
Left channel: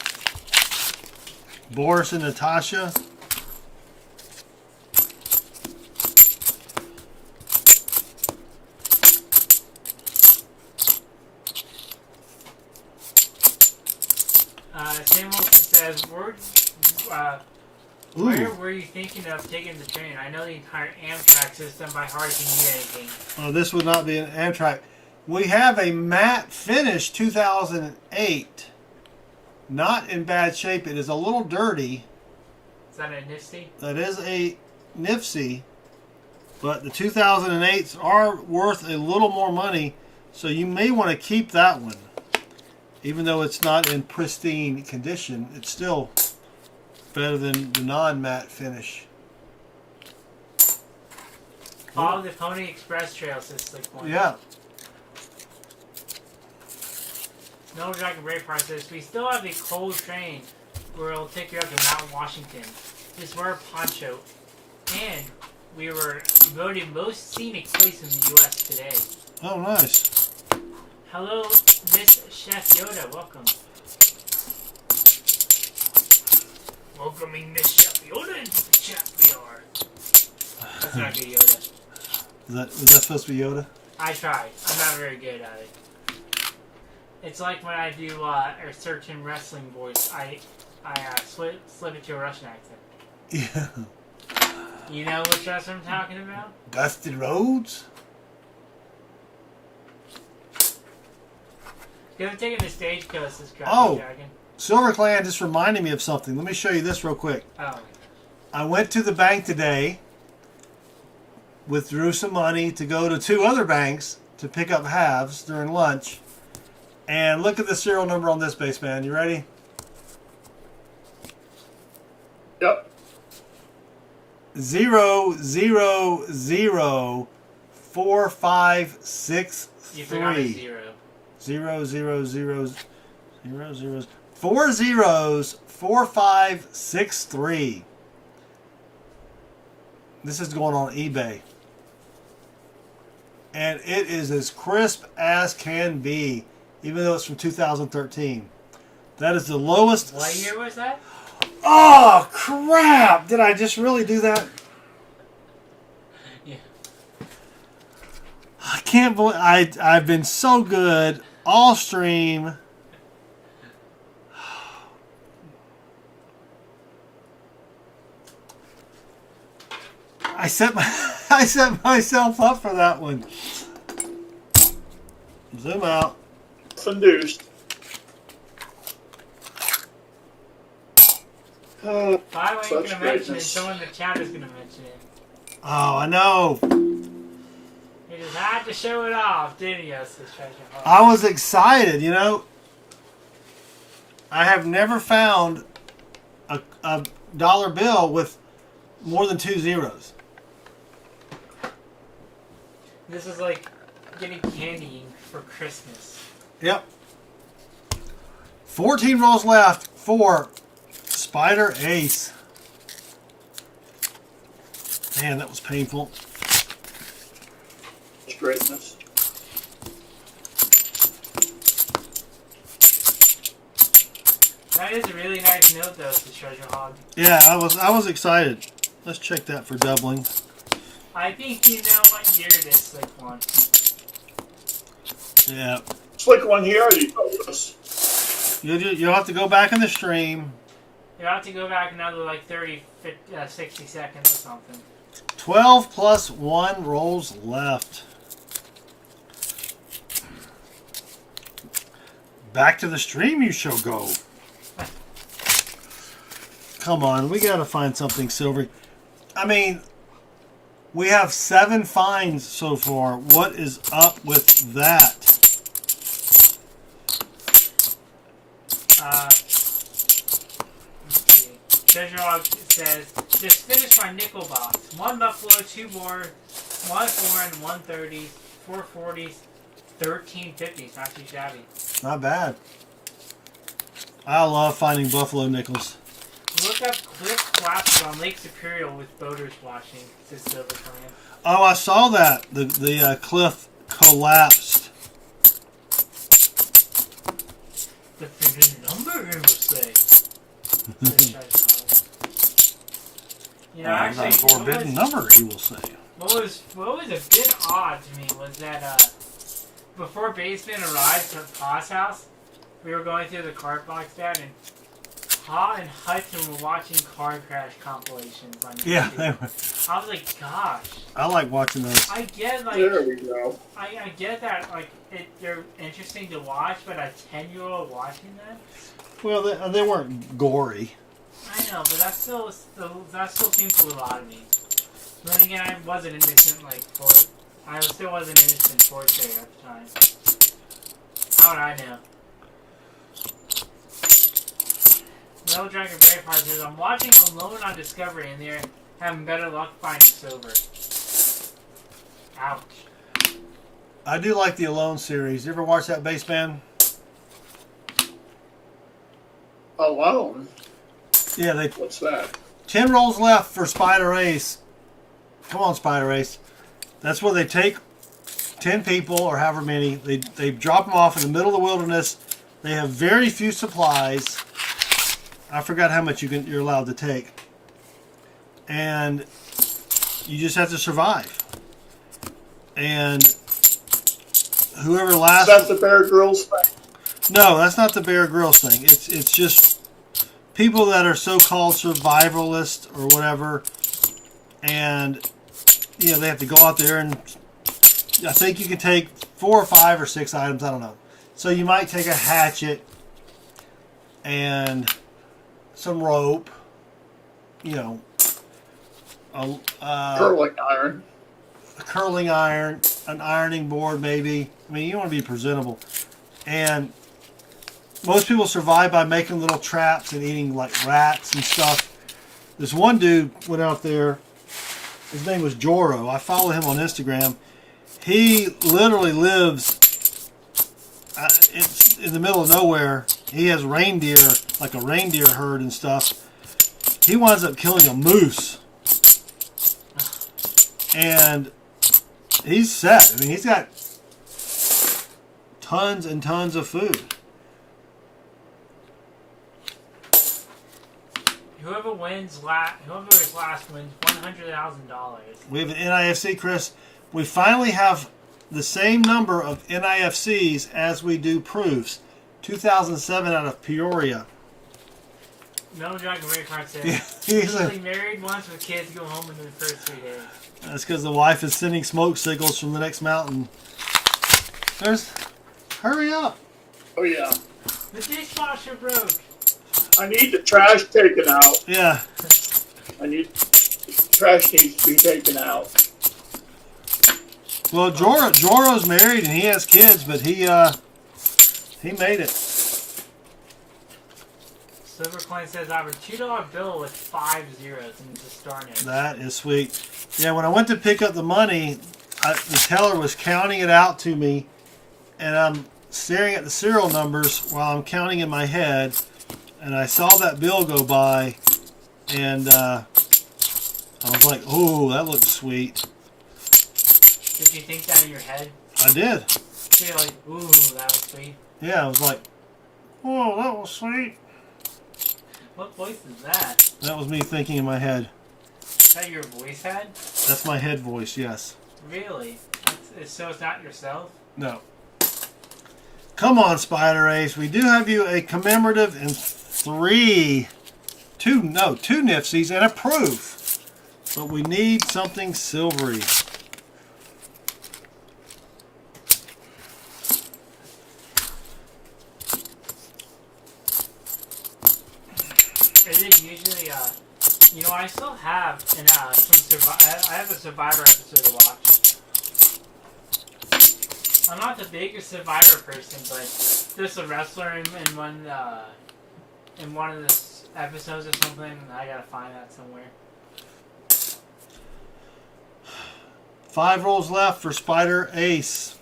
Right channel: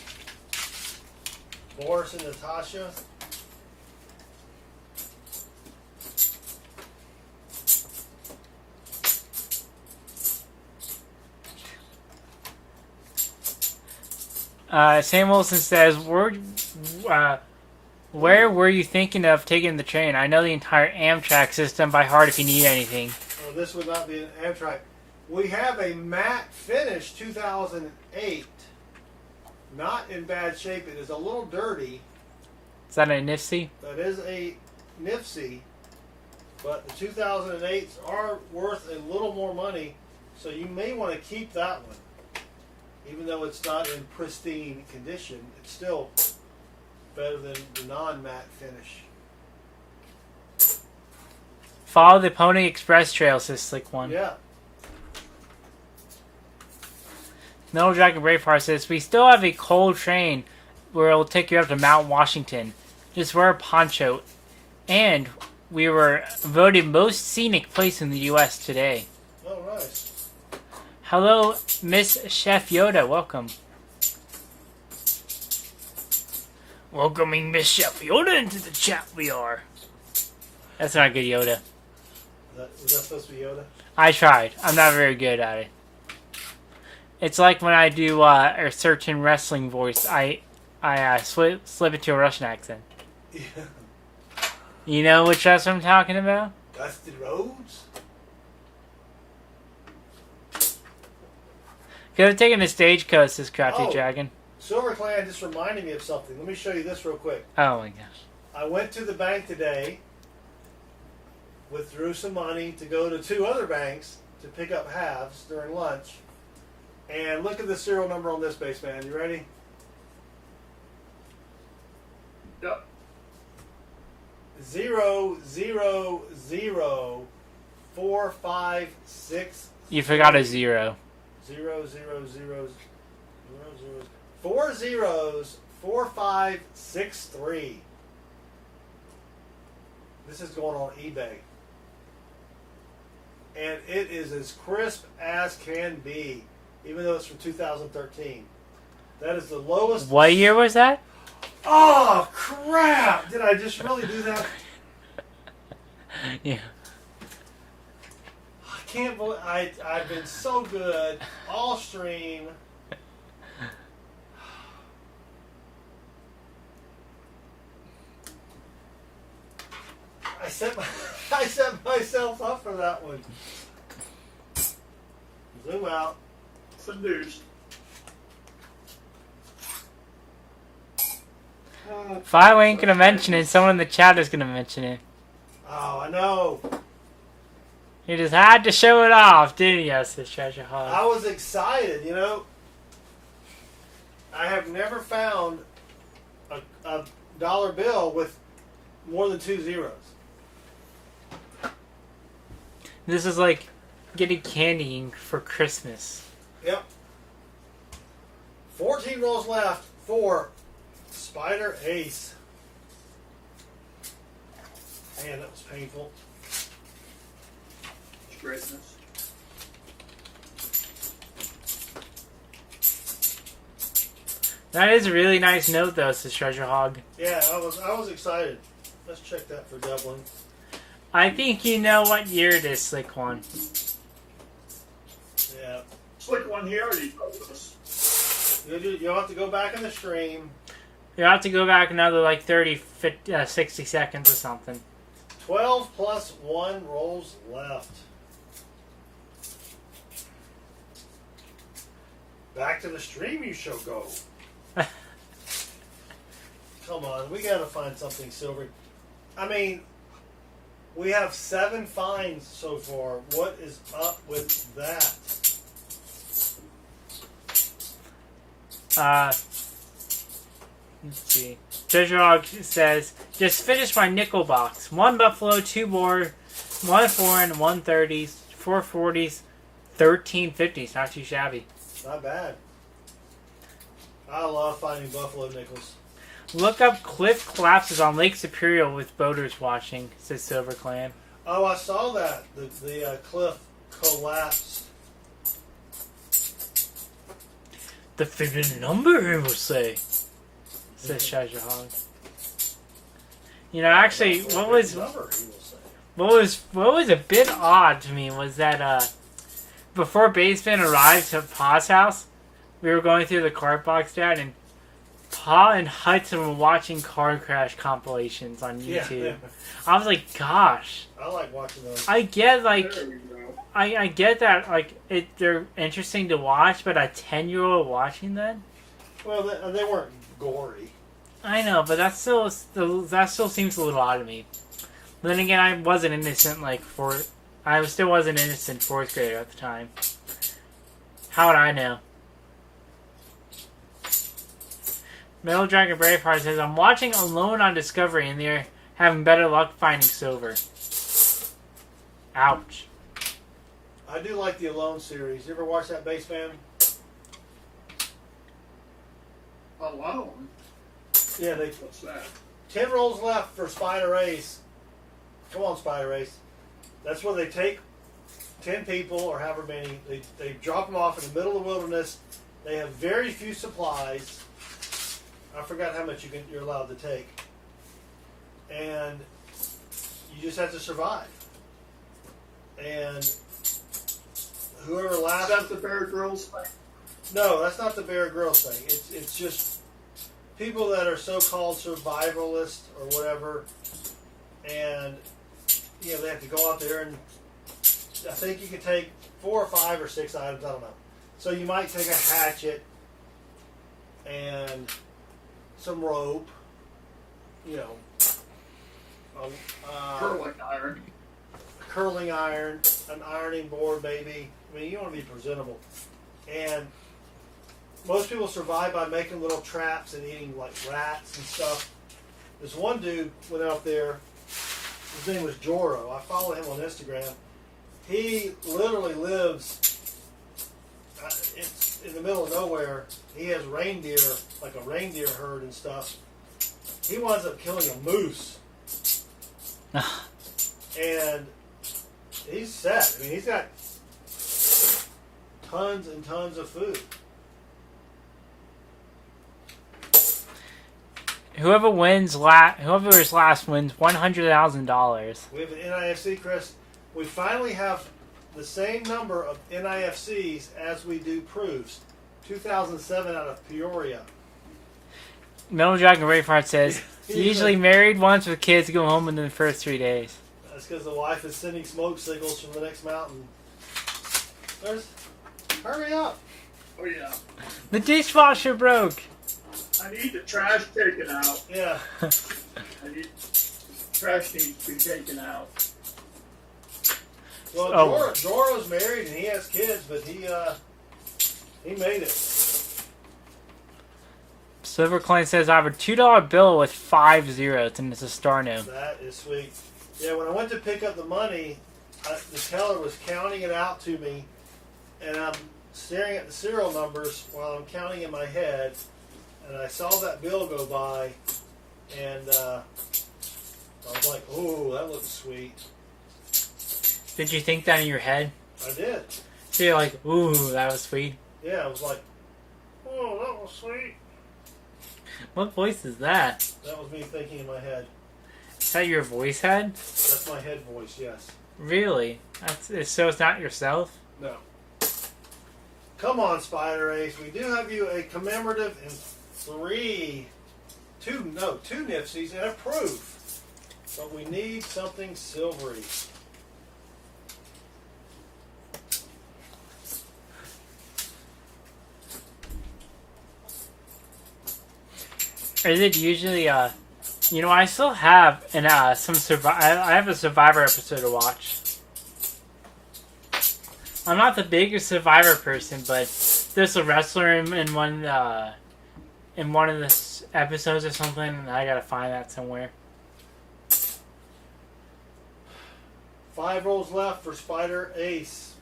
Boris and Natasha. Sam Wilson says, where were you thinking of taking the train? I know the entire Amtrak system by heart if you need anything. Oh, this would not be an Amtrak. We have a matte finish 2008. Not in bad shape. It is a little dirty. Is that a Nifty? That is a Nifty. But the 2008s are worth a little more money. So you may want to keep that one. Even though it's not in pristine condition, it's still better than the non-matte finish. Follow the Pony Express Trail, says Slick One. Yeah. No Dragon Braveheart says, we still have a cold train where it'll take you up to Mount Washington. Just wear a poncho. And we were voted most scenic place in the U.S. today. Oh, nice. Hello, Miss Chef Yoda. Welcome. Welcoming Miss Chef Yoda into the chat we are. That's not good, Yoda. Was that supposed to be Yoda? I tried. I'm not very good at it. It's like when I do a certain wrestling voice, I slip it to a Russian accent. Yeah. You know which wrestler I'm talking about? Dusty Rhodes? Could have taken a stagecoach, this crappy dragon. Silver Clan just reminded me of something. Let me show you this real quick. Oh my gosh. I went to the bank today, withdrew some money to go to 2 other banks to pick up halves during lunch. And look at the serial number on this base, man. You ready? Yep. 0004563. You forgot a 0. 4 zeros 4563. This is going on eBay. And it is as crisp as can be, even though it's from 2013. That is the lowest. What year was that? Oh, crap! Did I just really do that? Yeah. I can't believe I've been so good all stream. I set myself up for that one. Zoom out. Induced. Finally ain't gonna mention it. Someone in the chat is gonna mention it. Oh, I know. You just had to show it off, didn't you, this treasure hog? I was excited, you know. I have never found a dollar bill with more than 2 zeros. This is like getting candy for Christmas. Yep. 14 rolls left for Spider Ace. Man, that was painful. Greatness. That is a really nice note, though, this treasure hog. Yeah, I was excited. Let's check that for doubling. I think you know what year it is, Slick One. Yeah. Slick One, he already told us. You'll have to go back in the stream. You'll have to go back another like 30, 50, 60 seconds or something. 12 plus 1 rolls left. Back to the stream you shall go. Come on, we gotta find something silver. I mean, we have 7 finds so far. What is up with that? Let's see. Treasure Hog says, just finished my nickel box. 1 buffalo, 2 boar, 1 foreign, 1 30s, 4 40s, 13 50s. Not too shabby. Not bad. I love finding buffalo nickels. Look up cliff collapses on Lake Superior with boaters watching, says Silver Clan. Oh, I saw that. The cliff collapsed. The figured number, he will say, says Treasure Hog. You know, actually, what was number? He will say. What was a bit odd to me was that before Baseman arrived to Pa's house, we were going through the card box chat, and Pa and Hudson were watching car crash compilations on YouTube. Yeah, I was like, gosh. I like watching those. I get like There we go. I get that like they're interesting to watch, but a 10-year-old watching them. Well, they weren't gory. I know, but that still seems a little odd to me. But then again, I wasn't innocent I still wasn't innocent 4th grader at the time. How would I know? Metal Dragon Braveheart says, I'm watching Alone on Discovery and they're having better luck finding silver. Ouch. I do like the Alone series. You ever watch that bass band? Alone? Yeah, What's that? 10 rolls left for Spider Ace. Come on, Spider Ace. That's where they take 10 people or however many. They drop them off in the middle of the wilderness. They have very few supplies. I forgot how much you're allowed to take. And you just have to survive. And whoever lasts... Is that the Bear Grylls thing? No, that's not the Bear Grylls thing. It's just people that are so-called survivalists or whatever, and you know they have to go out there and I think you can take 4 or 5 or 6 items. I don't know. So you might take a hatchet and some rope, you know, Curling iron. a curling iron, an ironing board maybe. I mean, you want to be presentable. And most people survive by making little traps and eating like rats and stuff. This one dude went out there. His name was Joro. I follow him on Instagram. He literally lives it's in the middle of nowhere. He has reindeer, like a reindeer herd and stuff. He winds up killing a moose. And he's set. I mean, he's got tons and tons of food. Whoever's last wins $100,000. We have an NIFC, Chris. We finally have the same number of NIFCs as we do proofs. 2007 out of Peoria. Metal Dragon Braveheart says, usually married once with kids, go home in the first 3 days. That's because the wife is sending smoke signals from the next mountain. Hurry up. Oh yeah. The dishwasher broke. I need the trash taken out. Yeah. Trash needs to be taken out. Well, Joro's married and he has kids, but he made it. Silver Coin says, I have a $2 bill with 5 zeros, and it's a star note. That is sweet. Yeah, when I went to pick up the money, the teller was counting it out to me, and I'm staring at the serial numbers while I'm counting in my head, and I saw that bill go by, and I was like, oh, that looks sweet. Did you think that in your head? I did. So you're like, ooh, that was sweet. Yeah, I was like, oh, that was sweet. What voice is that? That was me thinking in my head. Is that your voice head? That's my head voice, yes. Really? So it's not yourself? No. Come on, Spider Ace. We do have you a commemorative and two Nifsies and a proof. But we need something silvery. Is it usually, you know, I still have I have a Survivor episode to watch. I'm not the biggest Survivor person, but there's a wrestler in one of the episodes or something, and I gotta find that somewhere. 5 rolls left for Spider Ace.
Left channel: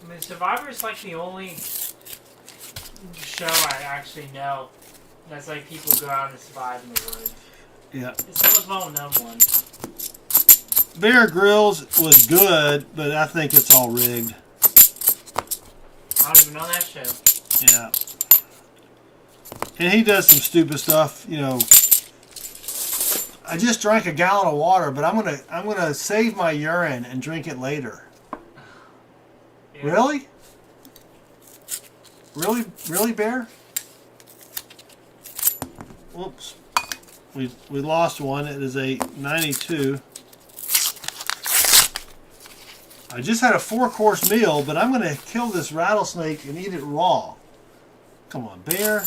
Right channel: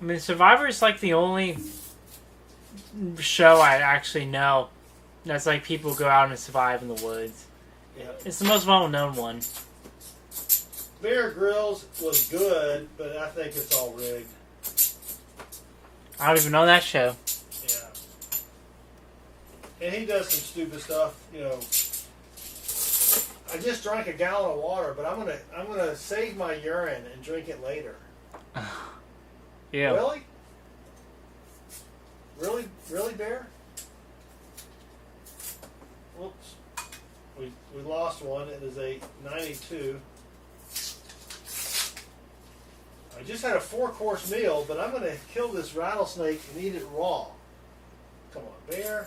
I mean, Survivor is like the only show I actually know that's like people go out and survive in the woods. Yeah. It's the most well-known one. Bear Grylls was good, but I think it's all rigged. I don't even know that show. Yeah. And he does some stupid stuff, you know. I just drank a gallon of water, but I'm gonna save my urine and drink it later. Yeah. Really? Really, Bear? Whoops. We lost one. It is a 92. I just had a 4-course meal, but I'm going to kill this rattlesnake and eat it raw. Come on, Bear.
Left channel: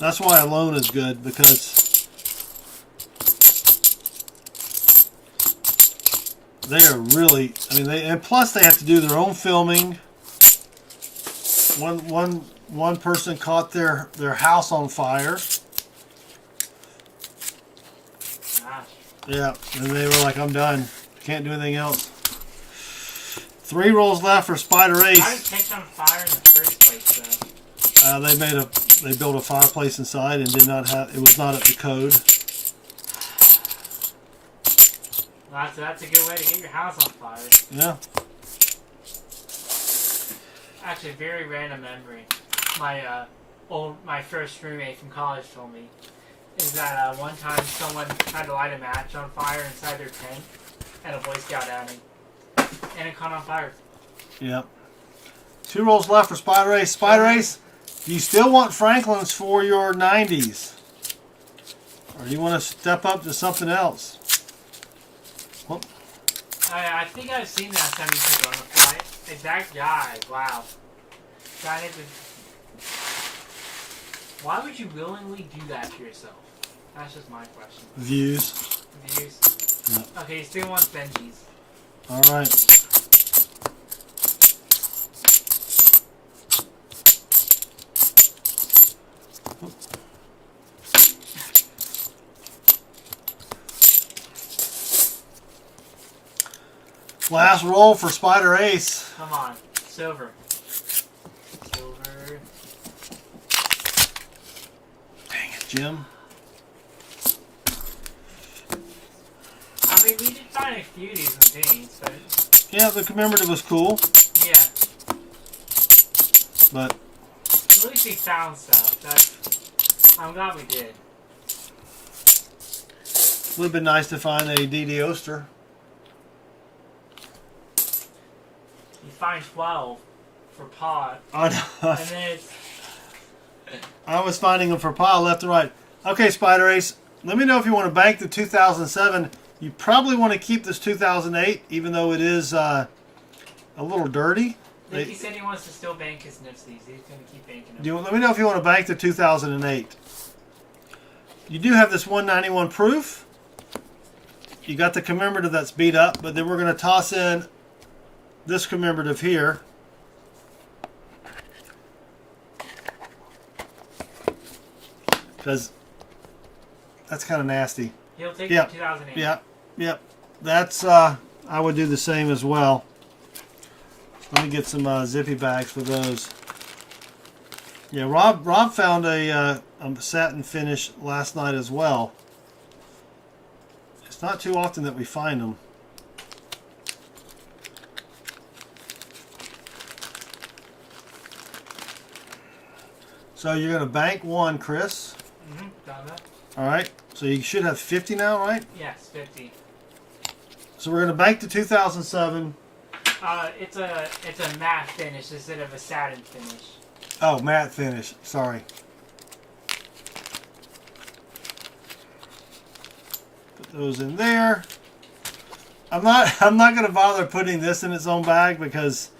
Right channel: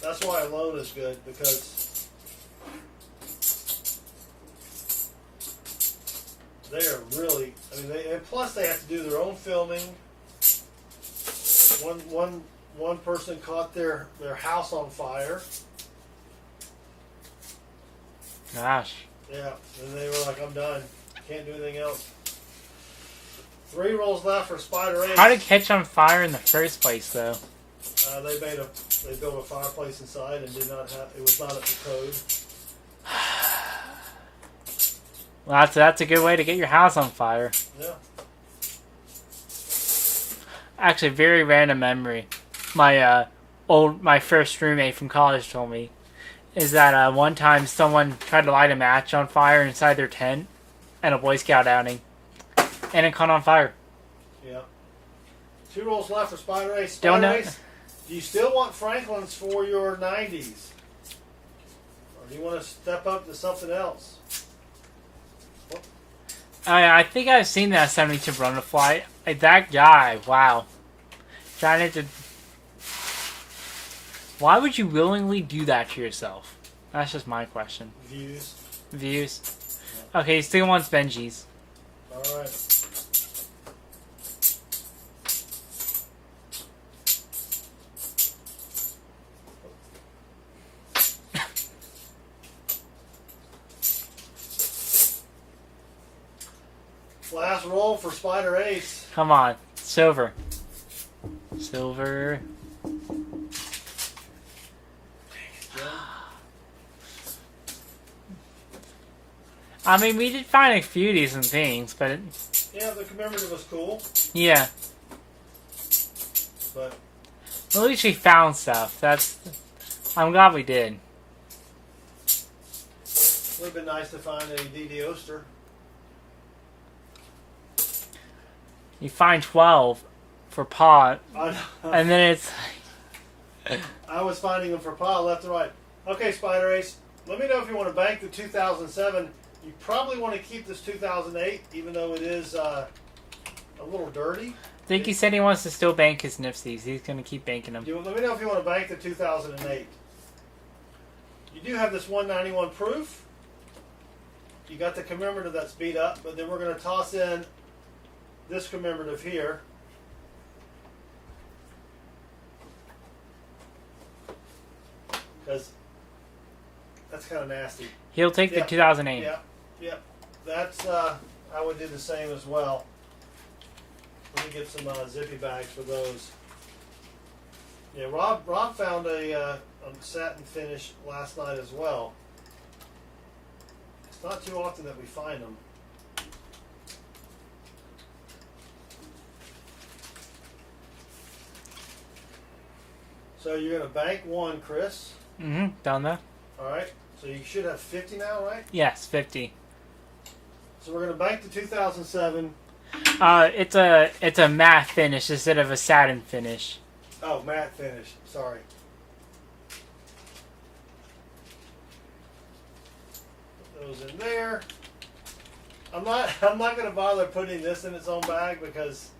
That's why alone is good, because they are really, I mean, and plus they have to do their own filming. One person caught their house on fire. Gosh. Yeah, and they were like, I'm done. Can't do anything else. 3 rolls left for Spider Ace. How did it catch on fire in the first place, though? They built a fireplace inside and it was not up to code. Well, that's a good way to get your house on fire. Yeah. Actually, very random memory. My first roommate from college told me is that one time someone tried to light a match on fire inside their tent, and a Boy Scout outing. And it caught on fire. Yep. 2 rolls left for Spider Ace. Spider Ace, do you still want Franklin's for your 90s? Or do you want to step up to something else? Well, I think I've seen that 72 run the fly. Like, that guy, wow. Trying to... Why would you willingly do that to yourself? That's just my question. Views. Views. Yep. Okay, he still wants Benji's. All right. Last roll for Spider Ace. Come on. Silver. Silver. Dang it, Jim. I mean, we did find a few decent things, but... Yeah, the commemorative was cool, Yeah. but At least we found stuff. I'm glad we did. it would have been nice to find a DD Oster. You find 12 for pot, I know. and then it's... I was finding them for pile left and right. Okay, Spider Ace, let me know if you want to bank the 2007. You probably want to keep this 2008, even though it is a little dirty. I think he said he wants to still bank his Nipsies. He's going to keep banking them. Let me know if you want to bank the 2008. You do have this 191 proof. You got the commemorative that's beat up, but then we're going to toss in this commemorative here. Because that's kind of nasty. He'll take the 2008. Yep. That's, I would do the same as well. Let me get some zippy bags for those. Yeah, Rob found a satin finish last night as well. It's not too often that we find them. So you're going to bank 1, Chris. Mm-hmm. Done that? All right. So you should have 50 now, right? Yes, 50. So we're going to bank the 2007. It's a matte finish instead of a satin finish. Oh, matte finish. Sorry. Put those in there. I'm not going to bother putting this in its own bag because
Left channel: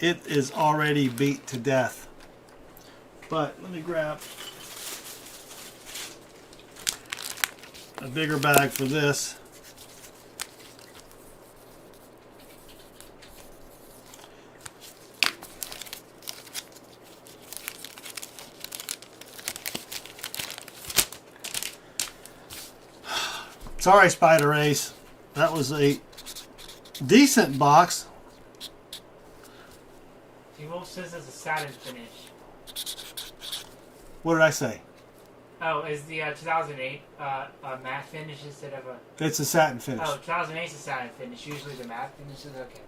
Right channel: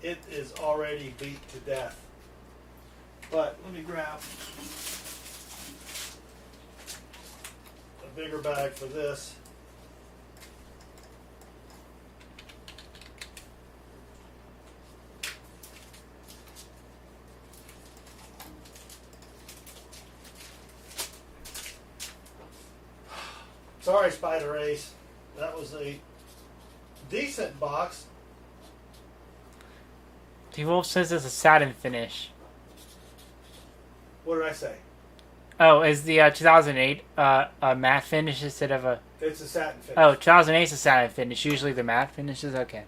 it is already beat to death. But let me grab a bigger bag for this. Sorry, Spider Ace. That was a decent box. T-Wolf says it's a satin finish. What did I say? Oh, is the 2008 a matte finish instead of a... It's a satin finish. Oh, 2008 is a satin finish. Usually the matte finish is okay.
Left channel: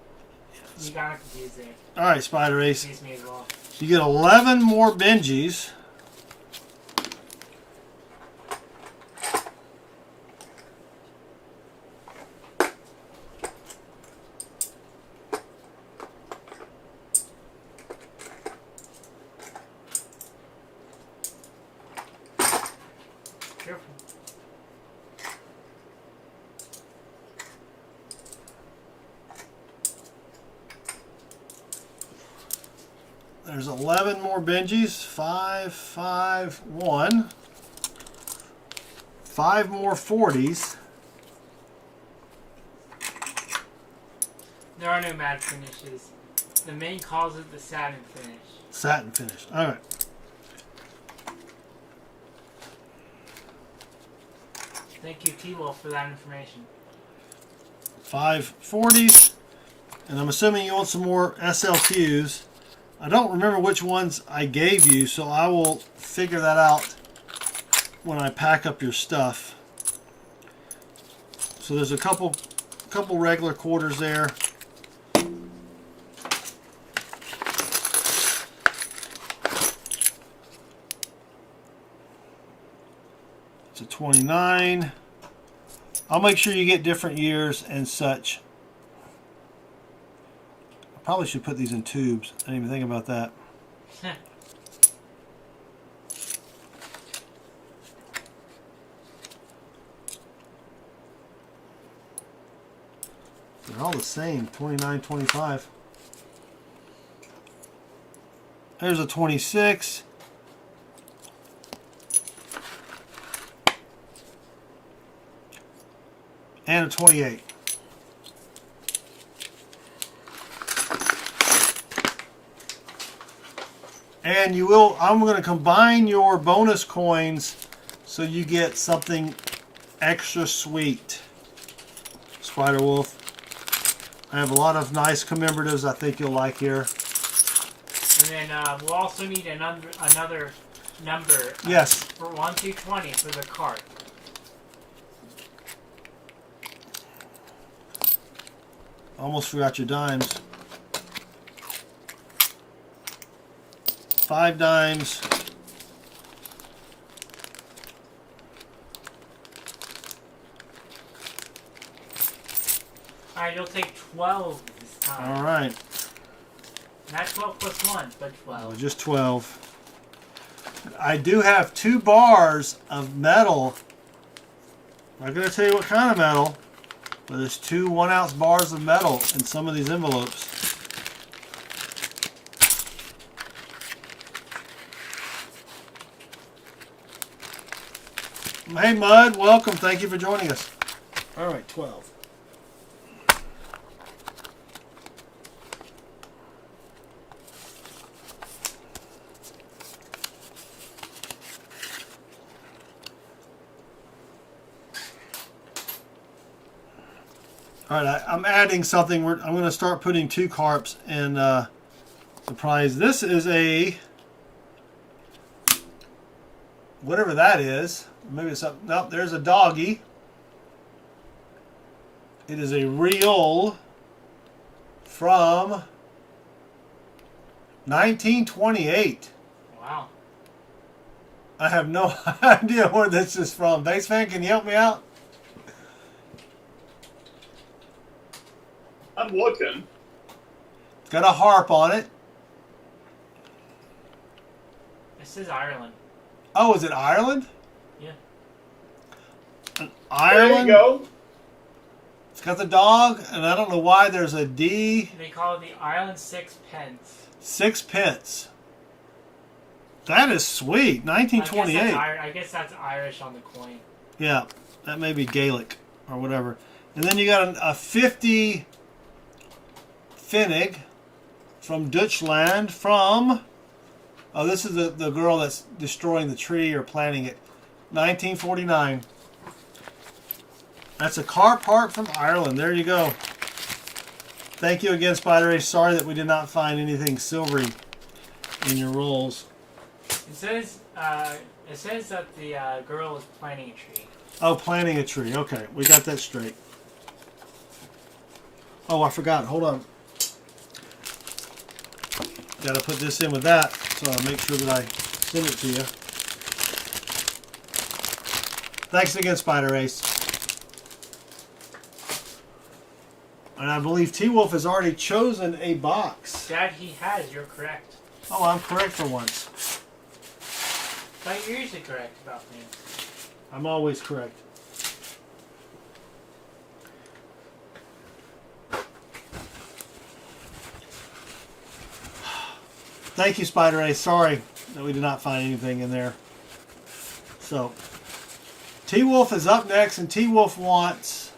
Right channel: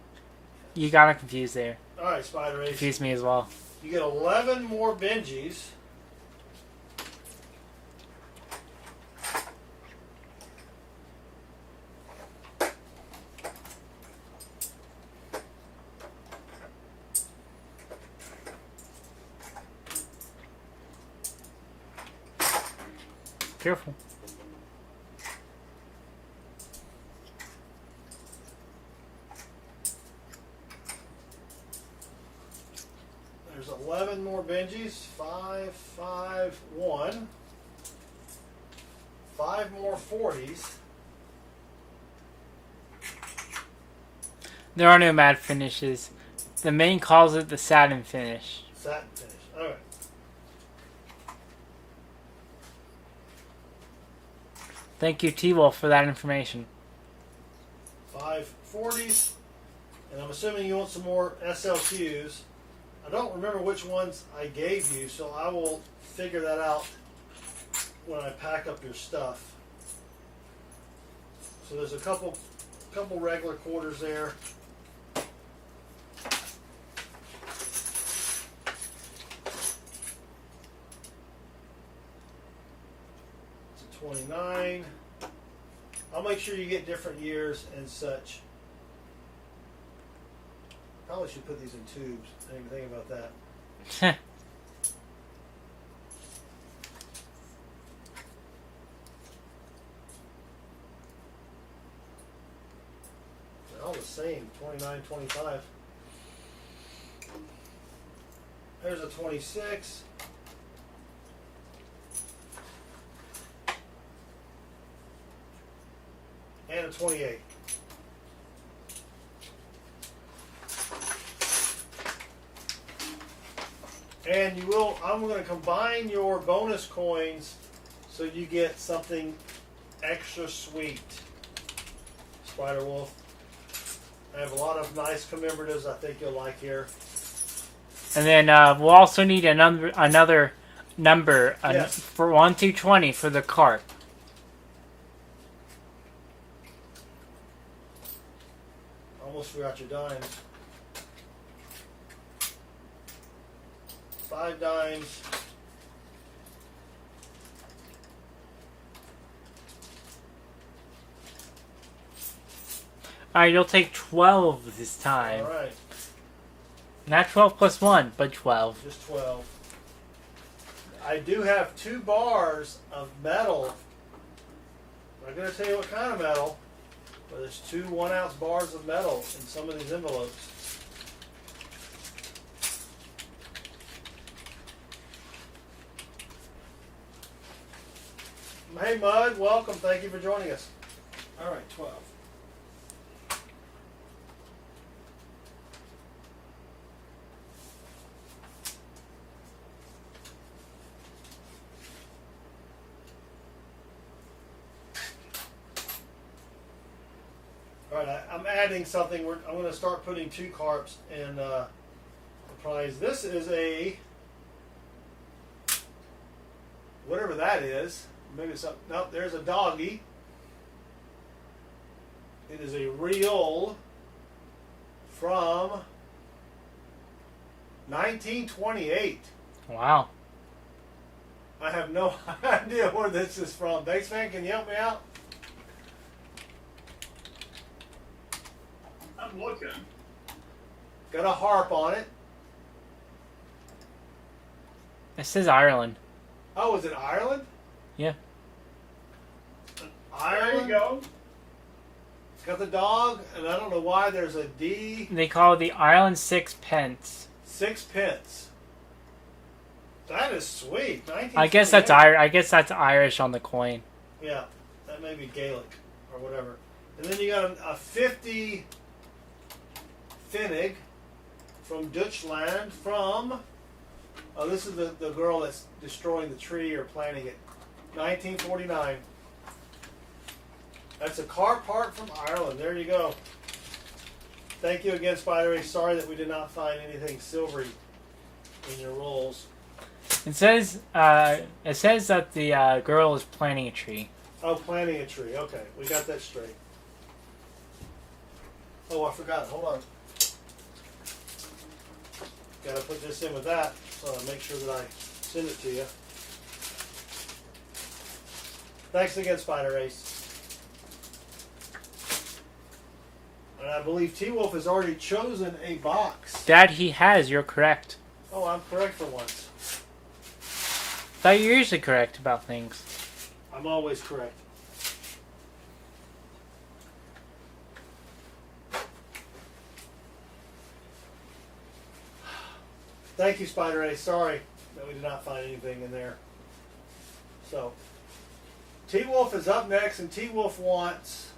You got it confused there. All right, Spider Ace. Excuse me as well. You get 11 more Benjis. Careful. There's 11 more Benjis. 5, 5, 1. 5 more 40s. There are no matte finishes. The main calls it the satin finish. Satin finish. All right. Thank you, T-Wolf, for that information. 5 40s. And I'm assuming you want some more SLQs. I don't remember which ones I gave you, so I will figure that out when I pack up your stuff. So there's a couple regular quarters there. It's a 29. I'll make sure you get different years and such. Probably should put these in tubes. I didn't even think about that. They're all the same. 29, 25. There's a 26. And a 28. And you will, I'm going to combine your bonus coins so you get something extra sweet. Spider Wolf. I have a lot of nice commemoratives I think you'll like here. And then we'll also need another number. Yes. For 1 through 20 for the cart. Almost forgot your dimes. 5 dimes. Alright, you'll take 12 this time. Alright. Not 12 plus 1, but 12. Just 12. I do have 2 bars of metal. I'm not going to tell you what kind of metal, but there's 2 1-ounce bars of metal in some of these envelopes. Hey Mud, welcome. Thank you for joining us. Alright, 12. All right, I'm adding something. I'm going to start putting 2 carps in the prize. This is a, whatever that is. Maybe it's up. Nope, there's a doggy. It is a reel from 1928. Wow. I have no idea where this is from. Base fan, can you help me out? I'm looking. It's got a harp on it. It says Ireland. Oh, is it Ireland? Yeah. Ireland. There you go. It's got the dog, and I don't know why there's a D. They call it the Ireland Sixpence. 6 pence. That is sweet. 1928. I guess that's Irish on the coin. Yeah, that may be Gaelic or whatever. And then you got a 50 Finnig from Dutchland from... Oh, this is the girl that's destroying the tree or planting it. 1949. That's a car part from Ireland. There you go. Thank you again, Spider Ace. Sorry that we did not find anything silvery in your rolls. It says that the girl is planting a tree. Oh, planting a tree. Okay, we got that straight. Oh, I forgot. Hold on. Got to put this in with that, so I'll make sure that I send it to you. Thanks again, Spider Ace. And I believe T-Wolf has already chosen a box. Dad, he has. You're correct. Oh, I'm correct for once. Thought you're usually correct about things. I'm always correct. Thank you, Spider Ace. Sorry that we did not find anything in there. So, T-Wolf is up next, and T-Wolf wants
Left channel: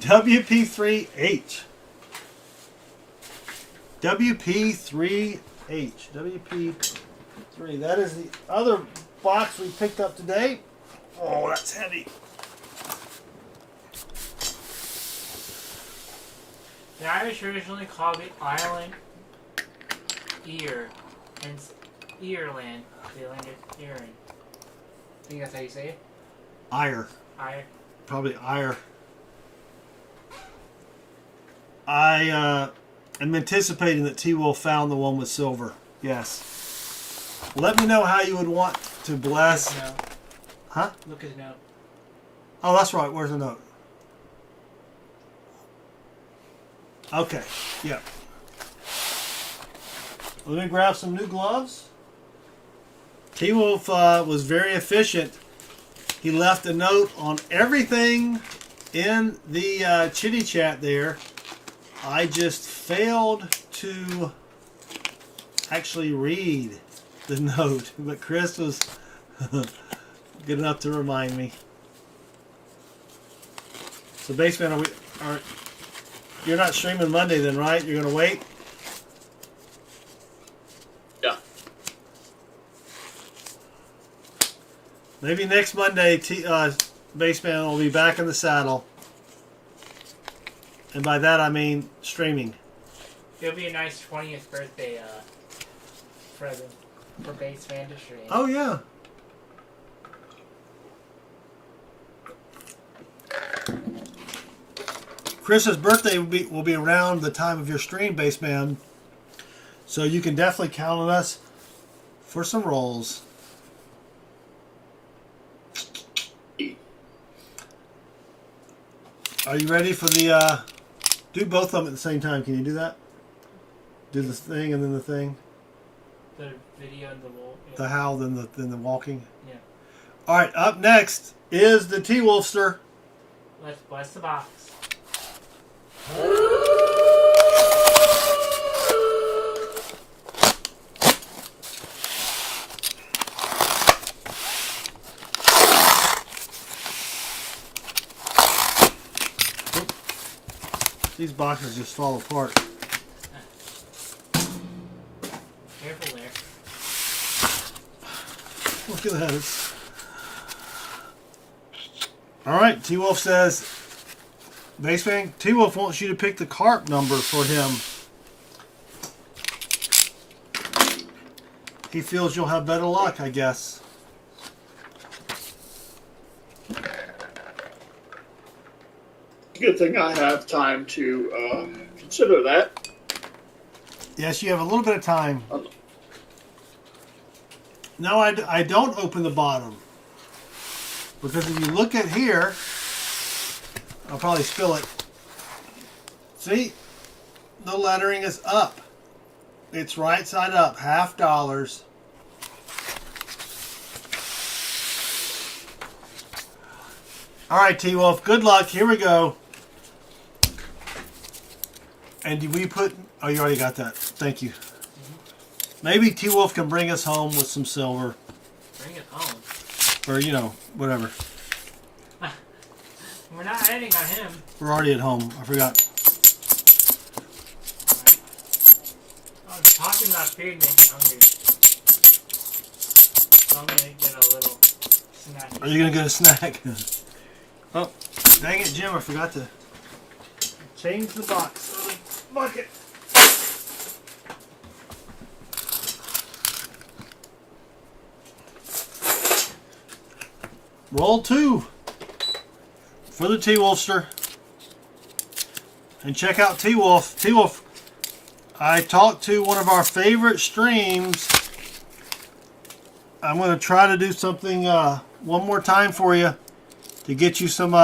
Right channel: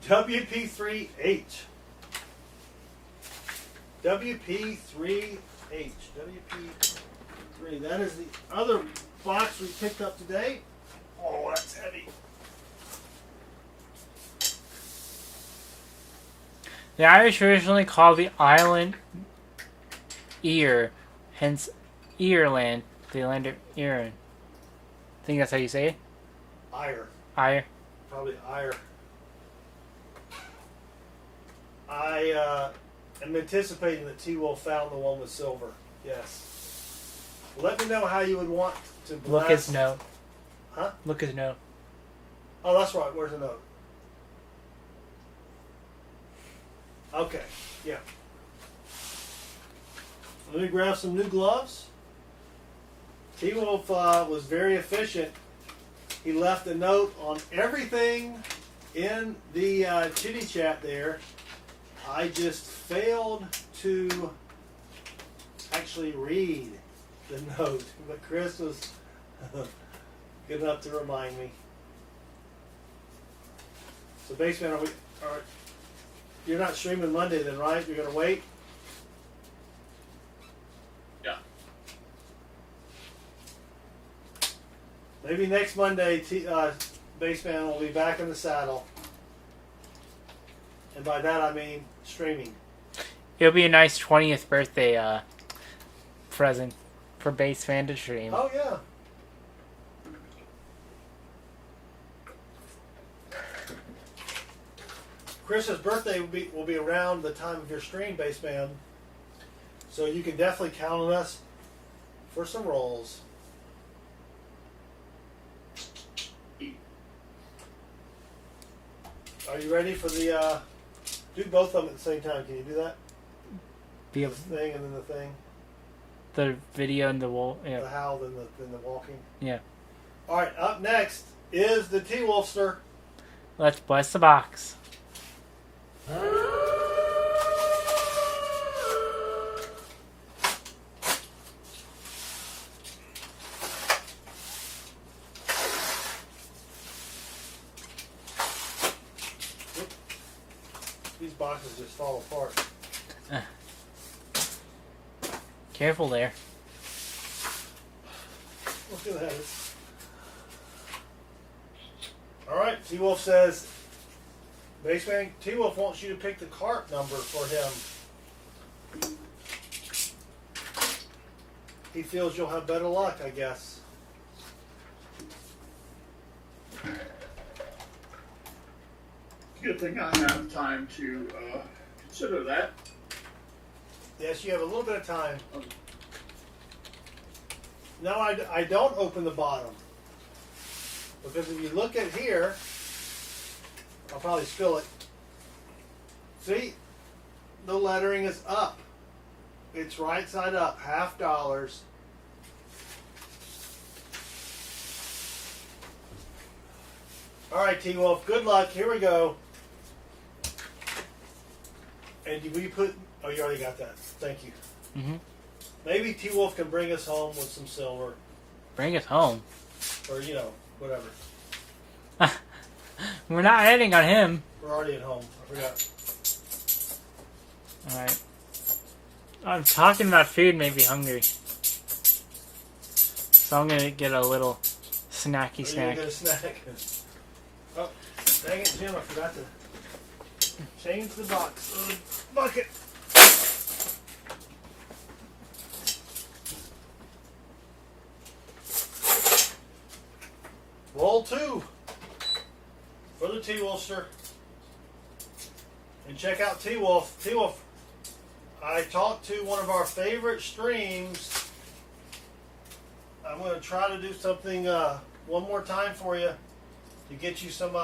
WP3H. WP3H. WP3. That is the other box we picked up today. Oh, that's heavy. The Irish originally called the island Ear, hence Ireland, the land of Ireland. I think that's how you say it? Ire. Ire. Probably ire. I am anticipating that T-Wolf found the one with silver. Yes. Let me know how you would want to bless. Look at the note. Huh? Look at the note. Oh, that's right. Where's the note? Okay, yeah. Let me grab some new gloves. T-Wolf was very efficient. He left a note on everything in the chitty chat there. I just failed to actually read the note, but Chris was good enough to remind me. So, Baseman, you're not streaming Monday then, right? You're going to wait? Yeah. Maybe next Monday, Baseman will be back in the saddle. And by that, I mean streaming. It'll be a nice 20th birthday present for Base Fan to stream. Oh, yeah. Chris's birthday will be around the time of your stream, Baseman. So you can definitely count on us for some rolls. Are you ready for the... do both of them at the same time. Can you do that? Do the thing and then the thing. The video and the wall. Yeah. The howl, then the walking. Yeah. All right, up next is the T-Wolfster. Let's bless the box. These boxes just fall apart. Careful there. Look at that. All right, T-Wolf says, Baseman, T-Wolf wants you to pick the carp number for him. He feels you'll have better luck, I guess. Good thing I have time to consider that. Yes, you have a little bit of time. No, I don't open the bottom. Because if you look at here, I'll probably spill it. See? The lettering is up. It's right side up, $50. All right, T-Wolf, good luck. Here we go. And did we put... Oh, you already got that. Thank you. Mm-hmm. Maybe T-Wolf can bring us home with some silver. Bring us home. Or, you know, whatever. We're not heading on him. We're already at home. I forgot. Alright. I'm talking about food made me hungry. So I'm gonna get a little snacky Are you going to get a snack? Oh. Dang it, Jim. I forgot to change the box on the bucket. Roll 2 for the T-Wolfster. And check out T-Wolf. T-Wolf, I talked to one of our favorite streams. I'm going to try to do something one more time for you to get you some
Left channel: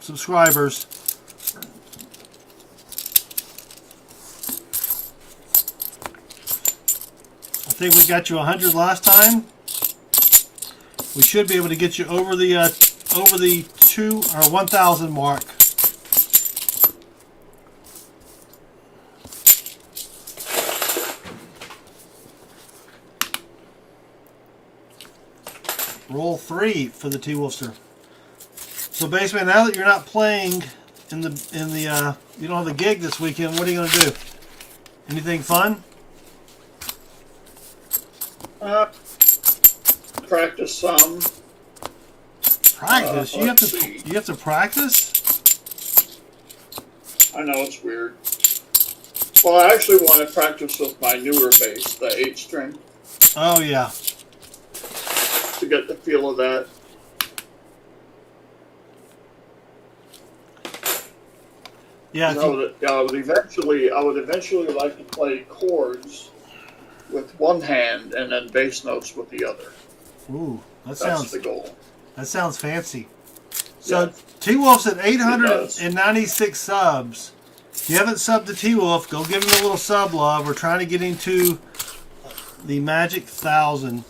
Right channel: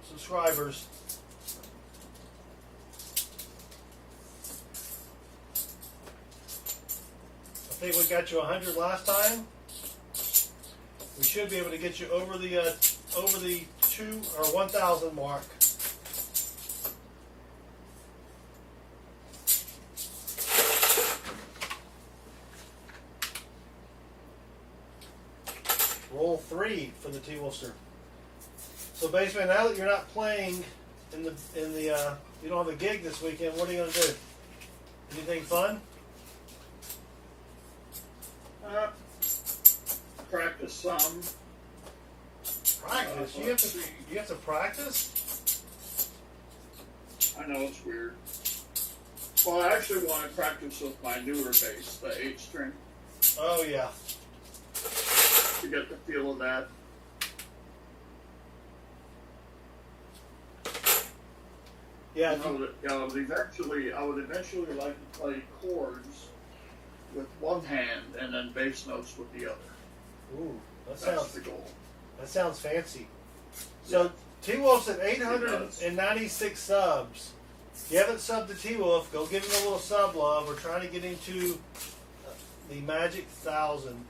subscribers. I think we got you 100 last time. We should be able to get you over the 1,000 mark. Roll 3 for the T-Wolfster. So, Baseman, now that you're not playing in the you don't have the gig this weekend, what are you going to do? Anything fun? Practice some. Practice? You have to practice? I know it's weird. Well, I actually want to practice with my newer bass, the 8-string, Oh yeah. to get the feel of that. Yeah. I would eventually like to play chords with one hand and then bass notes with the other. Ooh, That's the goal. that sounds fancy. So T-Wolf's at It 896 subs. If you haven't subbed to T-Wolf, go give him a little sub love. We're trying to get into the magic 1,000.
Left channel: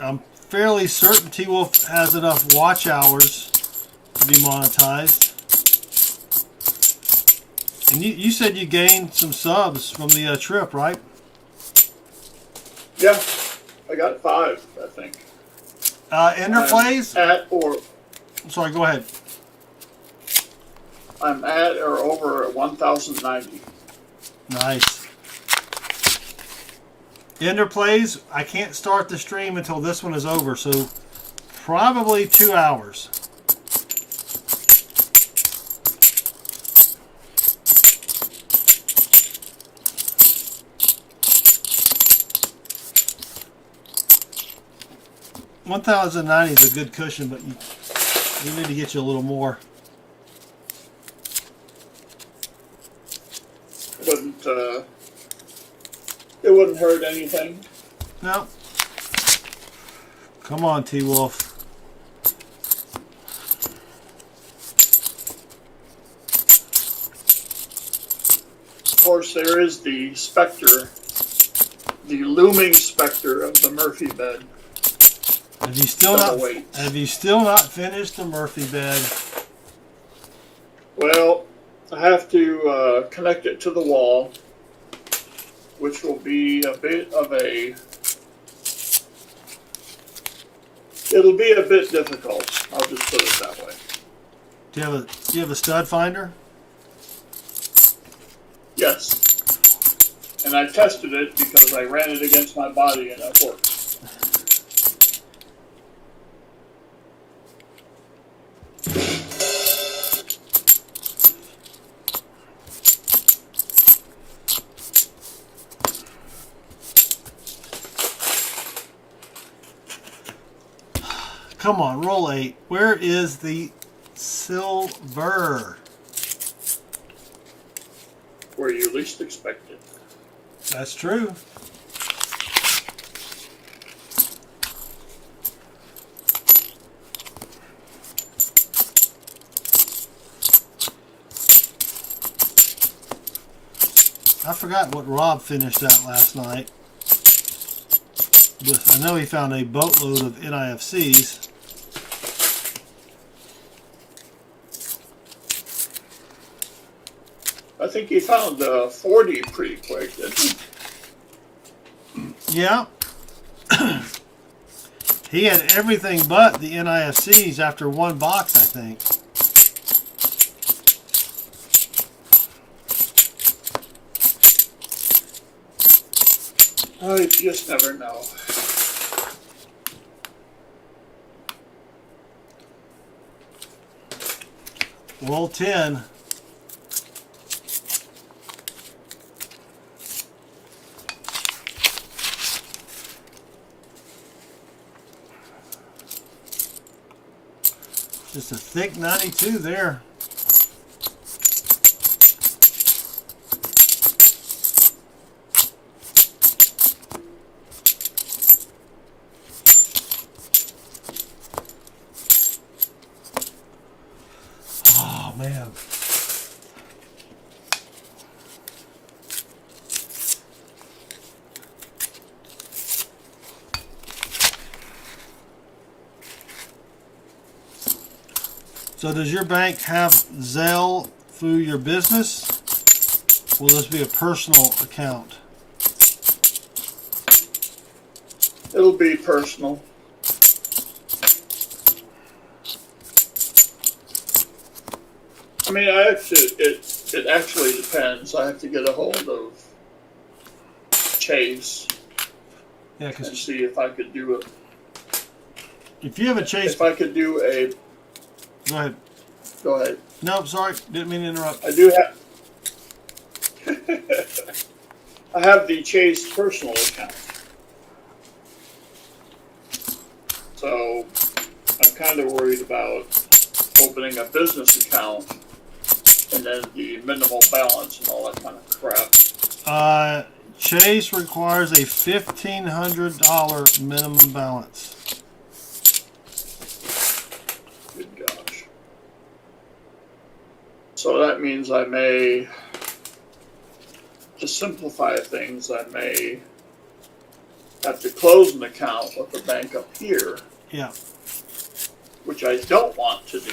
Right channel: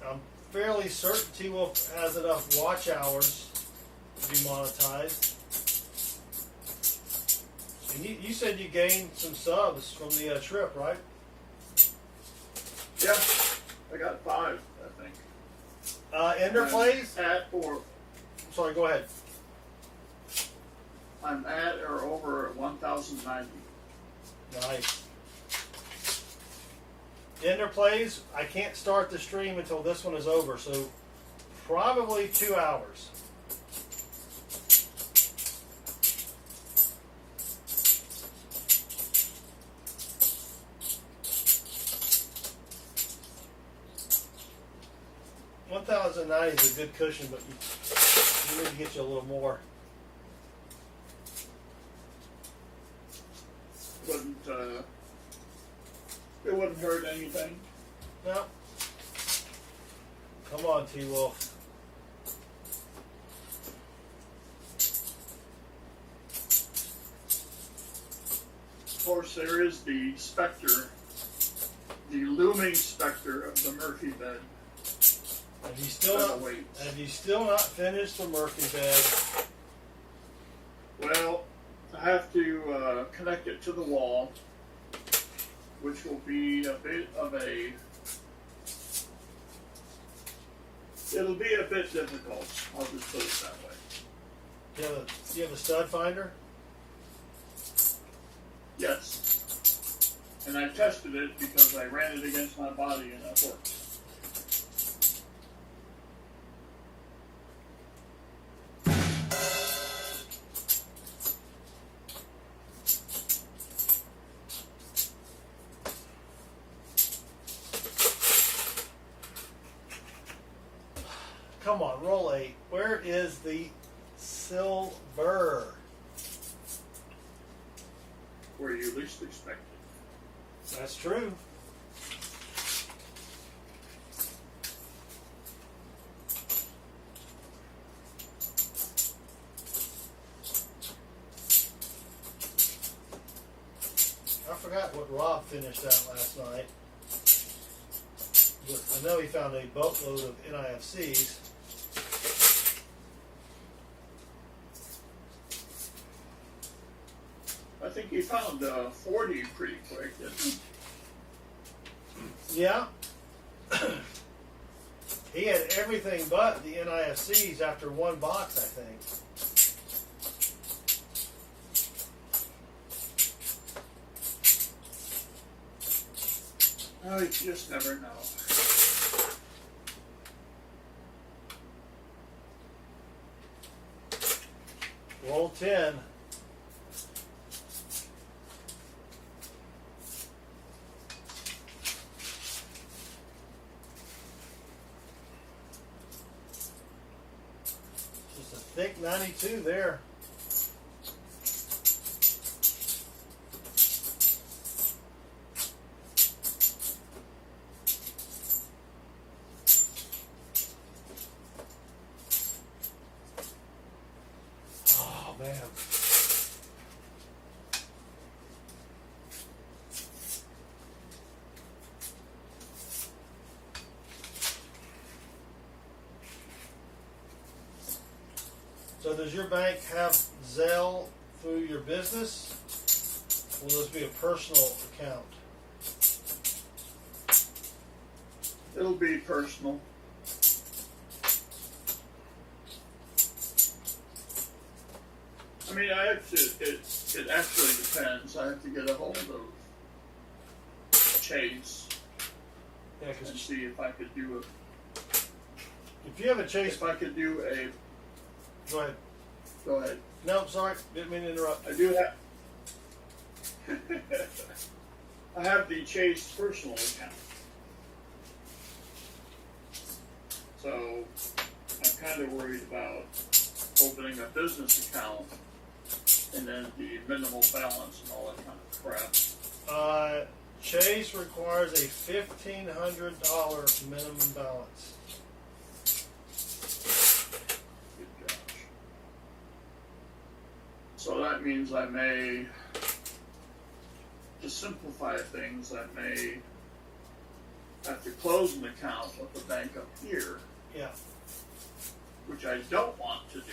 I'm fairly certain T-Wolf has enough watch hours to be monetized. And you said you gained some subs from the trip, right? Yeah, I got 5, I think. Ender plays? Sorry, go ahead. I'm at or over at 1,090. Nice. Ender plays, I can't start the stream until this one is over, so probably 2 hours. $1,090 is a good cushion, but you need to get you a little more. It wouldn't hurt anything. No. Come on, T-Wolf. Of course, there is the specter, the looming specter of the Murphy bed. Have you still not finished the Murphy bed? Well, I have to connect it to the wall, which will be a bit of a... It'll be a bit difficult. I'll just put it that way. Do you have a stud finder? Yes. And I tested it because I ran it against my body and it worked. Come on, roll 8. Where is the silver? Where you least expect it. That's true. I forgot what Rob finished at last night. But I know he found a boatload of NIFCs. I think he found 40 pretty quick, didn't he? Yeah. He had everything but the NIFCs after one box, I think. Oh, you just never know. Roll 10. Just a thick 92 there. Oh, man. So does your bank have Zelle through your business? Will this be a personal account? It'll be personal. I mean, it actually depends. I have to get a hold of Chase Yeah, and see if I could do it. if you have a Chase... If I could do a... Go ahead. Go ahead. No, sorry. Didn't mean to interrupt. I do have... I have the Chase personal account. So, I'm kind of worried about opening a business account and then the minimal balance and all that kind of crap. Chase requires a $1,500 minimum balance. Good gosh. So that means I may, to simplify things, I may have to close an account with the bank up here, Yeah. which I don't want to do.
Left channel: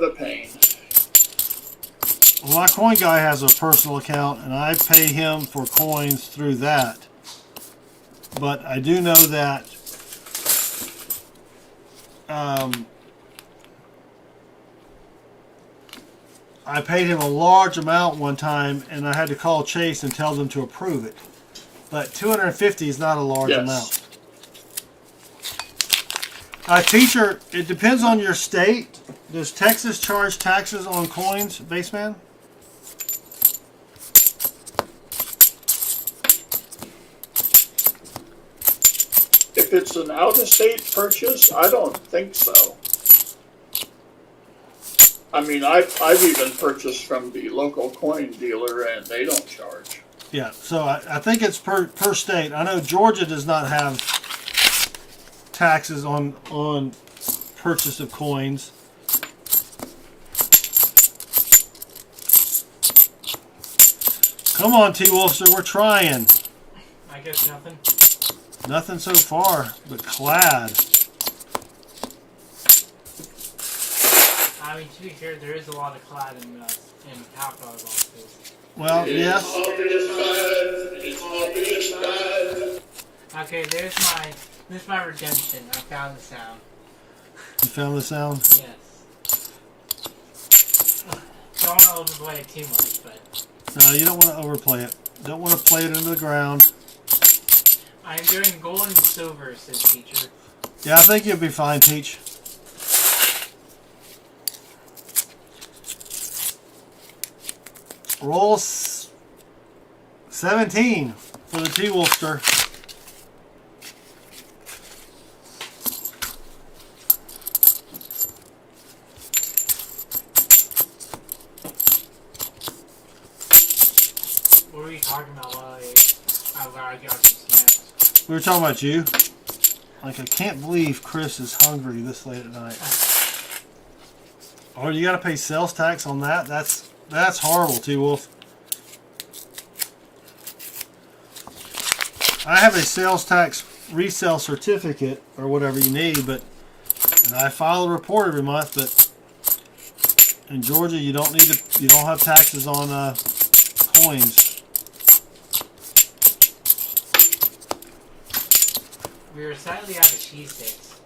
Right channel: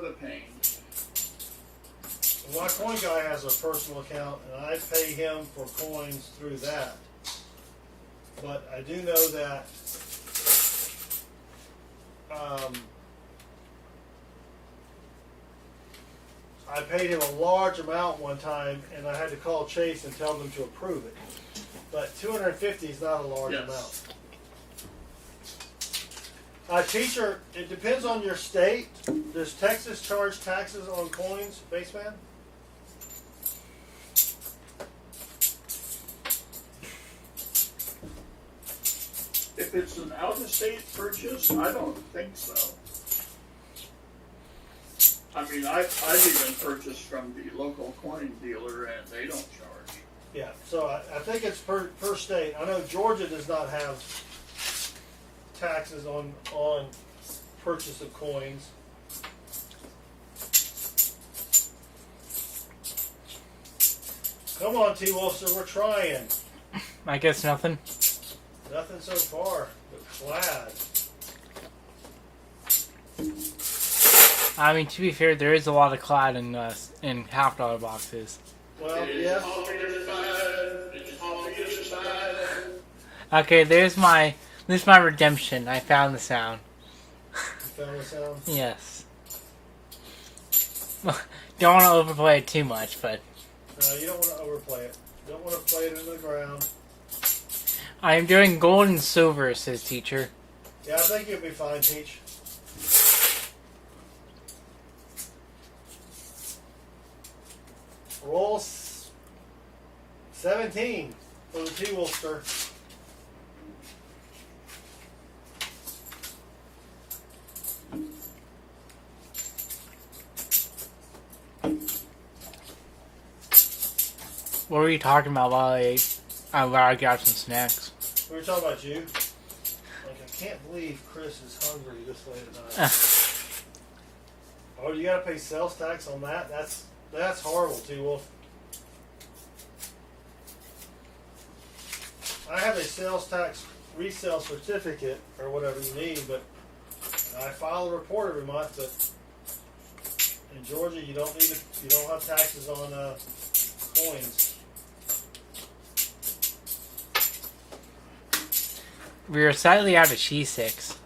The pain. Well, my coin guy has a personal account, and I pay him for coins through that. But I do know that I paid him a large amount one time, and I had to call Chase and tell them to approve it. But 250 is not a large amount. Teacher, it depends on your state. Does Texas charge taxes on coins, Baseman? If it's an out-of-state purchase, I don't think so. I mean, I've even purchased from the local coin dealer, and they don't charge. Yeah, so I think it's per state. I know Georgia does not have taxes on purchase of coins. Come on, T. Wolfster, we're trying. I guess nothing. Nothing so far, but clad. I mean, to be fair, there is a lot of clad in $50 boxes. Well, yes. Okay, there's my redemption. I found the sound. You found the sound? Yes. Don't want to overplay it too much, but No, you don't want to overplay it. Don't want to play it into the ground. I am doing gold and silver, says teacher. Yeah, I think you'll be fine, Teach. Roll 17 for the T. Wolfster. What were you talking about while I got some snacks? We were talking about you. Like, I can't believe Chris is hungry this late at night. Oh, you gotta pay sales tax on that? That's horrible, T-Wolf. I have a sales tax resale certificate, or whatever you need, but and I file a report every month, but in Georgia you don't have taxes on coins. We are slightly out of cheese sticks.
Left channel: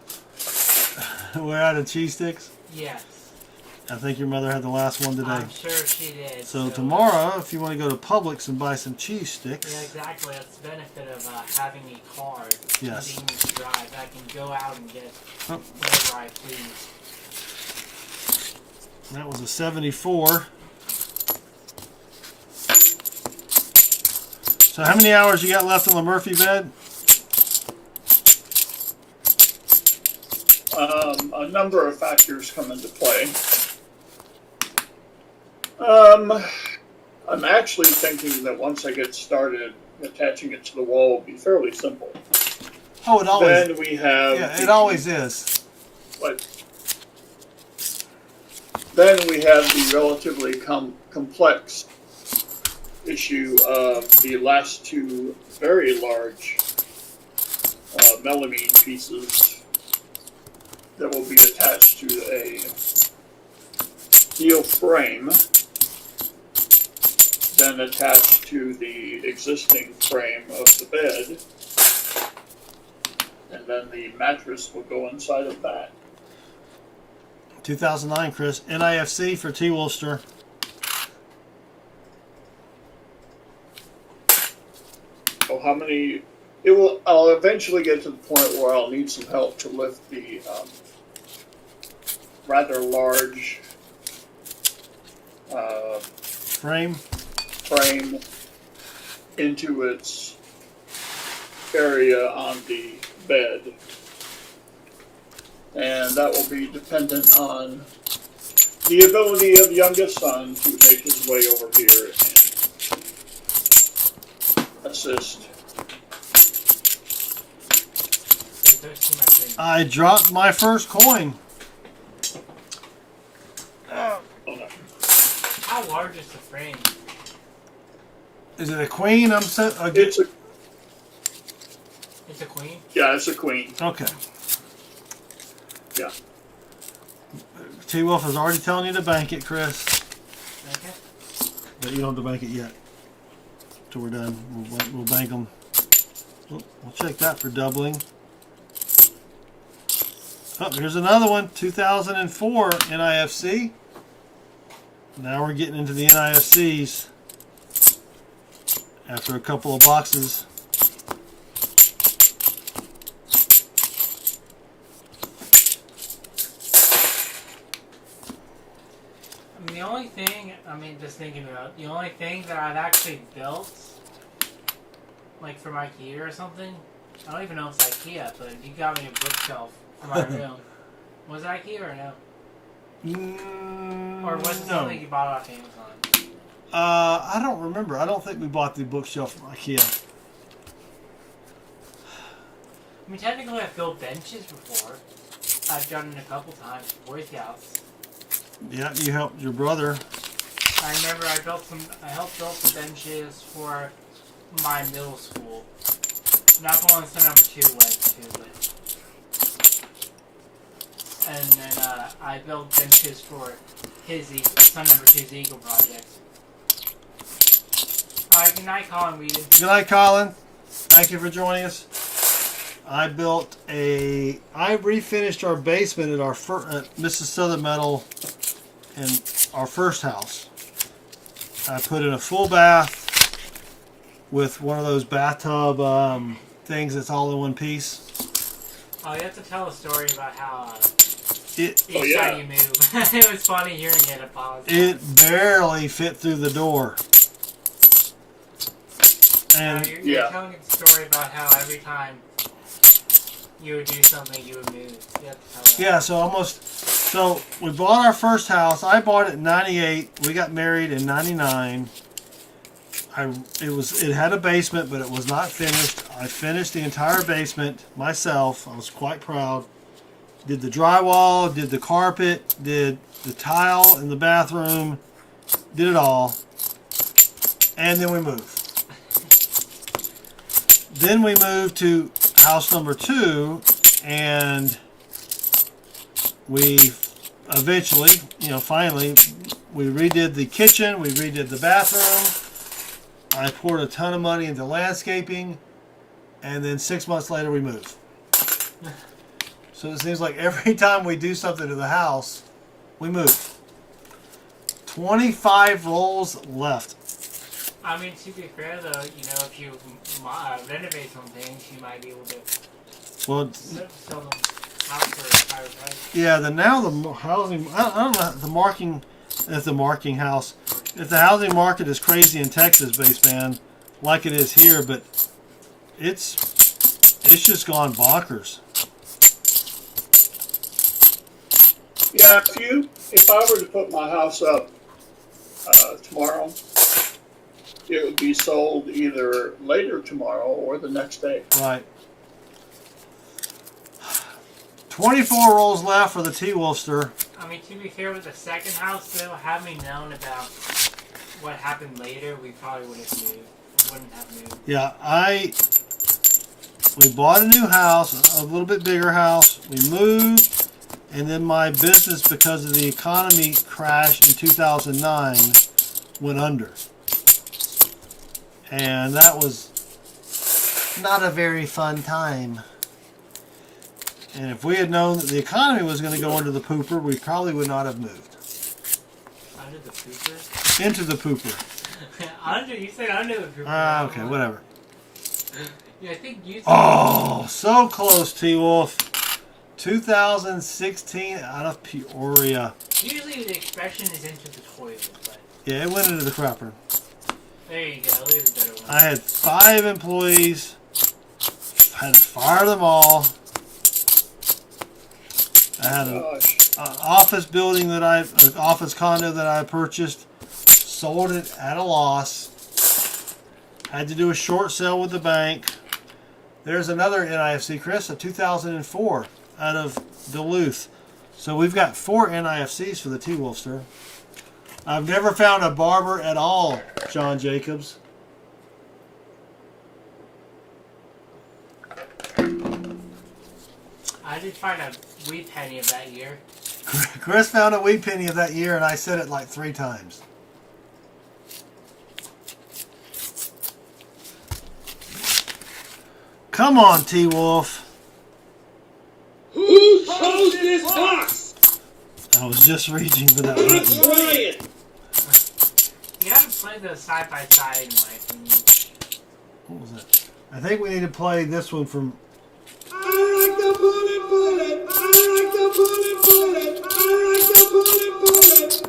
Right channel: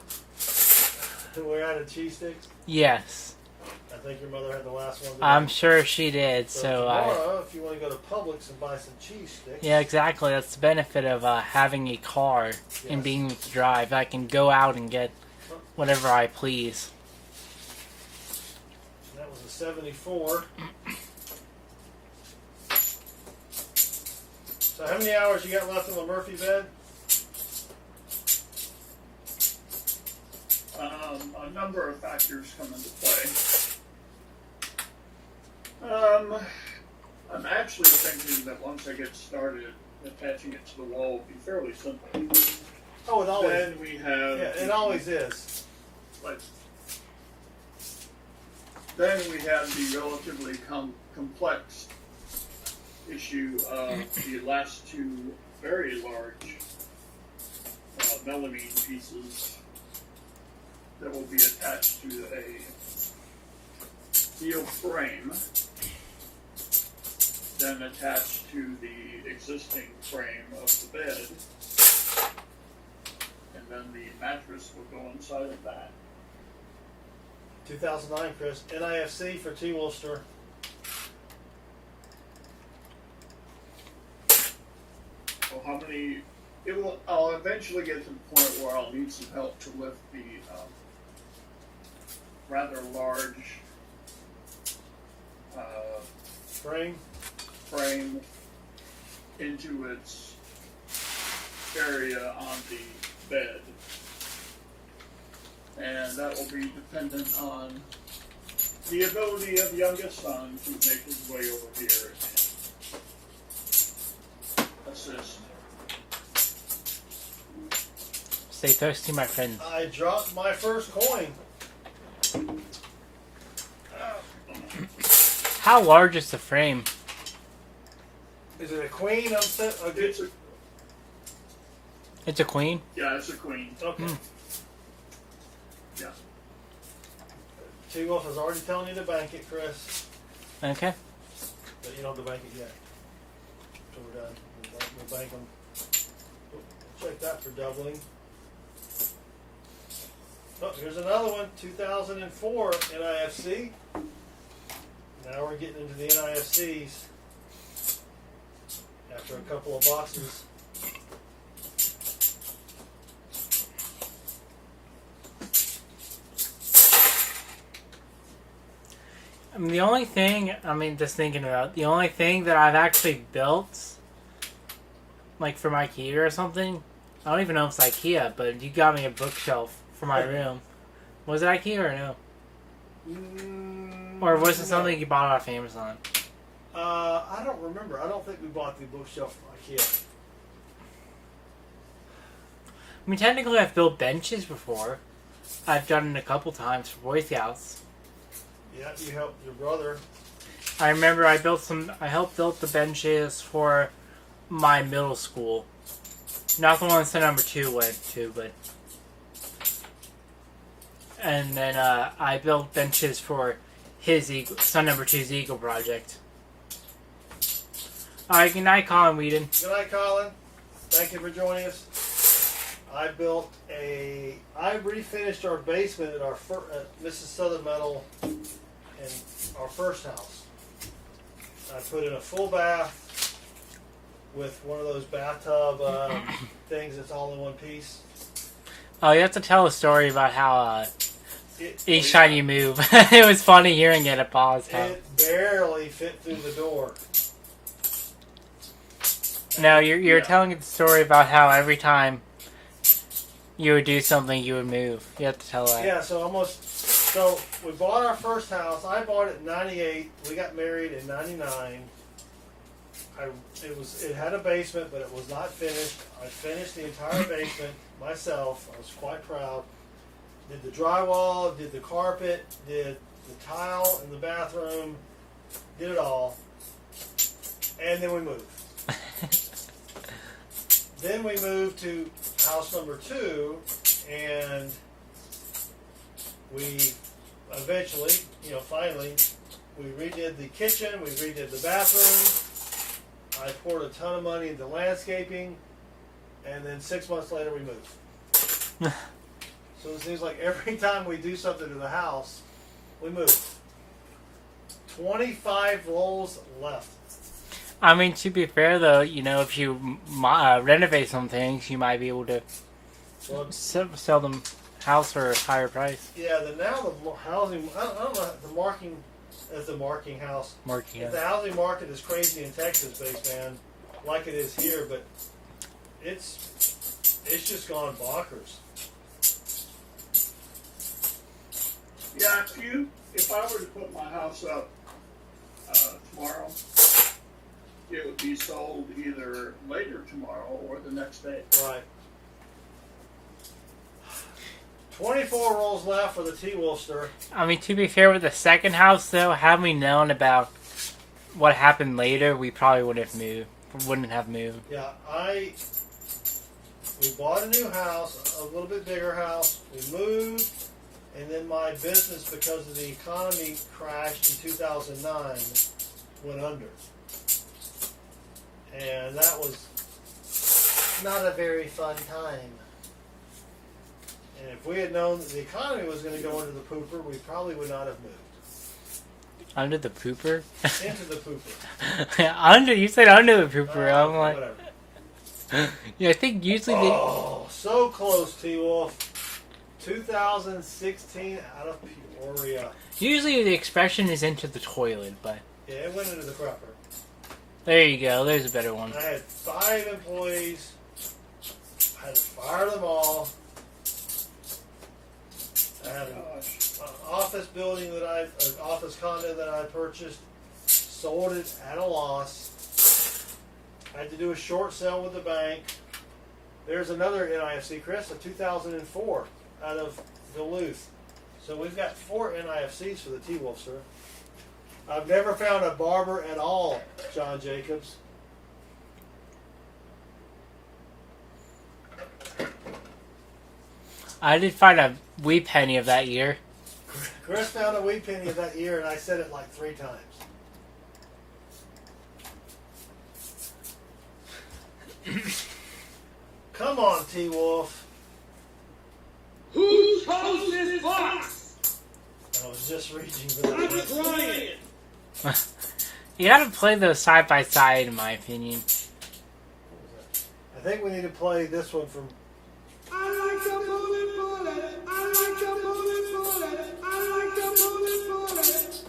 We're out of cheese sticks? Yes. I think your mother had the last one today. I'm sure she did. So tomorrow, if you want to go to Publix and buy some cheese sticks. Yeah, exactly. That's the benefit of having a car and being able to drive. I can go out and get whatever I please. That was a 74. So how many hours you got left on the Murphy bed? A number of factors come into play. I'm actually thinking that once I get started, attaching it to the wall will be fairly simple. Oh, it always. Then we have. Yeah, it always is. But then we have the relatively complex issue of the last two very large melamine pieces that will be attached to a steel frame, then attached to the existing frame of the bed, and then the mattress will go inside of that. 2009, Chris. NIFC for T. Wolfster. So how many? I'll eventually get to the point where I'll need some help to lift the rather large Frame into its area on the bed. And that will be dependent on the ability of youngest son to make his way over here and assist. Stay thirsty, my friend. I dropped my first coin. How large is the frame? Is it a queen? I'm set. It's a It's a queen? yeah, it's a queen. Okay. Yeah. T-Wolf is already telling you to bank it, Chris. Okay. But you don't have to bank it yet. Till we're done. We'll bank them. We'll check that for doubling. Oh, here's another one. 2004 NIFC. Now we're getting into the NIFCs. After a couple of boxes. The only thing, just thinking about, the only thing that I've actually built, like from IKEA or something, I don't even know if it's IKEA, but you got me a bookshelf for my room. Was it IKEA or no? Or was it something you bought off Amazon? I don't remember. I don't think we bought the bookshelf from IKEA. Technically I've built benches before. I've done it a couple times for Boy Scouts. Yeah, you helped your brother. I remember I helped build the benches for my middle school. Not the one son number 2 went to, but... And then I built benches for his son number 2's Eagle project. Alright, good night, Colin Whedon. Good night, Colin. Thank you for joining us. I refinished our basement at at Mrs. Southern Metal in our first house. I put in a full bath with one of those bathtub things that's all in one piece. Oh, you have to tell a story about how each yeah. time you move. It was funny hearing it at pause. It barely fit through the door. No, you're Yeah. telling the story about how every time you would do something, you would move. You have to tell that. Yeah, so we bought our first house. I bought it in 98. We got married in 99. It had a basement, but it was not finished. I finished the entire basement myself. I was quite proud. Did the drywall, did the carpet, did the tile in the bathroom, did it all. And then we moved. Then we moved to house number 2, and we eventually, finally, we redid the kitchen, we redid the bathroom. I poured a ton of money into landscaping, and then 6 months later we moved. So it seems like every time we do something to the house, we move. 25 rolls left. To be fair though, if you renovate some things, you might be able to sell them house for a higher price. Yeah, the housing, I don't know, the marking house. If the housing market is crazy in Texas, base man, like it is here, but it's just gone bonkers. Yeah, if I were to put my house up tomorrow, it would be sold either later tomorrow or the next day. Right. 24 rolls left for the T-Wolfster. To be fair with the second house though, had we known about what happened later, we probably wouldn't have moved. Yeah, we bought a new house, a little bit bigger house. We moved, and then my business, because of the economy crash in 2009, went under. And that was not a very fun time. And if we had known that the economy was going to go into the pooper, we probably would not have moved. Under the pooper? Into the pooper. You said under the pooper. Okay, whatever. Yeah, I think you said... Oh, so close, T-Wolf. 2016 out of Peoria. Usually the expression is into the toilet, but... Yeah, it went into the crapper. There you go. There's a better one. I had 5 employees. I had to fire them all. I had an office building an office condo that I purchased, sold it at a loss. Had to do a short sale with the bank. There's another NIFC, Chris, a 2004 out of Duluth. So we've got 4 NIFCs for the T-Wolfster. I've never found a barber at all, John Jacobs. I did find a wee penny of that year. Chris found a wee penny of that year, and I said it like 3 times. Come on, T-Wolf. Who's hosting this box? I was just reaching for that Who's button. playing? You gotta play those side by side, in my opinion. What was that? I think we need to play this one from... I like the booty bullet. I like the booty bullet. I like the booty bullet.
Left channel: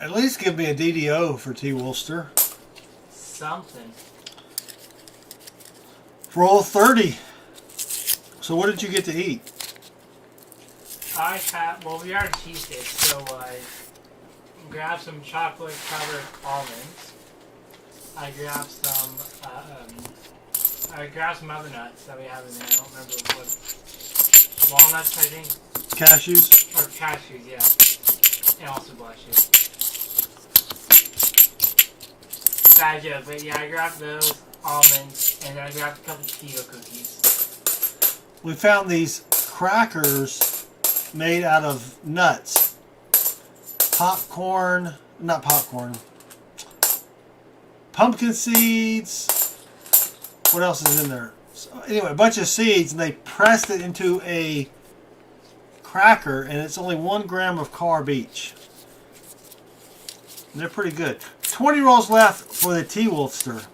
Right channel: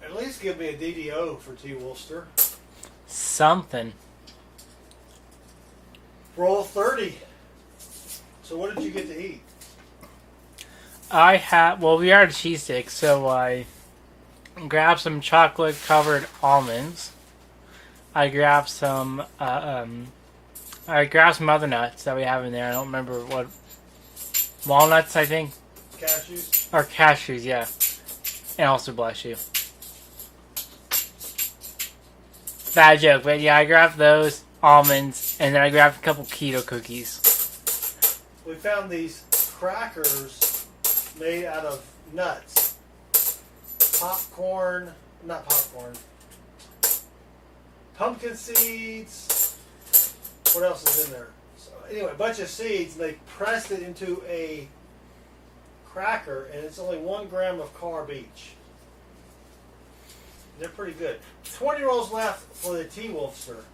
At least give me a DDO for T-Wolfster. Something. Roll 30. So what did you get to eat? I had, well, we are cheese sticks, so I grabbed some chocolate covered almonds. I grabbed some other nuts that we have in there. I don't remember what, walnuts, I think, Cashews? or cashews, yeah. And also bless you. Bad joke, but yeah, I grabbed those almonds, and then I grabbed a couple keto cookies. We found these crackers made out of nuts. Popcorn, not popcorn. Pumpkin seeds. What else is in there? So anyway, a bunch of seeds, and they pressed it into a cracker, and it's only 1 gram of carb each. They're pretty good. 20 rolls left for the T-Wolfster.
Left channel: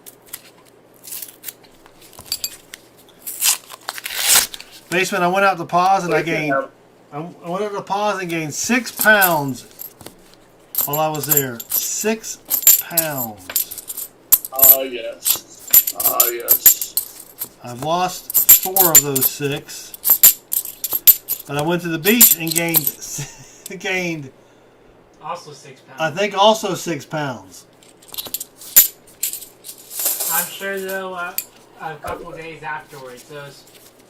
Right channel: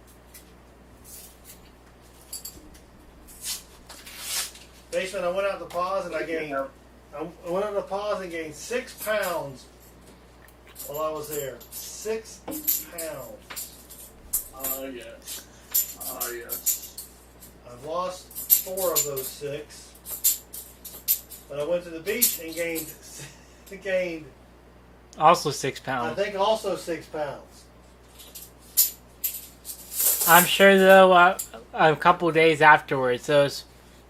Basement, I went out to pause and I gained 6 pounds while I was there. 6 pounds. Ah, yes. Ah, yes. I've lost 4 of those 6. But I went to the beach and gained Also 6 pounds. I think also 6 pounds. I'm sure, though, a couple of days afterwards, those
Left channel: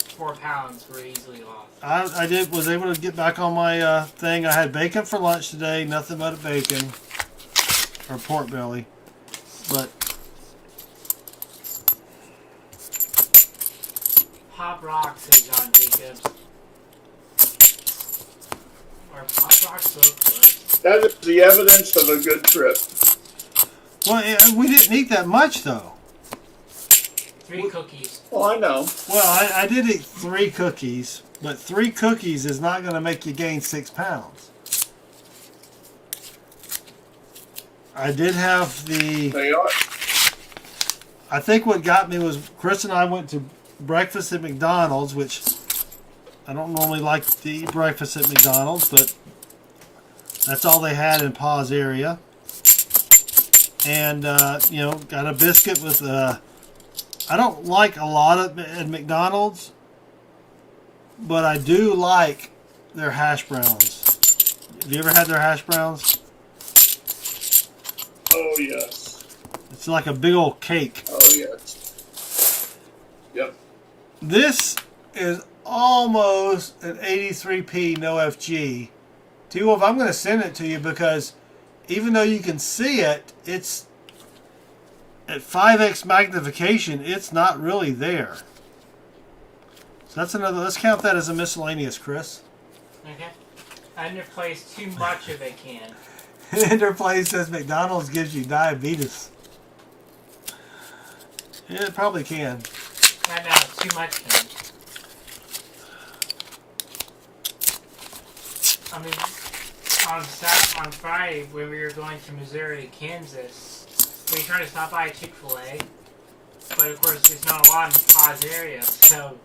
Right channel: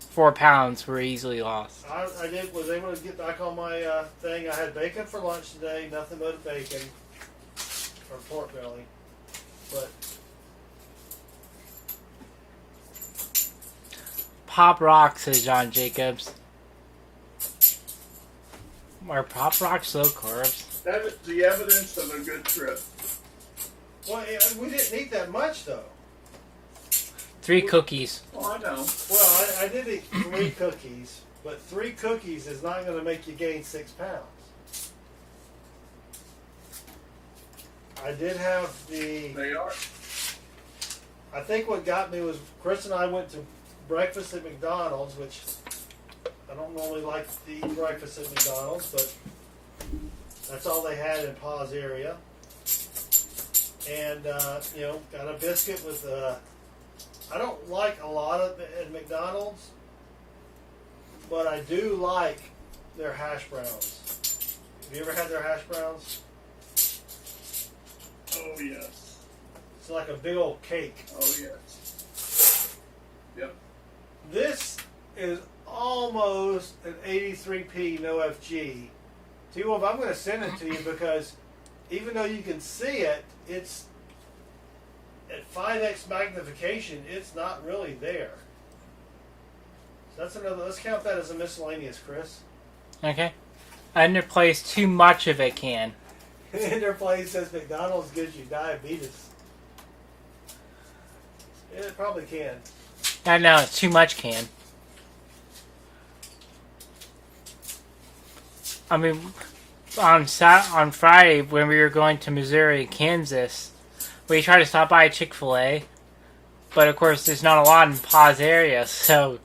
4 pounds were easily lost. I was able to get back on my thing. I had bacon for lunch today, nothing but bacon or pork belly. But Pop rocks, says John Jacobs. Are pop rocks low carbs? That is the evidence of a good trip. well, we didn't eat that much though. 3 cookies. Oh, I know. Well, I did eat 3 cookies, but 3 cookies is not going to make you gain 6 pounds. I did have They are. I think what got me was Chris and I went to breakfast at McDonald's, which I don't normally like to eat breakfast at McDonald's, but that's all they had in Pa's area. And, got a biscuit with, I don't like a lot at McDonald's, but I do like their hash browns. Have you ever had their hash browns? Oh, yes. It's like a big old cake. Oh, yes. Yep. This is almost an 83p no FG. T-Wolf, I'm going to send it to you because even though you can see it, it's at 5x magnification, it's not really there. So that's another, let's count that as a miscellaneous, Chris. Okay. Underplays too much of it can. Interplay says McDonald's gives you diabetes. Yeah, it probably can. I know, too much can. I mean, on Friday when we were going to Missouri, Kansas, we tried to stop by Chick-fil-A, but of course there's not a lot in Pa's area, so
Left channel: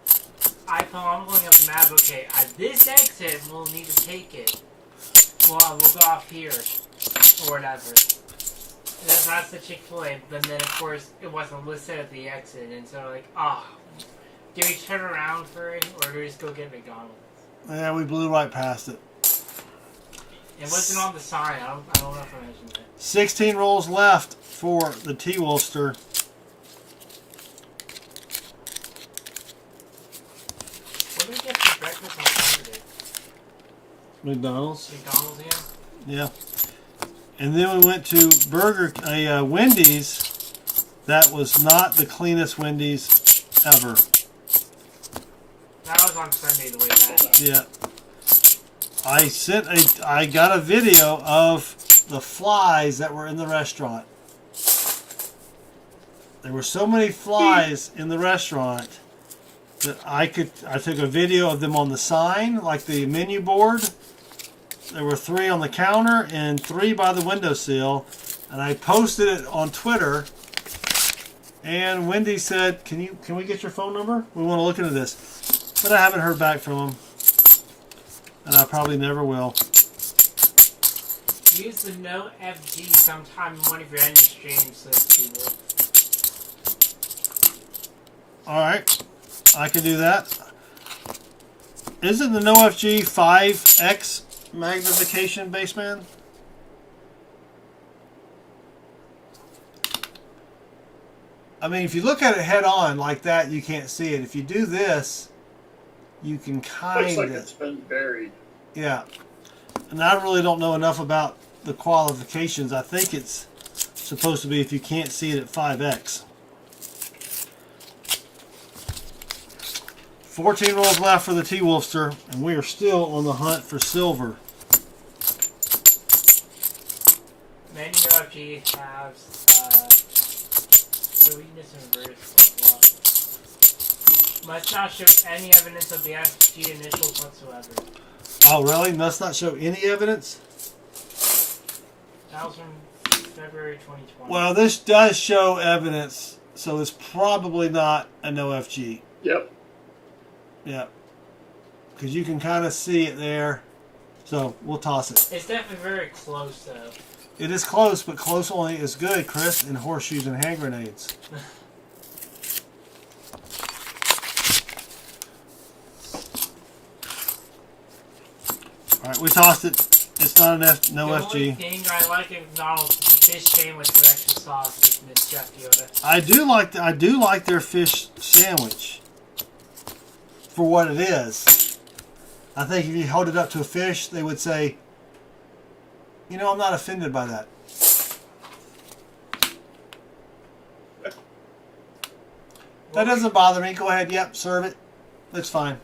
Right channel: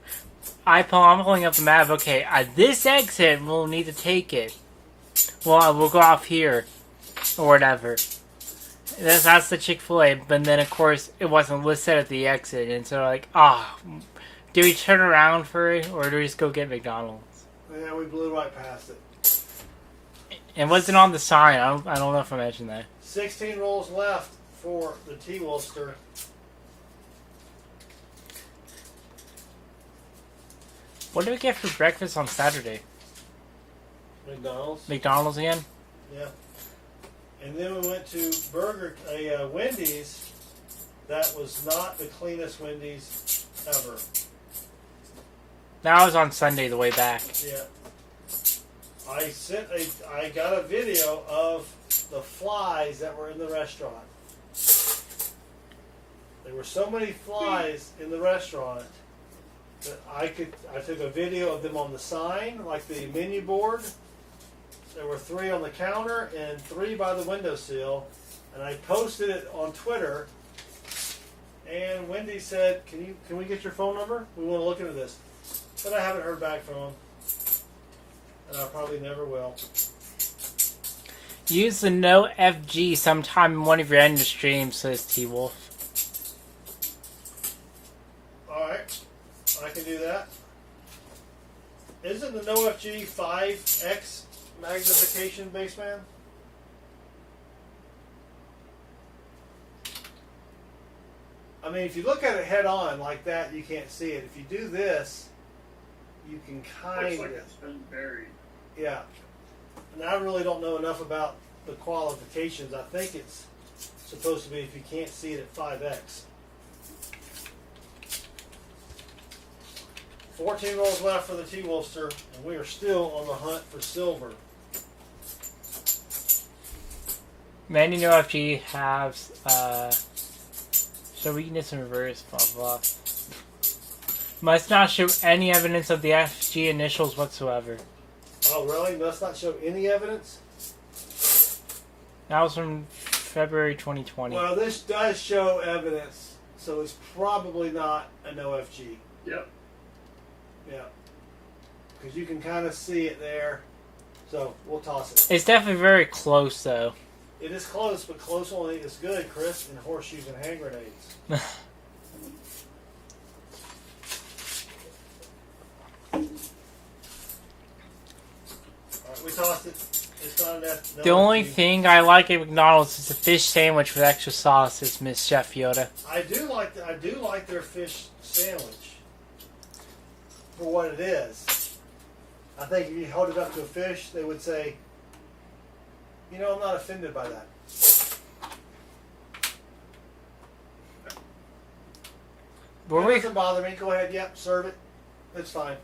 I'm pulling up the map. Okay, at this exit we'll need to take it. Well, we'll go off here or whatever. That's the Chick-fil-A, but then of course it wasn't listed at the exit, and so like, do we turn around for it or do we just go get McDonald's? Yeah, we blew right past it. It wasn't on the sign. I don't know if I mentioned that. 16 rolls left for the T-Wolfster. What did we get for breakfast on Saturday? McDonald's. McDonald's again? Yeah. And then we went to Wendy's. That was not the cleanest Wendy's ever. That was on Sunday the way back. Yeah. I got a video of the flies that were in the restaurant. There were so many flies in the restaurant that I took a video of them on the sign, like the menu board. There were 3 on the counter and 3 by the windowsill, and I posted it on Twitter. And Wendy said, "Can we get your phone number? We want to look into this." But I haven't heard back from them, and I probably never will. Use the no FG sometime in one of your end streams, says T-Wolf. All right, I can do that. Isn't the no FG 5x magnification, Baseman? I mean, if you look at it head on like that, you can't see it. If you do this, you can kind Looks of... like it's been buried. Yeah. And I really don't know enough about the qualifications. I think it's supposed to be if you can't see it at 5x. 14 rolls left for the T-Wolfster, and we are still on the hunt for silver. Many no FG have the weakness in reverse, blah blah. Must not show any evidence of the FG initials whatsoever. Oh, really? Must not show any evidence? That was from February 2020. Well, this does show evidence, so it's probably not a no FG. Yep. Yeah. Because you can kind of see it there. So, we'll toss it. It's definitely very close, though. It is close, but close only is good, Chris, in horseshoes and hand grenades. Alright, we tossed it. It's not an F, no The FG. only thing I like at McDonald's is the fish sandwich with extra sauce, says Miss Chef Yoda. I do like their fish sandwich for what it is. I think if you held it up to a fish, they would say, "You know, I'm not offended by that." That doesn't bother me. Go ahead. Yep, serve it. Looks fine.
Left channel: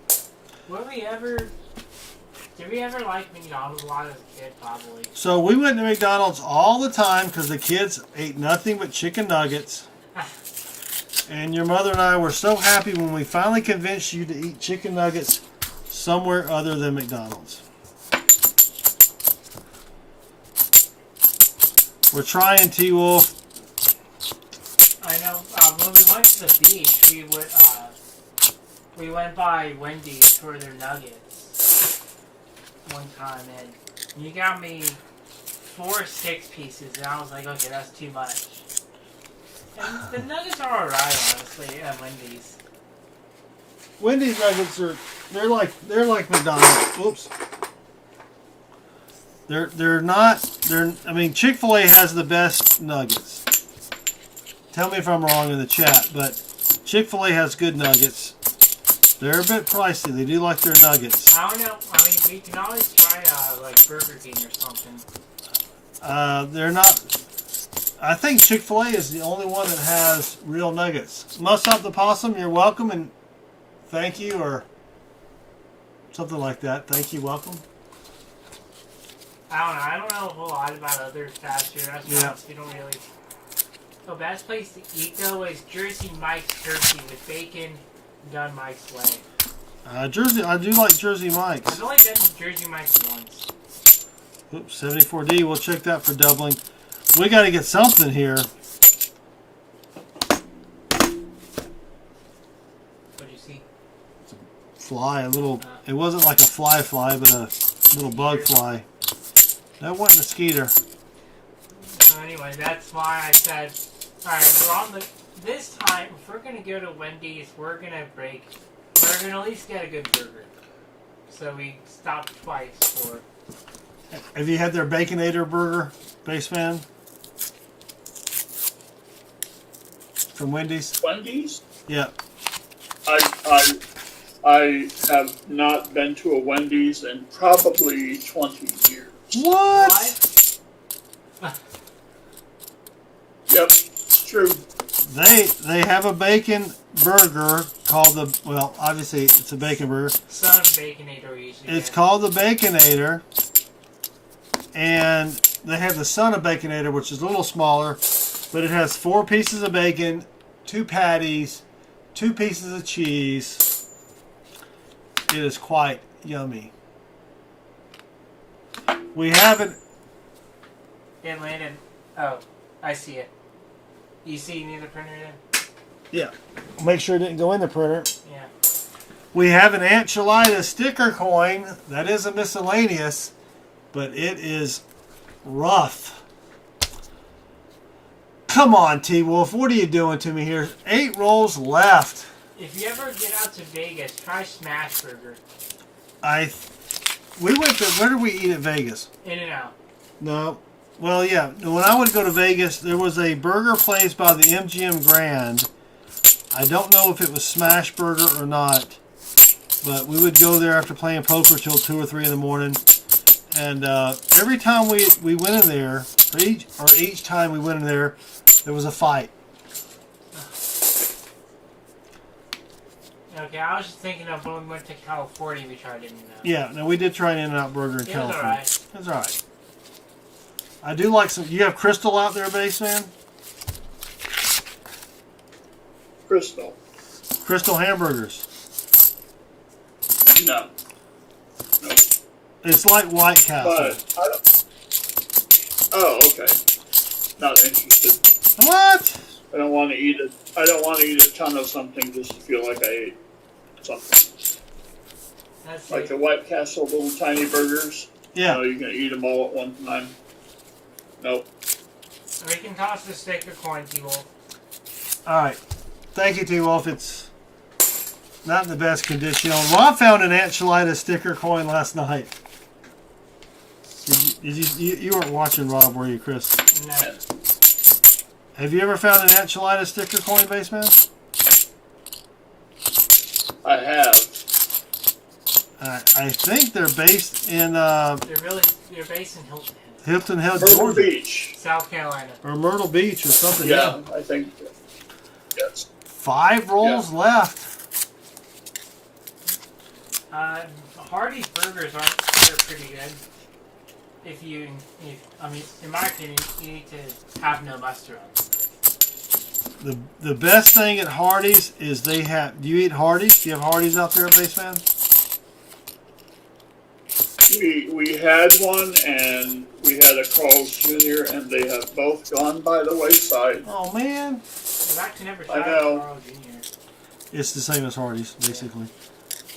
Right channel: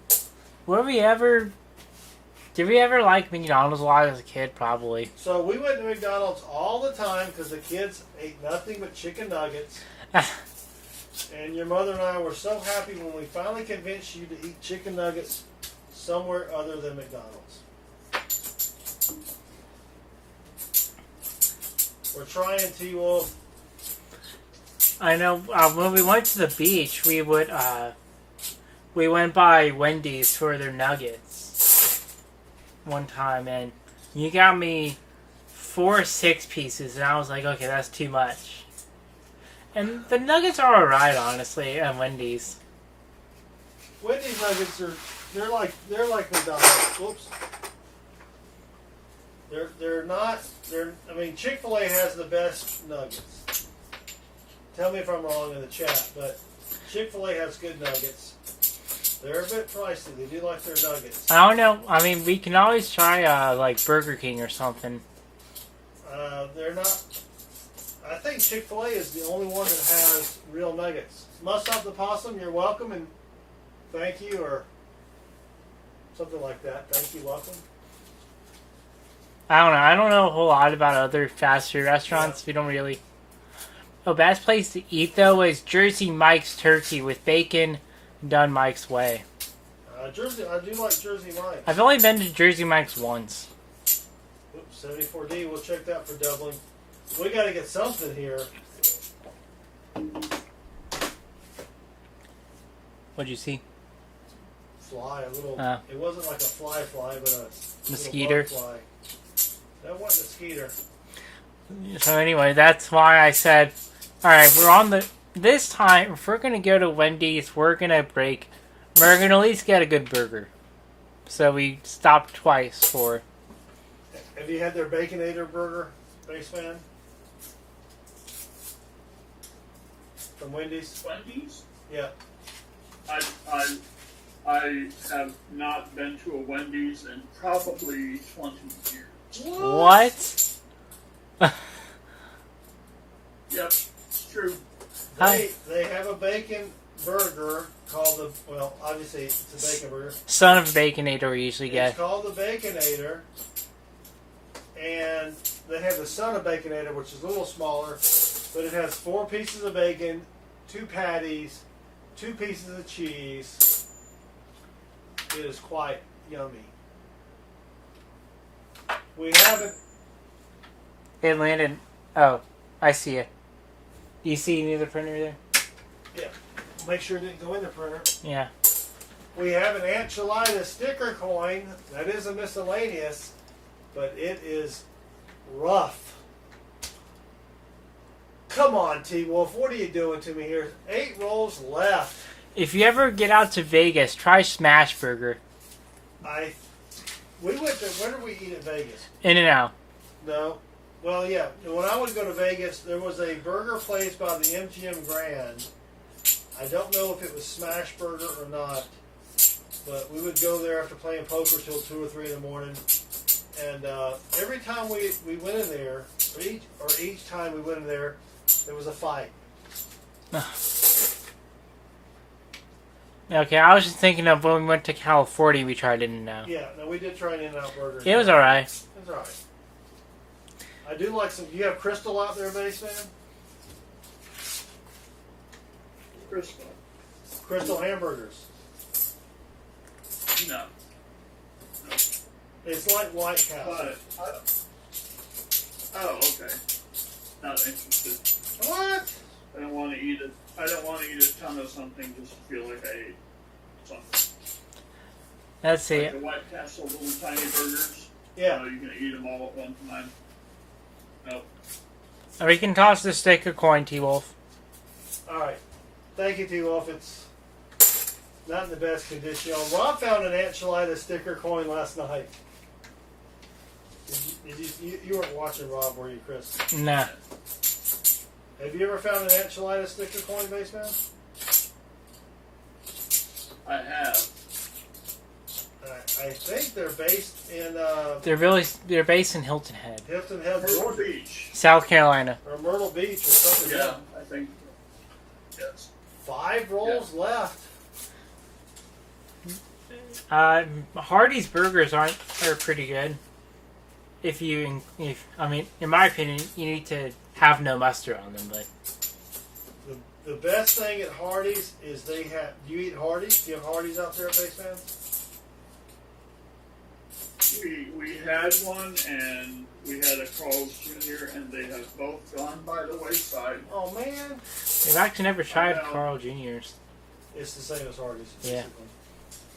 Did we ever like McDonald's a lot as a kid? Probably. So we went to McDonald's all the time because the kids ate nothing but chicken nuggets. And your mother and I were so happy when we finally convinced you to eat chicken nuggets somewhere other than McDonald's. We're trying, T-Wolf. I know. When we went to the beach, we went by Wendy's for their nuggets one time, and you got me 4 6-pieces, and I was like, okay, that's too much. And the nuggets are alright, honestly, at Wendy's. Wendy's nuggets they're like McDonald's. Oops. I mean, Chick-fil-A has the best nuggets. Tell me if I'm wrong in the chat, but Chick-fil-A has good nuggets. They're a bit pricey. They do like their nuggets. I don't know. I mean, we can always try like Burger King or something. They're not. I think Chick-fil-A is the only one that has real nuggets. Must Up the Possum, you're welcome and thank you, or something like that. Thank you, welcome. I don't know. I don't know a whole lot about other fast food restaurants. Yeah. We don't really. Oh, best place to eat though is Jersey Mike's Turkey with bacon, done Mike's way. I do like Jersey Mike's. I've only been to Jersey Mike's once. Oops, 74D. We'll check that for doubling. We got to get something here. What'd you see? Fly, a little. It wasn't like a fly, but a little bug fly. That wasn't a skeeter. So anyway, that's why I said, all right, we're on the. This time, if we're gonna go to Wendy's, we're gonna break. We're gonna at least get a good burger. So we stopped twice for Have you had their Baconator burger, Baseman? From Wendy's? Wendy's? Yeah. I have not been to a Wendy's in probably 20 years. What? Yep, it's true. They have a bacon burger called the, well, obviously it's a bacon burger. Son of Baconator we usually It's get. called the Baconator, and they have the Son of Baconator, which is a little smaller, but it has 4 pieces of bacon, 2 patties, 2 pieces of cheese. It is quite yummy. We haven't. It landed. Oh, I see it. You see near the printer there? Yeah. Make sure it didn't go in the printer. Yeah. We have an Enchilada sticker coin. That is a miscellaneous, but it is rough. Come on, T-Wolf. What are you doing to me here? 8 rolls left. If you ever get out to Vegas, try Smash Burger. We went to, where did we eat at Vegas? In-N-Out. No. Well, yeah. When I would go to Vegas, there was a burger place by the MGM Grand. I don't know if it was Smash Burger or not, but we would go there after playing poker till 2 or 3 in the morning. And every time we went in there, each time we went in there was a fight. Okay, I was just thinking of when we went to California, we tried In-N-Out. Yeah, no, we did try an In-N-Out burger. It was alright. It was alright. I do like some. You have Crystal out there, Baseman? Crystal. Crystal hamburgers. No. It's like White Castle. But I don't. Oh, okay. Not interested. What? I don't want to eat it. I don't want to eat a ton of something just to feel like I ate something. Let's see. Like the White Castle little tiny burgers. Yeah. You can eat them all at one time. Nope. Or you can toss the stick a coin, T-Wolf. Alright. Thank you, T-Wolf. It's not in the best condition. Rob found an Enchilada sticker coin last night. You weren't watching, Rob, were you, Chris? No. Have you ever found an Enchilada sticker coin, Baseman? I have. I think they're based in They're based in Hilton Head, Hilton Head, Myrtle Georgia, Beach. South Carolina. or Myrtle Beach, or something. Yeah, I think. Yes. 5 rolls left. Hardee's burgers they're pretty good. If I mean, in my opinion, you need to have no mustard on them, but The best thing at Hardee's is they have. Do you eat Hardee's? Do you have Hardee's out there, Baseman? We had one, and we had a Carl's Jr., and they have both gone by the wayside. Oh man, I've actually never tried know. Carl Jr.'s. it's the same as Hardee's, basically.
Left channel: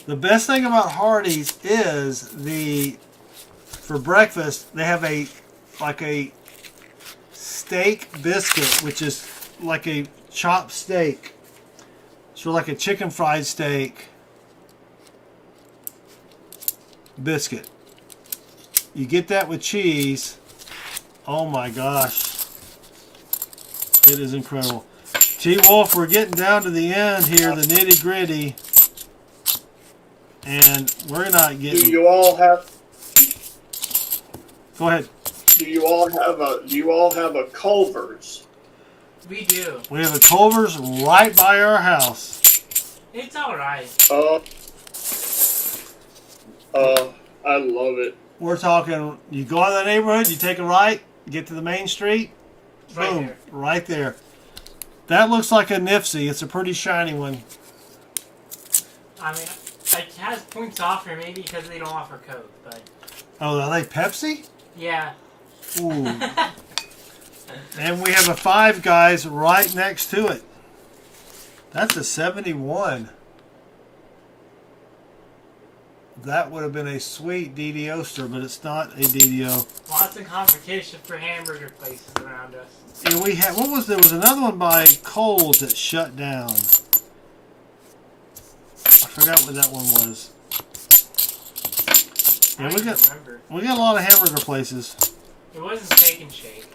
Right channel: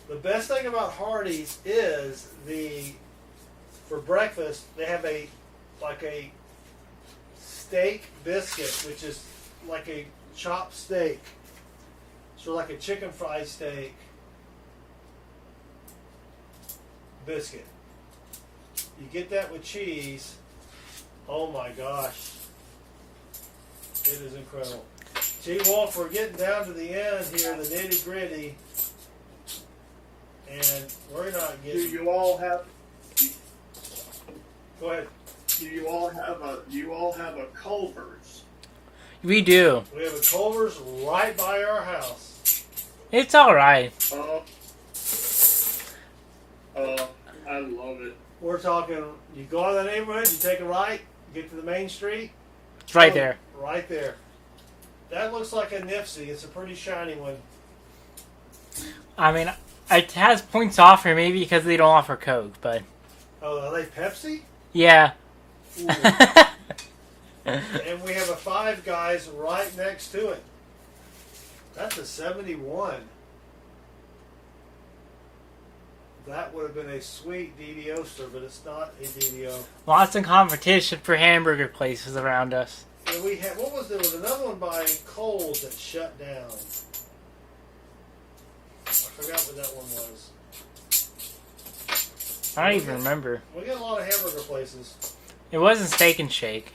The best thing about Hardee's is for breakfast they have a steak biscuit, which is like a chopped steak. So like a chicken fried steak biscuit. You get that with cheese. Oh my gosh. It is incredible. T-Wolf, we're getting down to the end here, the nitty gritty. And we're not getting... Do you all have Go ahead. Do you all have a Culver's? We do. We have a Culver's right by our house. It's alright. I love it. We're talking, you go out of the neighborhood, you take a right, get to the main street. It's right boom, there. Right there. That looks like a Nipsey. It's a pretty shiny one. I mean, it has points off here, maybe because they don't offer Coke, but... Oh, are they Pepsi? Yeah. Ooh. And we have a Five Guys right next to it. That's a 71. That would have been a sweet DDoster, but it's not a DDO. Lots of competition for hamburger places around us. And we had, there was another one by Kohl's that shut down. I forgot what that one was. I don't even remember. We got a lot of hamburger places. It wasn't Steak and Shake.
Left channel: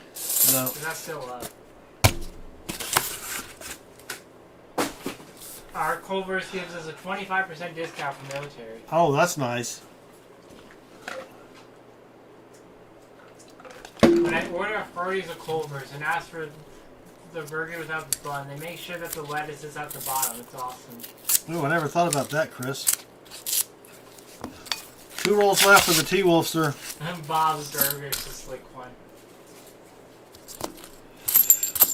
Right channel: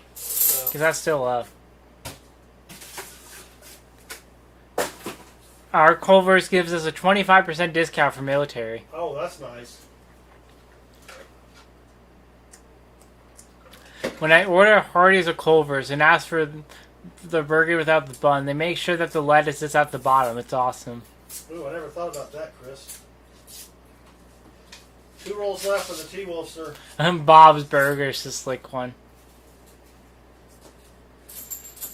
No. Because that's still up. Our Culver's gives us a 25% discount for military. Oh, that's nice. When I order Hardee's or Culver's and ask for the burger without the bun, they make sure that the lettuce is at the bottom. It's awesome. Ooh, I never thought about that, Chris. 2 rolls left for the T-Wolfster. And Bob's Burger is the slick one.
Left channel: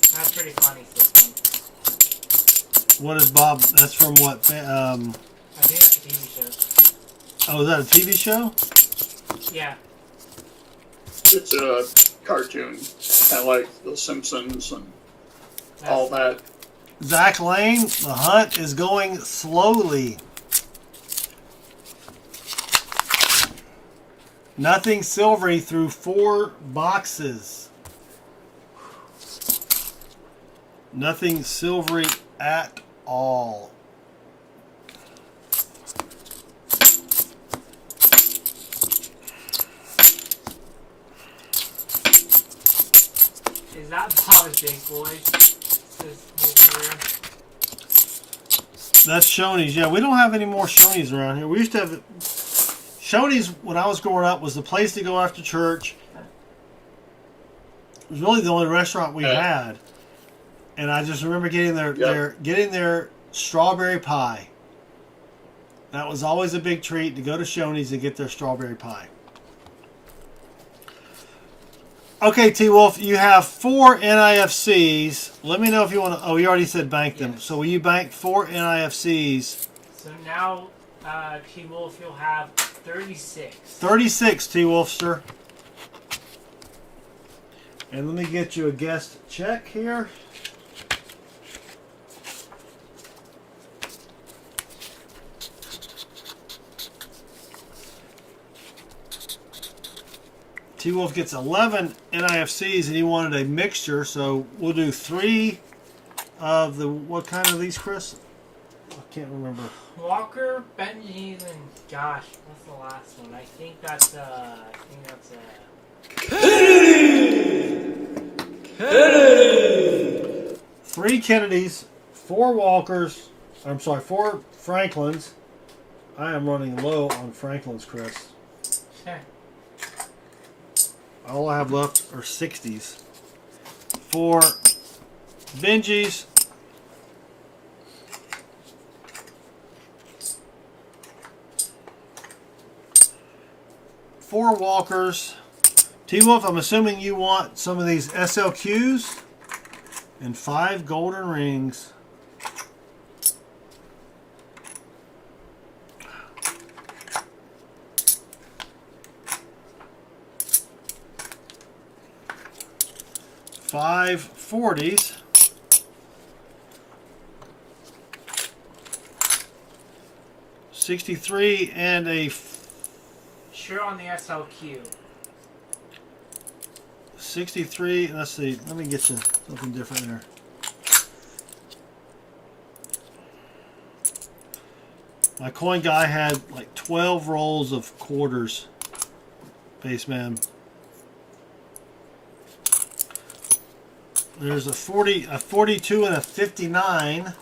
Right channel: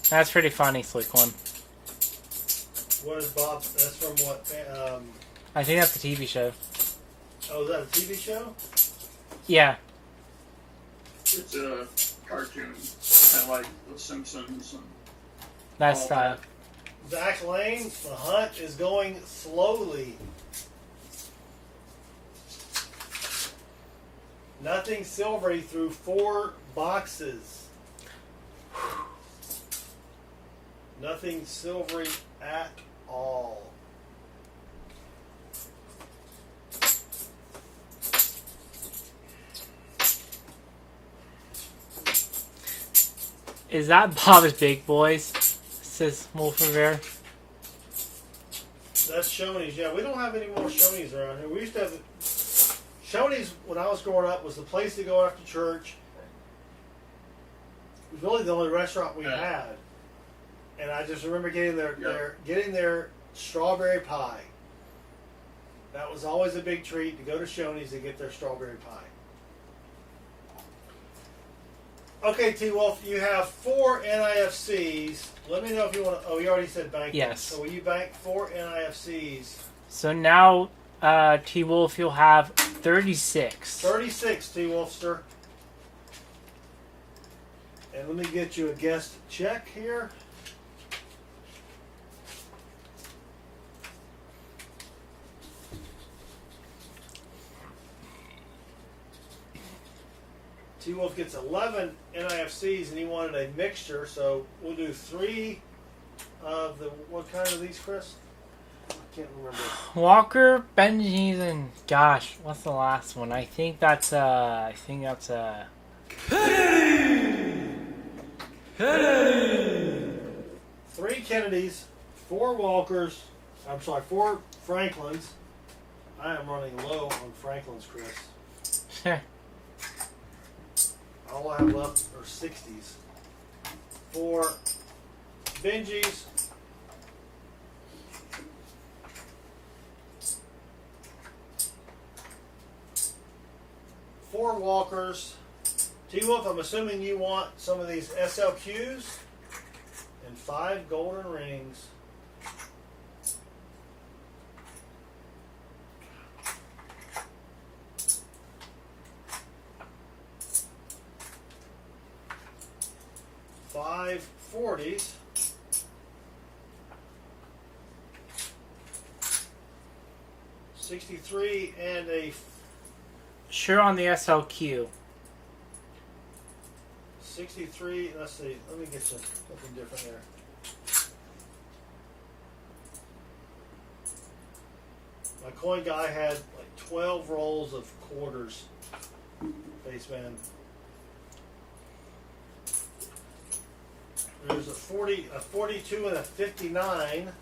That's pretty funny, slick one. What is Bob? That's from what? I think that's a TV show. Oh, is that a TV show? Yeah. It's a cartoon, kind of like The Simpsons and That's all that. Zach Lane, the hunt is going slowly. Nothing silvery through 4 boxes. Nothing silvery at all. Is that Bob's Big Boys? Says Wolfie Bear. That's Shoney's. Yeah, we don't have any more Shoney's around here. We used to have... Shoney's, when I was growing up, was the place to go after church. It was really the only restaurant we had. And I just remember getting their strawberry pie. That was always a big treat to go to Shoney's and get their strawberry pie. Okay, T-Wolf, you have 4 NIFCs. Let me know if you want to... Oh, you already said bank them. Yes. So will you bank 4 NIFCs? So now, T-Wolf, you'll have 36. 36, T-Wolfster. And let me get you a guest check here. T-Wolf gets 11 NIFCs and he wanted a mixture, so we'll do 3 of the... What kind are these, Chris? I can't remember. Walker, Benji's, and gosh, what's the last one? I think that's 3 Kennedys, 4 Walkers, 4 Franklins. I am running low on Franklins, Chris. Sure. All I have left are 60s. 4 Benjis. 4 Walkers. T-Wolf, I'm assuming you want some of these SLQs and 5 golden rings. Five 40s. $63 and a... Sure on the SLQ. 63, let's see, let me get you something different there. My coin guy had like 12 rolls of quarters, Baseman. There's a 40, a 42 and a 59.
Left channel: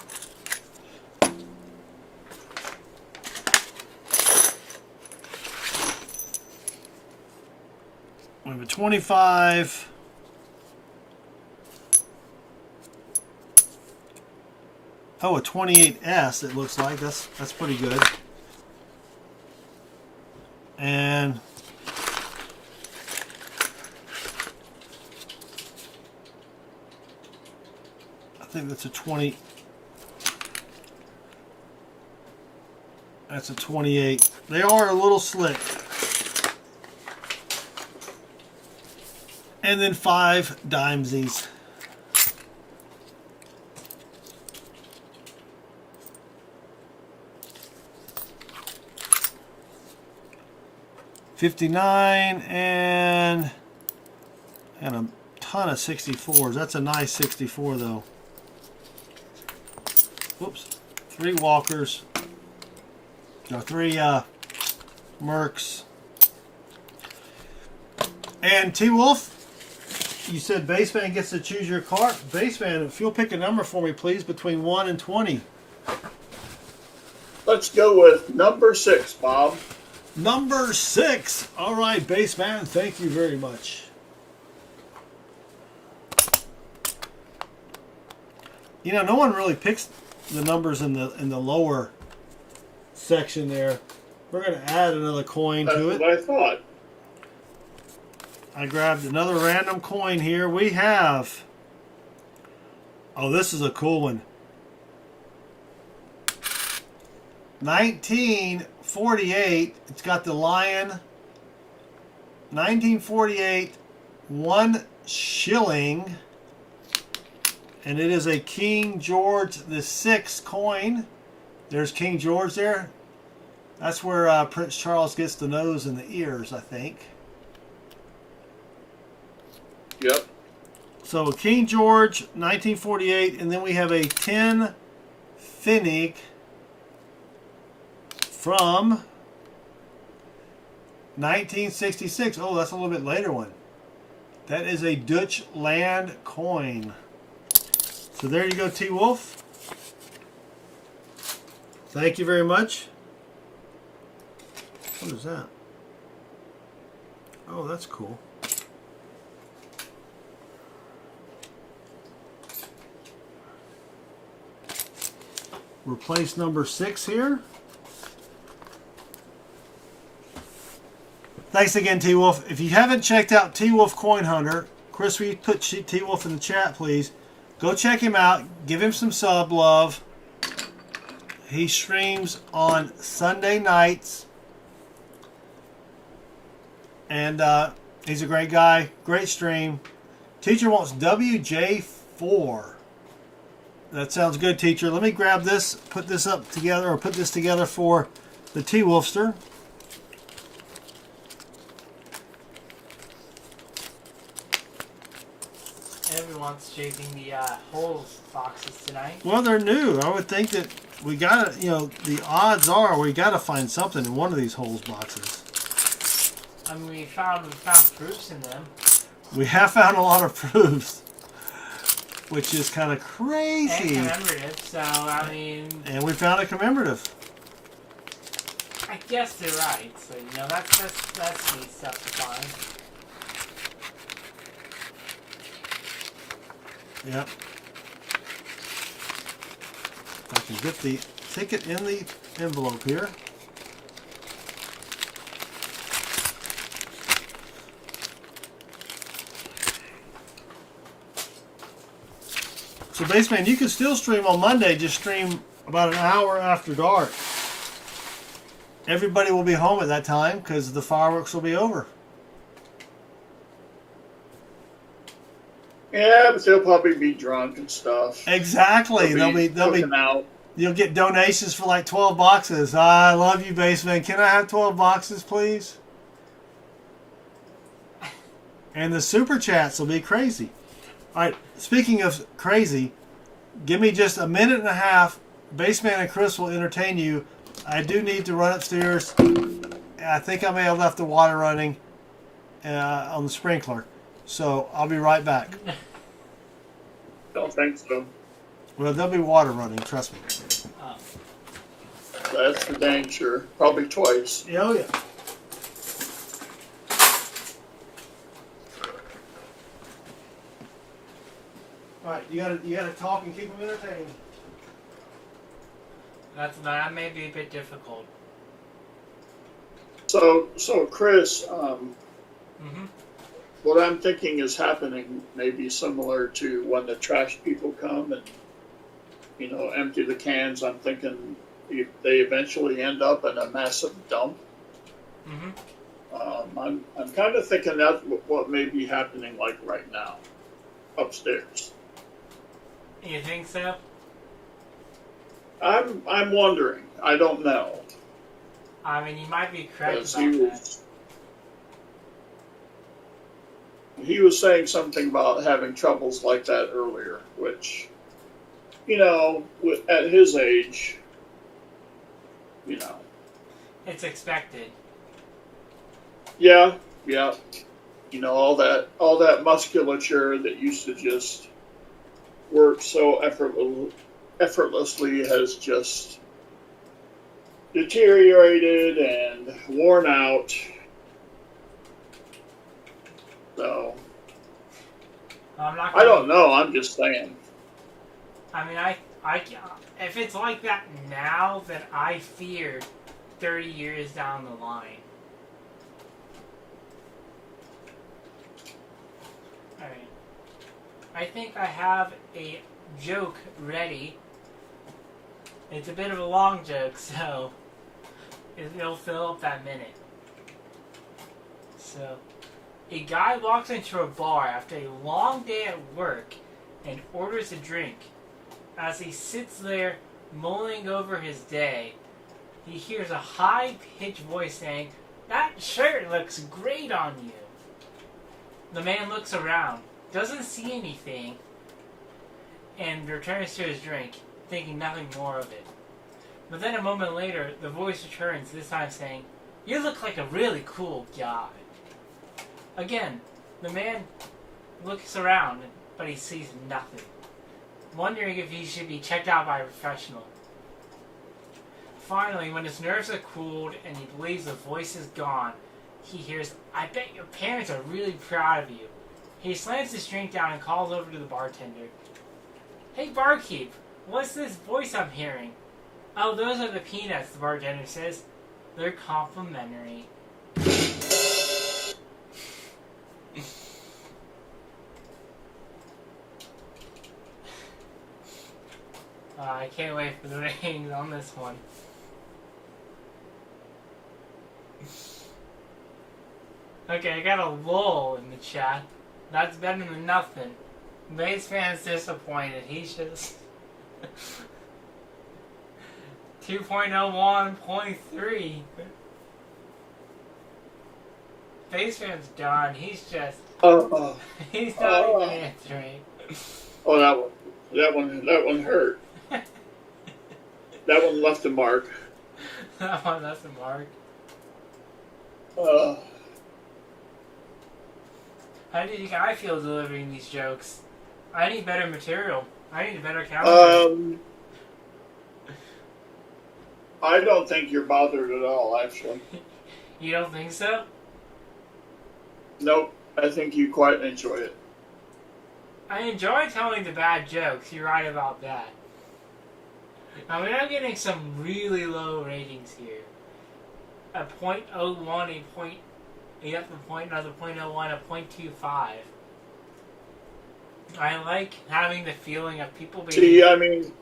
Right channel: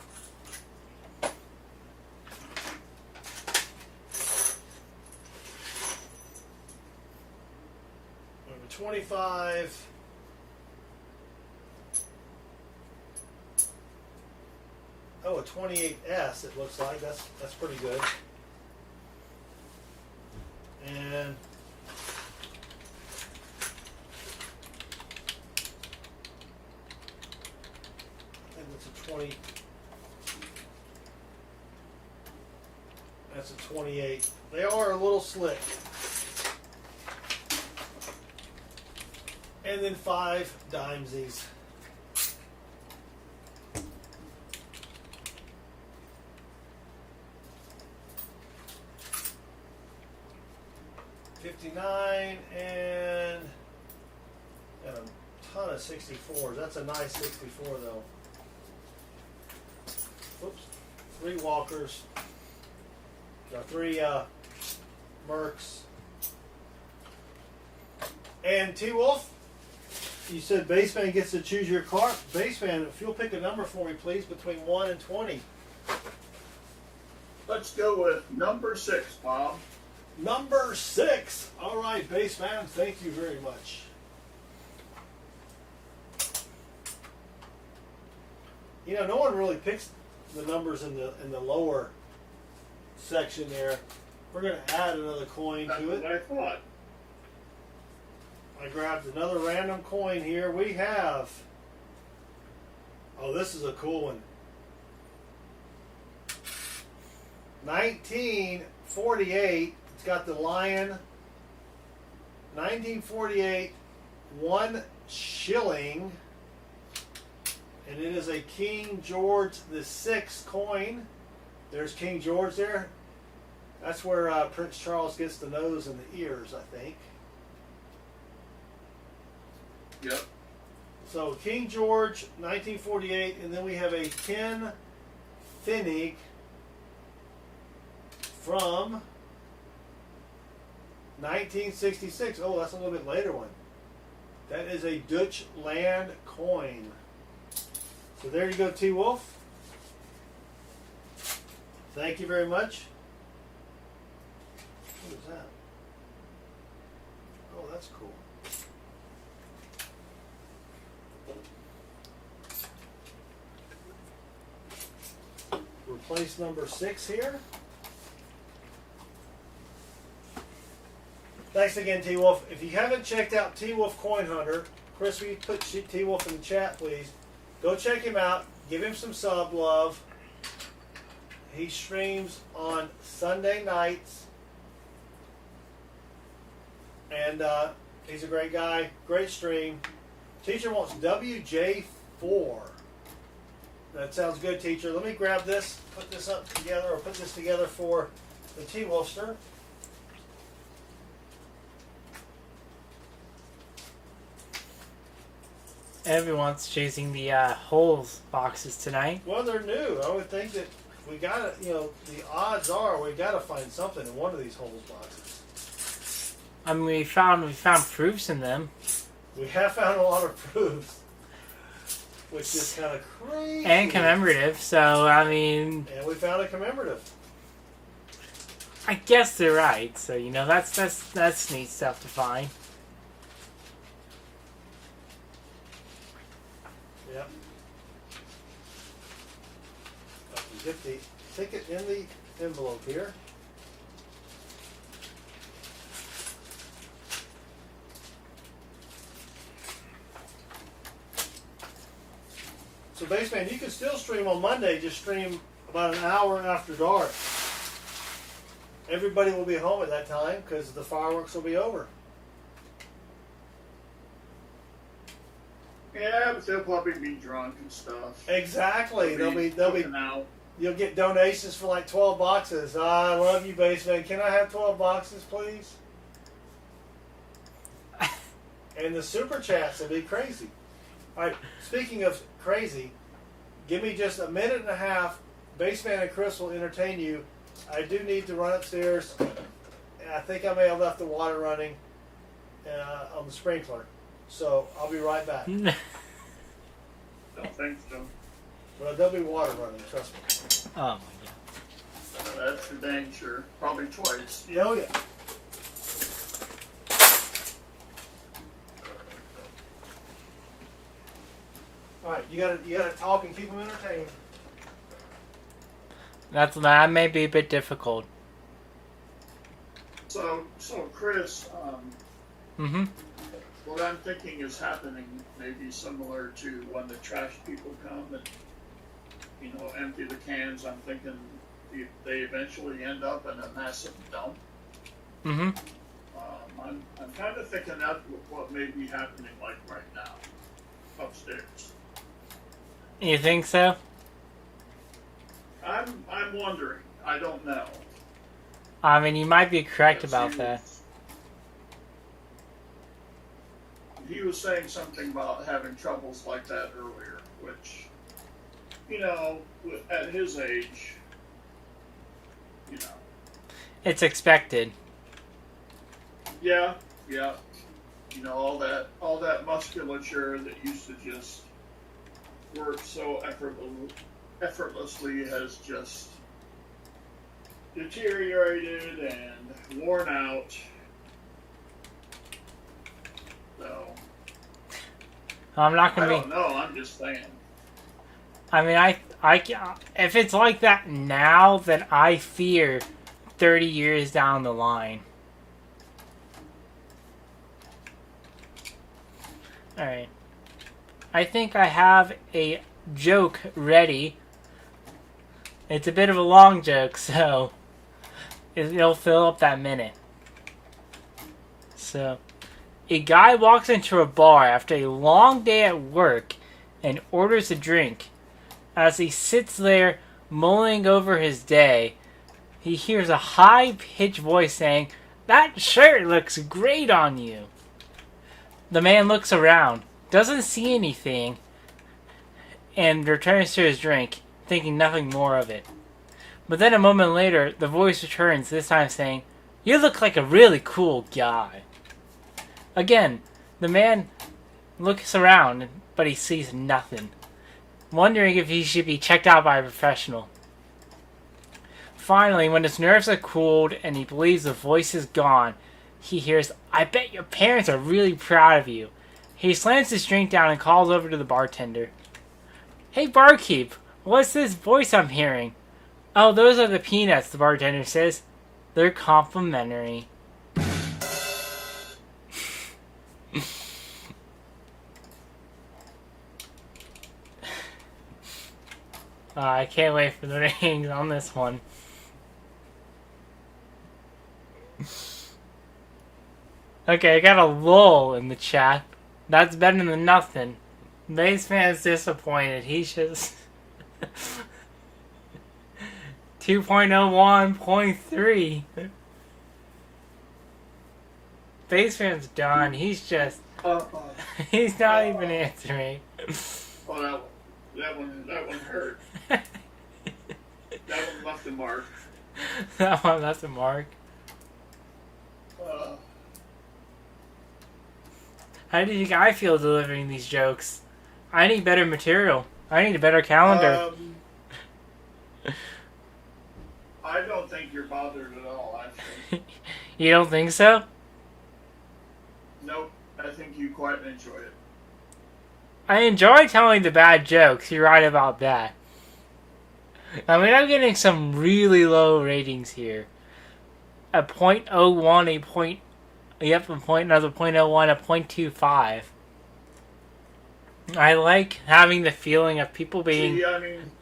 We have a 25. Oh, a 28S, it looks like. That's pretty good. And I think that's a 20. That's a 28. They are a little slick. And then 5 dimesies. $59 and a ton of 64s. That's a nice 64 though. Whoops. 3 Walkers. No, 3 Mercs. And T-Wolf, you said Baseman gets to choose your card. Baseman, if you'll pick a number for me, please, between 1 and 20. Let's go with number 6, Bob. Number 6. All right, Baseman, thank you very much. You know, no one really picks the numbers in the lower section there. We're going to add another coin to it. That's what I thought. I grabbed another random coin here. We have... Oh, this is a cool one. 1948. It's got the lion. 1948. 1 shilling. And it is a King George VI coin. There's King George there. That's where Prince Charles gets the nose and the ears, I think. Yep. So King George, 1948, and then we have a 10 Pfennig from 1966. Oh, that's a little bit later one. That is a Dutch land coin. So there you go, T-Wolf. Thank you very much. What is that? Oh, that's cool. Replace number 6 here. Thanks again, T-Wolf. If you haven't checked out T-Wolf Coin Hunter, Chris, will you put T-Wolf in the chat, please? Go check him out. Give him some sub love. He streams on Sunday nights. And he's a great guy. Great stream. Teacher wants WJ4. That sounds good, teacher. Let me grab this, put this up together, or put this together for the T-Wolfster. Everyone's chasing the holes boxes tonight. Well, they're new. I would think that we got to, you know, the odds are we got to find something in one of these holes boxes. I mean, we found proofs in them. We have found a lot of proofs, which is kind of crazy. And commemorative, so, I mean... And we found a commemorative. I guess they're right, so, you know, that's neat stuff to find. Yep. I can get the ticket in the envelope here. So, Baseman, you can still stream on Monday. Just stream about an hour after dark. Everybody will be home at that time because the fireworks will be over. Yeah, but they'll probably be drunk and stuff. Exactly. They'll be out. You'll get donations for like 12 boxes. I love you, Baseman. Can I have 12 boxes, please? And the super chats will be crazy. All right, speaking of crazy, give me just a minute and a half. Baseman and Chris will entertain you. I do need to run upstairs. I think I may have left the water running on the sprinkler. So I'll be right back. Don't think so. Well, there'll be water running, trust me. That's for dang sure. Probably twice. Yeah, oh yeah. All right, you gotta talk and keep them entertained. That may be a bit difficult. So Chris, Mm-hmm. what I'm thinking is happening may be similar to when the trash people come and, you know, empty the cans. I'm thinking they eventually end up in a massive dump. Mm-hmm. I'm kind of thinking that's what may be happening like right now, upstairs. You think so? I'm wondering. I don't know. I mean, you might be correct about that. He was saying something about having troubles like that earlier, which, you know, at his age, you know. It's expected. Yeah. You know, all that musculature that used to just work so effortlessly has just deteriorated and worn out. So I'm not I gonna don't know. I'm just saying. I mean, if it's like that now, then I fear 30 years down the line. Alright. I think I have a joke ready. It's a bit of a long joke, so it'll fill up that minute. So, a guy walks into a bar after a long day at work and orders a drink. As he sits there mulling over his day, he hears a high-pitched voice saying, "That shirt looks great on you." The man looks around, doesn't see anything, and returns to his drink, thinking nothing more of it. But then a moment later, the voice returns, this time saying, "You look like a really cool guy." Again, the man looks around, but he sees nothing, wondering if he should be checked out by a professional. Finally, when his nerves are cooled and he believes the voice is gone, he hears, "I bet your parents are really proud of you." He slams his drink down and calls over to the bartender. "Hey barkeep, what's this voice I'm hearing?" "Oh, those are the peanuts," the bartender says. "They're complimentary." I can't wait for the ratings on this one. Okay, I got a lull in the chat. That's better than nothing. Base fan's disappointed. He's just 2.01.3. Base fan's done. He's just he's not even answering. Oh, that one hurt. That one left a mark. That one left a mark. How do you think I feel delivering these jokes? I need better material. I need a better calendar. I don't think you're bothered at all, actually. You don't think so? Nope. I think you quite enjoy it. I enjoy telling the bad jokes. You're right about that. I mean, I'm getting some really low ratings here. A 0.01, a point... Yep, another 0.01, a 0.25. I like having the feeling of people being... See, I mean...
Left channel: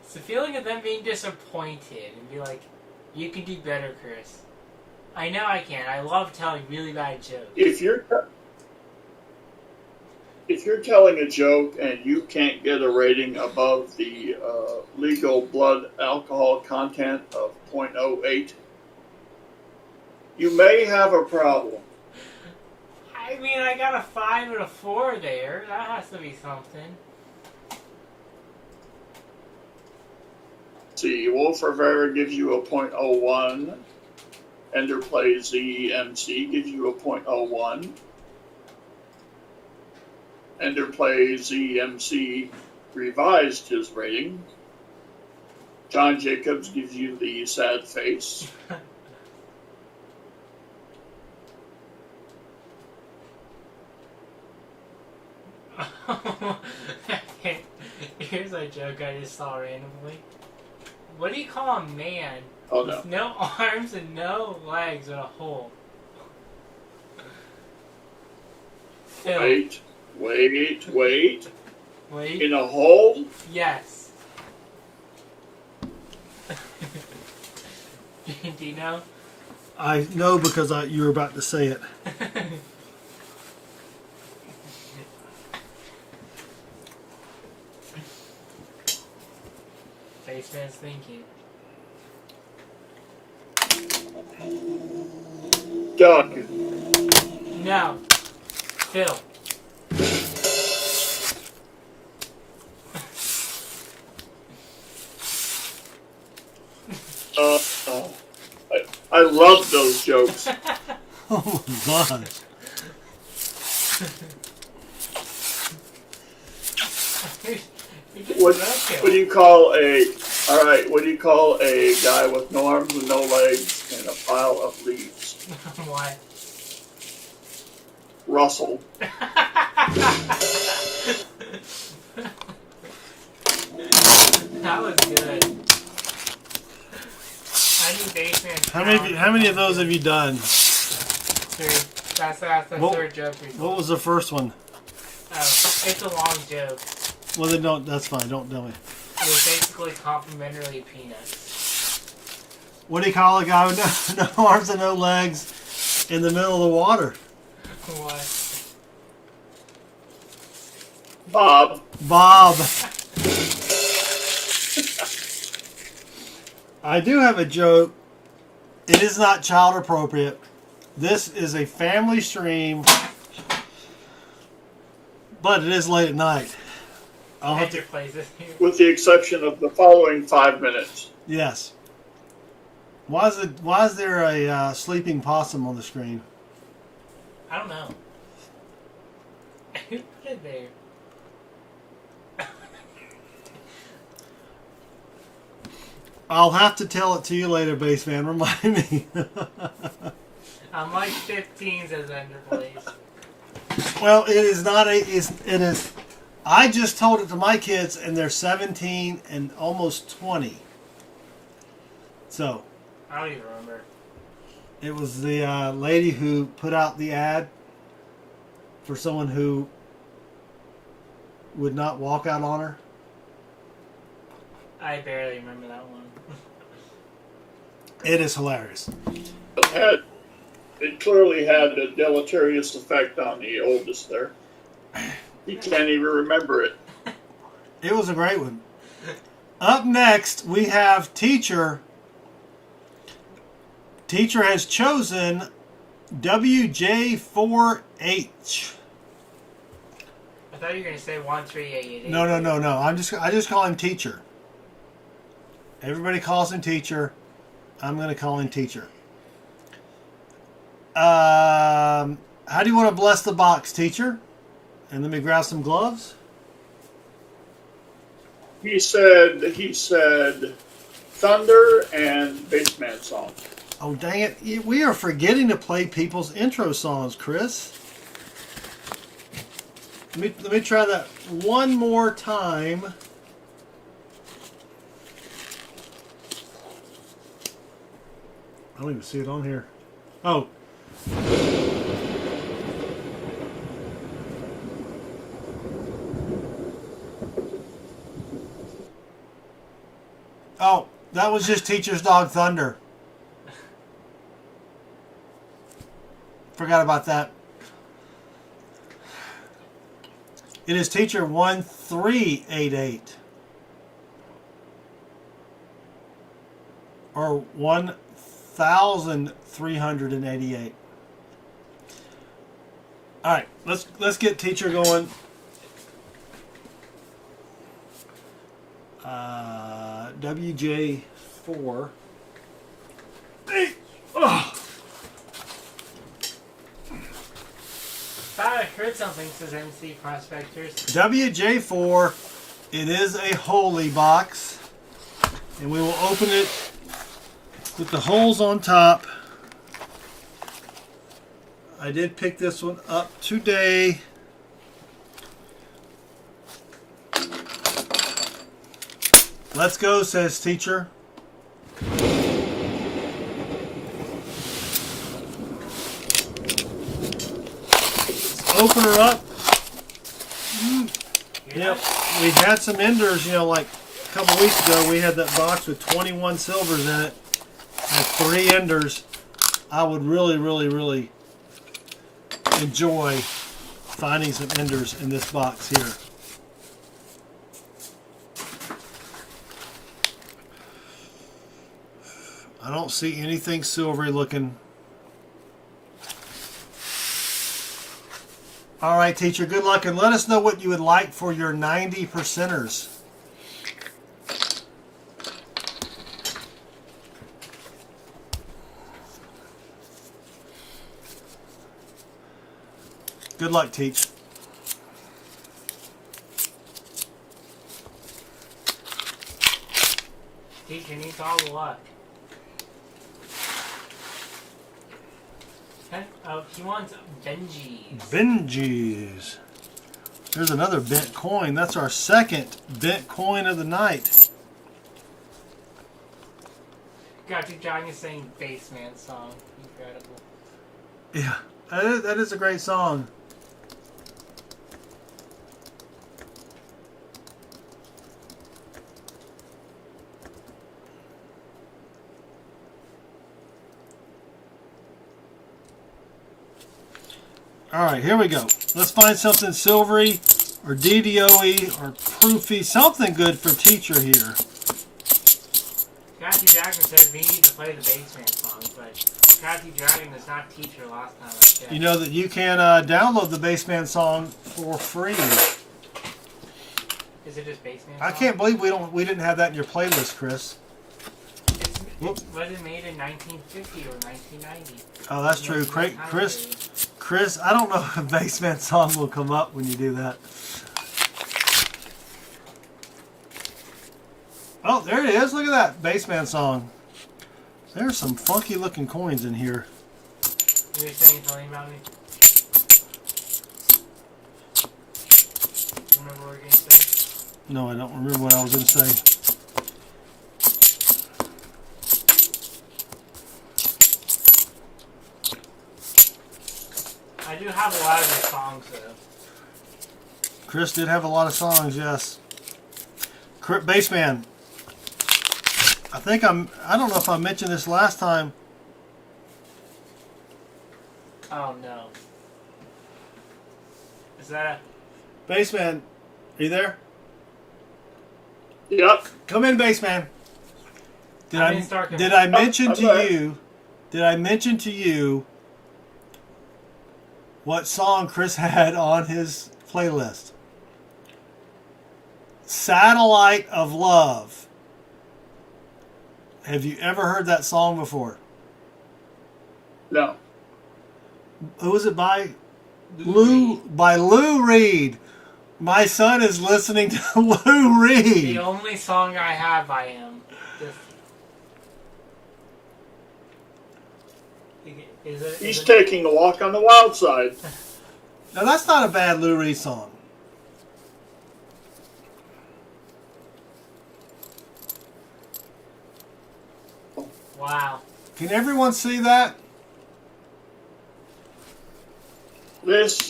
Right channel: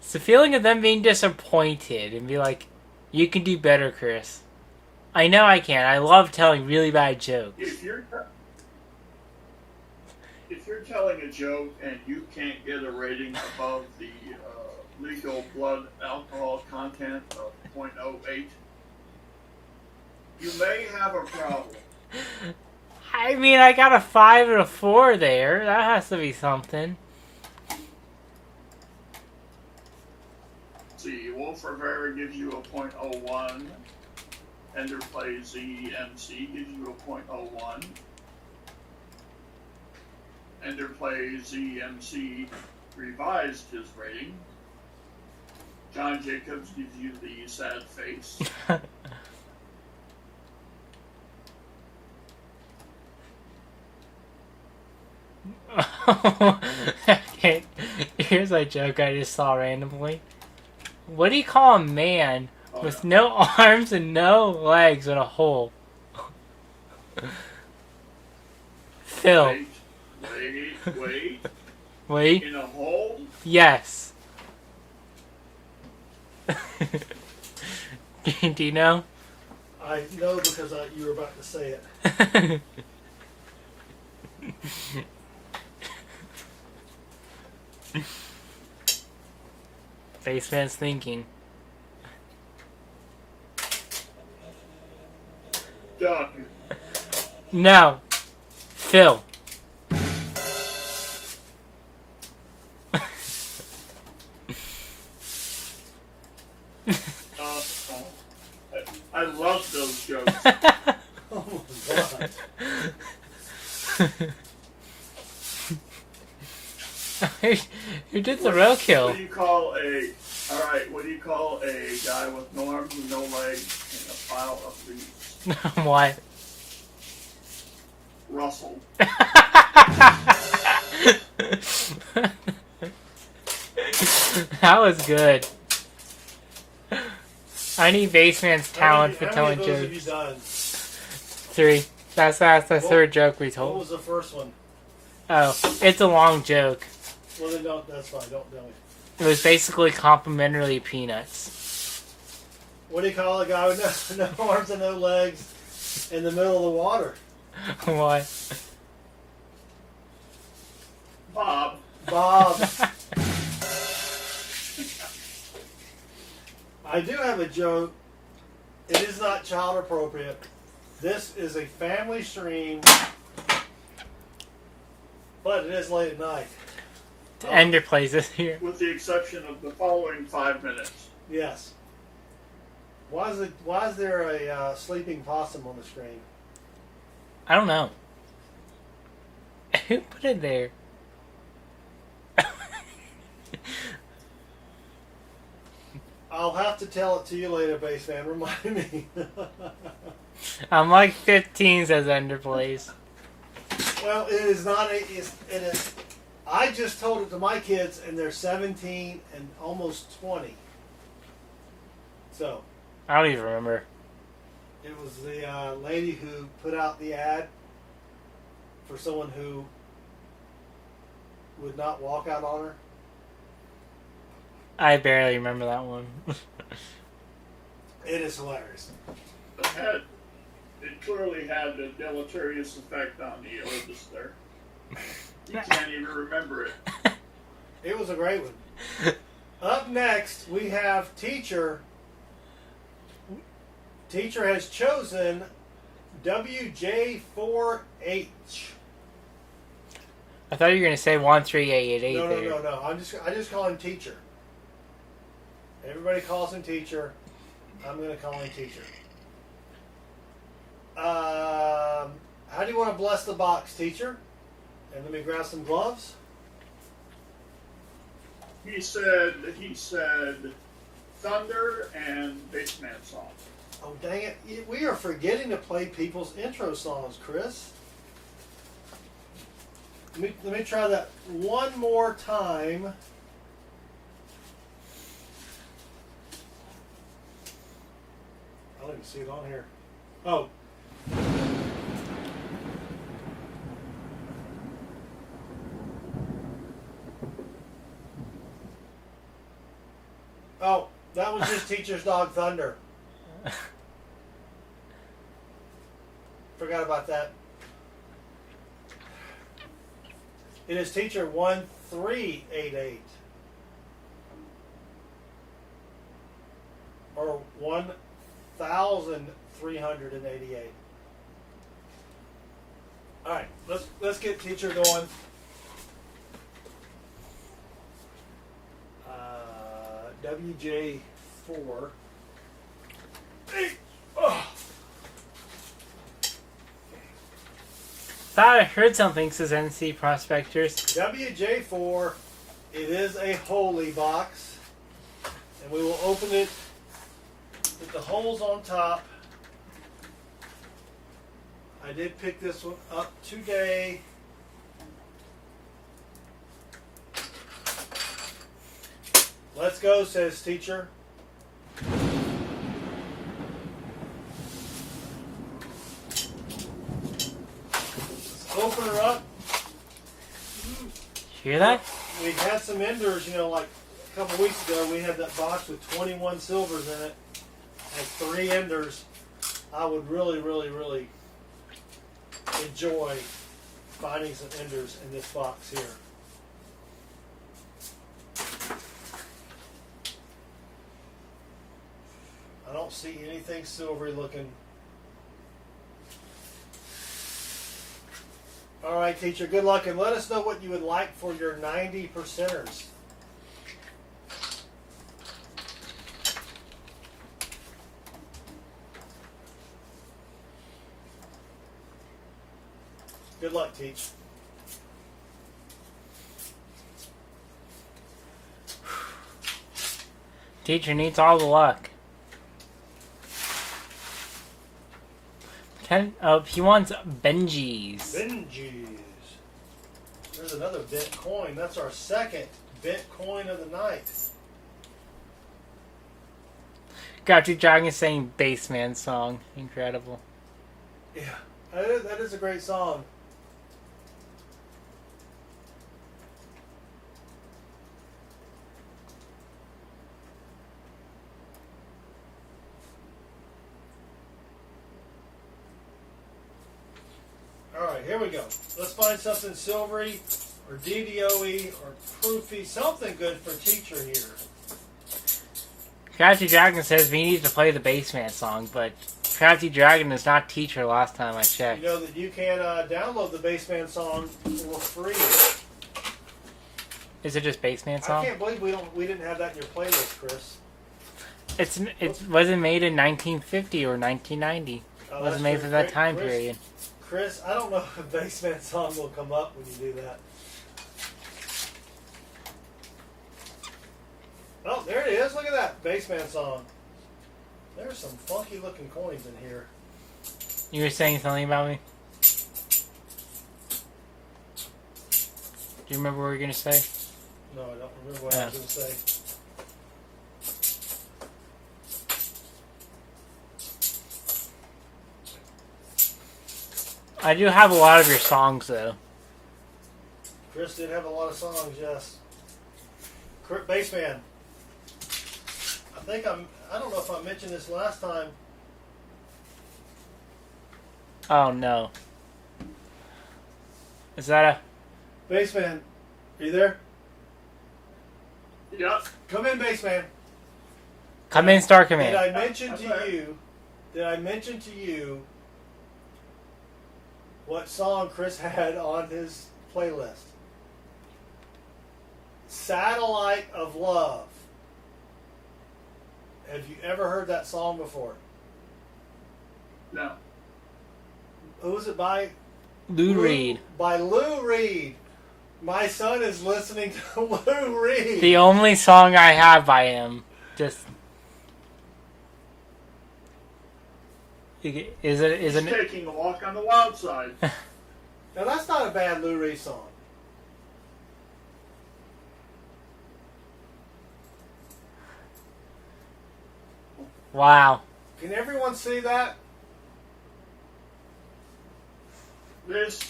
It's the feeling of them being disappointed and be like, "You can do better, Chris." I know I can. I love telling really bad jokes. If you're telling a joke and you can't get a rating above the legal blood alcohol content of 0.08, you may have a problem. I mean, I got a 5 and a 4 there. That has to be something. See, Wolf Rivera gives you a 0.01. Ender Plays ZMC gives you a 0.01. Ender Plays ZMC revised his rating. John Jacobs gives you the sad face. Okay, here's a joke I just saw randomly. What do you call a man with no arms and no legs and a hole? Phil. Wait. Wait. In a hole? Yes. Do you know? I know because you were about to say it. Baseman's thinking. Doug. No. Phil. I love those jokes. Oh my God. You did the roadkill. What do you call a? All right. What do you call a guy with no arms and no legs and a pile of leaves? Why? Russell. That was good. I need Baseman's talent. How many of those jokes. have you done? 3. That's the third joke we told. What was the first one? Oh, it's a long joke. Well, then don't. That's fine. Don't tell me. It was basically complimentary peanuts. What do you call a guy with no arms and no legs in the middle of the water? What? Bob. Bob. I do have a joke. It is not child appropriate. This is a family stream, but it is late at night. Ender plays it here. With the exception of the following 5 minutes. Yes. Why is there a sleeping possum on the screen? I don't know. Who put it there? I'll have to tell it to you later, Baseman. Remind me. I'm like 15, says Ender plays. Well, it is not it is. I just told it to my kids, and they're 17 and almost 20. So. I don't even remember. It was the lady who put out the ad for someone who would not walk out on her. I barely remember that one. It is hilarious. It clearly had a deleterious effect on the oldest there. He can't even remember it. It was a great one. Up next, we have Teacher. Teacher has chosen WJ4H. I thought you were gonna say 13888. No. I just call him Teacher. Everybody calls him Teacher. I'm gonna call him Teacher. How do you want to bless the box, Teacher? And let me grab some gloves. He said thunder and bassman song. Oh, dang it. We are forgetting to play people's intro songs, Chris. Let me try that one more time. I don't even see it on here. Oh. Oh, that was just Teacher's Dog Thunder. Forgot about that. It is Teacher 1388. Or 1388. All right, let's get Teacher going. WJ4. Hey. Oh. Thought I heard something, says NC Prospectors. WJ4, it is a holy box, and we will open it with the holes on top. I did pick this one up today. Let's go, says Teacher. Open her up. Hear that? We had some enders, like a couple weeks ago. We had that box with 21 silvers in it. Had 3 enders. I would really, really, really enjoy finding some enders in this box here. I don't see anything silvery looking. All right, Teacher, good luck, and let us know what you would like for your 90%ers. Good luck, Teach. Teacher needs all the luck. He wants Benji's. Benji's. Here's another bent coin. That's our second bent coin of the night. Crafty Dragon saying Bassman song. Incredible. Yeah, that is a great song. All right, here we go. Let's find something silvery or DDO-y or proofy, something good for Teacher here. Crafty Dragon says we need to play the Bassman song, but Crafty Dragon is not Teacher last time I checked. You know that you can download the Bassman song for free. Is it just Bassman song? I can't believe we didn't have that in your playlist, Chris. It wasn't made in 1950 or 1990. Oh, that's true. That time period. Chris, I don't know if a Bassman song will come up when you do that. Oh, there it is. Look at that Bassman song. There's some funky looking coins in here. You were saying something about me? Do you remember what you were going to say? No, I don't remember what I was going to say. I do have a lot of your songs, though. Chris did have a lot of songs, yes. Bassman. I don't know if I mentioned this last time. Oh, no. Is that a... Bassman, are you there? Yep. Come in, Bassman. Come in, Star Command. Did I mention to okay. you? Did I mention to you what song Chris had on his playlist? Satellite of Love. Have you ever heard that song before? No. Who was it by? Lou Reed. By Lou Reed. My son is listening to Lou Reed. The only song I have by him. Just... He's taking a walk on the wild side. Now that's not a bad Lou Reed song. Wow. Can everyone see that? This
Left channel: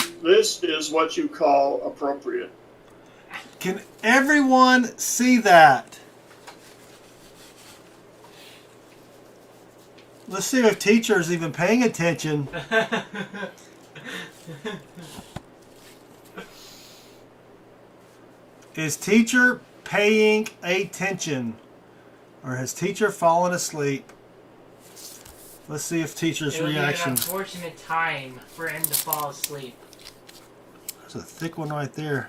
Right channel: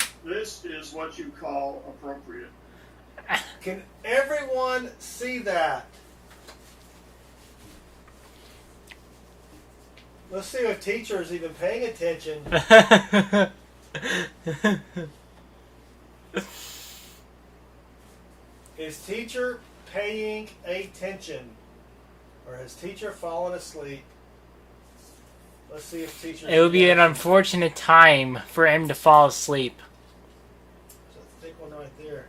is what you call appropriate. Can everyone see that? Let's see if Teacher's even paying attention. Is Teacher paying attention? Or has Teacher fallen asleep? Let's see if Teacher's It would be an reaction. unfortunate time for him to fall asleep. There's a thick one right there.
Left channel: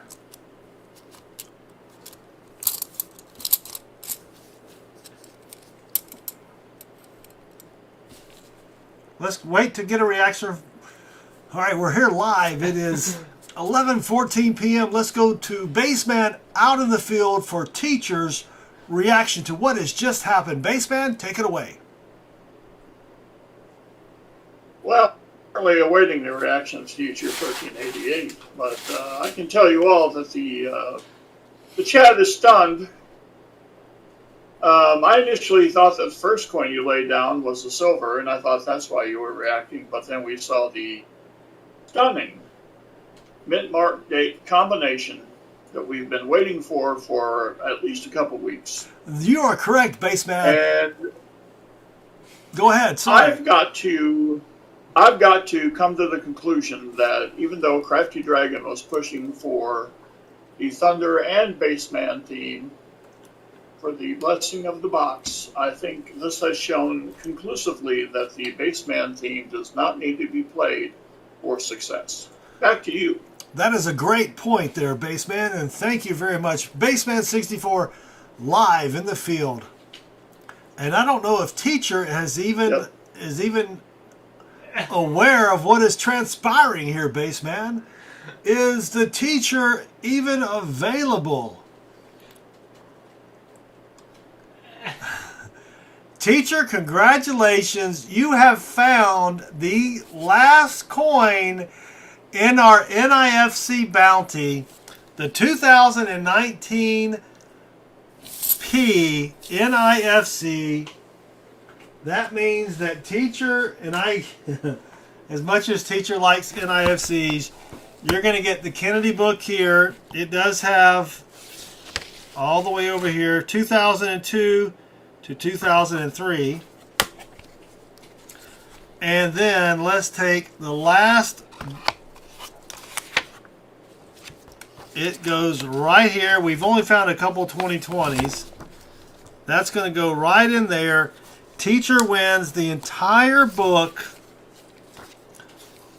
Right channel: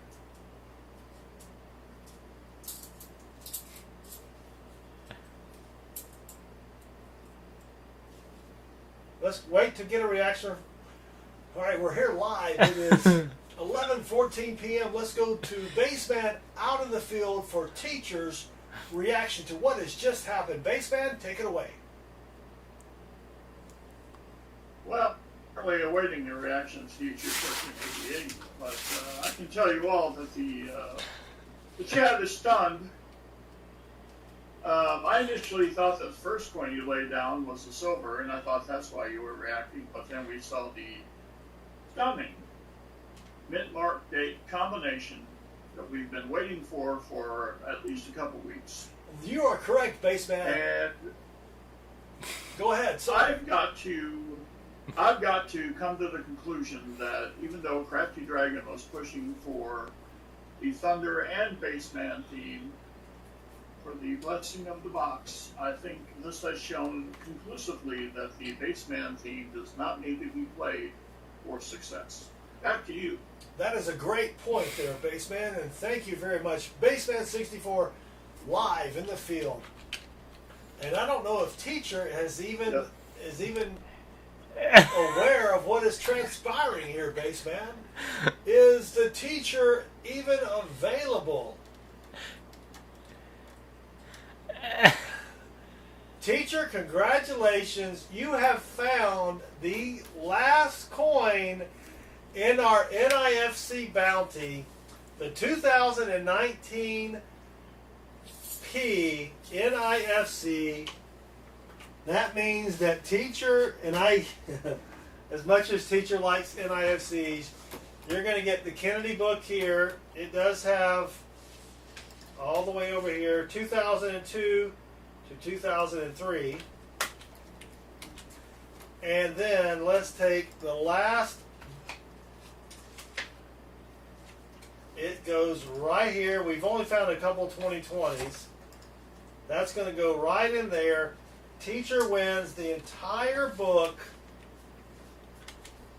Let's wait to get a reaction. All right, we're here live. It is 11:14 p.m. Let's go to Bassman out in the field for Teacher's reaction to what has just happened. Bassman, take it away. Well, currently awaiting the reaction of Future 1388, but I can tell you all that the chat is stunned. I initially thought that the first coin you laid down was the silver, and I thought that's why you were reacting, but then we saw the stunning mint mark date combination that we've been waiting for at least a couple weeks. You are correct, Bassman. And Go ahead. Sorry. I've got to come to the conclusion that even though Crafty Dragon was pushing for the Thunder and Bassman theme for the blessing of the box, I think this has shown conclusively that the Bassman theme does not need to be played for success. Back to you. That is a great point there, Bassman, and thank you very much. Bassman64 live in the field. And I don't know if Teacher is even aware aware of what is transpiring here, Baseman. Is the teacher even available? Teacher, congratulations. You have found the last coin in our NIFC bounty, the 2019 P NIFC. That means that teacher, and I, as much as teacher likes NIFCs, you're going to get the Kennedy book here. It does have all the way over here, 2002 to 2003. And then let's take the last. It goes right here. We've only found a couple 2020s. That's going to go right in there. Teacher wins the entire book,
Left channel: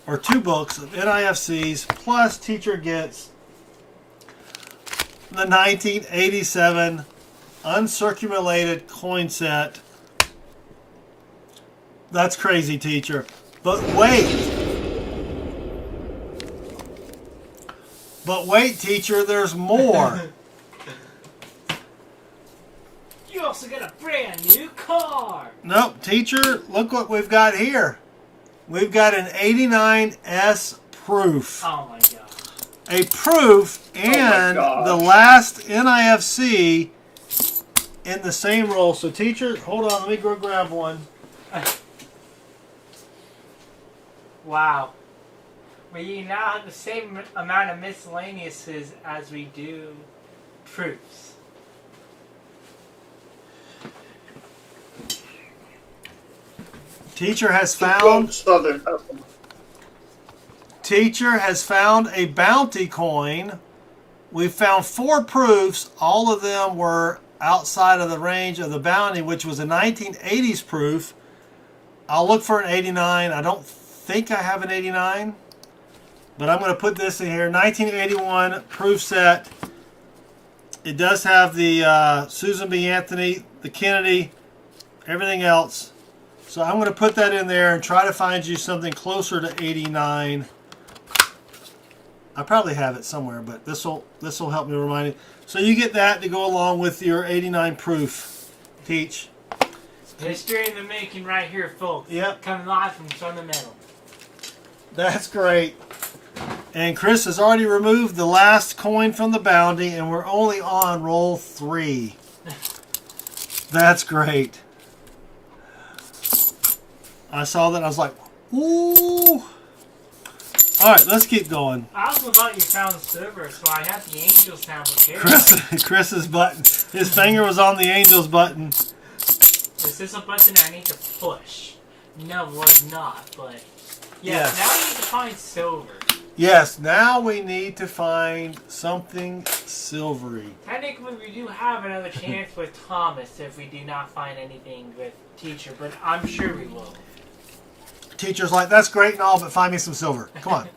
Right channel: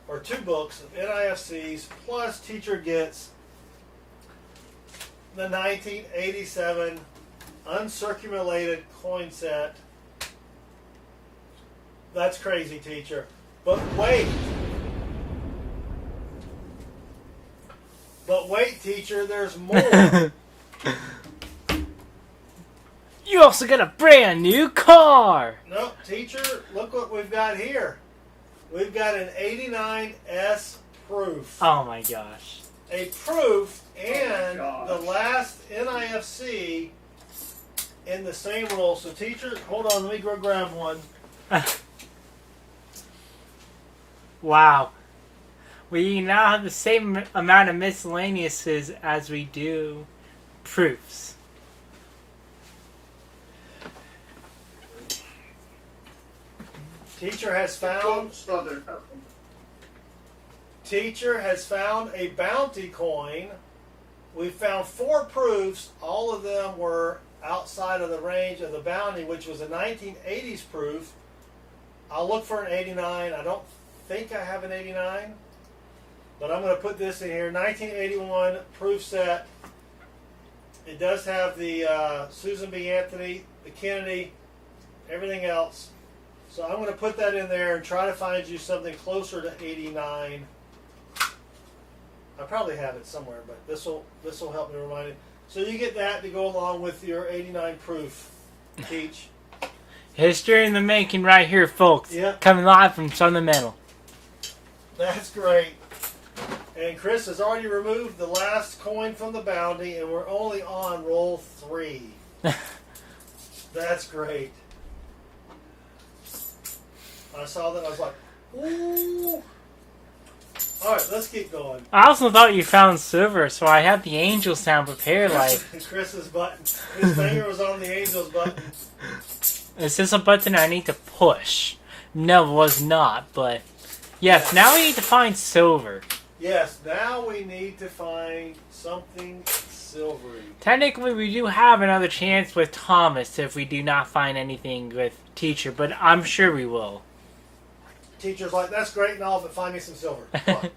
or 2 books of NIFCs, plus teacher gets the 1987 uncirculated coin set. That's crazy, teacher. But wait. But wait, teacher, there's more. You also got a brand new car. Nope, teacher, look what we've got here. We've got an 89S proof. Oh my gosh. A proof and the last NIFC in the same roll. So teacher, hold on, let me go grab one. Wow. We now have the same amount of miscellaneouses as we do proofs. Teacher has found a bounty coin. We found 4 proofs. All of them were outside of the range of the bounty, which was a 1980s proof. I'll look for an 89. I don't think I have an 89, but I'm going to put this in here. 1981 proof set. It does have the Susan B. Anthony, the Kennedy, everything else. So I'm going to put that in there and try to find you something closer to 89. I probably have it somewhere, but this will help me remind it. So you get that to go along with your 89 proof, Peach. History in the making right here, folks. Yep. Coming live from Fundamental. That's great. And Chris has already removed the last coin from the bounty, and we're only on roll 3. That's great. I saw that and I was like, ooh. Alright, let's keep going. I also thought you found silver, so I have the angel sound prepared. Chris's button. His finger was on the angel's button. Is this a button I need to push? No, it was not, but... Yes, now we need to find silver. Yes, now we need to find something silvery. Technically, we do have another chance with Thomas if we do not find anything with Teacher, but I'm sure we will. Teacher's like, that's great and all, but find me some silver. Come on.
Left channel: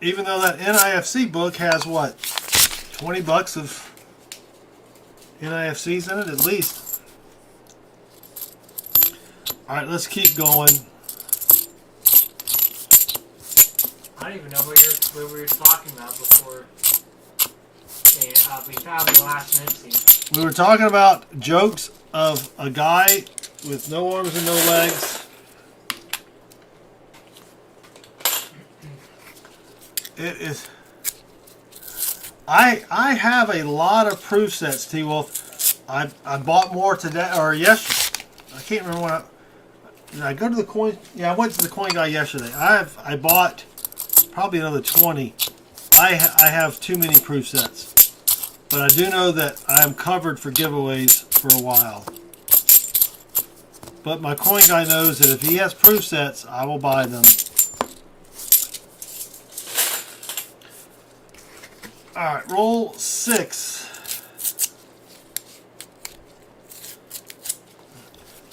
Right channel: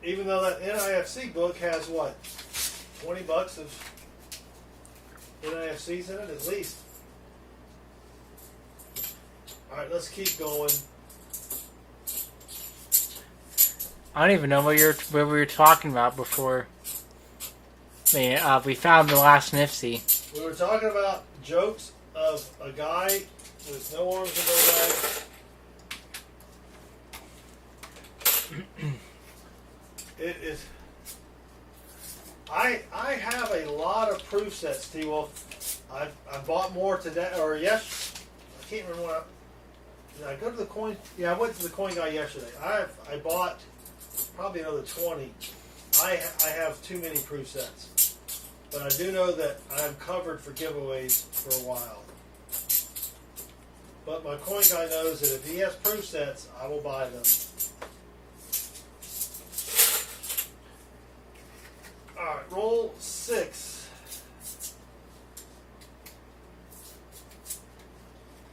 Even though that NIFC book has, what, 20 bucks of NIFCs in it at least. Alright, let's keep going. I don't even know what we were talking about before we found the last NIFC. We were talking about jokes of a guy with no arms and no legs. It is. I have a lot of proof sets, T-Wolf. I bought more today or yesterday. I can't remember when did I go to the coin. Yeah, I went to the coin guy yesterday. I bought probably another 20. I have too many proof sets, but I do know that I am covered for giveaways for a while. But my coin guy knows that if he has proof sets, I will buy them. Alright, roll 6.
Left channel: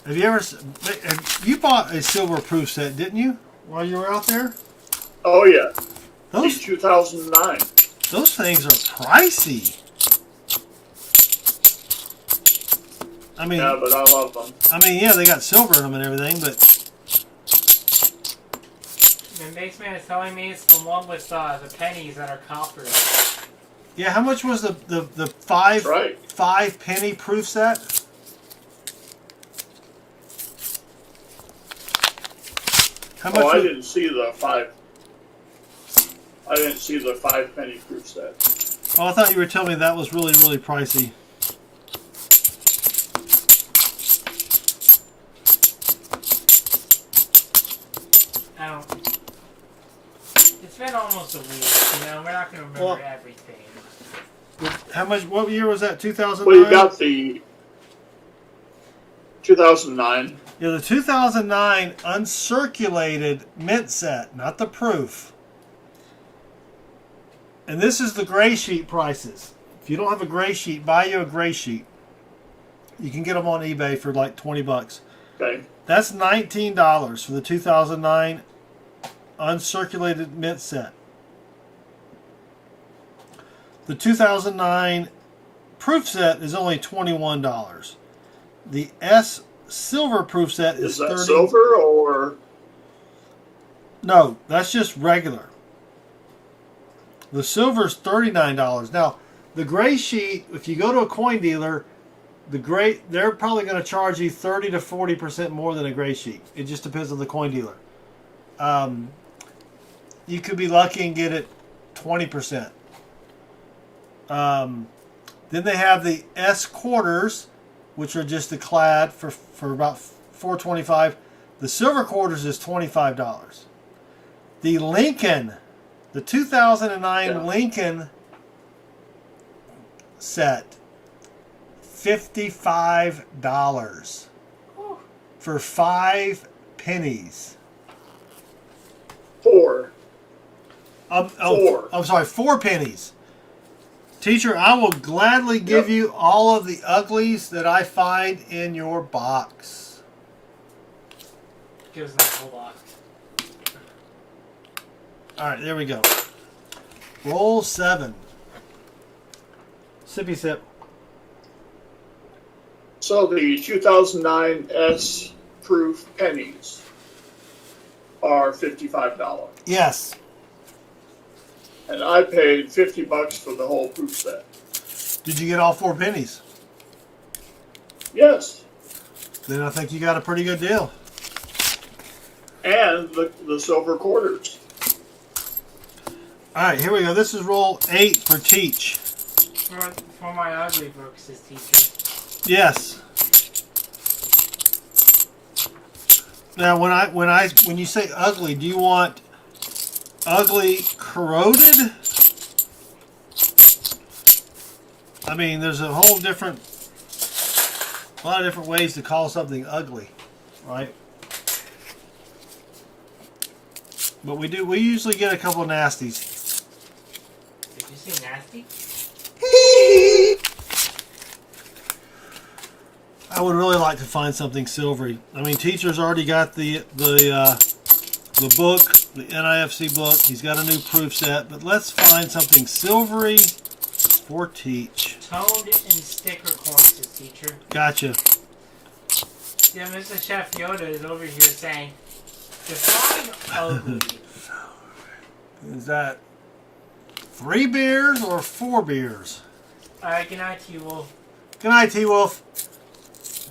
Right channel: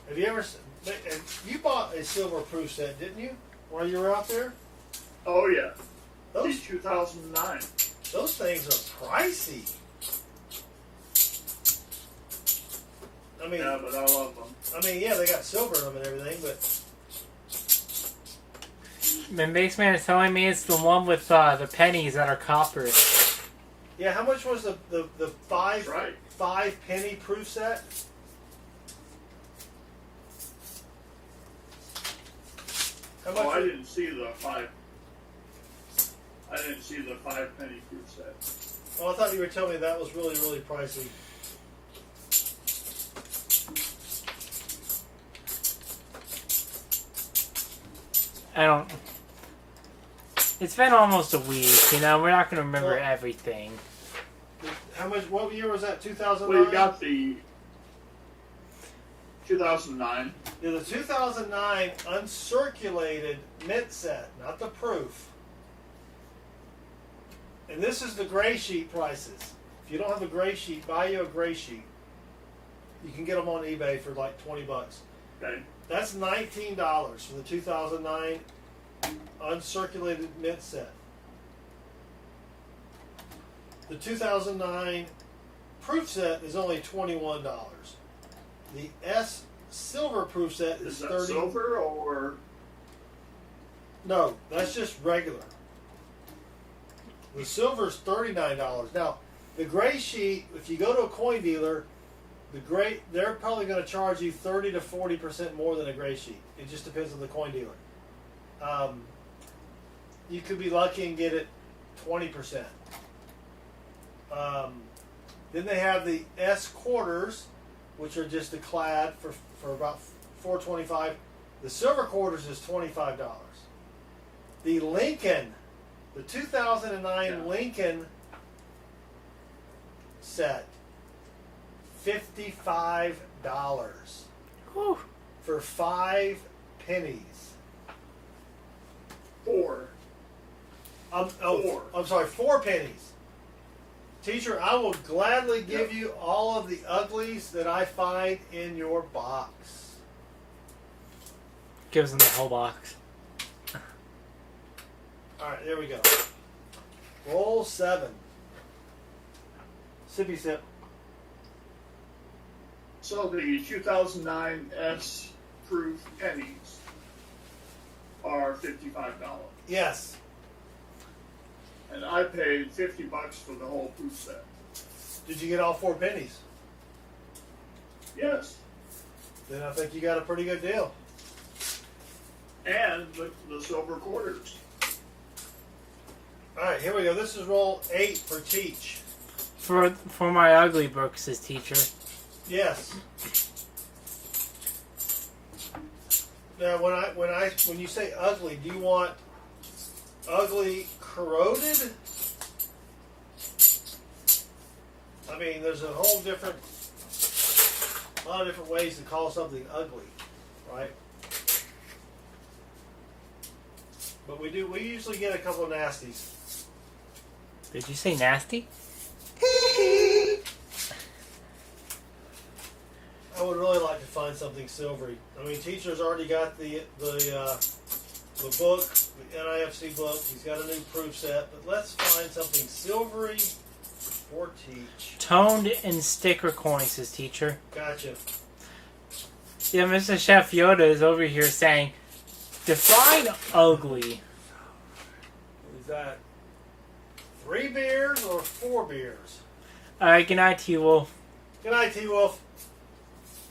Have you bought a silver proof set, didn't you, while you were out there? Oh yeah. Those In 2009. Those things are pricey. I mean, Yeah, but I love them. I mean, yeah, they got silver in them and everything, but The Mix Man is telling me it's the one with the pennies that are copper. yeah. How much was the That's right. 5 penny proof set? How much? Oh, I was- didn't see the 5. I didn't see the 5 penny proof set. Oh, I thought you were telling me that was really, really pricey. I don't. It's been almost a week, you know. We're not going to remember Well- everything. How much? What year was that? 2009. Well, you got the 2009. Yeah, the 2009 uncirculated mint set, not the proof. And this is the gray sheet prices. If you don't have a gray sheet, buy you a gray sheet. You can get them on eBay for like $20. Okay. That's $19 for the 2009 uncirculated mint set. The 2009 proof set is only $21. The S silver proof set is Is that 30. silver or? No, that's just regular. The silver's $39. Now, the gray sheet, if you go to a coin dealer, they're probably going to charge you 30 to 40% more than a gray sheet. It just depends on the coin dealer. You could be lucky and get it 20%. Then they have the S quarters, which are just the clad for about $4.25. The silver quarters is $25. The Lincoln, the 2009 Lincoln set, $55 for 5 pennies. 4. 4. I'm sorry, 4 pennies. Teacher, I will gladly give you all of the uglies that I find in your box. Gives them the whole box. All right, there we go. Roll 7. Sippy sip. So the 2009 S proof pennies are $55. Yes. And I paid $50 for the whole proof set. Did you get all 4 pennies? Yes. Then I think you got a pretty good deal. And the silver quarters. All right, here we go. This is roll 8 for Teach. For my ugly books, says teacher. Yes. Now, when you say ugly, do you want ugly corroded? I mean, there's a lot of different ways to call something ugly, right? But we usually get a couple of nasties. Did you say nasty? I would really like to find something silvery. I mean, Teacher's already got the book, the NIFC book. He's got a new proof set, but let's find something silvery for Teach. Toned and sticker coins, says teacher. Gotcha. Yeah, Mr. Chef Yoda is over here saying, define ugly. Is that 3 beers or 4 beers? Alright, good night, T-Wolf. Good night, T-Wolf.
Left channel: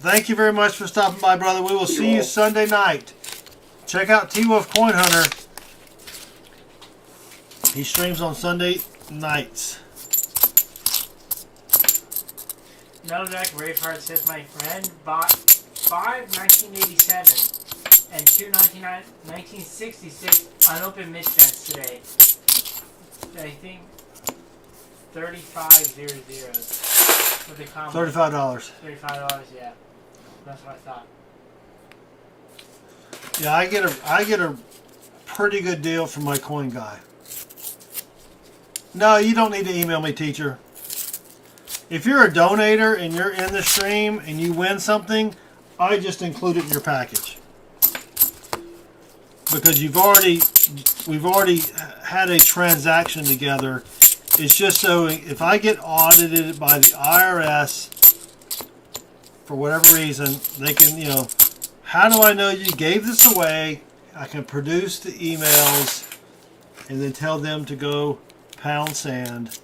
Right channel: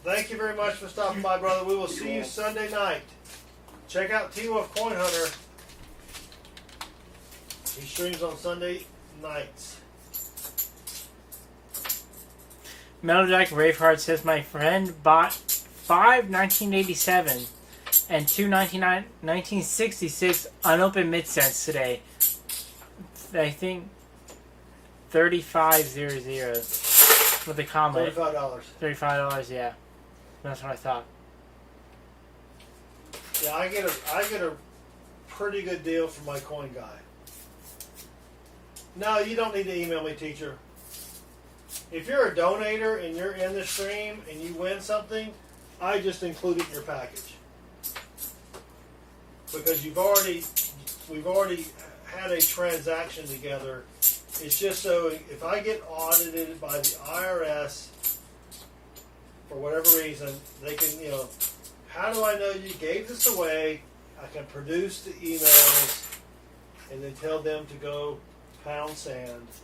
Thank you very much for stopping by, brother. We will see you Sunday night. Check out T-Wolf Coin Hunter. He streams on Sunday nights. Metal Jack Braveheart says, my friend bought 5 1987 and 2 1966 unopened mid sets today. I think 3500 with a comment. $35. $35, yeah. That's what I thought. Yeah, I get a pretty good deal from my coin guy. No, you don't need to email me, teacher. If you're a donator and you're in the stream and you win something, I just include it in your package. Because we've already had a transaction together. It's just so if I get audited by the IRS for whatever reason, they can, how do I know you gave this away? I can produce the emails and then tell them to go pound sand.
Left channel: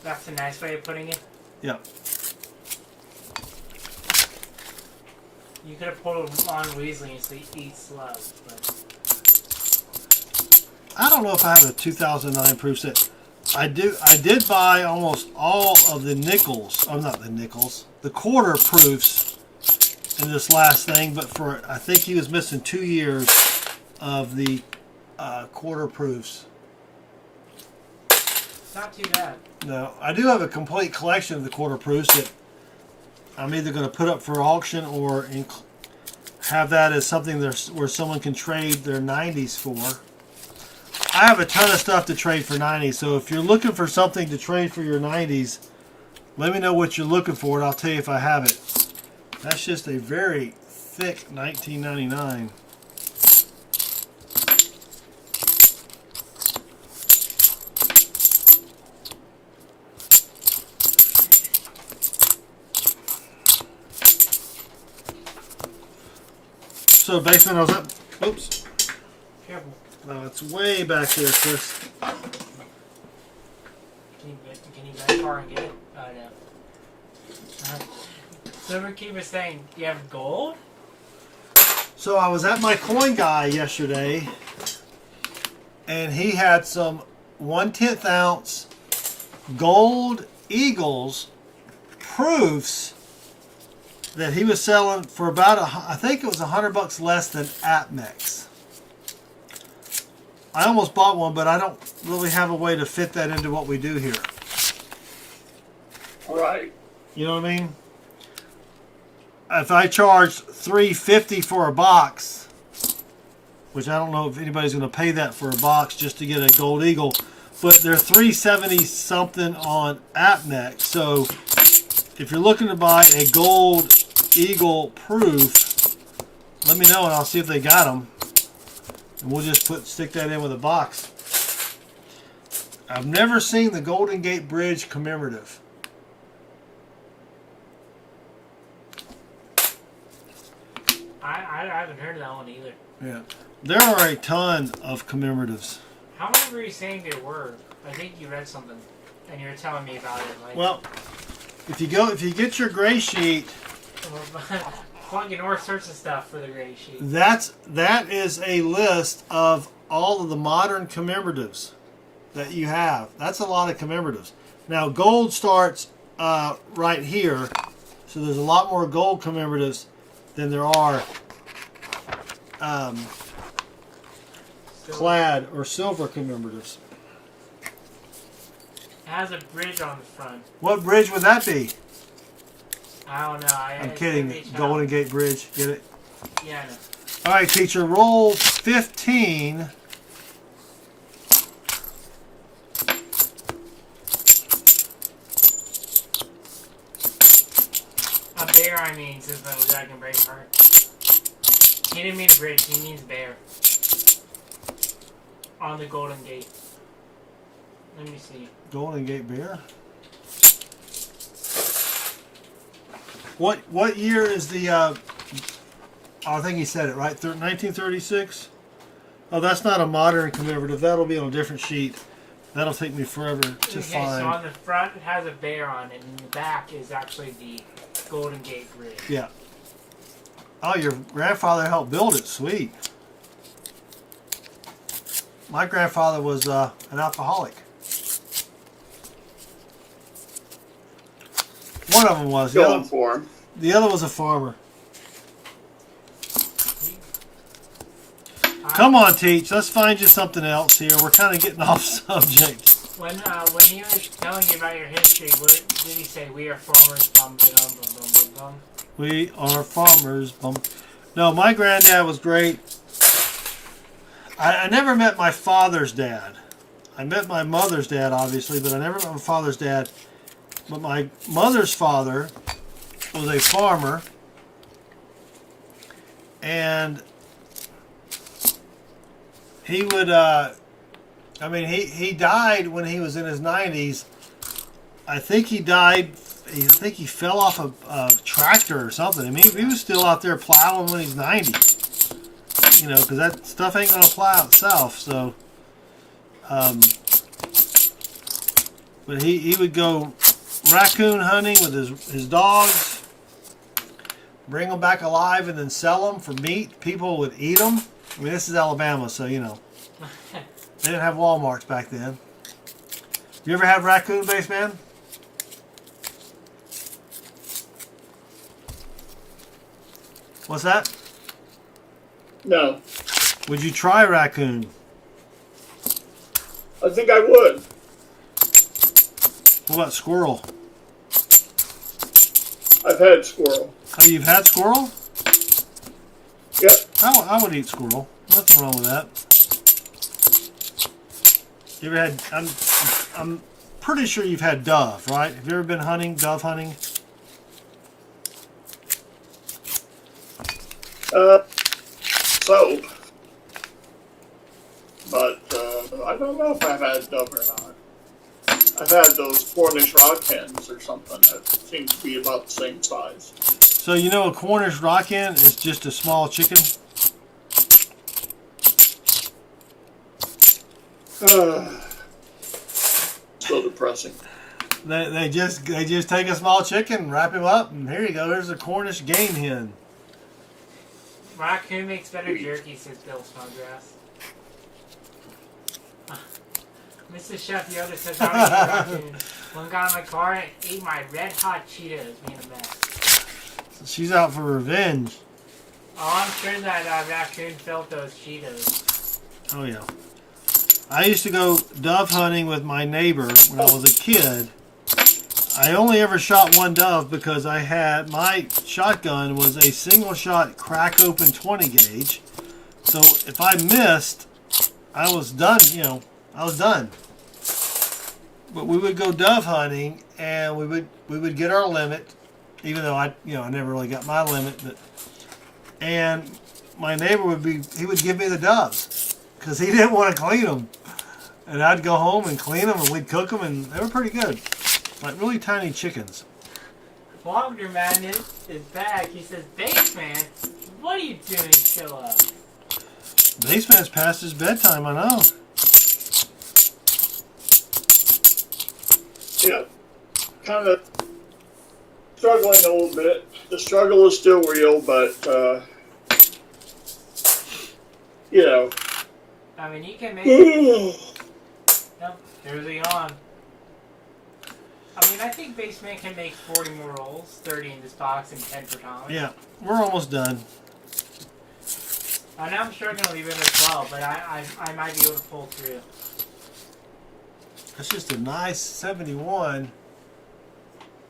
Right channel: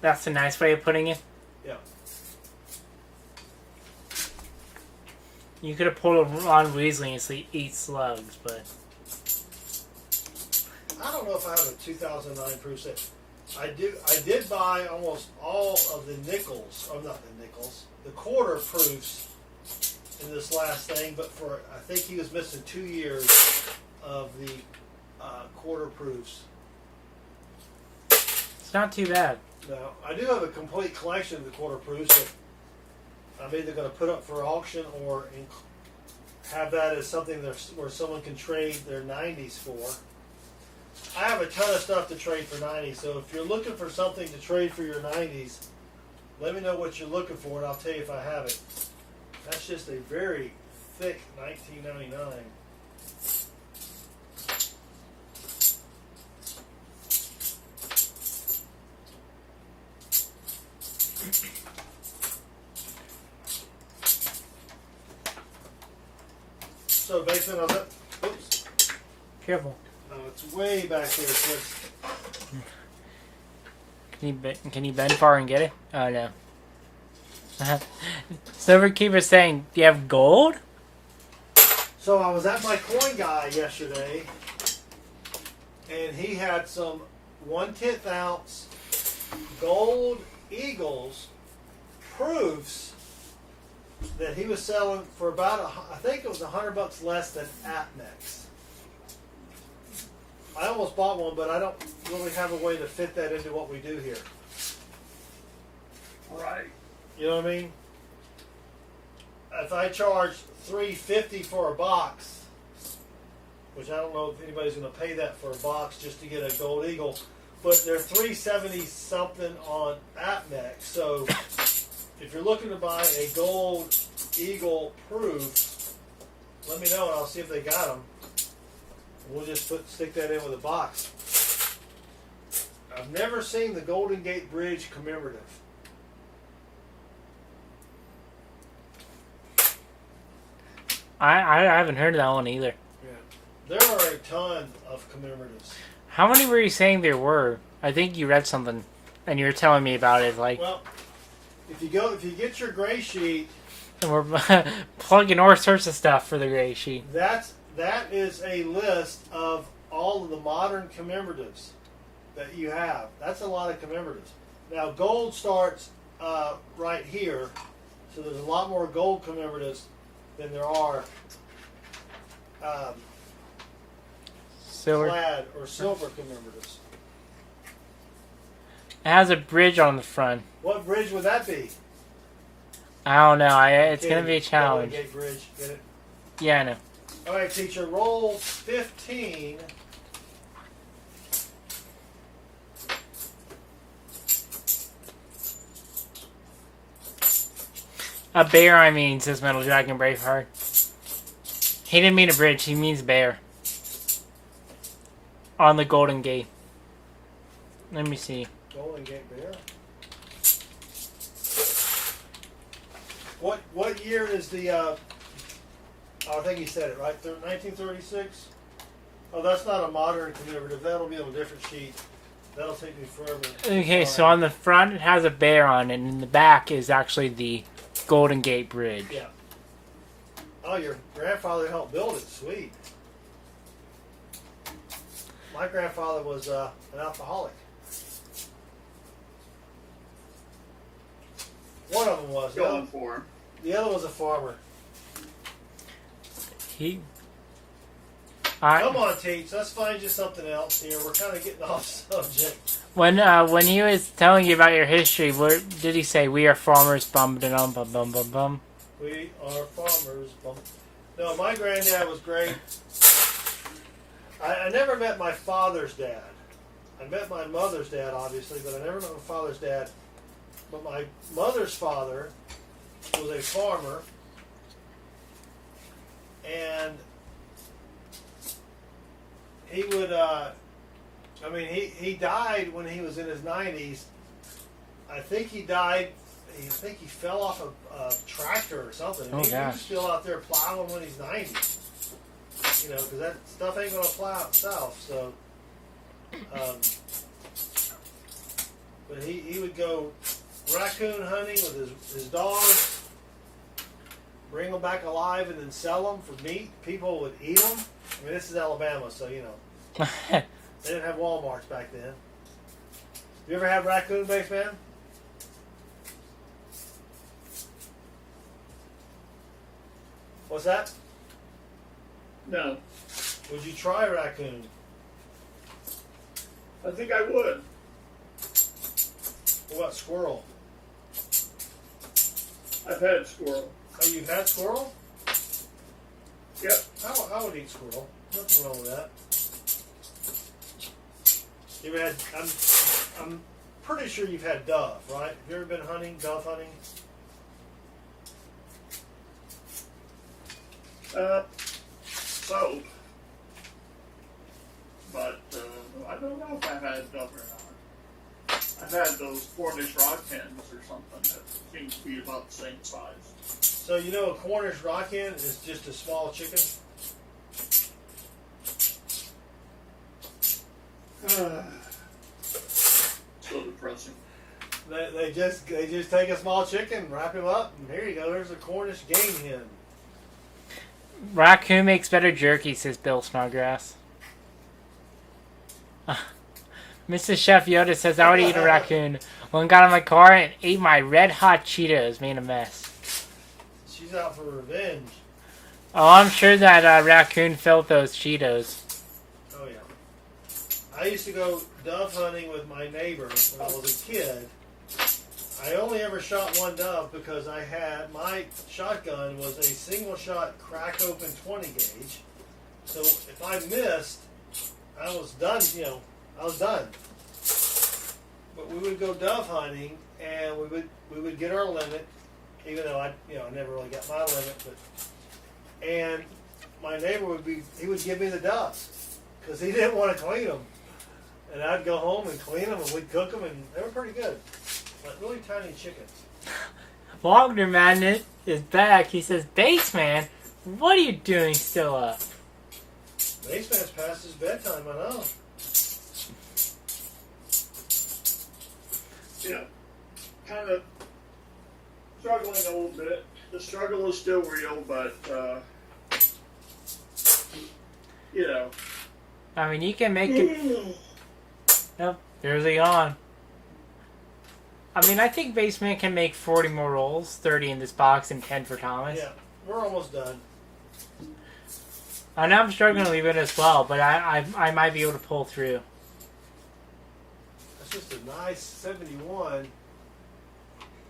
That's a nice way of putting it. Yeah. You could have pulled a Ron Weasley and say eats love, but I don't know if I have a 2009 proof set. I did buy almost all of the nickels. Oh, not the nickels. The quarter proofs in this last thing, but I think he was missing 2 years of the quarter proofs. it's not too bad. No, I do have a complete collection of the quarter proofs that I'm either going to put up for auction or have that as something where someone can trade their 90s for. I have a ton of stuff to trade for 90s, so if you're looking for something to trade for your 90s, let me know what you're looking for and I'll tell you if I have it. That's just a very thick 1999. So basement, I was up. Oops. Careful. No, it's way back there, Chris. Can you bend far and get it? Oh no. Silverkeeper saying, "Do you have gold?" So I was at my coin guy yesterday, and he had some 1/10 ounce gold Eagles proofs that he was selling for about I think it was $100 less than Atmex. I almost bought one, but I don't really have a way to fit that into what we do here. Right. You know what I mean? If I charge $3.50 for a box, which I don't know if anybody's going to pay that for a box just to get a gold eagle, but they're $3.70 something on Apmex. So if you're looking to buy a gold eagle proof, let me know and I'll see if they got them. And we'll just stick that in with a box. I've never seen the Golden Gate Bridge commemorative. I haven't heard of that one either. Yeah, there are a ton of commemoratives. How many were you saying there were? I think you read something, and you were telling me about it. Like, Well, if you get your gray sheet, we're plugging all sorts of stuff for the gray sheet. that is a list of all of the modern commemoratives that you have. That's a lot of commemoratives. Now, gold starts right here, so there's a lot more gold commemoratives than there are Silver. clad or silver commemoratives. It has a bridge on the front. What bridge would that be? I don't know. I'm It's gonna kidding. be a Golden challenge. Gate Bridge. Get it? Yeah, I know. All right, teacher. Roll 15. A bear, I mean, says Metal Dragon Braveheart. He didn't mean a bridge. He means bear. On the Golden Gate. Let me see. Golden Gate Beer. What year is the? I think he said it right. 1936. Oh, that's not a modern commemorative. That'll be on a different sheet. That'll take me forever to Okay, find. so on the front it has a bear on it, and in the back is actually the Golden Gate Bridge. Yeah. Oh, your grandfather helped build it. Sweet. My grandfather was an alcoholic. One of them was. Going for him. The other was a farmer. He, Come on, Teach. Let's find you something else here. We're kind of getting off subject. when he was telling you about your history, what did he say? We are farmers. Bum bum bum bum bum bum. We are farmers. No, my granddad was great. I never met my father's dad. I met my mother's dad, obviously, but I never met my father's dad. But my mother's father was a farmer, and he would, he died when he was in his 90s. I think he died I think he fell off a tractor or something. I mean, he was still out there plowing when he's 90. You know, because that stuff ain't gonna plow itself. So, but he would go raccoon hunting with his dogs, bring them back alive, and then sell them for meat. People would eat them. I mean, this is Alabama, so you know they didn't have Walmarts back then. You ever have raccoon base, man? What's that? No. Would you try raccoon? I think I would. What about squirrel? I've had squirrel. Oh, you've had squirrel? Yep. I would eat squirrel. Nothing wrong with that. You ever had? I'm pretty sure you've had dove, right? Have you ever been hunting, dove hunting? So. But I don't know if I've had dove or not. I've had those Cornish rock hens or something that seem to be about the same size. So you know a Cornish rock hen is just a small chicken? So depressing. They just take a small chicken, wrap him up, and here you go. There's a Cornish game hen. Raccoon makes better jerky, says Bill Snodgrass. Mrs. Chef Yoda says, I would eat a raccoon. One got in my car and ate my red hot Cheetos, made a mess. She's out for revenge. Oh, I'm sure that raccoon felt those Cheetos. Oh, yeah. I used to go dove hunting with my neighbor when I was a kid. I only ever shot one dove because my shotgun was a single shot crack open 20 gauge. So if I missed, I was done, I was done. But we would go dove hunting and we would get our limit, even though I never really got my limit, and my neighbor would give me the doves because he didn't want to clean them. And I'd go home and clean them and we'd cook them and they were pretty good. Like really tiny chickens. Wagner Magnet is back. He says, Baseman, what are you doing still up? Baseman's past his bedtime, I know. Yeah. Kind of struggling a little bit. The struggle is still real, but, I mean, you can make it. Yep, there's a yawn. I mean, I think Baseman can make 40 more rolls, 30 in this box and 10 for Thomas. Yeah, we're almost done. I know I'm struggling a little bit as well, but I might be able to pull through. That's just a nice 71.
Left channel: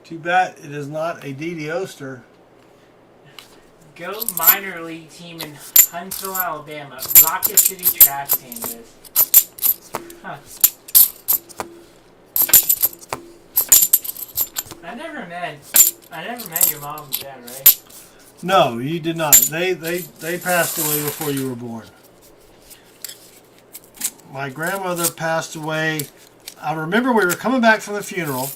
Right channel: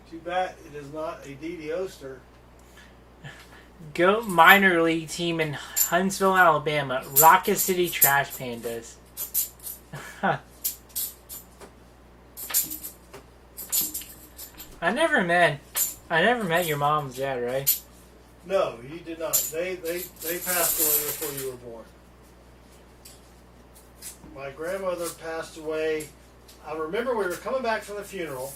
Too bad it is not a DD Oster. Goat minor league team in Huntsville, Alabama. Rocket City Trash Pandas. Huh. I never met your mom and dad, right? No, you did not. They passed away before you were born. My grandmother passed away. I remember we were coming back from the funeral,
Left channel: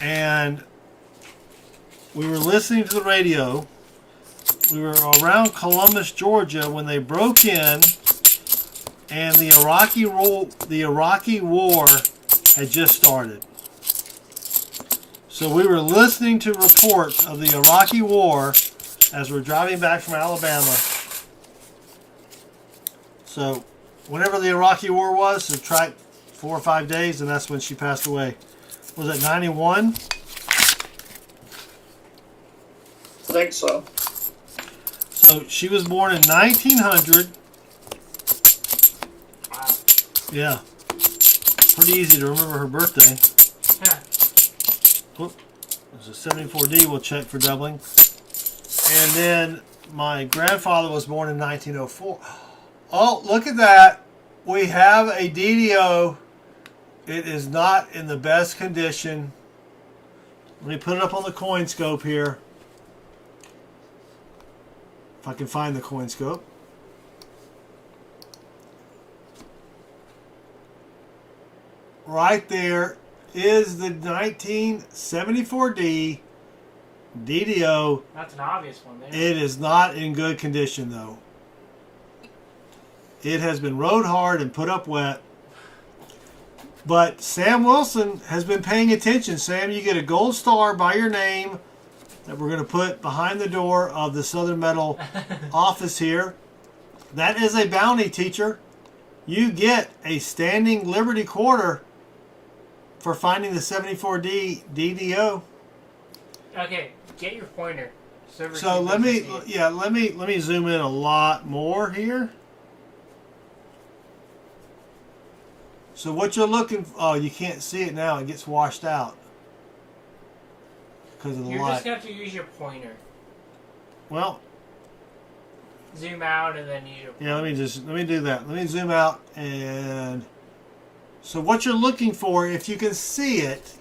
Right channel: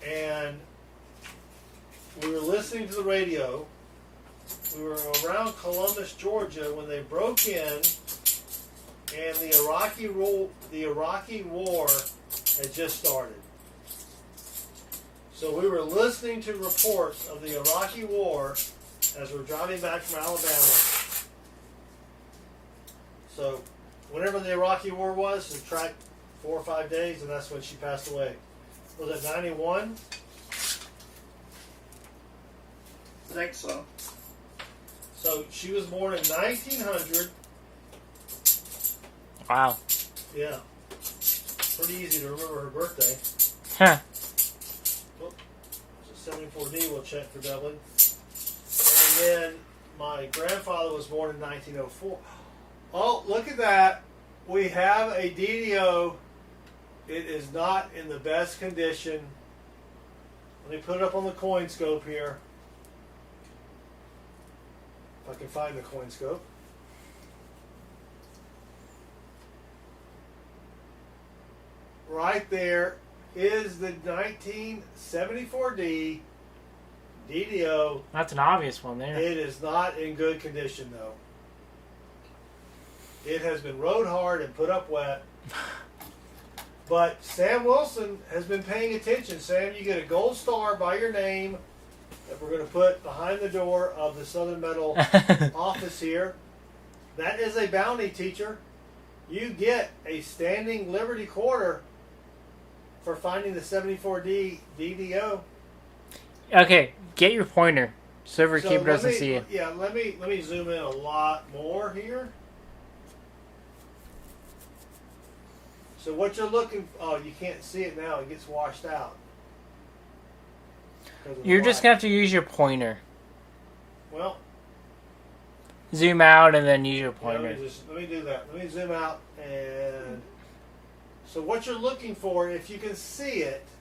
and we were listening to the radio. We were around Columbus, Georgia, when they broke in, and the Iraqi War had just started. So we were listening to reports of the Iraqi War as we're driving back from Alabama. So whenever the Iraqi War was, subtract 4 or 5 days, and that's when she passed away. Was it 91? I think so. So she was born in 1900. Wow. Yeah. Pretty easy to remember her birthday. Huh. Whoop. There's a 74D we'll check for doubling. And then my grandfather was born in 1904. Oh, look at that. We have a DDO. It is not in the best condition. Let me put it up on the coin scope here. If I can find the coin scope. Right there. is the 1974D DDO. That's an obvious one there. It is not in good condition, though. It has been rode hard and put up wet. But Sam Wilson has been paying attention. Sam, you get a gold star by your name that we're going to put behind the door of the Southern Metal office here. That is a bounty, teacher. You get a standing Liberty Quarter for finding the 74D DDO. Okay, get your pointer. So let me zoom in a lot more here. So what you're looking for, oh, you can't see it now. It gets washed out. You're just going to have to use your pointer. Well, zoom out and then use your pointer. yeah, let me do that. Let me zoom out, and so what you're looking for, if you can see it,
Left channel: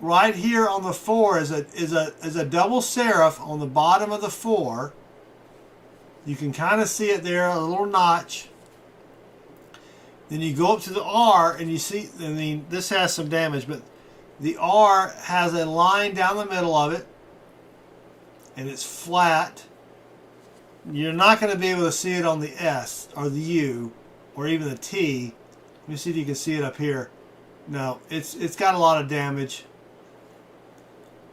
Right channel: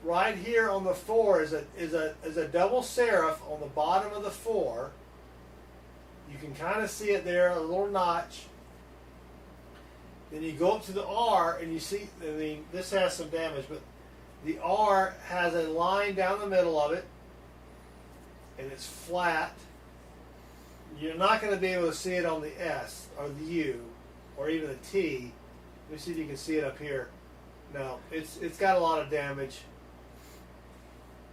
right here on the 4 is a double serif on the bottom of the 4. You can kind of see it there, a little notch. Then you go up to the R and you see, I mean, this has some damage, but the R has a line down the middle of it, and it's flat. You're not going to be able to see it on the S or the U or even the T. Let me see if you can see it up here. No, it's got a lot of damage.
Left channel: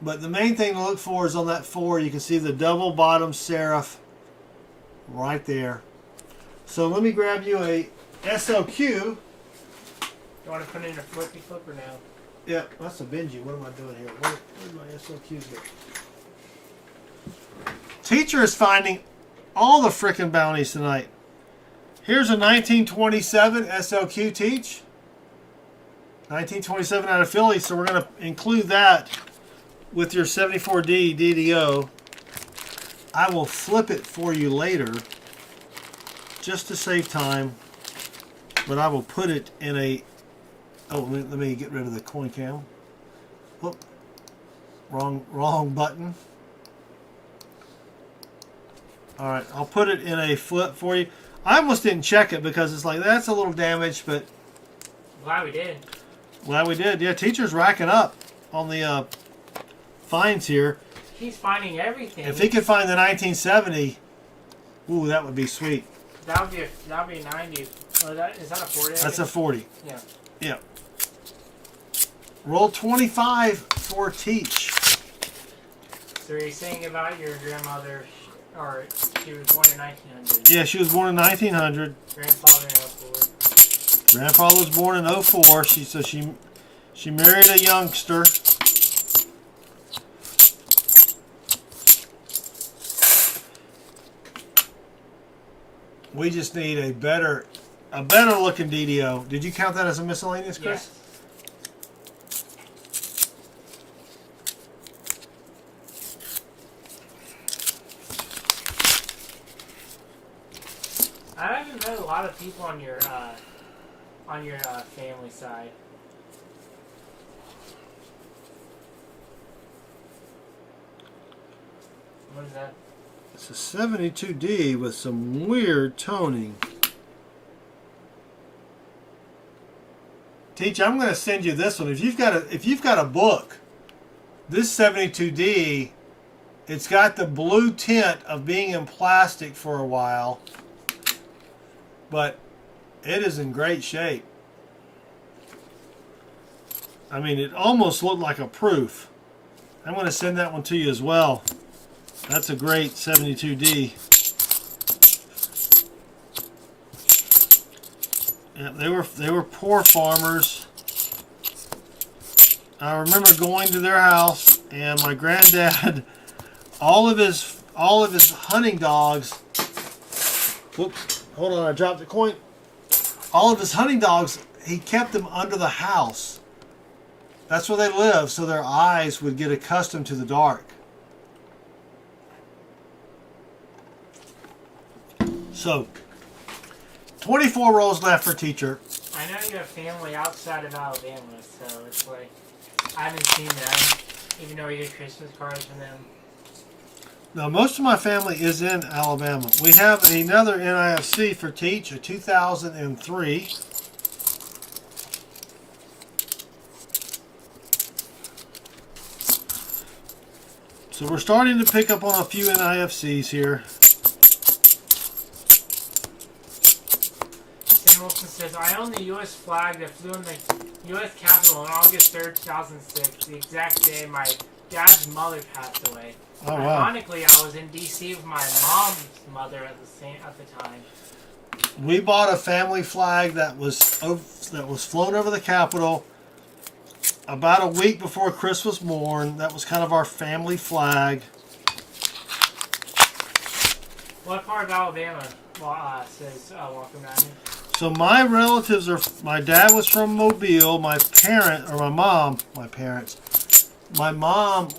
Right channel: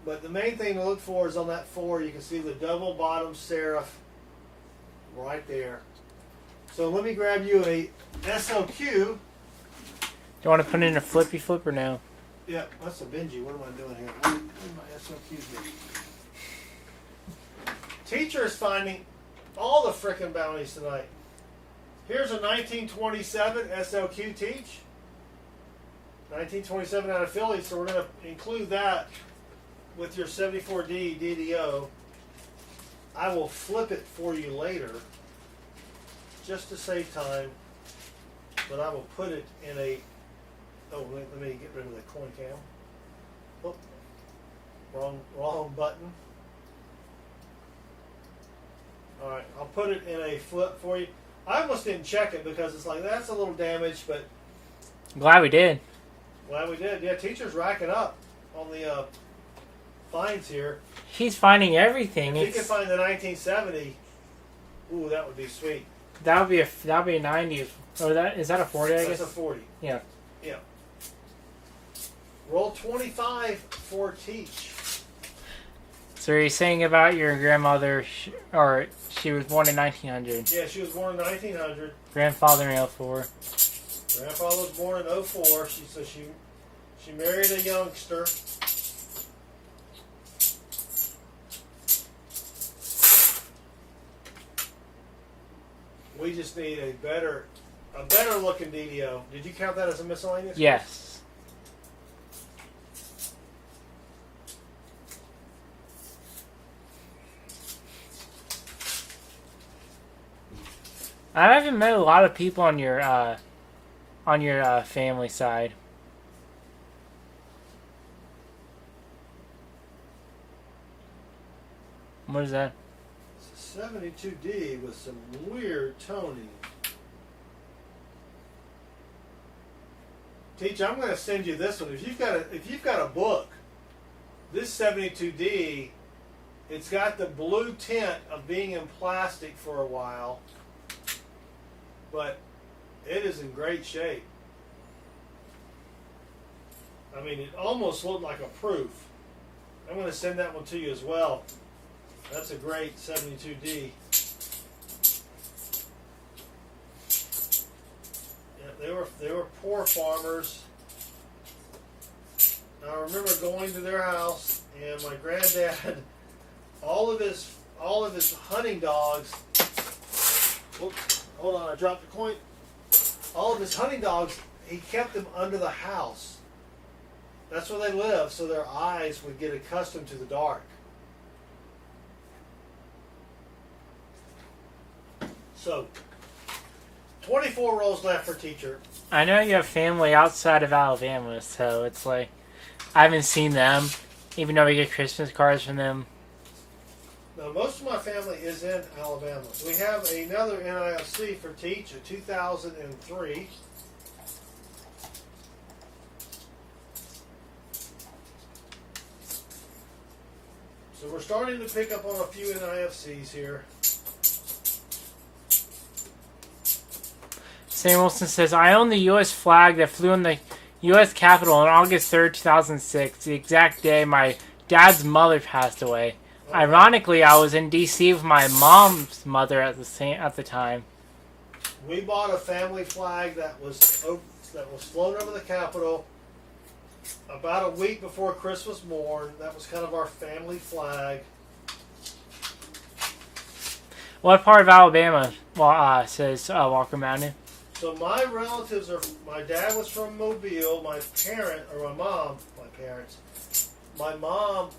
But the main thing to look for is on that 4. You can see the double bottom serif right there. So let me grab you a SLQ. You want to put it in a flippy flip or no? Yeah, that's a Benji. What am I doing here? Where did my SLQs go? Teacher is finding all the frickin' bounties tonight. Here's a 1927 SLQ, Teach. 1927 out of Philly, so we're going to include that with your 74D DDO. I will flip it for you later, just to save time. But I will put it in a... Oh, let me get rid of the coin cam. Whoop. Wrong button. Alright, I'll put it in a flip for you. I almost didn't check it because it's like, that's a little damaged, but... Glad we did. Glad we did. Yeah, teacher's racking up on the finds here. He's finding everything. If he could find the 1970, ooh, that would be sweet. That would be a 90. Or is that a 40? That's a 40. Yeah. Yeah. Roll 25 for Teach. So you're saying about your grandmother, or she was born in 1900. Yeah, she was born in 1900. Grandfather in 04. Grandfather was born in 04. She married a youngster. We just need a better looking DDO. Did you count that as a miscellaneous, Chris? Yes. I haven't met a lot of people on your family side. What is that? It's a 72D with some weird toning. Teach, I'm going to send you this one. If you've got a book, this 72D, it's got the blue tint of being in plastic for a while, but it is in great shape. I mean, it almost looked like a proof. I'm going to send that one to you as well. That's a great 72D. Yeah, they were poor farmers. I remember going to their house, and my granddad, all of his hunting dogs. Whoops! Hold on, I dropped the coin. All of his hunting dogs, he kept them under the house. That's where they lived, so their eyes would get accustomed to the dark. So, 24 rolls left for Teacher. I know you have family outside of Alabama, so it's like I haven't seen them, even though we get Christmas cards from them. Now, most of my family is in Alabama. We have another NIFC for Teach, a 2003. So we're starting to pick up on a few NIFCs here. Sam Wilson says, I own the U.S. flag that flew in the U.S. Capitol on August 3rd, 2006, the exact day my dad's mother passed away. Oh, wow. Ironically, I was in D.C. with my mom's mother at the time. We bought a family flag that was flown over the Capitol about a week before Chris was born. That was kind of our family flag. What part of Alabama? Says Walker Mountain. So my relatives are. My dad was from Mobile. My mom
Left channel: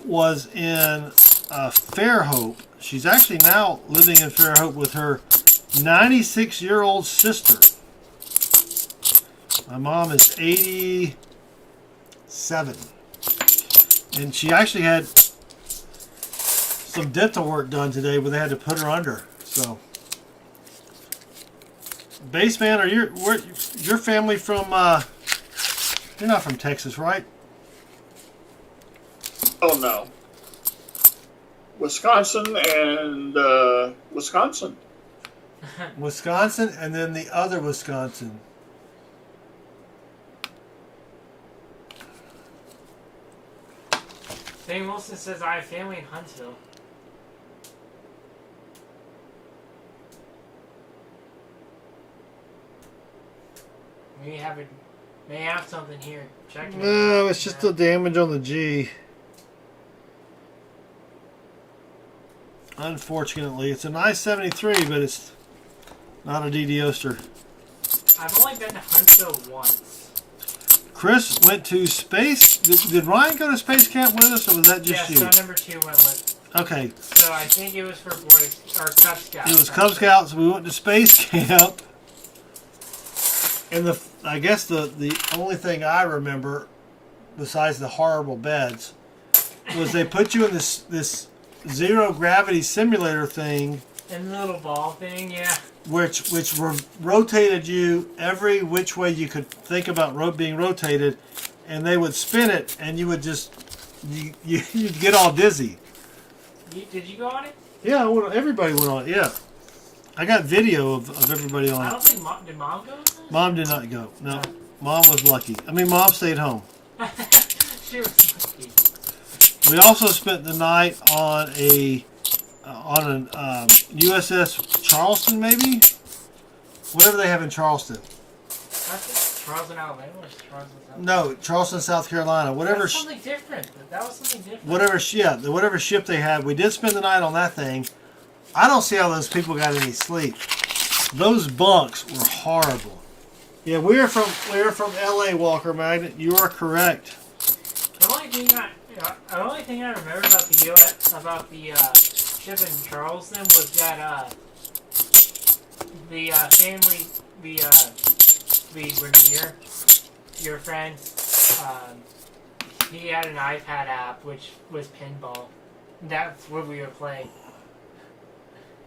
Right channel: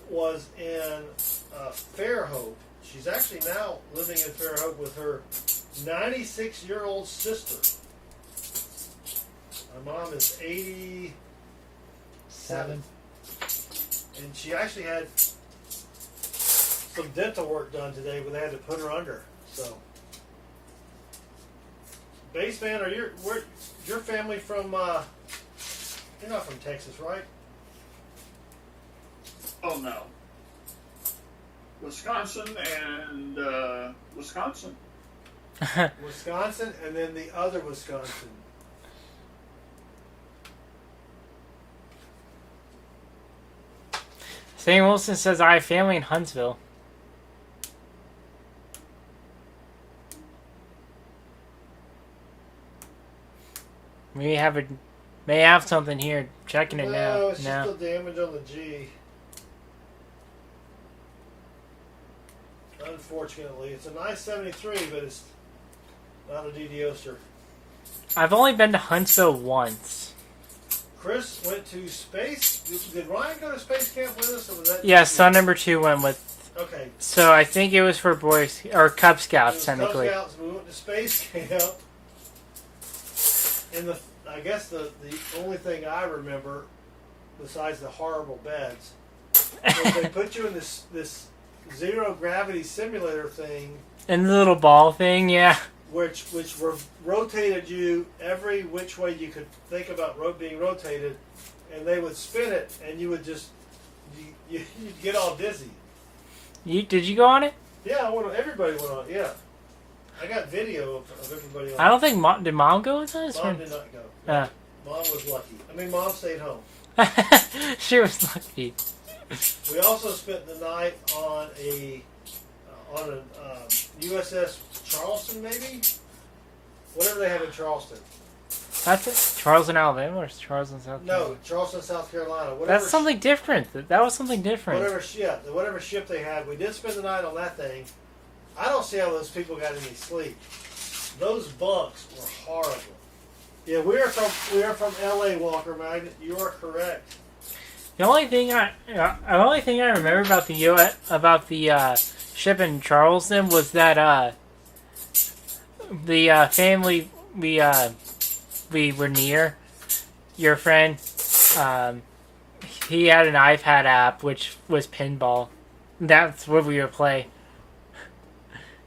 was in Fairhope. She's actually now living in Fairhope with her 96-year-old sister. My mom is 87. And she actually had some dental work done today where they had to put her under. So, Baseman, are your family from, you're not from Texas, right? Oh, no. Wisconsin and Wisconsin. Wisconsin, and then the other Wisconsin. Sam Wilson says, I have family in Huntsville. May have something here. Checking it out. No, it's just the damage on the G. Unfortunately, it's a nice 73, but it's not a DD-Oster. I've only been to Huntsville once. Chris went to space. Did Ryan go to space camp with us, or was that just Yeah, you? son number 2 went with. Okay. So I think it was for boys or Cub Scouts. It was Cub Scouts. We went to space camp, and I guess the only thing I remember, besides the horrible beds, was they put you in this zero gravity simulator thing, and the little ball thing, yeah. which rotated you every which way you could think about being rotated, and they would spin it, and you would just you'd get all dizzy. Did you go on it? Yeah, everybody went on it. Yeah, I got video of everybody on it. I don't think did Mom go with us? Mom did not go. No, No. Mom was lucky. I mean, Mom stayed home. She was lucky. We also spent the night on an USS Charleston, maybe? Whatever they have in Charleston. That's it? Charleston, Alabama, or Charleston, South Carolina? No, Charleston, South Carolina. Whatever. That's something different. That was something different. Whatever ship they had, we did spend the night on that thing. I don't see how those people got any sleep. Those bunks were horrible. Yeah, we're from LA, Walker Magnet. You are correct. The only thing I remember about the ship in Charleston was that the family we were near, your friend, he had an iPad app which was pinball. That's what we would play.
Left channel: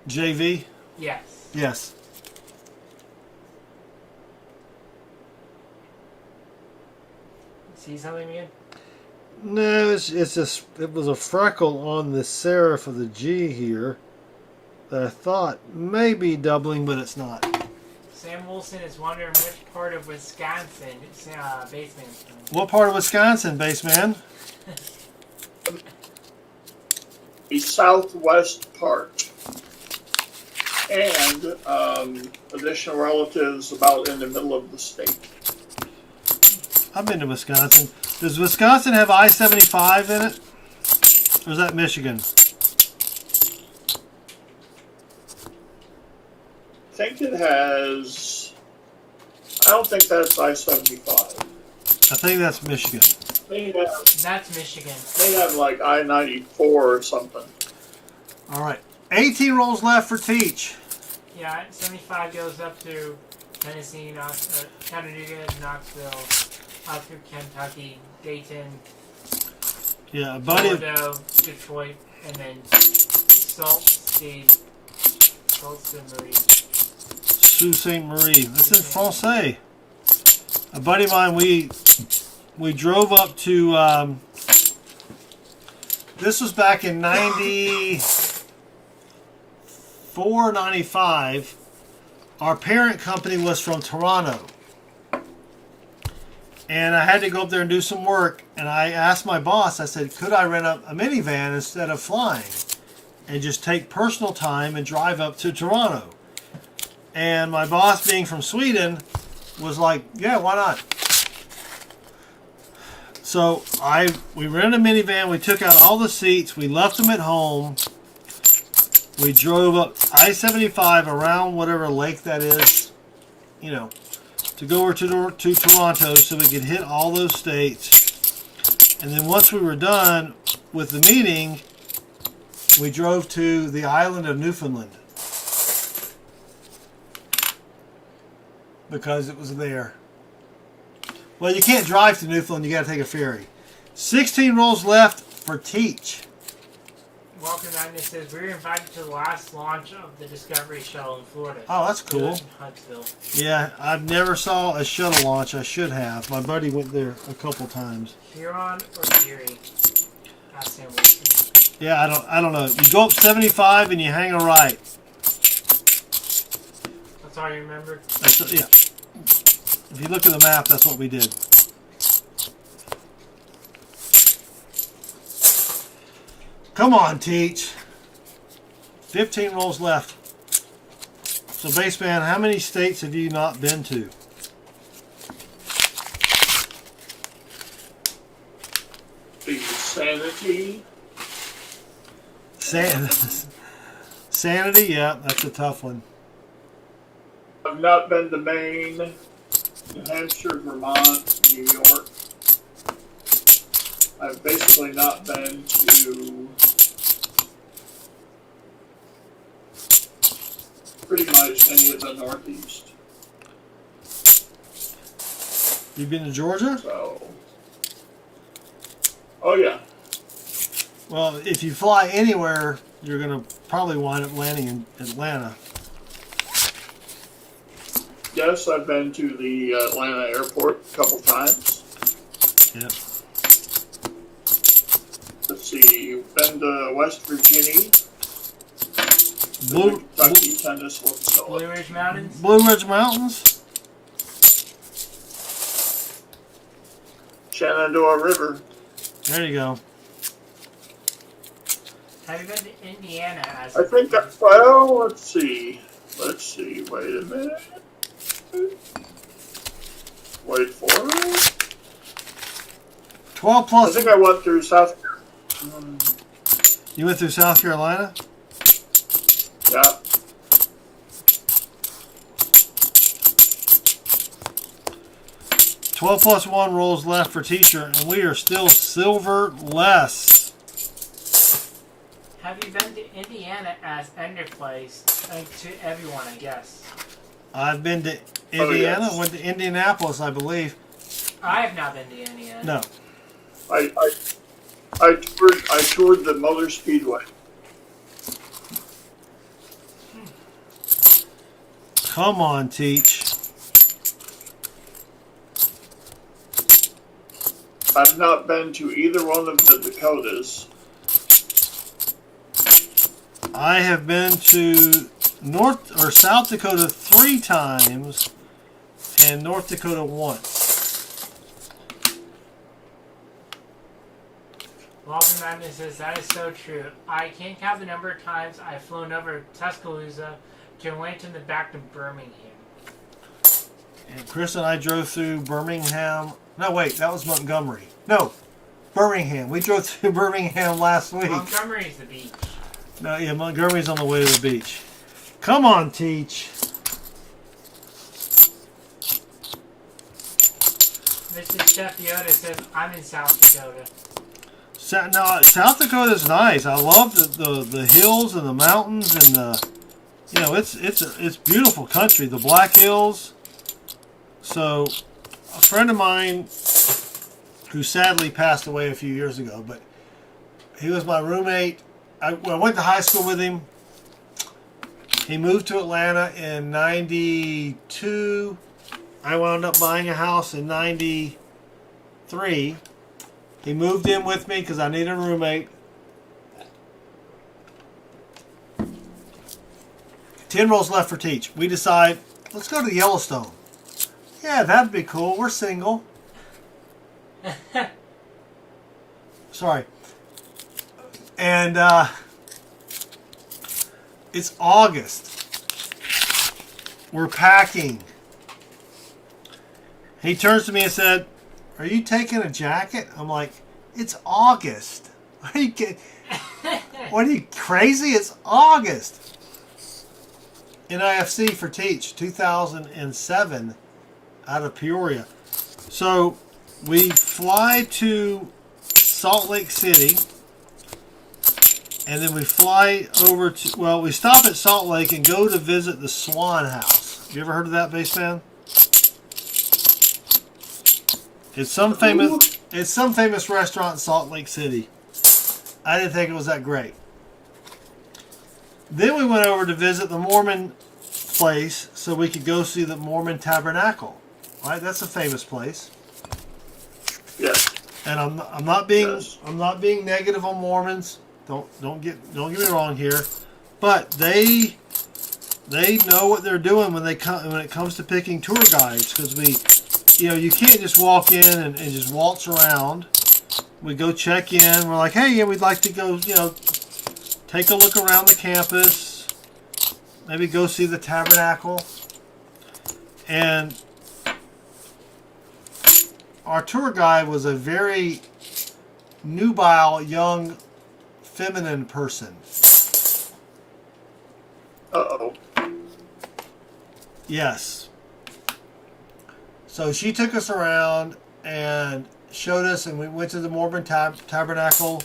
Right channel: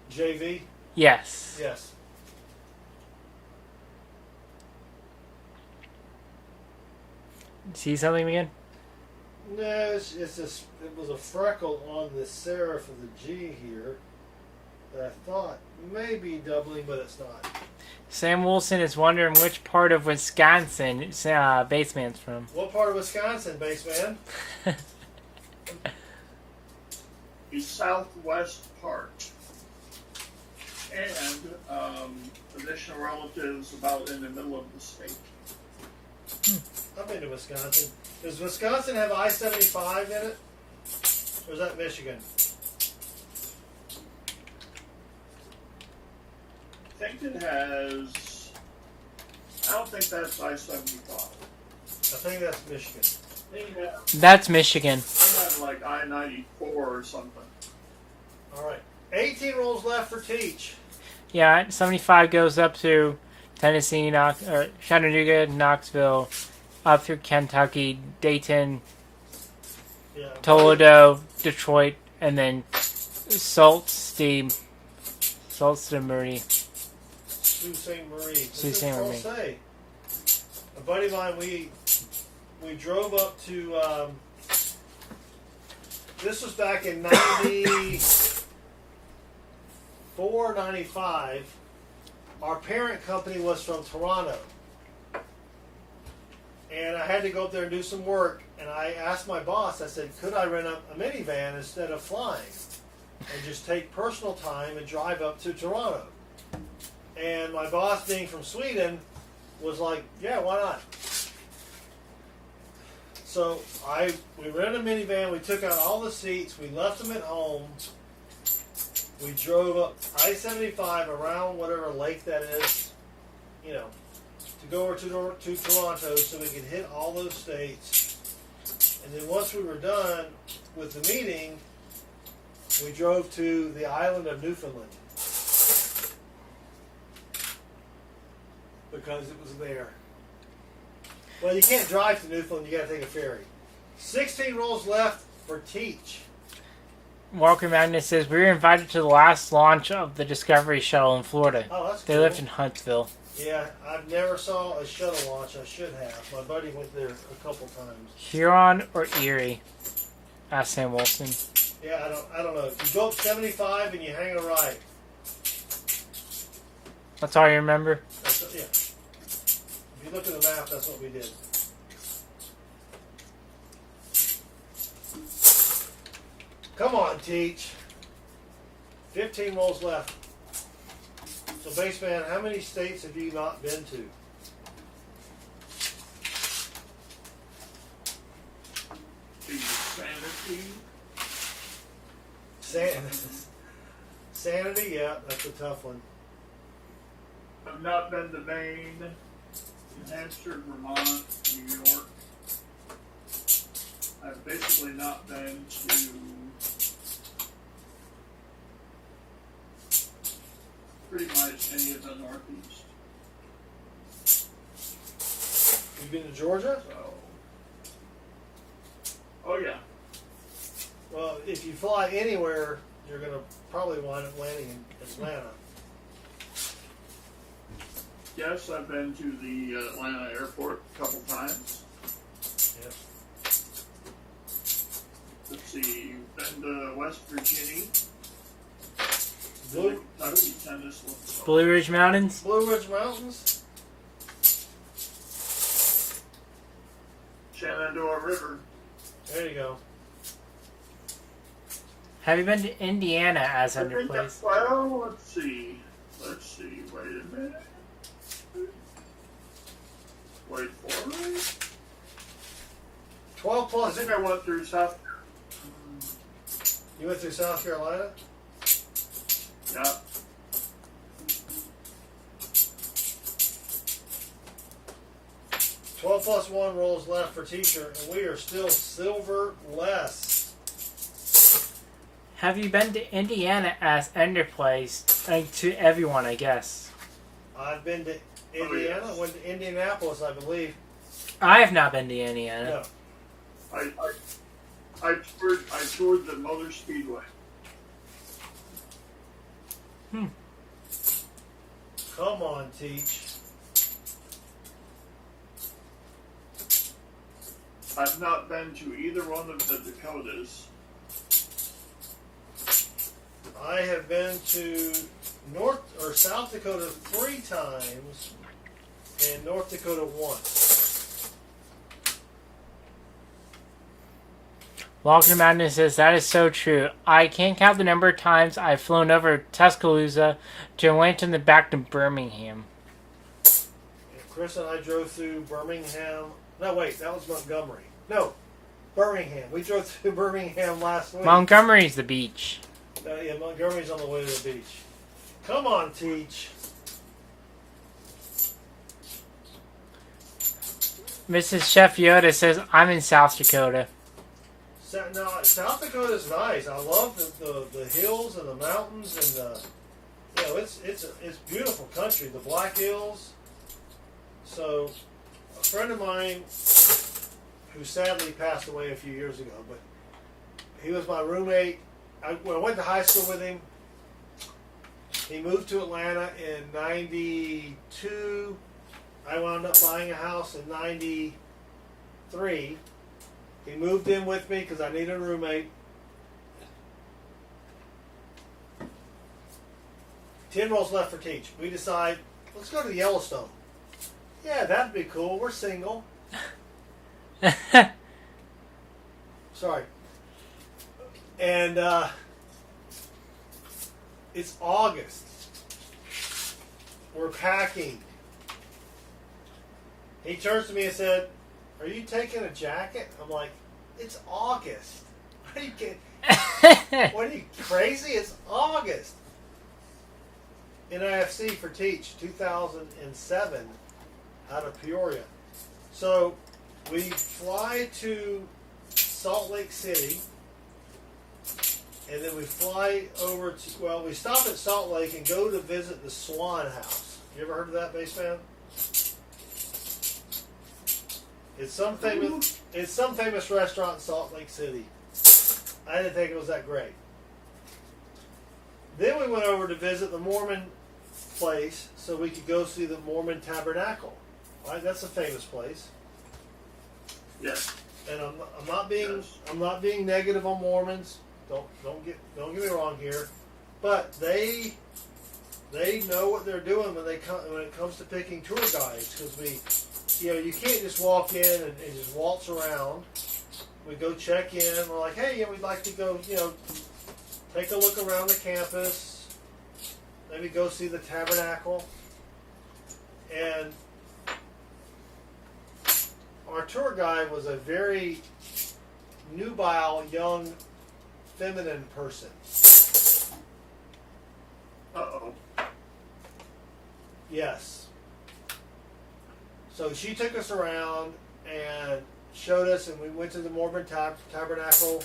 JV? Yes. Yes. See something again? No, it was a freckle on the serif of the G here that I thought may be doubling, but it's not. Sam Wilson is wondering which part of Wisconsin Baseman's from. What part of Wisconsin, Baseman? The southwest part. And additional relatives about in the middle of the state. I've been to Wisconsin. Does Wisconsin have I-75 in it? Or is that Michigan? I think it has. I don't think that's I-75. I think that's Michigan. That's Michigan. They have like I-94 or something. All right. 18 rolls left for Teach. Yeah, 75 goes up to Tennessee, Chattanooga, Knoxville, up through Kentucky, Dayton, Yeah, Toledo, Detroit, and then Sault Ste. Marie. Sault Ste. Marie. This Sault is Ste. Francais. A buddy of mine, we drove up to This was back in 94, 95. Our parent company was from Toronto. And I had to go up there and do some work. And I asked my boss, I said, could I rent a minivan instead of flying? And just take personal time and drive up to Toronto. And my boss, being from Sweden, was like, yeah, why not? So we rented a minivan, we took out all the seats, we left them at home. We drove up I-75 around whatever lake that is, you know, to go over to Toronto so we could hit all those states. And then once we were done with the meeting, we drove to the island of Newfoundland because it was there. Well, you can't drive to Newfoundland, you got to take a ferry. 16 rolls left for Teach. Walker Magnus says, we were invited to the last launch of the Discovery Shuttle in Florida. Oh, that's They cool. lived in Huntsville. Yeah, I've never saw a shuttle launch. I should have. My buddy went there a couple times. Huron or Erie? Asked Sam Wilson. Yeah, I don't know. You go up 75 and you hang a right. That's all you remember? Yeah. If you look at the map, that's what we did. Come on, Teach. 15 rolls left. So, Baseman, how many states have you not been to? The Sanity. Sanity, yeah, that's a tough one. I've not been to Maine, New Hampshire, Vermont, New York. I've basically not been to pretty much any of the Northeast. You been to Georgia? So, oh yeah. Well, if you fly anywhere, you're going to probably wind up landing in Atlanta. Yes, I've been to the Atlanta airport a couple times. Yep. Let's see, been to West Virginia, Blue Kentucky, Tennessee, Blue Ridge Mountains? Blue Ridge Mountains? Shenandoah River. There you go. Have you been to Indiana as I a think place? that, well, let's see, wait a minute. Wait for it. 12 I plus. think I went through South Carolina. You went through South Carolina? Yeah. Twelve plus 1 rolls left for Teacher, and we are still silver less. Have you been to Indiana as Ender Place? To everyone, I guess. I've been to Indiana, yes. went to Indianapolis, I believe. I have not been to Indiana. No. I toured the Motor Speedway. Come on, Teach. I've not been to either one of the Dakotas. I have been to North or South Dakota 3 times and North Dakota once. Walker Madness says, that is so true. I can't count the number of times I've flown over Tuscaloosa to Atlanta and then back to Birmingham. And Chris and I drove through Birmingham. No, wait, that was Montgomery. No, Birmingham. We drove through Birmingham last week. Montgomery's the beach. No, yeah, Montgomery's on the way to the beach. Come on, Teach. Mrs. Chef Yoda says, I'm in South Dakota. South Dakota's nice. I love the hills and the mountains and the, you know, it's beautiful country. The Black Hills. So, a friend of mine who sadly passed away a few years ago, but he was my roommate. I went to high school with him. He moved to Atlanta in 92. I wound up buying a house in 93. He moved in with me because I needed a roommate. 10 rows left for Teach. We decide, let's go to Yellowstone. Yeah, that'd be cool. We're single. Sorry. And it's August. We're packing. He turns to me and said, "Are you taking a jacket?" I'm like, "It's August. Are you kidding? What are you, crazy? It's August." NIFC for Teach, 2007, out of Peoria. So we fly to Salt Lake City, and then we fly over to, well, we stop at Salt Lake and go to visit the Swan House. Have you ever heard of that, Baseman? It's some famous restaurant in Salt Lake City. I didn't think it was that great. Then we went over to visit the Mormon place so we could go see the Mormon Tabernacle. Right? That's a famous place. Yes. And I'm not being negative on Mormons. Don't get me wrong here. But they know what they're doing when it comes to picking tour guides, because you can't just walk in and just waltz around. We go check in. We're like, hey, yeah, we'd like to go, take a look around the campus, maybe go see the tabernacle. And our tour guide was a very nubile, young, feminine person. Uh-oh. Yes. So she took us around and showed us, and we went to the Mormon Tabernacle,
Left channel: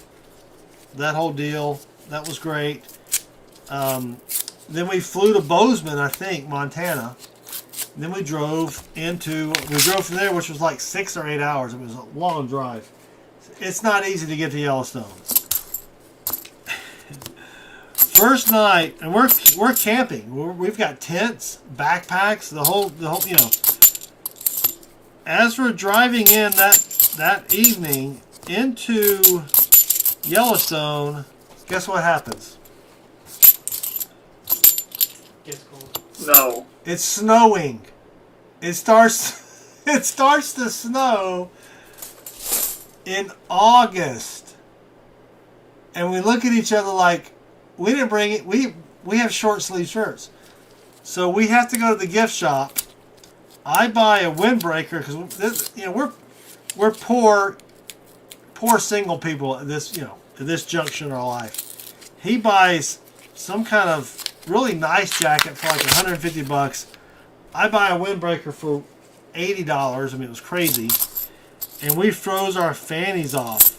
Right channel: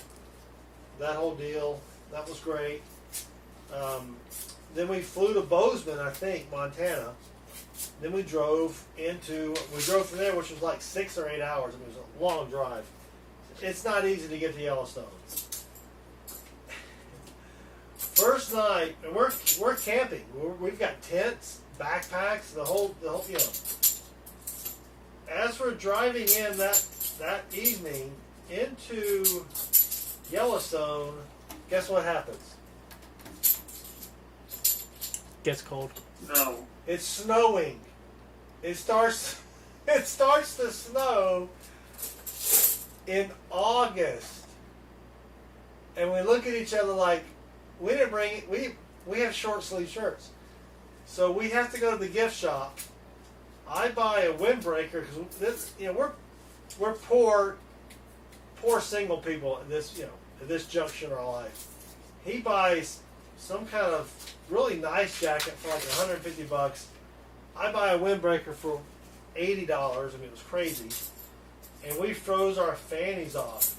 that whole deal. That was great. Then we flew to Bozeman, I think, Montana. Then we drove from there, which was like 6 or 8 hours. It was a long drive. It's not easy to get to Yellowstone. First night, and we're camping. We've got tents, backpacks, the whole. As we're driving in that evening into Yellowstone, guess what happens? Gets cold. No. It's snowing. It starts to snow in August. And we look at each other like, we didn't bring it. We have short sleeve shirts. So we have to go to the gift shop. I buy a windbreaker because we're poor single people at this junction in our life. He buys some kind of really nice jacket for like $150. I buy a windbreaker for $80. I mean, it was crazy. And we froze our fannies off.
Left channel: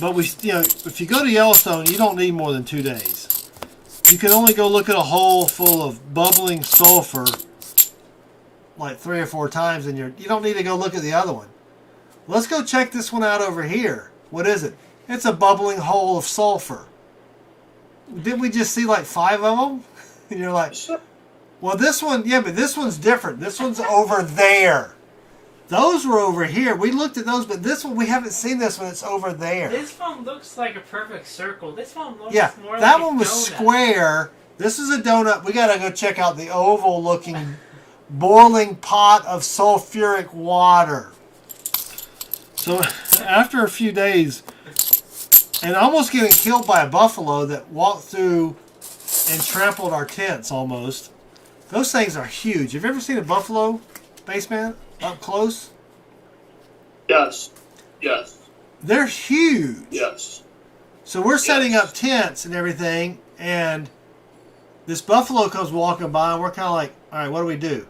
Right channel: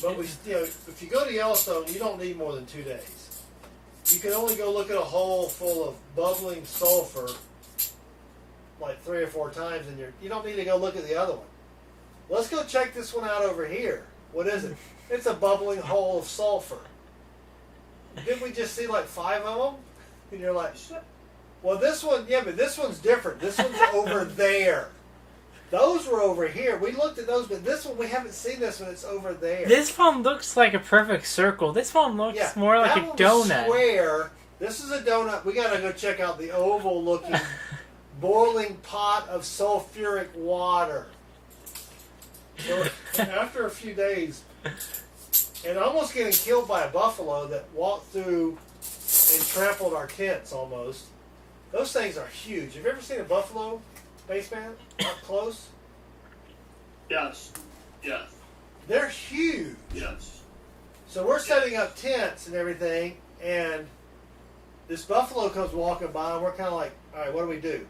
But if you go to Yellowstone, you don't need more than 2 days. You can only go look at a hole full of bubbling sulfur like 3 or 4 times, and you don't need to go look at the other one. Let's go check this one out over here. What is it? It's a bubbling hole of sulfur. Didn't we just see like 5 of them? And you're like, well, this one, yeah, but this one's different. This one's over there. Those were over here. We looked at those, but this one, we haven't seen this one. It's over there. This one looks like a perfect circle. This one looks more like that a one donut. was square. This is a donut. We got to go check out the oval-looking boiling pot of sulfuric water. So after a few days, and almost getting killed by a buffalo that walked through and trampled our tents almost. Those things are huge. Have you ever seen a buffalo, Baseman, up close? Yes. Yes. They're huge. Yes. So we're setting up tents and everything, and this buffalo comes walking by, and we're kind of like, all right, what do we do?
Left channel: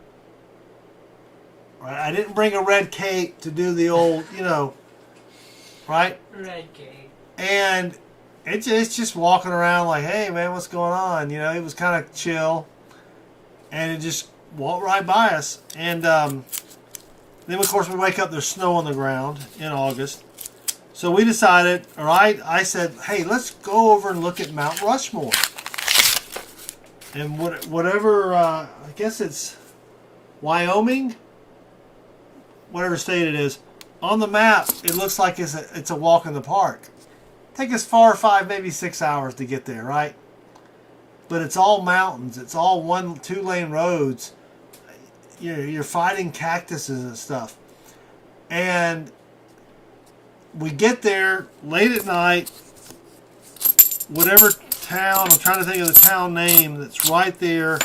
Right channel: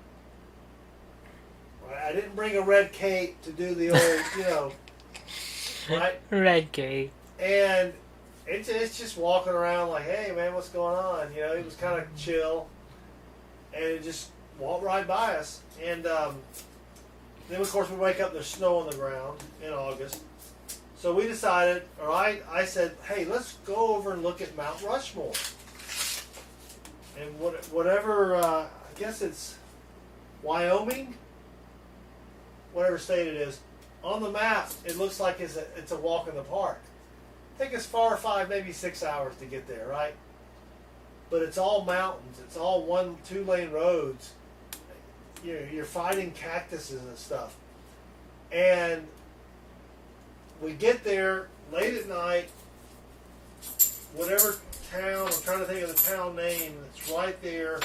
Right? I didn't bring a red cape to do the old, right? Red cape. And it's just walking around like, hey, man, what's going on? It was kind of chill. And it just walked right by us. And then, of course, we wake up, there's snow on the ground in August. So we decided, or I said, hey, let's go over and look at Mount Rushmore. And whatever, I guess it's Wyoming, whatever state it is. On the map, it looks like it's a walk in the park. Take us 4 or 5, maybe 6 hours to get there, right? but it's all mountains. It's all 1-2 lane roads. You're fighting cactuses and stuff. And we get there late at night, whatever town, I'm trying to think of the town name that's right there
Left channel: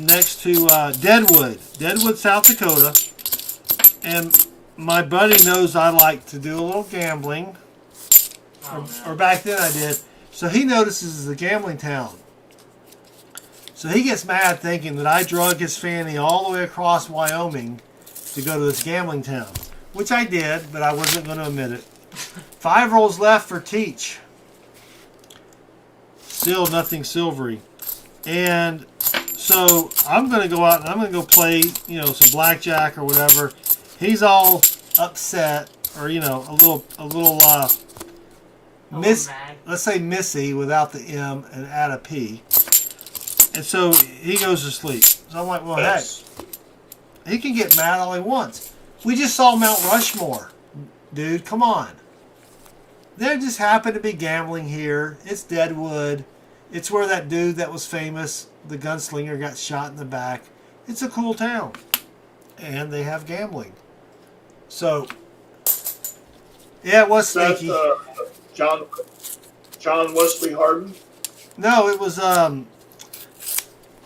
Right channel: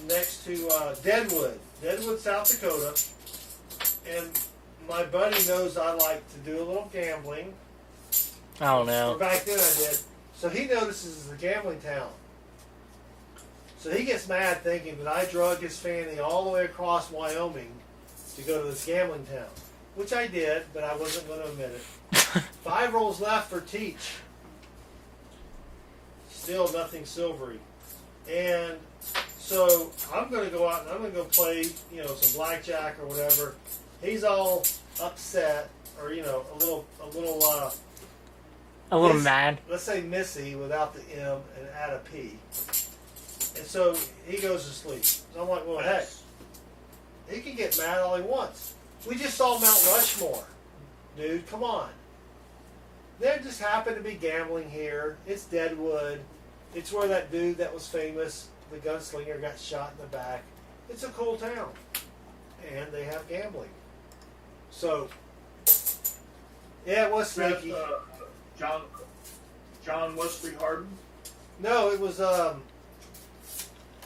next to Deadwood, South Dakota. And my buddy knows I like to do a little gambling. Oh, no. Or back then I did. So he notices it's a gambling town. So he gets mad thinking that I drug his fanny all the way across Wyoming to go to this gambling town. Which I did, but I wasn't going to admit it. 5 rolls left for Teach. Still nothing silvery. And so I'm going to go out and I'm going to go play, some blackjack or whatever. He's all upset, or a little mad. Let's say Missy without the M and add a P. And so he goes to sleep. So I'm like, well, heck, he can get mad all he wants. We just saw Mount Rushmore, dude. Come on. There just happened to be gambling here. It's Deadwood. It's where that dude that was famous, the gunslinger, got shot in the back. It's a cool town, and they have gambling. So, yeah, it was sneaky. John Wesley Hardin? No, it was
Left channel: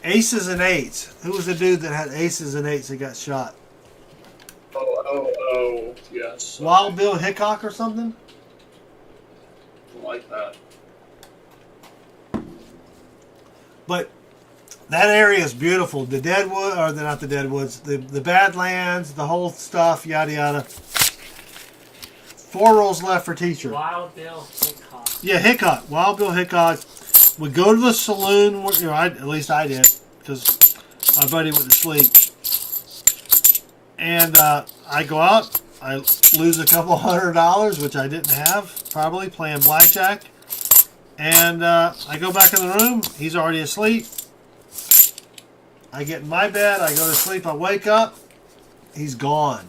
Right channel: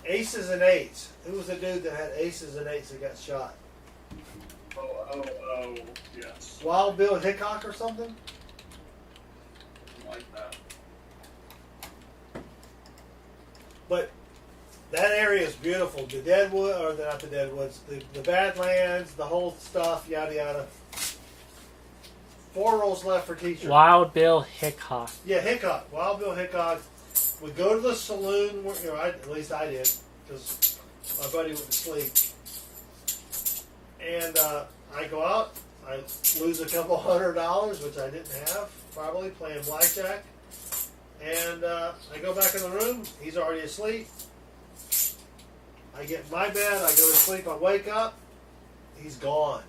Aces and Eights. Who was the dude that had Aces and Eights that got shot? Oh, yes. Wild Bill Hickok or something? Like that. But that area is beautiful. The Deadwood, or not the Deadwoods, the Badlands, the whole stuff, yada yada. 4 rolls left for Teacher. Wild Bill Hickok. Yeah, Hickok. Wild Bill Hickok. We go to the saloon, at least I did, because my buddy went to sleep. And I go out, I lose a couple $100, which I didn't have, probably, playing blackjack. And I go back in the room, he's already asleep. I get in my bed, I go to sleep, I wake up, he's gone.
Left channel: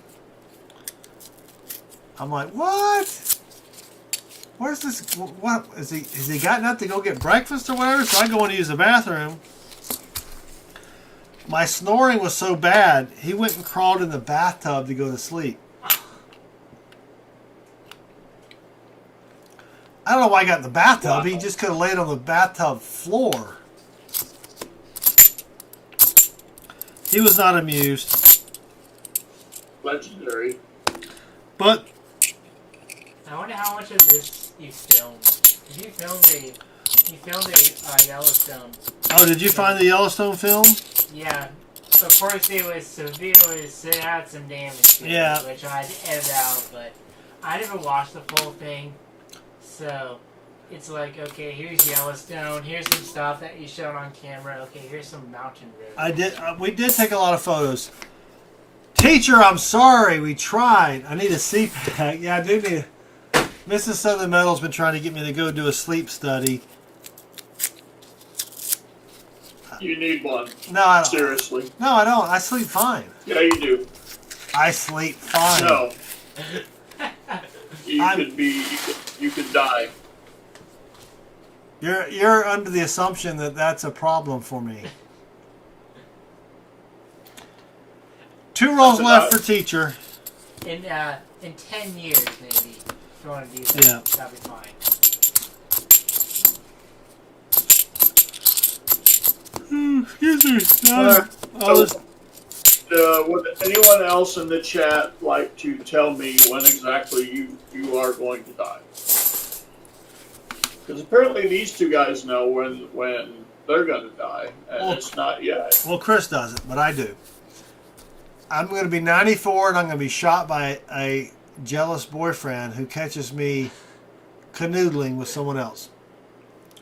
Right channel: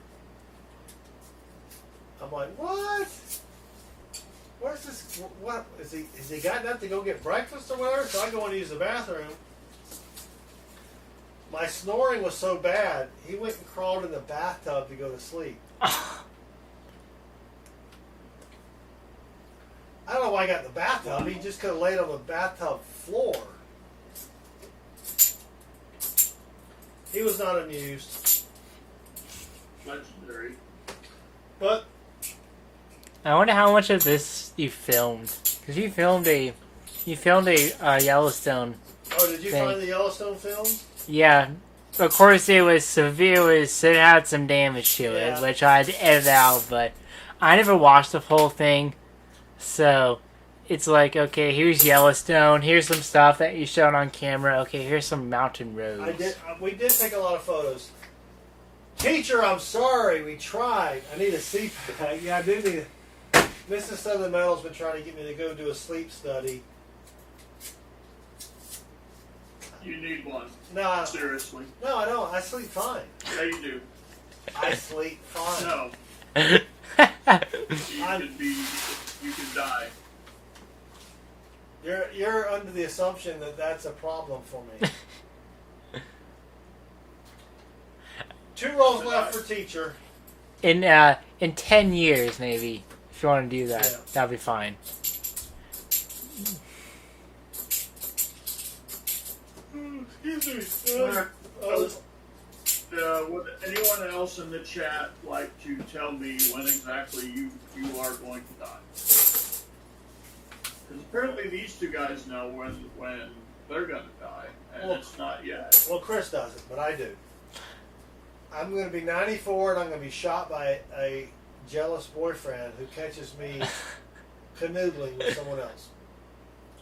I'm like, what? Where's this? What is he? Has he gotten up to go get breakfast or whatever? So I go in to use the bathroom. My snoring was so bad, he went and crawled in the bathtub to go to sleep. I don't know why I got in the bathtub. He just could have laid on the bathtub floor. He was not amused. Legendary. But I wonder how much of this you filmed. Because you filmed a Yellowstone. Oh, did you find the Yellowstone film? Yeah. Of course, it was severe. It had some damage to it, which I had to edit out. But I never watched the full thing, so it's like, okay, here's Yellowstone. Here's some stuff that you showed on camera. Okay, here's some mountain roads. I did. We did take a lot of photos. Teacher, I'm sorry. We tried. I need a CPAC. Yeah, I do need. Mrs. Southern Metal's been trying to get me to go do a sleep study. You need one. No, I don't. Seriously. No, I don't. I sleep fine. Yeah, you do. I sleep fine. No. You could die. You're under the assumption that that's a problem for me. 2 rolls left for Teacher. In 10 years, maybe, if you want to do that, that'll be fine. Excuse me. Would anyone else in the chat like to tell me when exactly you are going to die? Because apparently these two guys know when they're going to die, and it's not yet. Well, Chris doesn't, but I do. I'm going to be 94, and I'm going to be shot by a jealous boyfriend who catches me canoodling with someone else.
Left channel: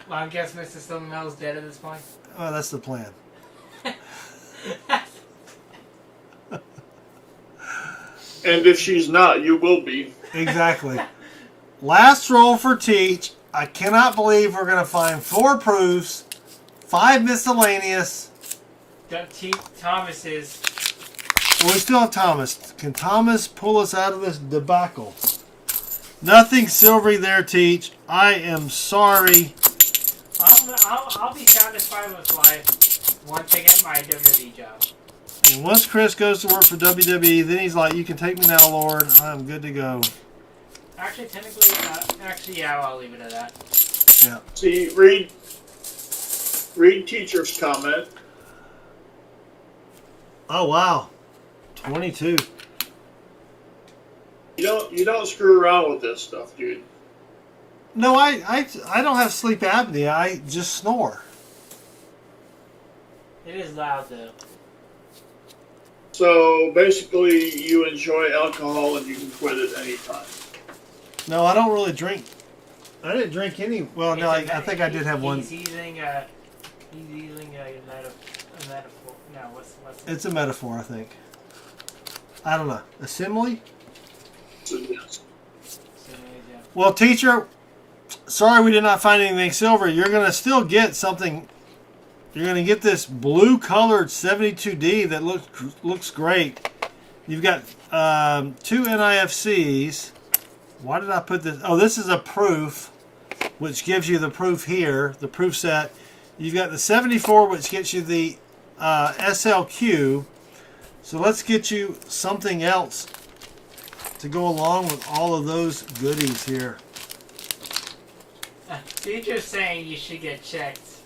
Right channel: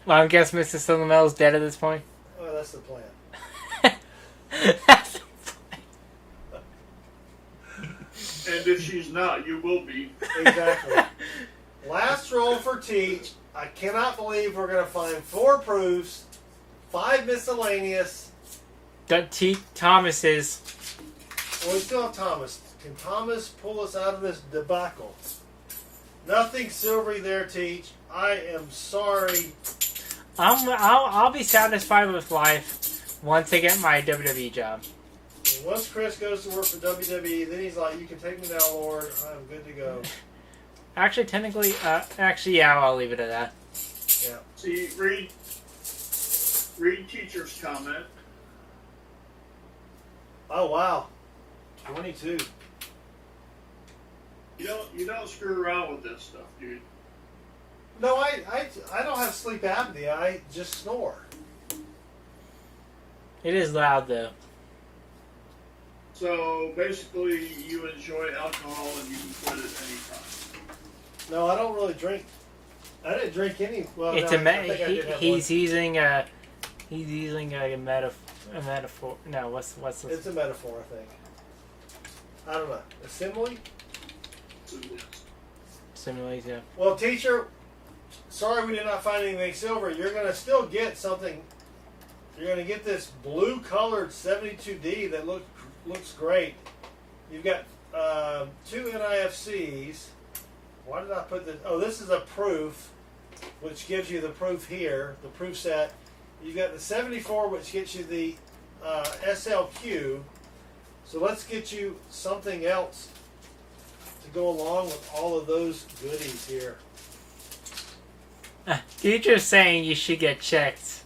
Well, I guess Mrs. Silvermel's dead at this point. Oh, that's the plan. And if she's not, you will be. Exactly. Last roll for Teach. I cannot believe we're going to find 4 proofs, 5 miscellaneous. Thomas's. Well, we still have Thomas. Can Thomas pull us out of this debacle? Nothing silvery there, Teach. I am sorry. I'll be satisfied with life once I get my WWE job. And once Chris goes to work for WWE, then he's like, "You can take me now, Lord. I'm good to go." Actually, technically, yeah, I'll leave it at that. Yeah. See, read teacher's comment. Oh wow, 22. You don't screw around with this stuff, dude. No, I don't have sleep apnea. I just snore. It is loud though. So basically, you enjoy alcohol and you can quit at any time. No, I don't really drink. I didn't drink any. Well, It's no, a I think I did have one. He's using a metaphor. No, what's the... It's a metaphor, I think. I don't know. A simile? So yes. Similes, yeah. Well, teacher, sorry we did not find anything silver. You're going to still get something. You're going to get this blue-colored 72D that looks great. You've got 2 NIFCs. Why did I put this? Oh, this is a proof, which gives you the proof here, the proof set. You've got the 74, which gets you the SLQ. So let's get you something else to go along with all of those goodies here. Teacher's saying you should get checked.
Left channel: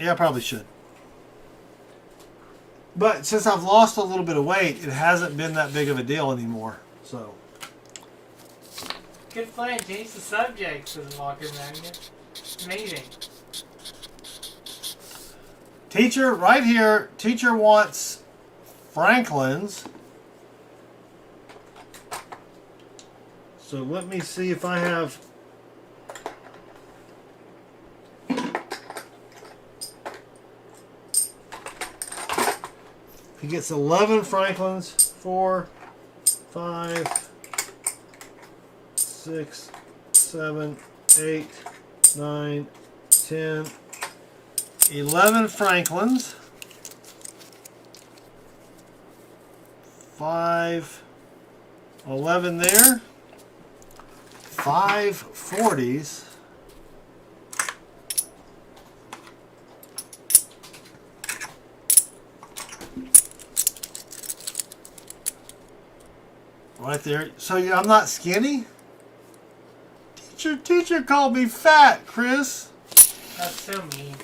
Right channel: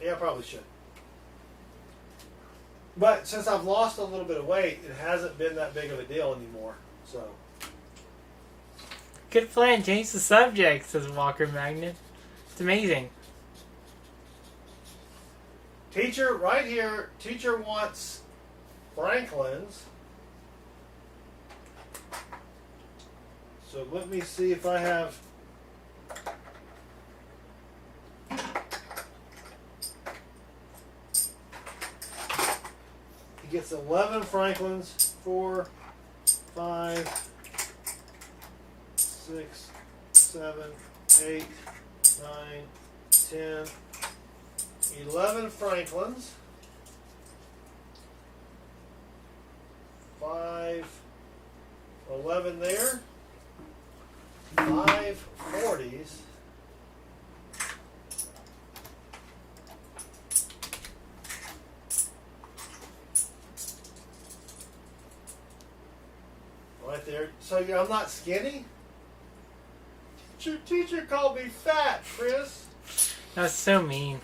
Yeah, I probably should. But since I've lost a little bit of weight, it hasn't been that big of a deal anymore. So. Good plan. Change the subject, says Walker Magnet. It's amazing. Teacher, right here, teacher wants Franklin's. So let me see if I have... He gets 11 Franklins, 4, 5, 6, 7, 8, 9, 10, 11 Franklins, 5, 11 there, 5 40s, right there. So I'm not skinny? Teacher called me fat, Chris. That's so mean.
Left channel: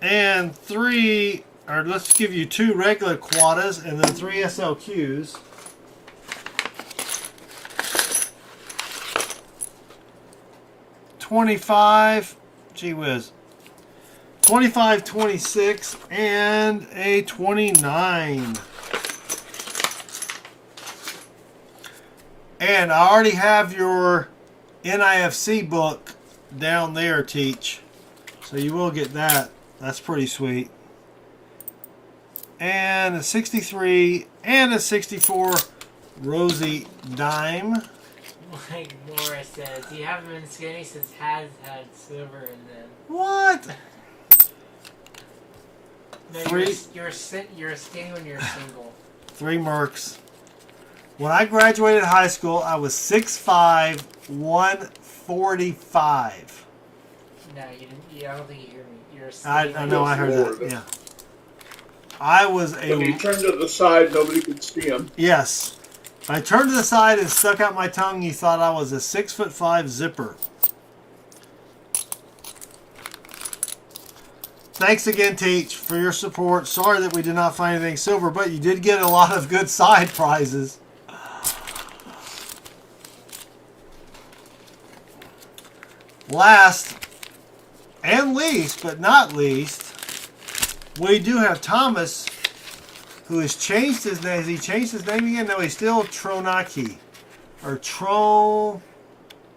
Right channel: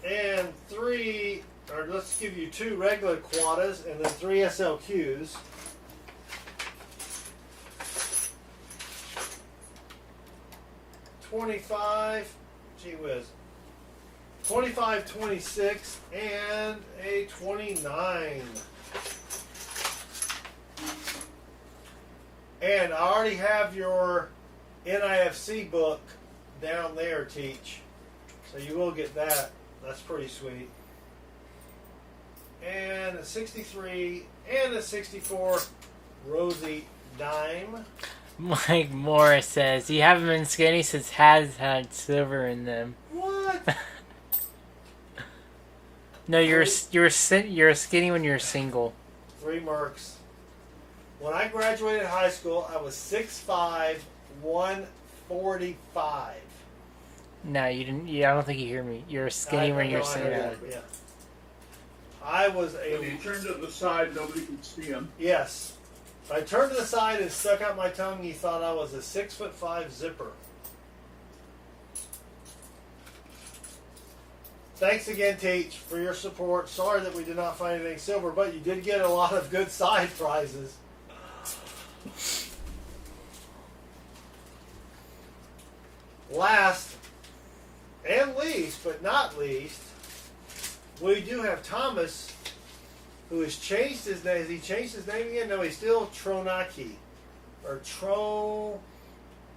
And 3, or let's give you 2 regular quadas and then 3 SLQs. $25, gee whiz. 25, 26, and a 29. And I already have your NIFC book down there, Teach. So you will get that. That's pretty sweet. And a 63 and a 64 Rosie Dime. Mike Morris says, you haven't been skinny since has had silver in them. What? No, you're skinny when you're single. 3 Mercs. When I graduated high school, I was 6'5", 145. No, you didn't. Yeah, I don't think you hear me. You're skinny I when know you're I heard single. that. Yeah. I was When he a turned to the side, nobody could see him. yes. I turned to the side and stuck out my tongue. You thought I was a 6'5" zipper. Thanks again, Teach, for your support. Sorry that we did not find anything silver, but you did get a lot of good side prizes. Last and least, but not least, we do have Thomas, who has changed his name. Has he changed his name again? No, he's still Tronaki. Or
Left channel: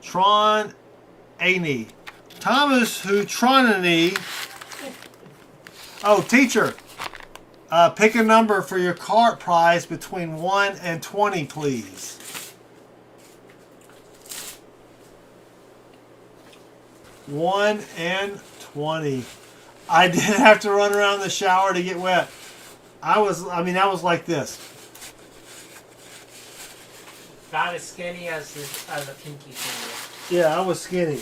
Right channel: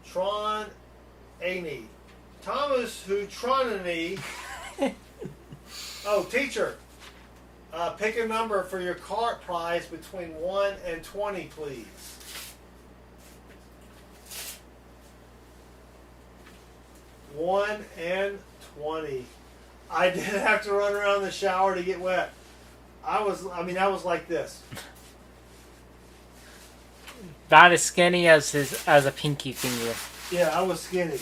Tron Ani. Thomas, who Tronani. Oh, teacher. Pick a number for your cart prize between 1 and 20, please. One and 20. I did have to run around the shower to get wet. I was like this. About as skinny as a pinky finger. Yeah, I was skinny.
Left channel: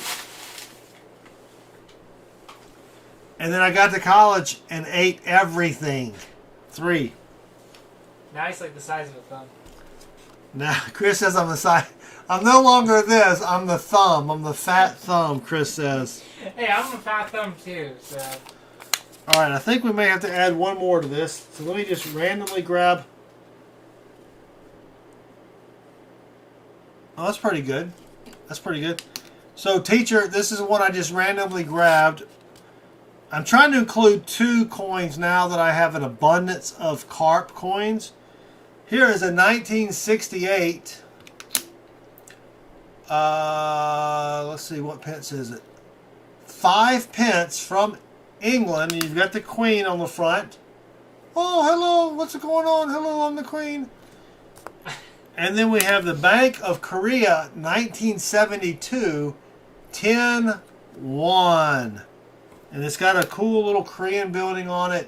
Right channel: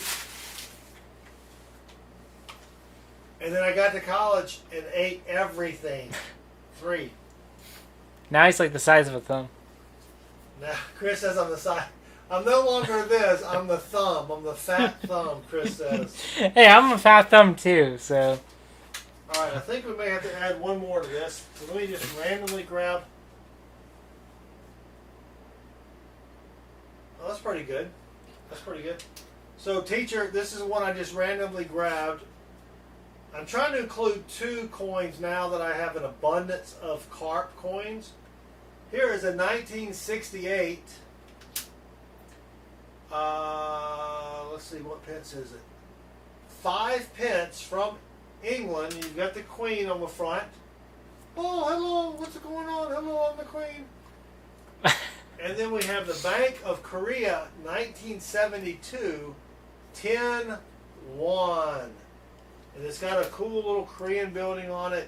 And then I got to college and ate everything. 3. Now he's like the size of a thumb. Now, Chris says I'm the size. I'm no longer this. I'm the thumb. I'm the fat thumb, Chris says. Hey, I'm a fat thumb too, so. All right, I think we may have to add one more to this. So let me just randomly grab. Oh, that's pretty good. That's pretty good. So, teacher, this is one I just randomly grabbed. I'm trying to include 2 coins now that I have an abundance of carp coins. Here is a 1968. Let's see, what pence is it? 5 pence from England. You've got the Queen on the front. Oh, hello, what's going on? Hello, I'm the Queen. And then we have the Bank of Korea, 1972, 10-1. And it's got a cool little Korean building on it.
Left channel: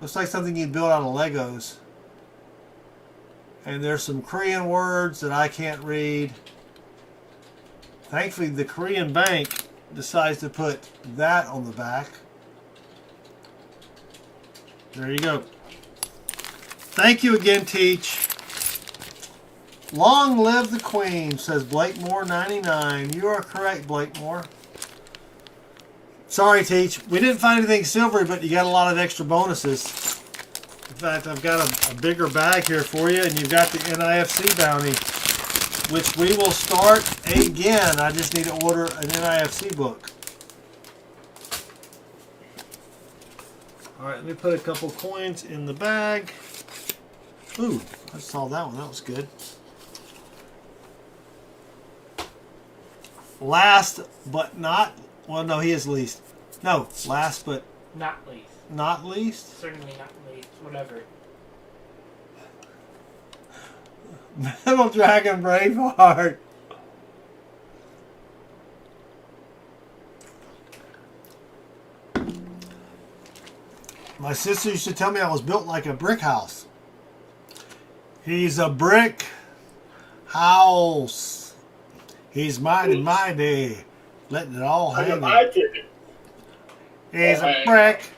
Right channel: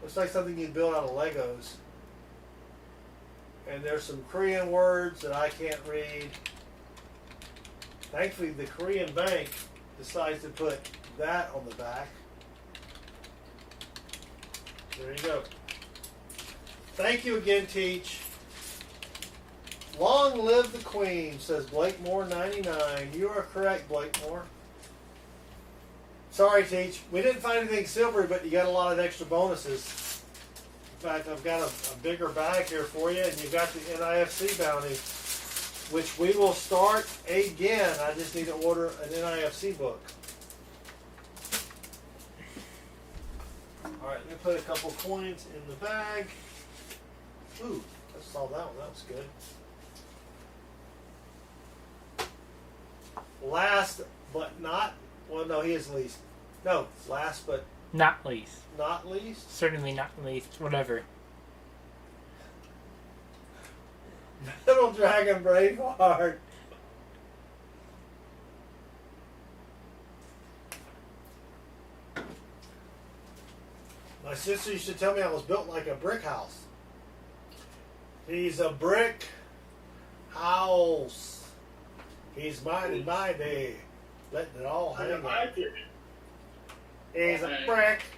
Looks like something you'd build out of Legos. And there's some Korean words that I can't read. Thankfully, the Korean bank decides to put that on the back. There you go. Thank you again, Teach. Long live the Queen, says Blakemore 99. You are correct, Blakemore. Sorry, Teach. We didn't find anything silvery, but you got a lot of extra bonuses. In fact, I've got a bigger bag here for you, and you've got the NIFC bounty, which we will start again. I just need to order an NIFC book. All right, let me put a couple coins in the bag. Ooh, I saw that one. That was good. Last but not... Well, no, he is least. No, last but Not least. not least. Certainly not least. Whatever. Metal Dragon Braveheart. My sister used to tell me I was built like a brick house. He's a brick house. He's mighty, mighty. Letting it all hang in. He's a brick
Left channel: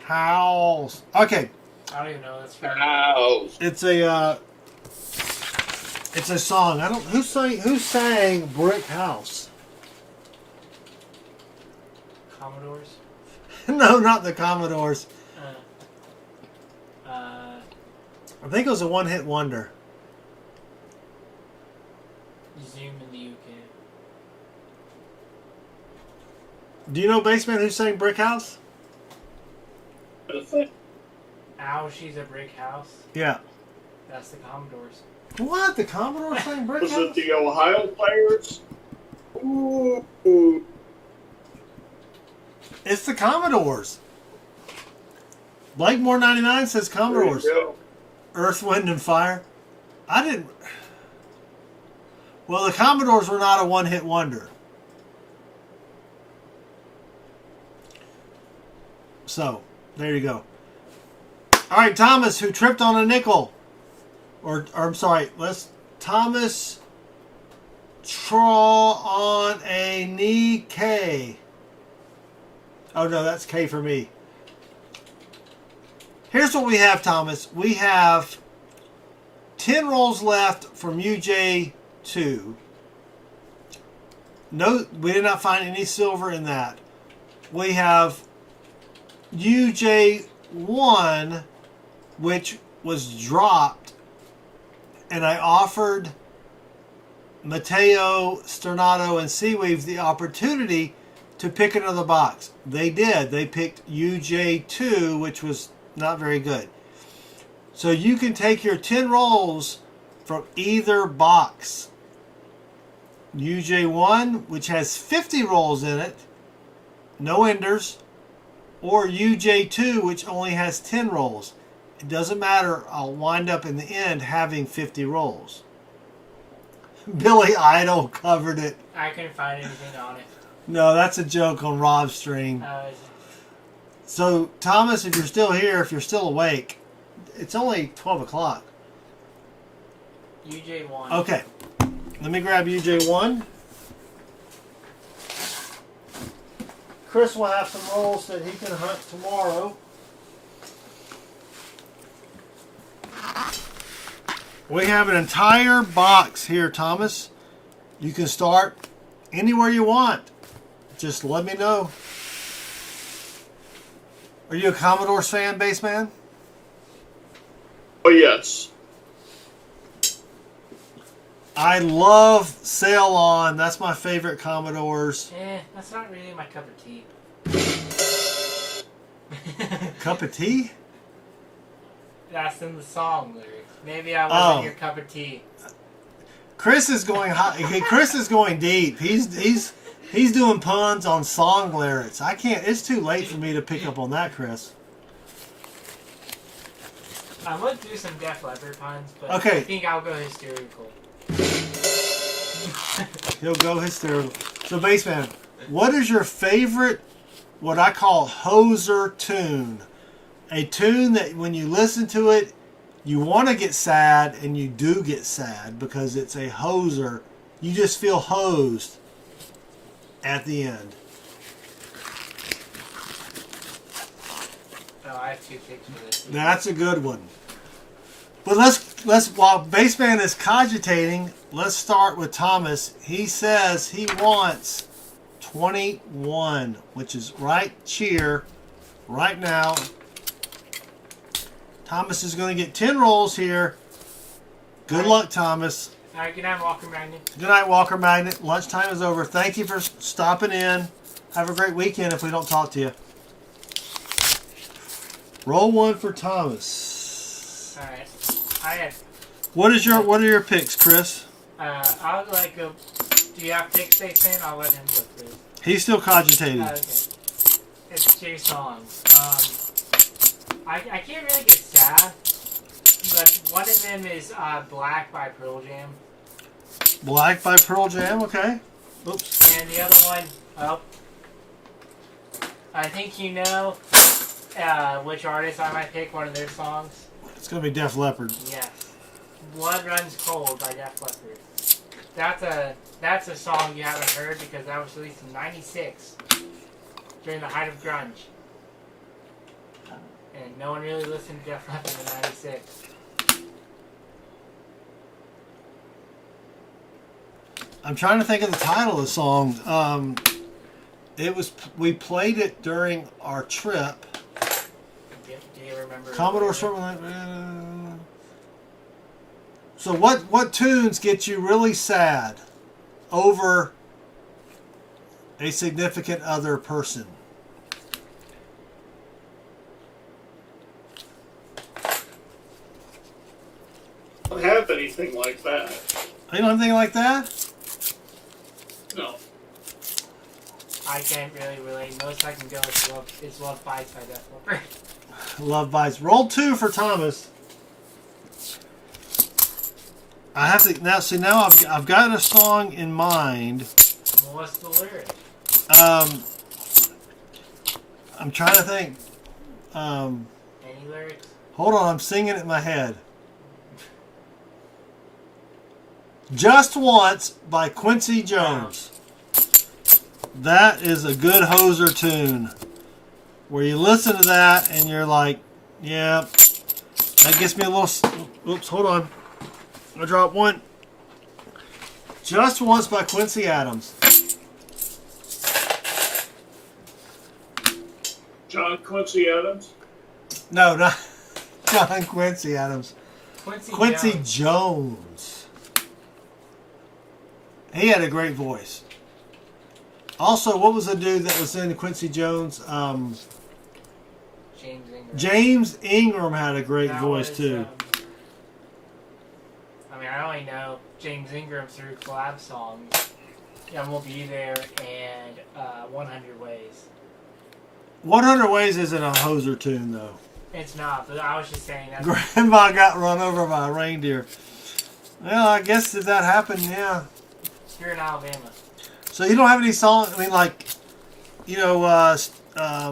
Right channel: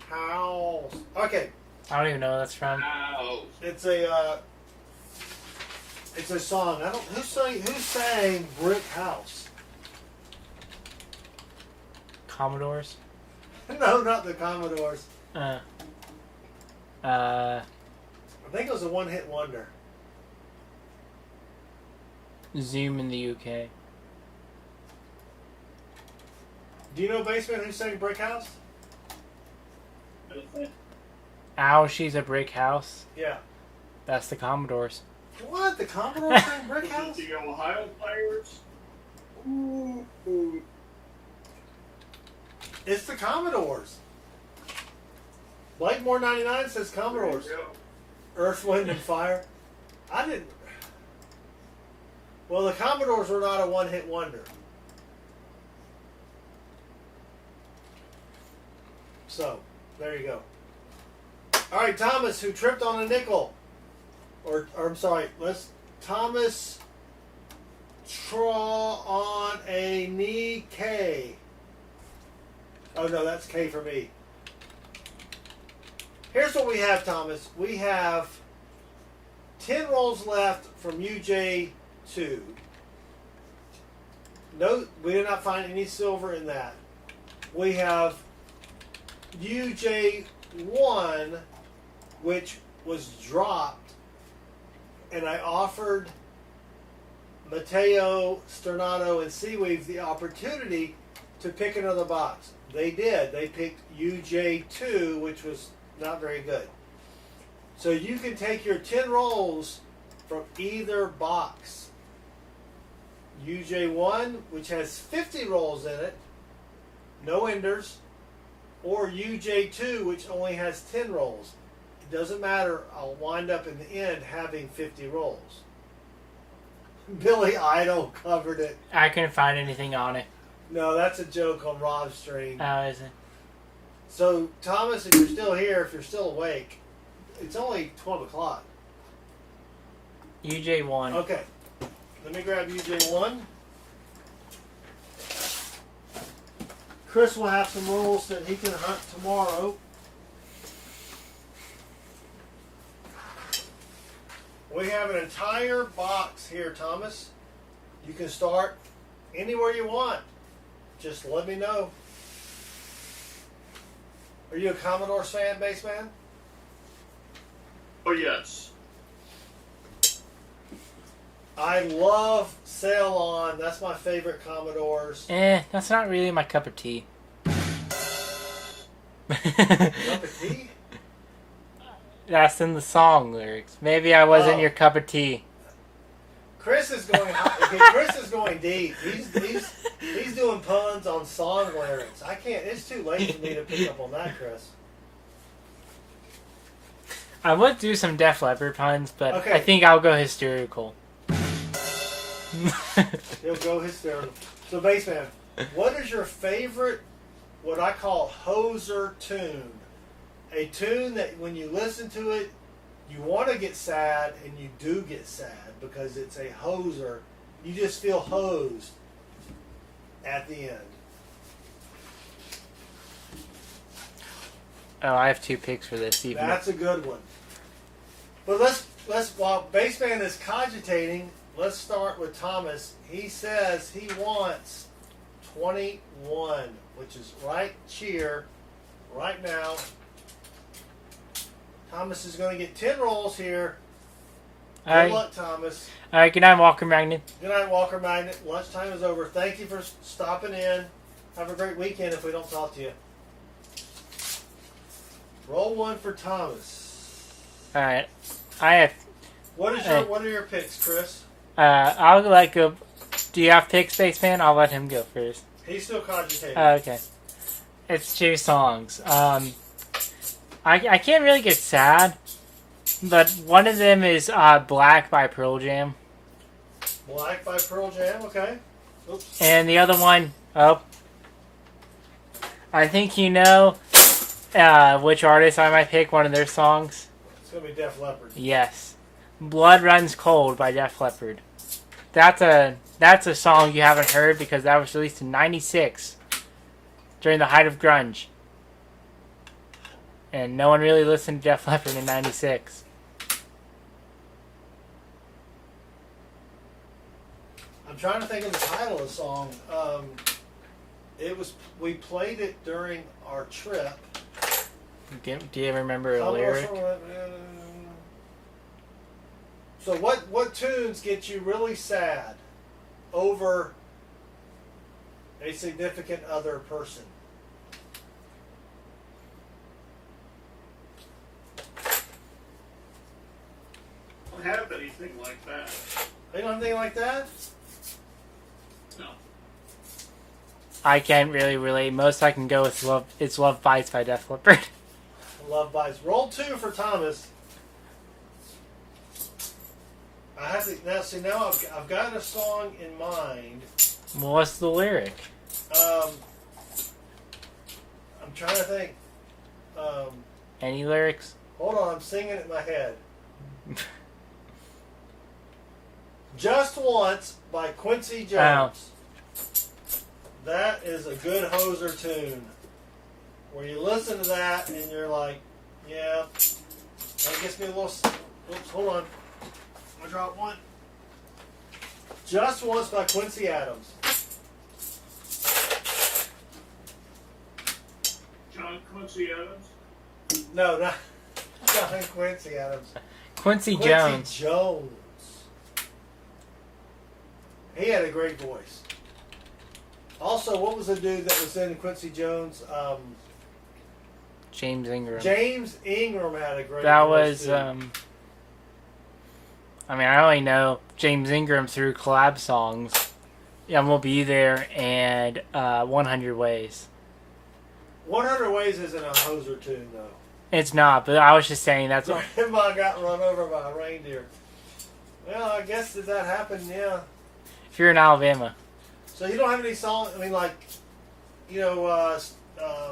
house. Okay. I don't even know what that's from. It's a song. I don't who sang Brick House? Commodores? No, not the Commodores. Uh, I think it was a one-hit wonder. Zoom in the UK. Do you know, Baseman, who sang Brick House? Ow, she's a brick house. Yeah. That's the Commodores. What? The Commodores sang Brick Was House? it the Ohio players? Ooh. It's the Commodores. Blakemore 99 says Commodores. There you go. Earth, Wind, and Fire. I didn't... Well, the Commodores were not a one-hit wonder. So, there you go. All right, Thomas, who tripped on a nickel. Or I'm sorry, Thomas Traw on a knee K. Oh, no, that's K for me. Here's what we have, Thomas. We have 10 rolls left from UJ2. No, we did not find any silver in that. We have UJ1, which was dropped, and I offered Mateo, Stornato, and Seaweaves the opportunity to pick another box. They did. They picked UJ2, which was not very good. So you can take your 10 rolls from either box. UJ1, which has 50 rolls in it, no enders, or UJ2, which only has 10 rolls. It doesn't matter. I'll wind up in the end having 50 rolls. Billy Idol covered it. I couldn't find anything on it. No, that's a joke on Rob's stream. How is it? So, Thomas, if you're still here, if you're still awake, it's only 12 o'clock. UJ1. Okay. Let me grab UJ1. Chris will have some rolls that he can hunt tomorrow. We have an entire box here, Thomas. You can start anywhere you want. Just let me know. Are you a Commodores fan, Baseman? Oh, yes. I love Sail On. That's my favorite Commodores. That's not really my cup of tea. Cup of tea? That's in the song lyrics. Maybe I wasn't your cup of tea. Chris is going high. Chris is going deep. He's doing puns on song lyrics. I can't. It's too late for me to pick up on that, Chris. I would do some Def Leppard puns, but Okay. I think I'll go hysterical. He'll go hysterical. So, Baseman, what is your favorite, what I call hoser tune? A tune that when you listen to it, you want to get sad, and you do get sad because it's a hoser. You just feel hosed at the end. Oh, I have 2 picks for this. Even. That's a good one. But let's while Baseman is cogitating, let's start with Thomas. He says he wants 21, which is right cheer, right now. Thomas is going to get 10 rolls here. Good luck, Thomas. All right, good night, Walker Magnet. Good night, Walker Magnet. Lunchtime is over. Thank you for stopping in. Have a great weekend if we don't talk to you. Roll 1 for Thomas. All right, I have. What are your picks, Chris? I'll let go. Do you have picks, Spaceman? I'll let him go first. He's still cogitating. Okay. It's 2 songs. I can't really get sad, but one of them is Black by Pearl Jam. Black by Pearl Jam, okay. Oops. And the other one, I think you know which artist I might pick, one of their songs. It's going to be Def Leppard. Yes. Blood Runs Cold by Def Leppard. That's a song you haven't heard because that was released in '96 during the height of grunge. And no one really listened to Def Leppard in '96. I'm trying to think of the title of the song. We played it during our trip. Do you remember? Commodore. So what tunes get you really sad over a significant other person? I don't have anything like that. You don't have anything like that? No. I can't really relate. Most I can go with Love. It's Love Bites by Def Leppard. Love Bites. Roll 2 for Thomas. I have to now. See, now I've got a song in mind. Well, what's the lyric? I'm trying to think. Any lyrics? Hold on, I'm singing it in my head. Just Once by Quincy Jones. That is a good hoser tune. Where you listen to that and you're like, yeah, that gets me a little. Oops, hold on. I'm gonna drop one. Just Once by Quincy Adams. John Quincy Adams? No, not John Quincy Adams. Quincy Quincy Jones. Jones. He had a great voice. Also, what was the dude that was in Quincy Jones? James Ingram. James Ingram had a great That voice was, too. I mean, I only know James Ingram through collab songs. Yeah, We'll Be There and 100 Ways. 100 Ways isn't a hoser tune though. It's not, but I was just saying that's. Grandma got run over by a reindeer. Well, I guess did that happen? Yeah. If you're in Alabama. So you don't have any songs? I mean, like, you know,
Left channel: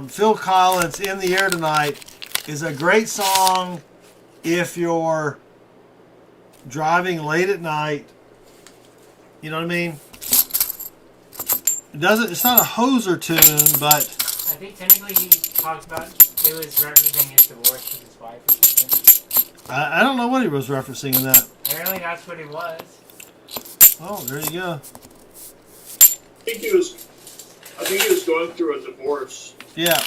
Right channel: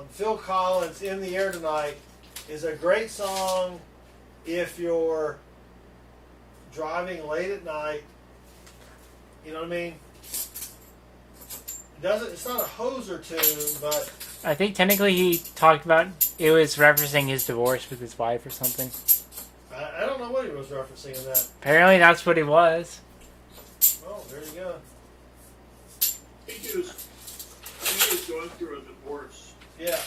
Phil Collins' "In the Air Tonight" is a great song if you're driving late at night. You know what I mean? It doesn't. It's not a hoser tune, but I think technically he talked about it was referencing his divorce with his wife or something. I don't know what he was referencing in that. Apparently that's what he was. Oh, there you go. I think he was going through a divorce. Yeah.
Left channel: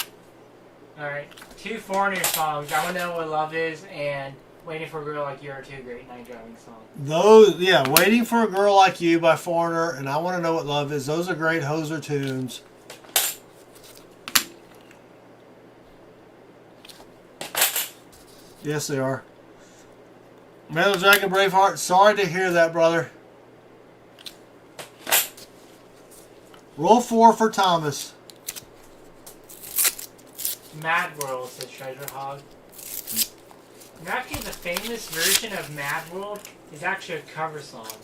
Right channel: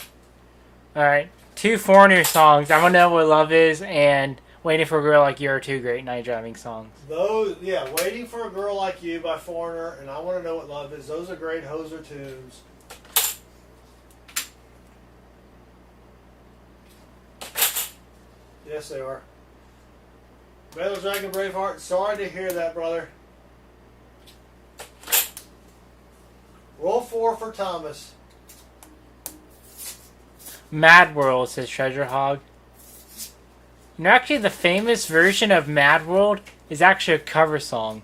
Alright. 2 Foreigner songs. I want to know what love is and Waiting for a Girl Like You are 2 great night driving songs. Those, yeah, Waiting for a Girl Like You by Foreigner, and I Want to Know What Love Is. Those are great hoser tunes. Yes, they are. Metal Dragon Braveheart, sorry to hear that, brother. Roll 4 for Thomas. Mad World, says Treasure Hog. And actually, the famous version of Mad World is actually a cover song.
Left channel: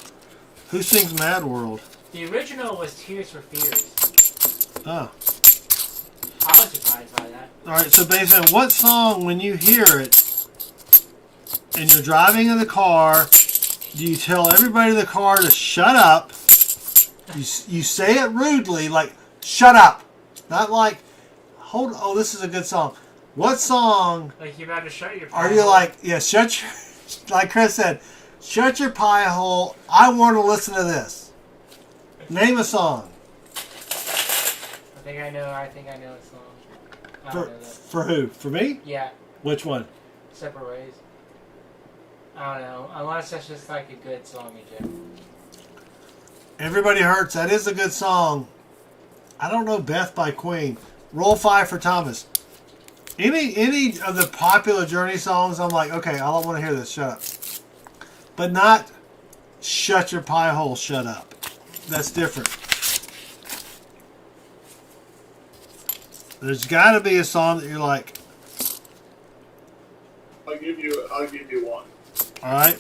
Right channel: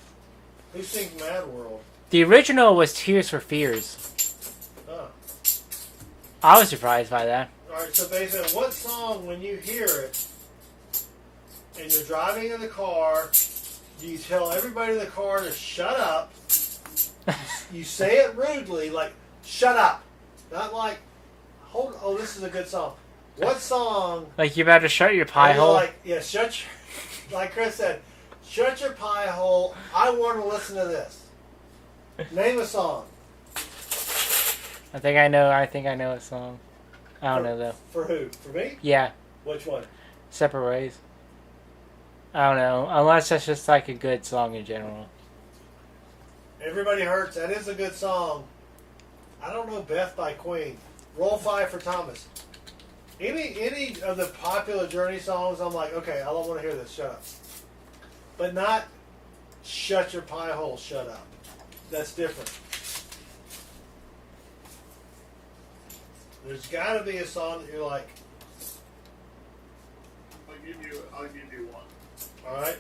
Who sings Mad World? The original was Tears for Fears. Oh. I was surprised by that. Alright, so basically, what song, when you hear it, and you're driving in the car, do you tell everybody in the car to shut up? You say it rudely, like, shut up. Not like, oh, this is a good song. What song Like, you better shut your pie are you hole. like, yeah, shut your, like Chris said, shut your pie hole. I want to listen to this. Name a song. I think I know a song. I don't know though. For who? For me? Yeah, Which one? Separate Ways. I don't know. Unless that's just like a good song in general. Everybody Hurts. That is a good song. I don't know Beth by Queen. Roll 5 for Thomas. Any of the popular Journey songs, I'm like, okay, I don't want to hear this. Shut up. But not shut your pie hole, shut up. That's different. There's got to be a song that you're like, I'll give you one. all right,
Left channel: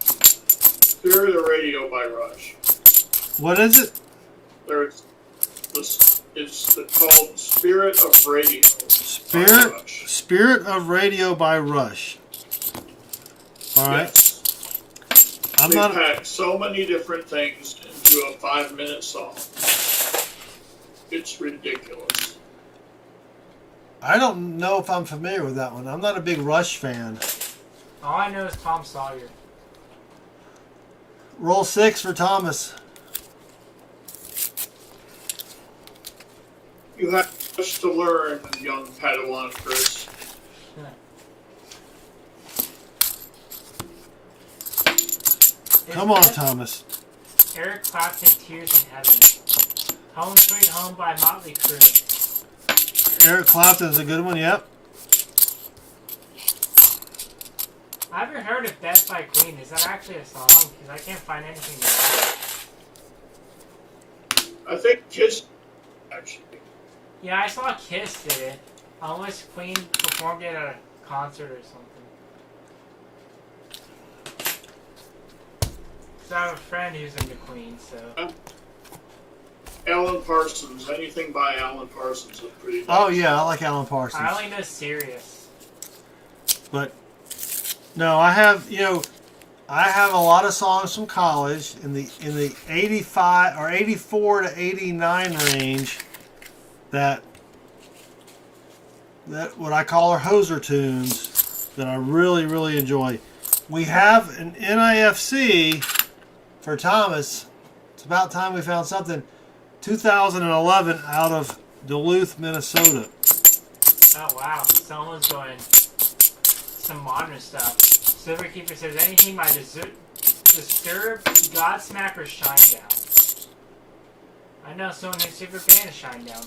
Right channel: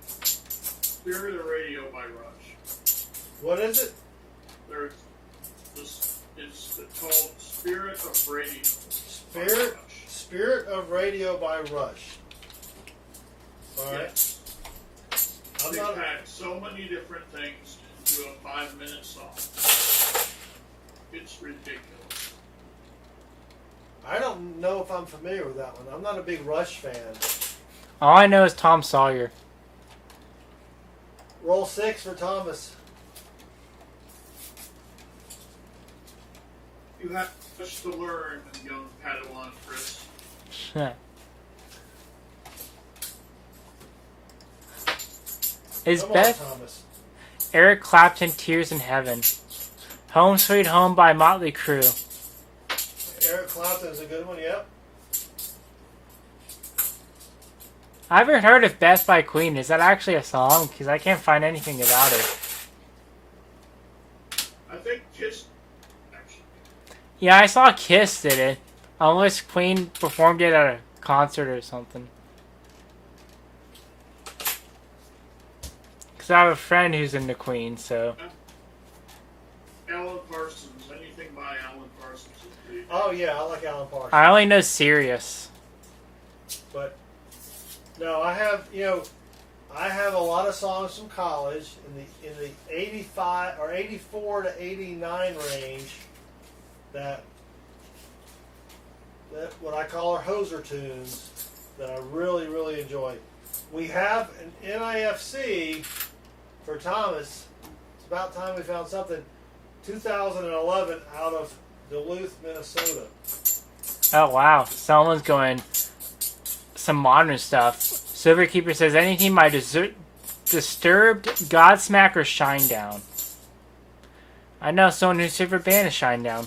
Spirit of Radio by Rush. what is it? It's called Spirit of Radio. Spirit, by Rush. Spirit of Radio by Rush. All right. Yes. I'm They not. pack so many different things into a 5-minute song. It's ridiculous. I don't know if I'm familiar with that one. I'm not a big Rush fan. All I know is Tom Sawyer. Roll 6 for Thomas. You have much to learn, young Padawan Chris. Is Come on, Beth Thomas. Eric Clapton, Tears in Heaven. Home Sweet Home by Motley Crue. Eric Clapton's a good one. Yep. I haven't heard of Beth by Queen. Is that actually a song? Because I can't find anything about it. I think Kiss, actually. Yeah, I saw Kiss did it. Unless Queen performed it at a concert or something. Because I have a friend who's into Queen, so... Alan Parsons. Anything by Alan Parsons is pretty nice. Oh yeah, I like Alan Parsons. I only know Sirius. But no, I have I have a lot of songs from college in the 85 or 84 to 89 range that what I call are hoser tunes that I really, really enjoy. We have an NIFC for Thomas. It's about time we found something. 2011 out of Duluth, Minnesota. Oh wow, someone's going some modern stuff. Silverkeeper says anything by Disturbed, Godsmack, or Shinedown. I know someone whose favorite band is Shinedown.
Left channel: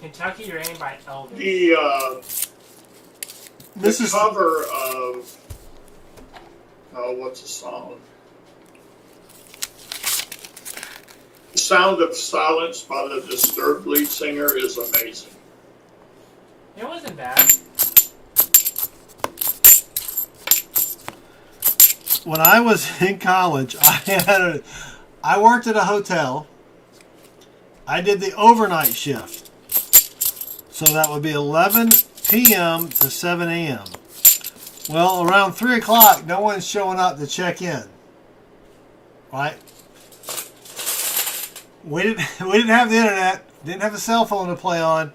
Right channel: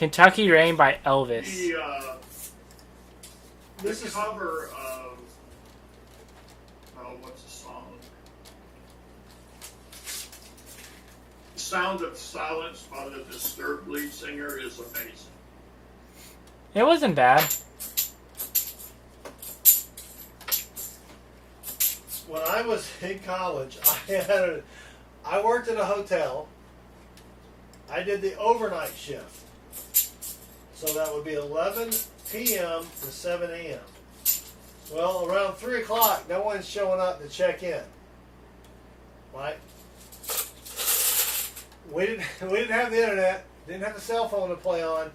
Kentucky Rain by Elvis. The cover of what's the song? Sound of Silence by the Disturbed lead singer is amazing. It wasn't bad. When I was in college, I worked at a hotel. I did the overnight shift. So that would be 11 p.m. to 7 a.m. Well, around 3 o'clock, no one's showing up to check in. Right? We didn't have the internet, didn't have a cell phone to play on,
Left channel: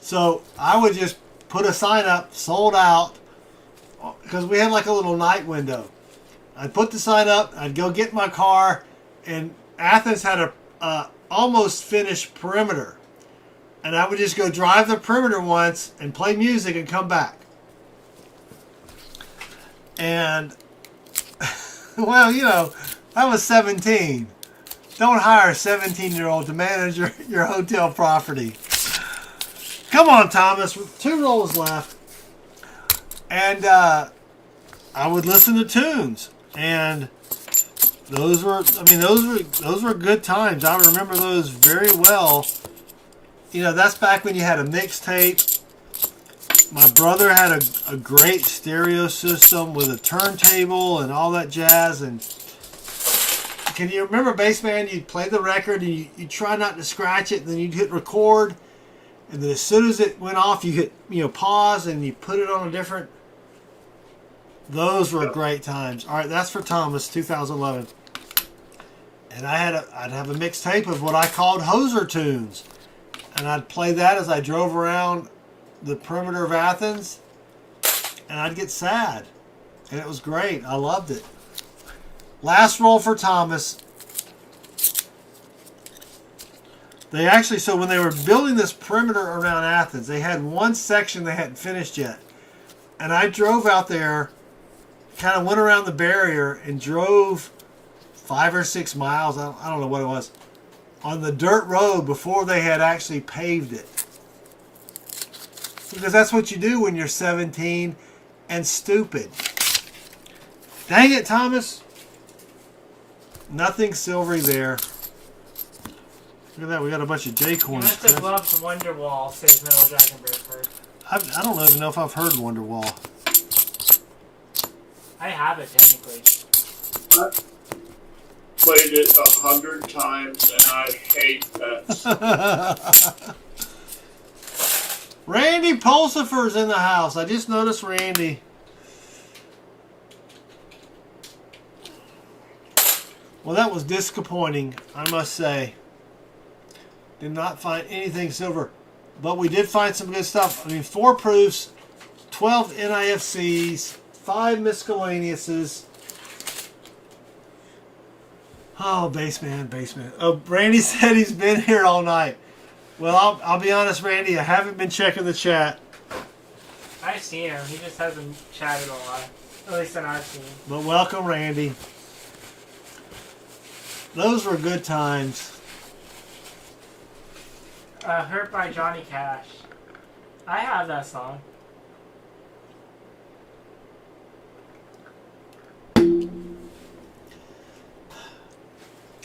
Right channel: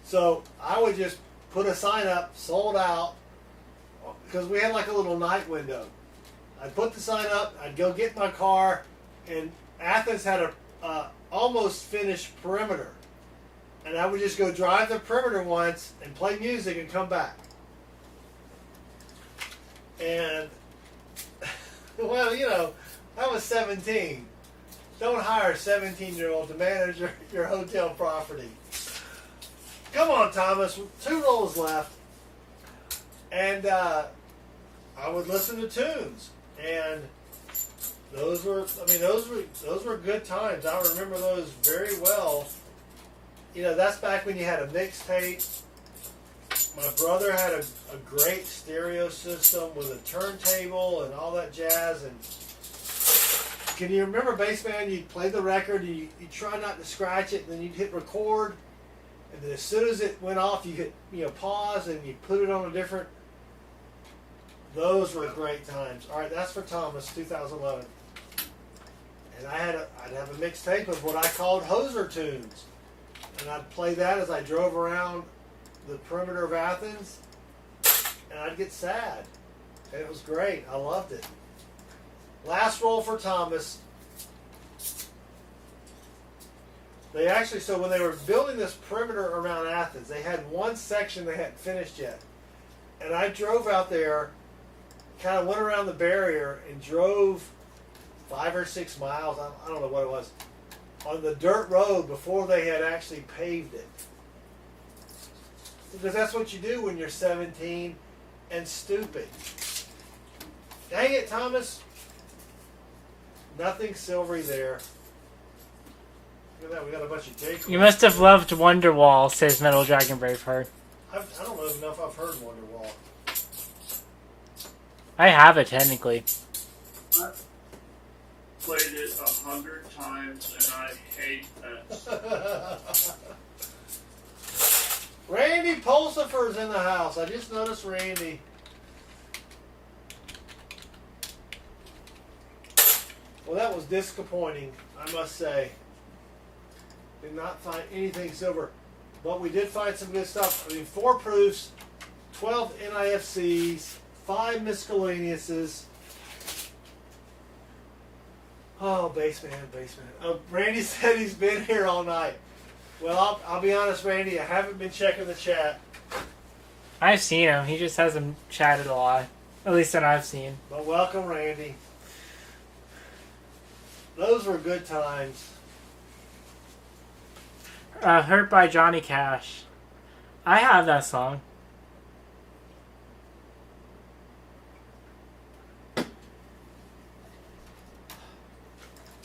so I would just put a sign up, sold out, because we had like a little night window. I'd put the sign up, I'd go get my car, and Athens had a almost finished perimeter. And I would just go drive the perimeter once and play music and come back. And, well, you know, I was 17. Don't hire a 17-year-old to manage your hotel property. Come on, Thomas, with 2 rolls left. And I would listen to tunes. And those were good times. I remember those very well. You know, that's back when you had a mixtape. My brother had a great stereo system with a turntable and all that jazz. And can you remember, Bassman? You'd play the record and you try not to scratch it, and then you'd hit record. And then as soon as it went off, you hit pause and you put it on a different. Those were great times. All right, that's for Thomas, 2011. And I'd have a mixtape of what I called hoser tunes. And I'd play that as I drove around the perimeter of Athens. And I'd get sad. And it was great. I loved it. Last roll for Thomas. They actually, so when they were building this perimeter around Athens, they had one section they hadn't finished yet. And I drove out there, kind of went around the barrier and drove 5 or 6 miles, I don't know what it was, on the dirt road before they had actually paved it. Because that's what you do when you're 17 and stupid. Dang it, Thomas. Nothing silvery there. Look at that, we got a bunch of J-Corns. You must have loved Wonderwall, says Metal Dragon Braveheart. I don't even know if I've heard Wonderwall. I have it, technically. I played it 100 times, and I hate that. Randy Pulsifer's in the house. I just noticed Randy. Well, that was disappointing, I must say. Did not find anything silver. But we did find some good stuff. I mean, 4 proofs, 12 NIFCs, 5 miscellaneouses. Oh, Bassman. Oh, Randy said he's been here all night. Well, I'll be honest, Randy. I haven't been checking the chat. I've seen him. He just hasn't chatted a lot. At least that I've seen. But welcome, Randy. Those were good times. Hurt by Johnny Cash. I have that song.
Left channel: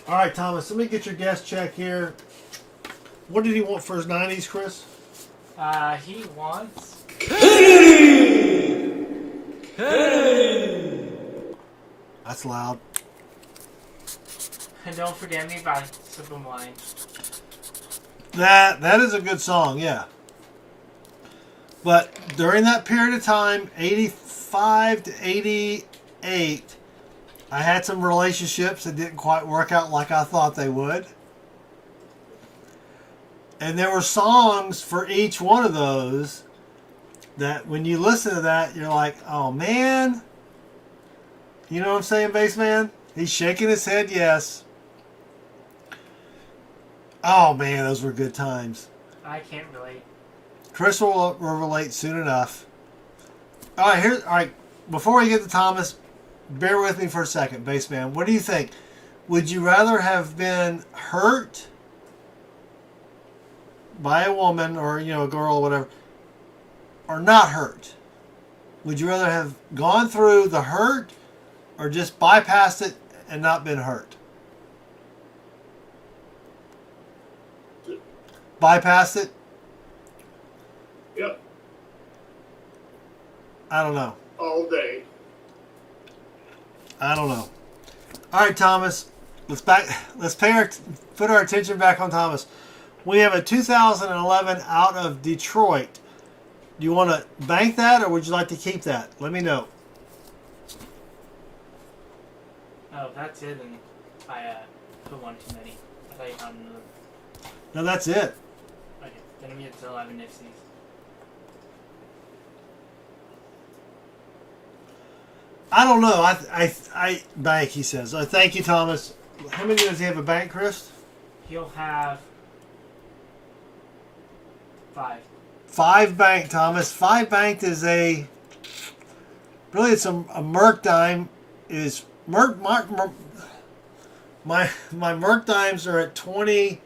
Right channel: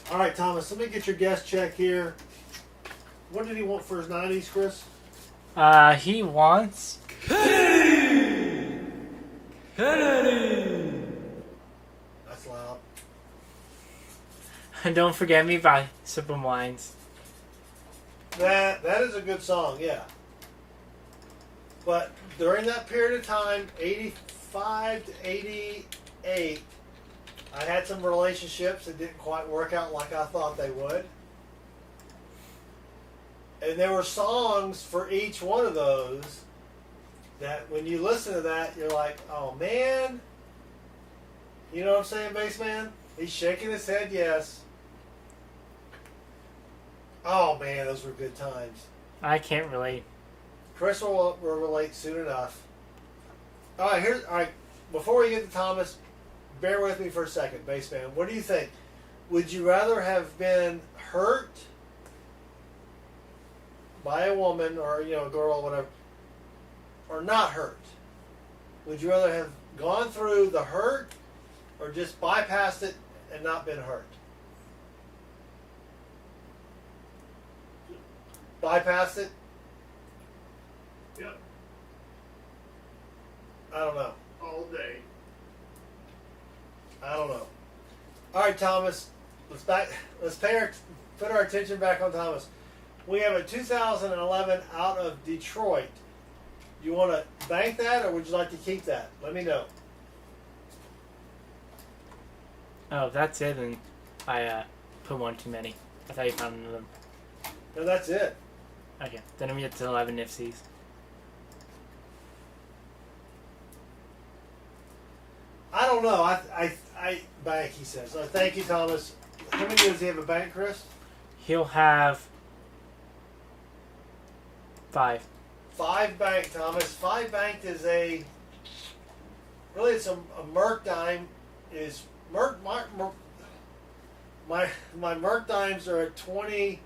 All right, Thomas, let me get your guest check here. What did he want for his 90s, Chris? He wants... That's loud. And Don't Forget Me by Simple Minds. That is a good song, yeah. But during that period of time, 85 to 88, I had some relationships that didn't quite work out like I thought they would. And there were songs for each one of those that when you listen to that, you're like, oh man. You know what I'm saying, Bassman? He's shaking his head, yes. Oh man, those were good times. I can't relate. Chris will relate soon enough. All right, before we get to Thomas, bear with me for a second, Bassman. What do you think? Would you rather have been hurt by a woman or, a girl or whatever, or not hurt? Would you rather have gone through the hurt or just bypassed it and not been hurt? Bypassed it? Yep. I don't know. All day. I don't know. All right, Thomas. Let's put our attention back on Thomas. We have a 2011 out of Detroit. Do you want to bank that, or would you like to keep that? Let me know. Oh, if that's it, then I put one too many. I thought you found another. No, that's it. Okay, then I'm at 11 nifsies. I don't know. I bank, he says. Thank you, Thomas. How many does he have a bank, Chris? He'll have 5. 5 bank, Thomas. 5 banked is really it's a Merc dime. Is my Merc dimes are at 22x,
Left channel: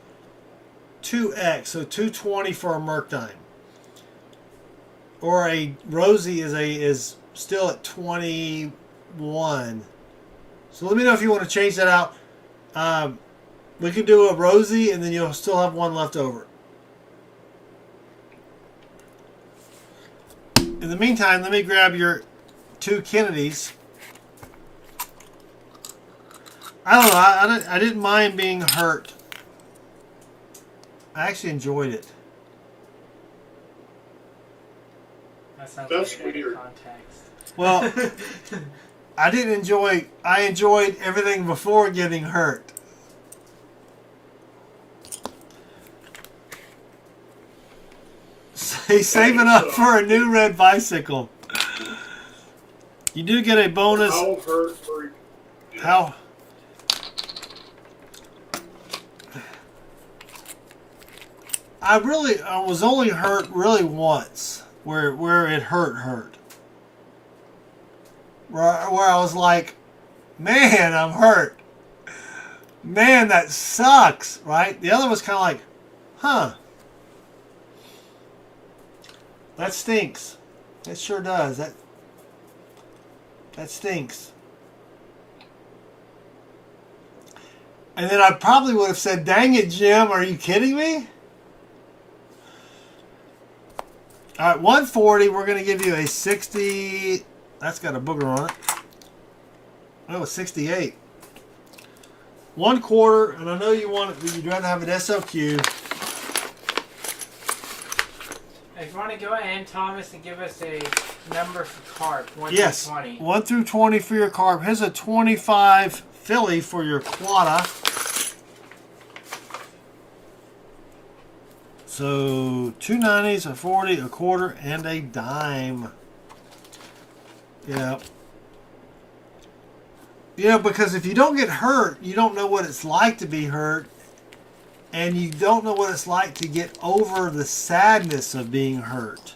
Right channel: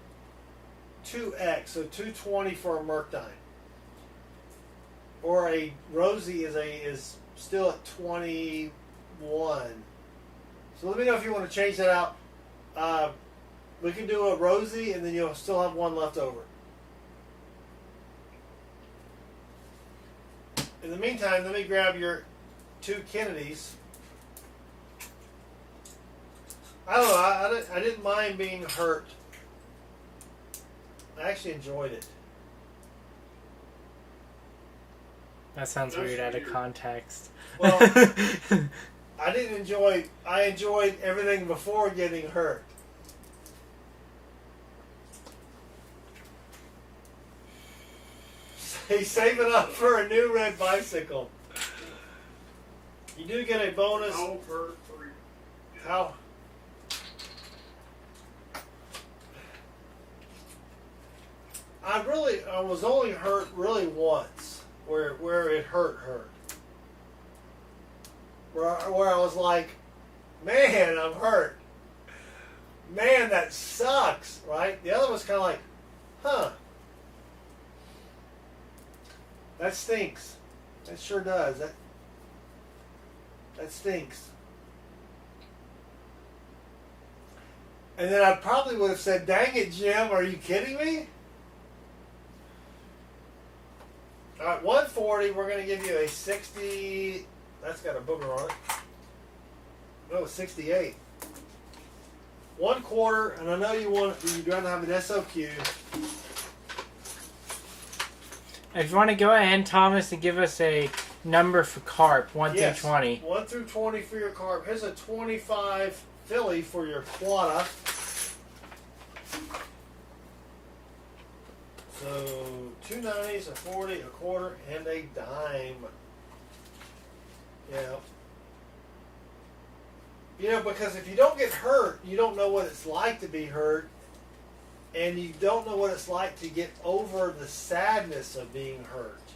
so 220 for a Merc dime. Or a Rosie is still at 21. So let me know if you want to change that out. We can do a Rosie, and then you'll still have one left over. In the meantime, let me grab your 2 Kennedys. I don't know. I didn't mind being hurt. I actually enjoyed it. That sounds That's weird out of weird. context. Well, I enjoyed everything before getting hurt. He's saving up for a new red bicycle. You do get a bonus. How hurt were you? How? I was only hurt really once, where it hurt. Where I was like, man, I'm hurt. Man, that sucks, right? The other was kind of like, huh. That stinks. That sure does. That stinks. And then I probably would have said, dang it, Jim, are you kidding me? All right, 140, we're going to give you a 60. That's got a booger on it. Oh, 68. 1/4, and I know you'd rather have an SLQ. If you want to go ahead, Thomas, and give us a number for carp, 1 Yes, through 20. 1 through 20 for your carp. Here's a 25 Philly for your quota. So 2 90s, a 40, a 1/4, and a dime. Yeah. Because if you don't get hurt, you don't know what it's like to be hurt. And you don't know what it's like to get over the sadness of being hurt.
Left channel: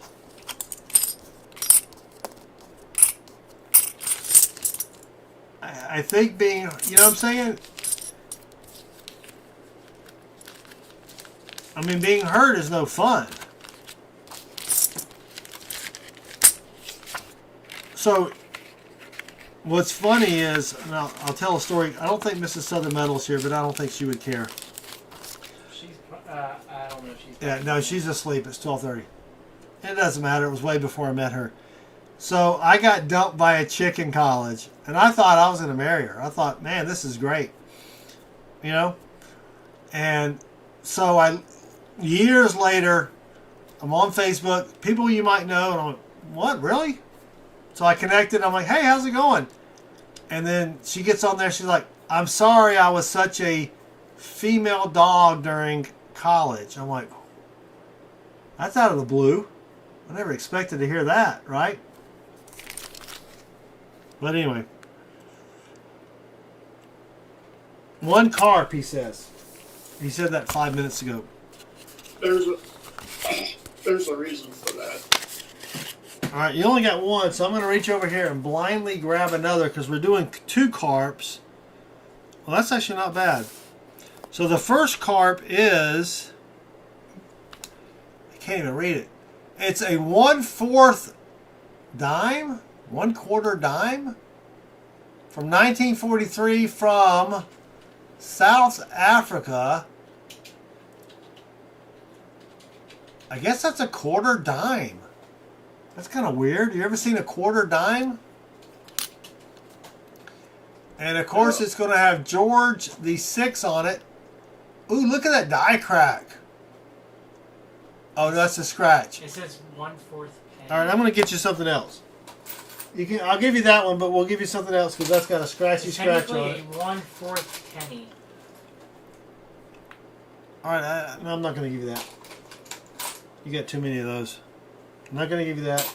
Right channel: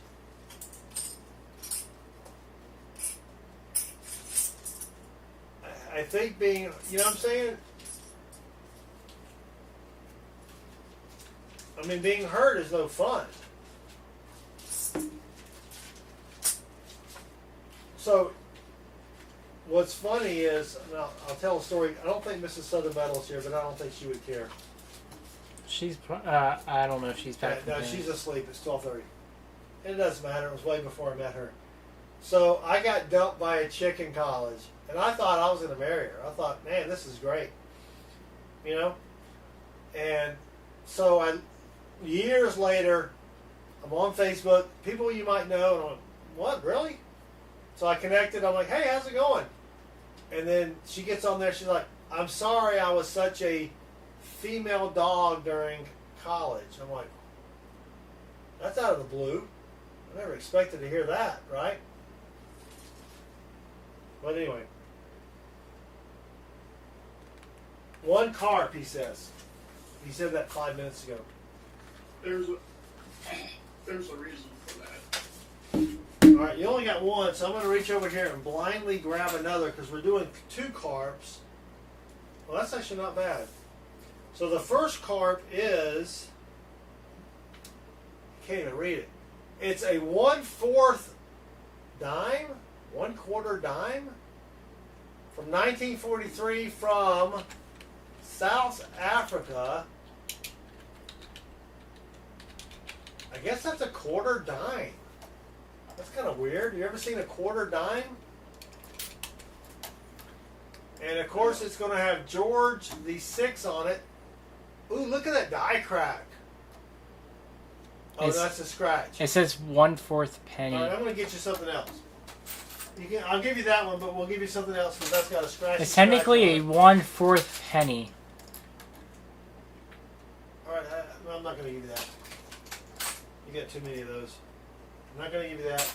I think being, you know what I'm saying? I mean, being hurt is no fun. So, what's funny is, and I'll tell a story. I don't think Mrs. Southern Metal's here, but I don't think she would care. She's, I don't know if she's Yeah, back. no, she's asleep. It's 12:30. It doesn't matter. It was way before I met her. So I got dumped by a chick in college, and I thought I was going to marry her. I thought, man, this is great. And so years later, I'm on Facebook, people you might know, and I'm like, what, really? So I connected. I'm like, hey, how's it going? And then she gets on there. She's like, I'm sorry I was such a female dog during college. I'm like, that's out of the blue. I never expected to hear that, right? But anyway. 1 carp, he says. He said that 5 minutes ago. There's a reason for that. All right, you only got 1, so I'm going to reach over here and blindly grab another because we're doing 2 carps. Well, that's actually not bad. So the first carp is, I can't even read it. It's a 1/4 dime, 1/4 dime from 1943 from South Africa. I guess that's a 1/4 dime. That's kind of weird. You ever seen a 1/4 dime? And of course, it's going to have George the 6 on it. Ooh, look at that die crack. Oh, that's a scratch. It says 1/4 penny. All right, I'm going to get you something else. You can. I'll give you that one, but we'll give you something else because that's got a scratchy It's scratch technically a on it. 1/4 penny. All right, no, I'm not going to give you that. You got too many of those. I'm not going to give you that.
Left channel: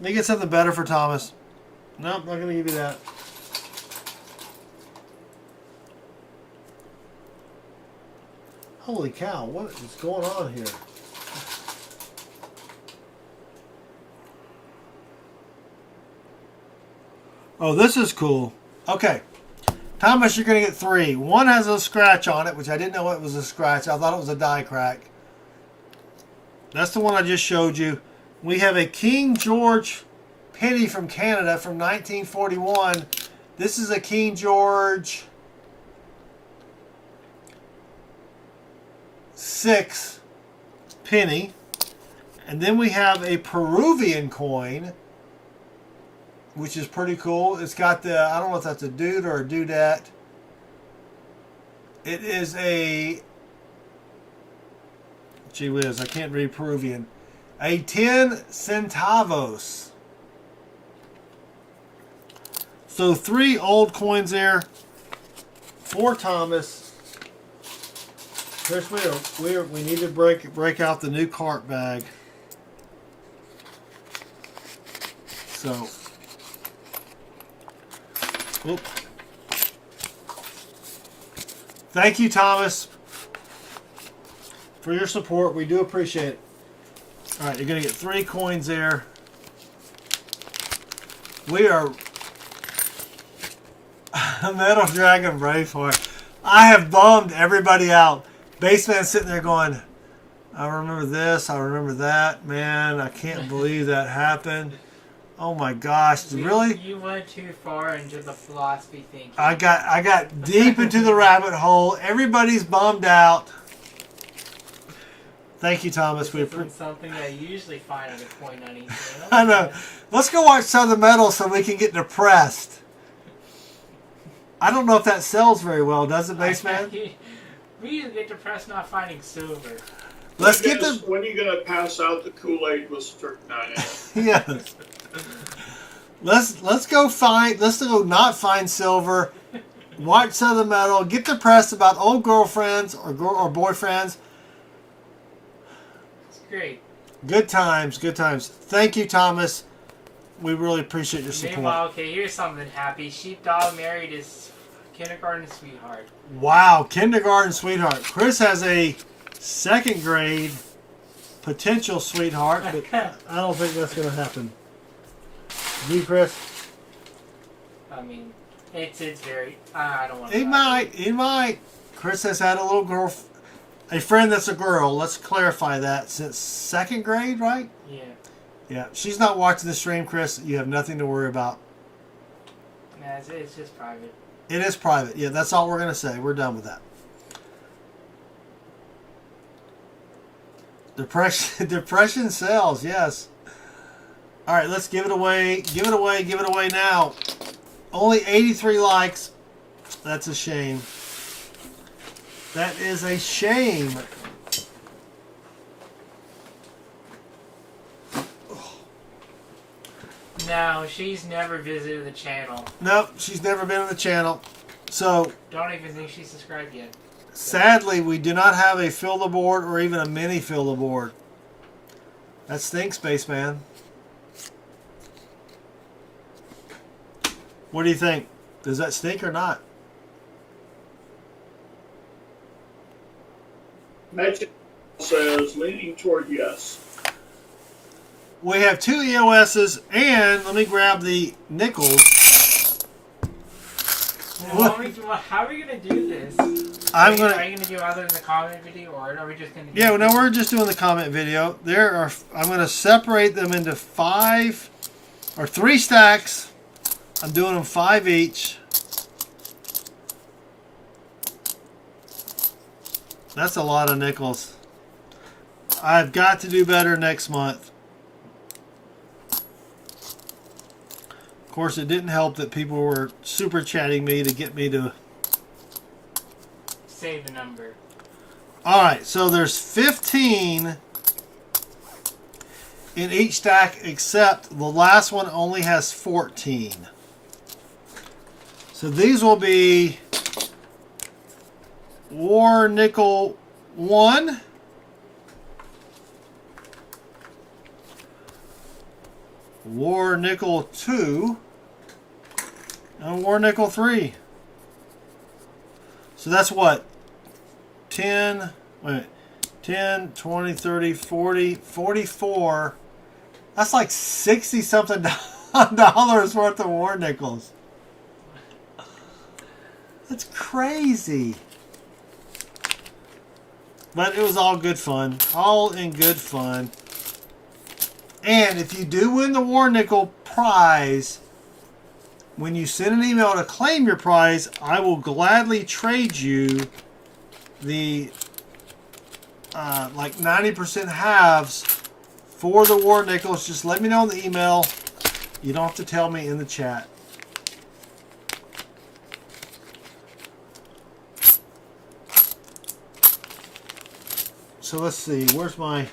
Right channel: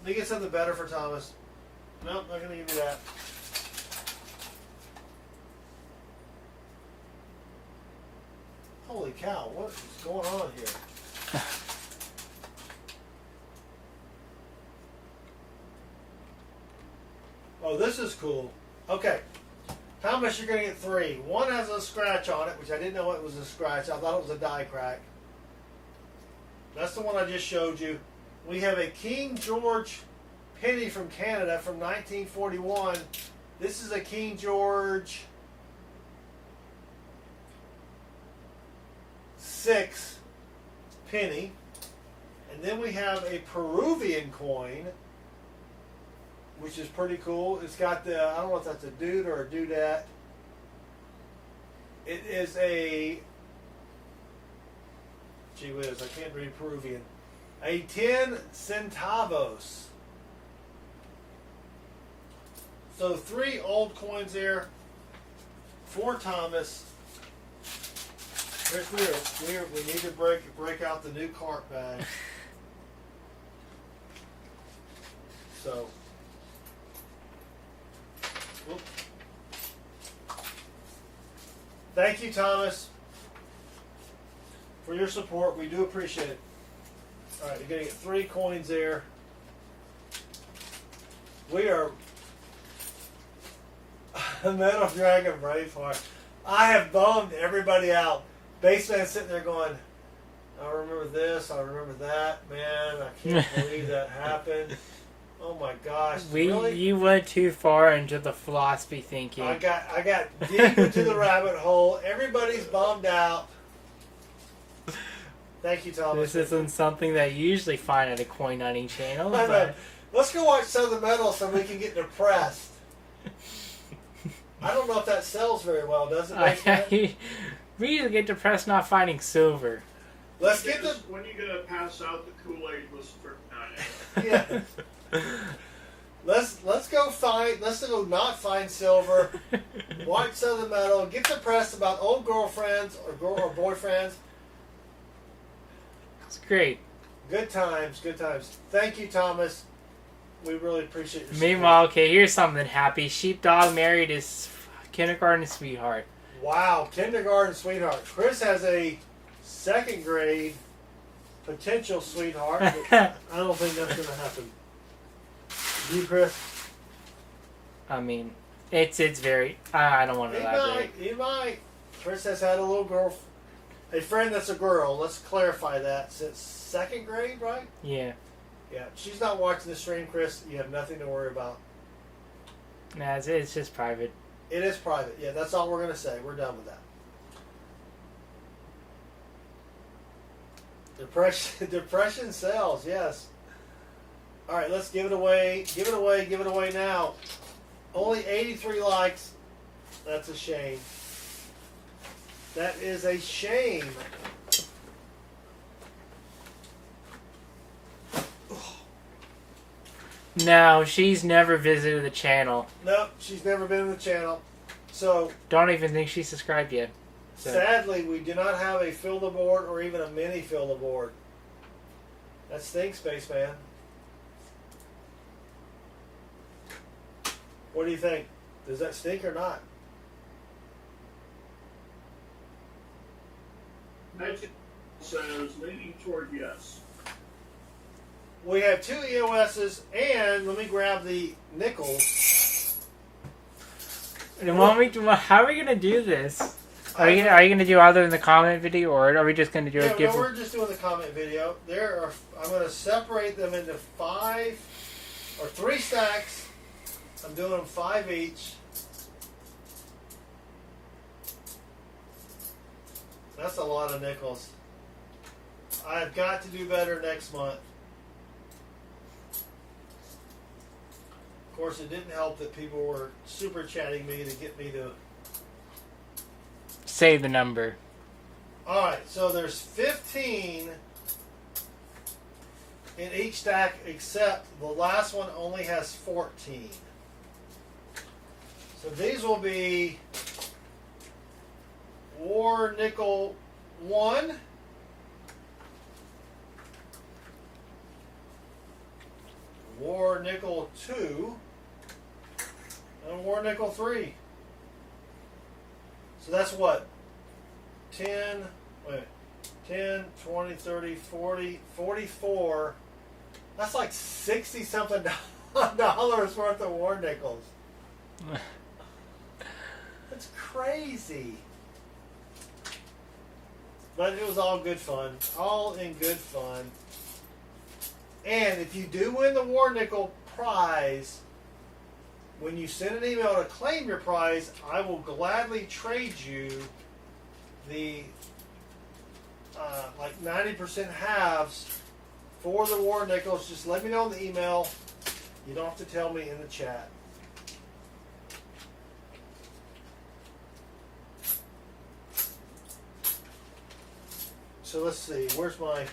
Let me get something better for Thomas. Nope, not going to give you that. Holy cow, what is going on here? Oh, this is cool. Okay. Thomas, you're going to get 3. One has a scratch on it, which I didn't know it was a scratch. I thought it was a die crack. That's the one I just showed you. We have a King George penny from Canada from 1941. This is a King George 6 penny. And then we have a Peruvian coin, which is pretty cool. It's got the, I don't know if that's a dude or a dudette. It is a, gee whiz, I can't read Peruvian. A 10 centavos. So 3 old coins there for Thomas. Chris, we need to break out the new cart bag. So, whoop. Thank you, Thomas, for your support. We do appreciate it. All right, you're going to get 3 coins there. We are Metal Dragon Braveheart. I have bummed everybody out. Baseman's sitting there going, I remember this, I remember that. Man, I can't believe that happened. Oh my gosh, really? You went too far into the philosophy thinking. I got deep into the rabbit hole. Everybody's bummed out. Thank you, Thomas. This isn't something that you usually find at a coin hunting channel. I know. Let's go watch Southern Metal so we can get depressed. I don't know if that sells very well, does it, Baseman? We usually get depressed not finding silver. Let's get the. When are you gonna pass out the Kool-Aid with strychnine in it? Yes. Let's go find. Let's go not find silver. Watch Southern Metal. Get depressed about old girlfriends or boyfriends. It's great. Good times. Good times. Thank you, Thomas. We really appreciate your support. Meanwhile, okay, here's something happy. Sheepdog married his kindergarten sweetheart. Wow, kindergarten sweetheart. Chris has a 2nd grade potential sweetheart, but I don't think that's going to happen. Do you, Chris? I mean, it's very. I don't want to. It might. Chris has had a little girl, a friend that's a girl. Let's clarify that. Since 2nd grade, right? Yeah. Yeah. She's not watching the stream, Chris. You have nothing to worry about. Nah, it's just private. It is private. Yeah, that's all we're going to say. We're done with that. Depression sells, yes. All right, let's give it away. Give it away. Give it away now. Only 83 likes. That's a shame. That is a shame. No, she's never visited the channel. Nope, she's never been on the channel. So, Don't even think she's subscribed yet. sadly, we do not have a fill the board or even a mini fill the board. That stinks, Spaceman. What do you think? Does that stink or not? Magic says leaning toward yes. We have 2 EOSs, and let me grab the nickels. How are we gonna do this? Are I'm you gonna- gonna do either in the comment video or are we just gonna do? Yeah, no, we're just doing the comment video. I'm going to separate them into 5 or 3 stacks. I'm doing them 5 each. That's a lot of nickels. I've got to do better next month. Of course, it didn't help that people were super chatting me to get me to. say the number. All right, so there's 15 in each stack, except the last one only has 14. So these will be War Nickel 1, War Nickel 2, and War Nickel 3. So that's what? 10, wait, 10, 20, 30, 40, 44. That's like 60 something dollars worth of war nickels. That's crazy. But it was all good fun. All in good fun. And if you do win the war nickel prize, when you send an email to claim your prize, I will gladly trade you the like 90% halves for the war nickels. Just let me know in the email. You don't have to tell me in the chat. So let's see, where's my...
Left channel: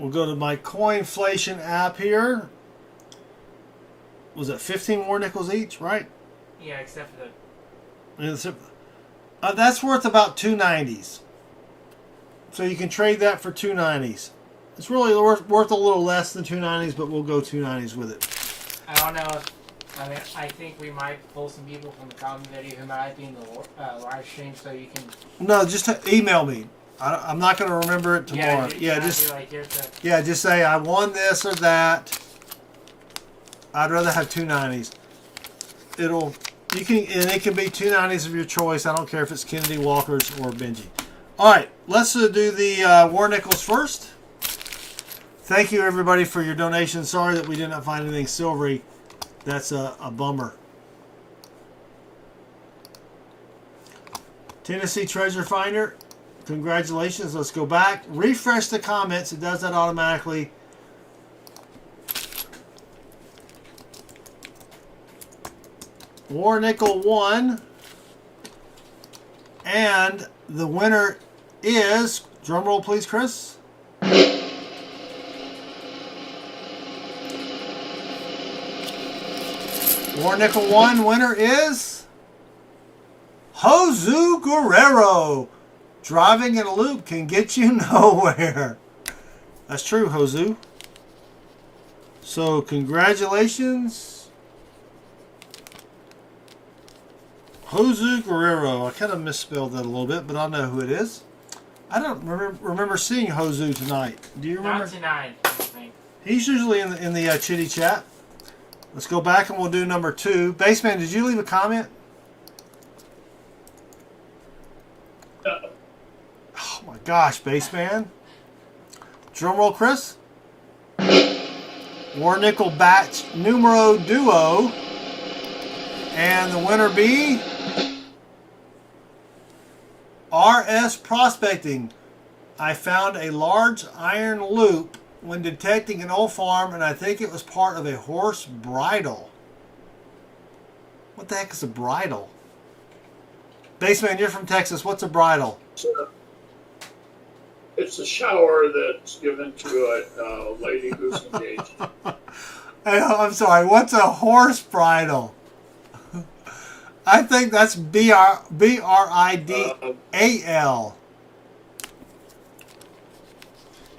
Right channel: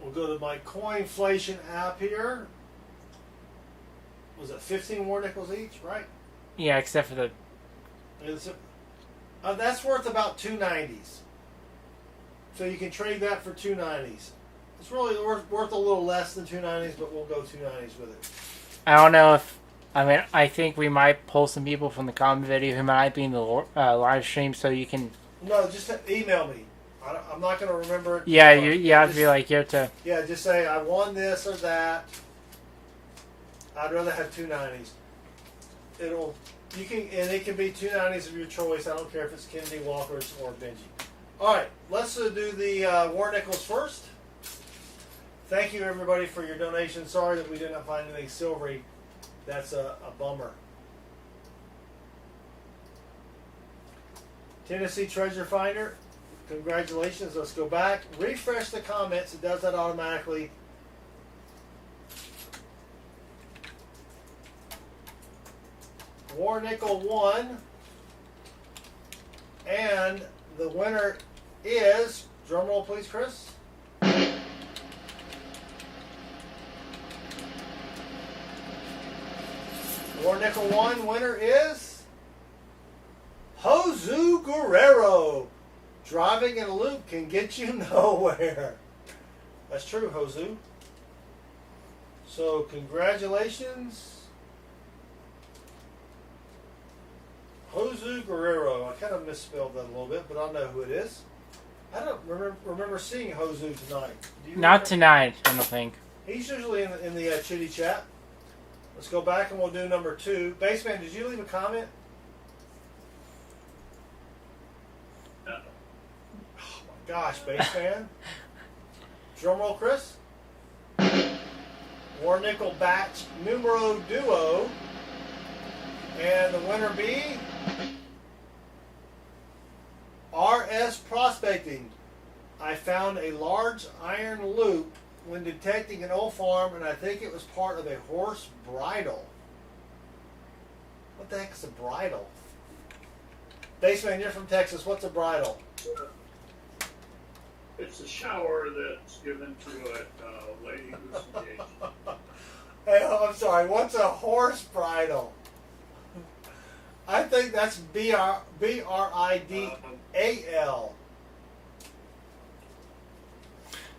We'll go to my Coinflation app here. Was it 15 war nickels each, right? Yeah, except for the... That's worth about 290s. So you can trade that for 290s. It's really worth a little less than 290s, but we'll go 290s with it. I don't know if... I mean, I think we might pull some people from the comment video who might be in the live stream, so you can... No, just email me. I'm not going to remember it tomorrow. Yeah, you have to be like, you have to... Yeah, just say, I won this or that. I'd rather have 290s. It can be 290s of your choice. I don't care if it's Kennedy Walker's or Benji. All right, let's do the war nickels first. Thank you, everybody, for your donations. Sorry that we did not find anything silvery. That's a bummer. Tennessee Treasure Finder, congratulations. Let's go back. Refresh the comments. It does that automatically. War Nickel 1. And the winner is, drum roll please, Chris. War Nickel 1 winner is Josu Guerrero. Driving in a loop can get you nowhere. That's true, Josu. So congratulations, Josu Guerrero. I kind of misspelled that a little bit, but I know who it is. I don't remember seeing Josu tonight. Do you remember? Not tonight, I don't think. He's usually in the chitty chat. Let's go back and we'll do number 2. Baseman, did you leave a comment? Oh my gosh, Baseman. Drum roll, Chris. War Nickel Batch Numero Duo. And the winner be RS Prospecting. I found a large iron loop when detecting an old farm, and I think it was part of a horse bridle. What the heck is a bridle? Baseman, you're from Texas. What's a bridle? It's a shower that's given to a lady who's engaged. I'm sorry. What's a horse bridle? I think that's BRIDAL.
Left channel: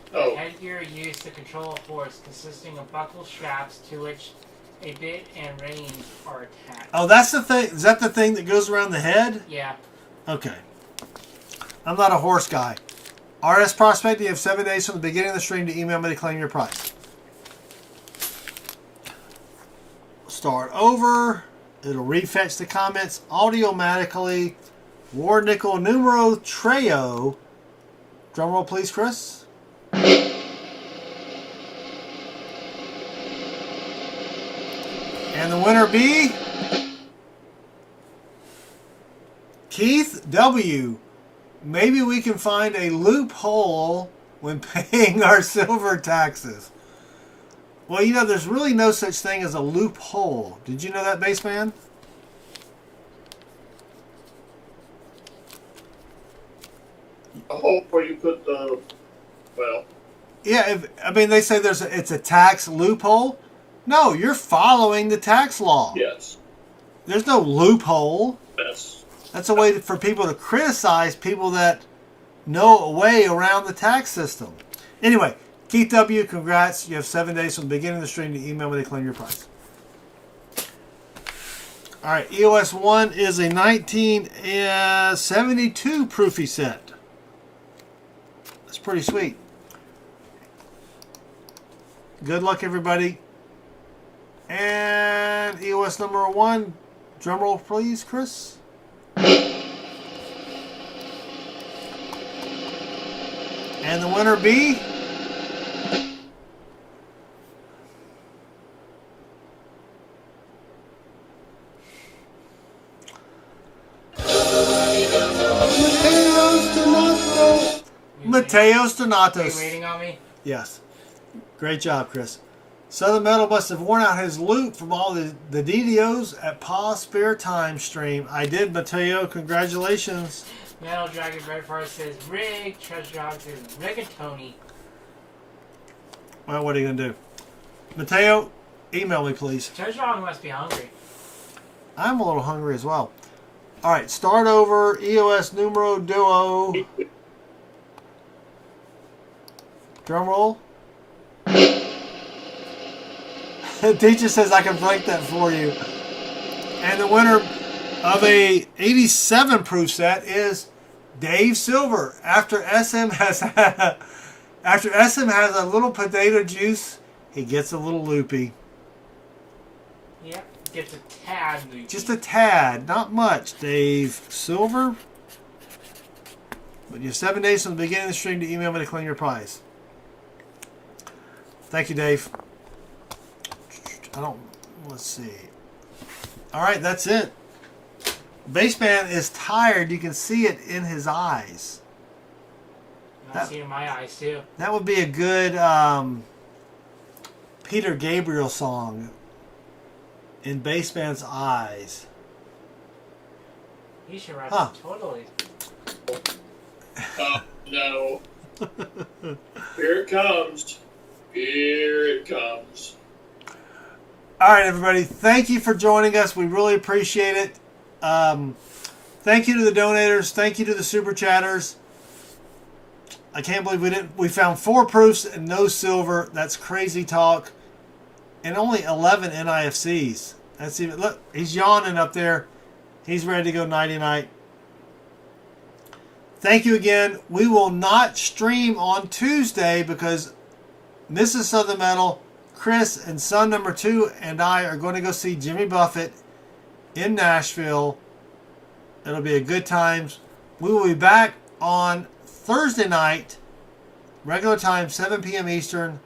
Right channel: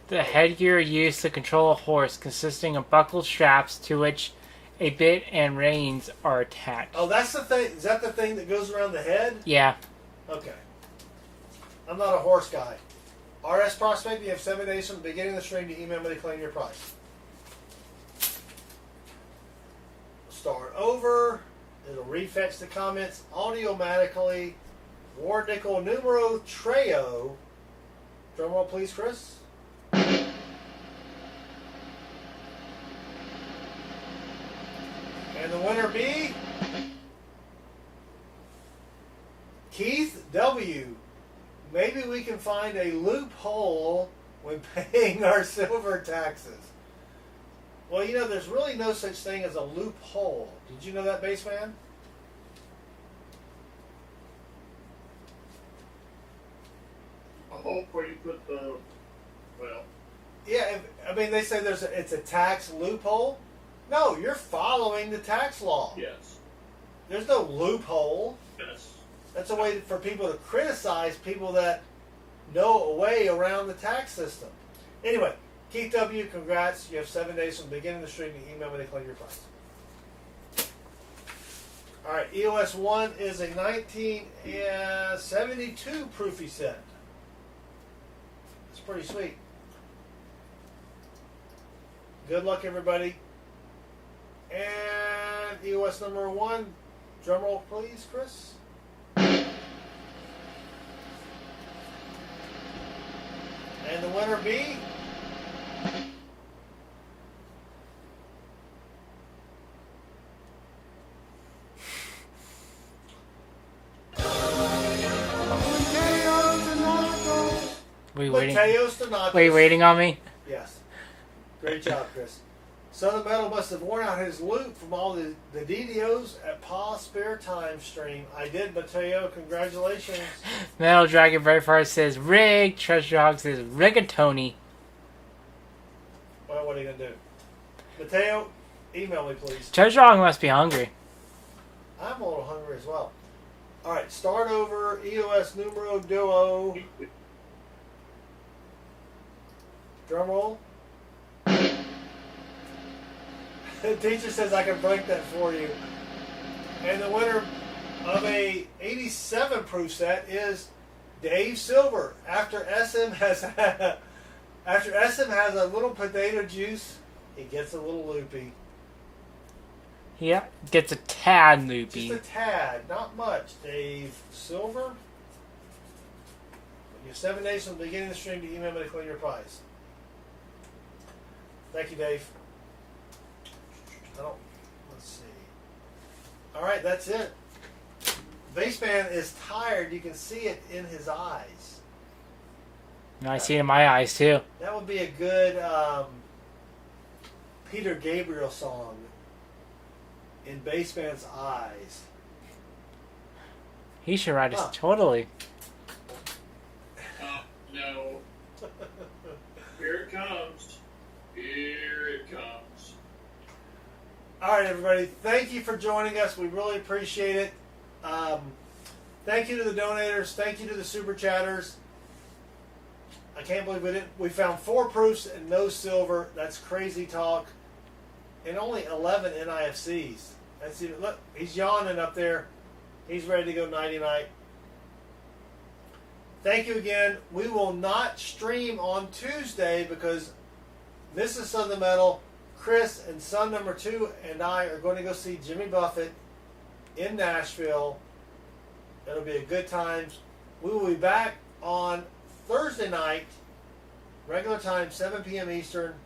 The headgear used to control a horse, consisting of buckled straps to which a bit and reins are attached. Oh, that's the thing. Is that the thing that goes around the head? Yeah. Okay. I'm not a horse guy. RS Prospect, you have 7 days from the beginning of the stream to email me to claim your prize. Start over. It'll refetch the comments automatically. War Nickel Numero Treo. Drum roll, please, Chris. And the winner be Keith W. Maybe we can find a loophole when paying our silver taxes. Well, you know, there's really no such thing as a loophole. Did you know that, Baseman? hole where you put the, well, Yeah, they say it's a tax loophole. No, you're following the tax law. yes. There's no loophole. Yes. That's a way for people to criticize people that know a way around the tax system. Anyway, Keith W., congrats. You have 7 days from the beginning of the stream to email me to claim your prize. All right, EOS 1 is a 1972 Proofy set. That's pretty sweet. Good luck, everybody. And EOS number 1, drum roll, please, Chris. And the winner be Mateo Stonatos. Are you waiting on me? Yes. Great job, Chris. Southern Metal must have worn out his loot from all the DDOs at Pa's Spare Time stream. I did, Mateo. Congratulations. Metal Dragon Braveheart says rig. Treasure Hog says rigatoni. Well, what are you going to do? Mateo, email me, please. Treasure Hog must be hungry. I'm a little hungry as well. All right, start over. EOS numero duo. Drum roll. Teacher says I can break that for you. And the winner of a 87 proof set is Dave Silver. After SM has a little potato juice, he gets a little loopy. Yeah, gets a tad loopy. Just a tad, not much. Dave Silver. But you have 7 days from the beginning of the stream to email me to claim your prize. Thank you, Dave. Let's see. All right, that's it. Bassman is tired. You can see it in his eyes. I see it in my eyes, too. That would be a good Peter Gabriel song. In Bassman's eyes. He should write it. Totally. No. Here it comes. Here it comes. All right, everybody. Thank you for joining us. We really appreciate it. Thank you to the donators. Thank you to the super chatters. I can't believe we found 4 proofs and no silver. That's crazy talk. And only 11 NIFCs. That's even, look, he's yawning up there. He's ready to go nighty-night. Thank you again. We will not stream on Tuesday because Mrs. Southern Metal, Chris, and son number 2 and I are going to go see Jimmy Buffett in Nashville. It'll be a good time. We will be back on Thursday night, regular time, 7 p.m. Eastern,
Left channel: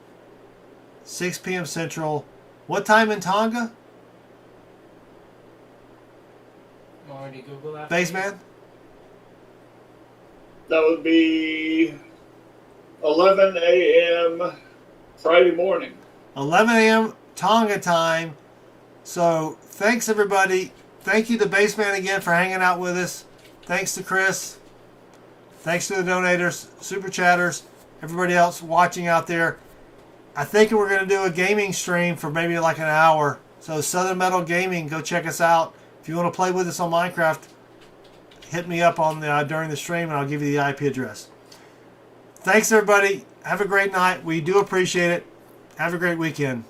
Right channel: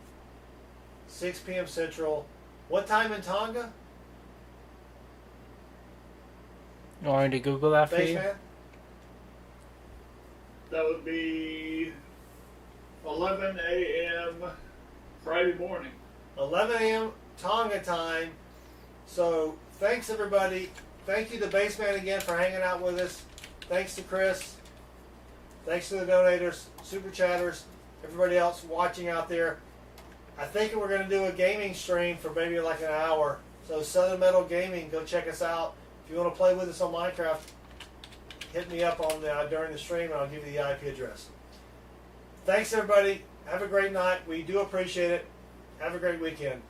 6 p.m. Central. What time in Tonga? You want me to Google that for Bassman? That would be 11 a.m. Friday morning. 11 a.m. Tonga time. So thanks, everybody. Thank you to Bassman again for hanging out with us. Thanks to Chris. Thanks to the donators, super chatters, everybody else watching out there. I think we're going to do a gaming stream for maybe like an hour. So Southern Metal Gaming, go check us out. If you want to play with us on Minecraft, hit me up on during the stream and I'll give you the IP address. Thanks, everybody. Have a great night. We do appreciate it. Have a great weekend.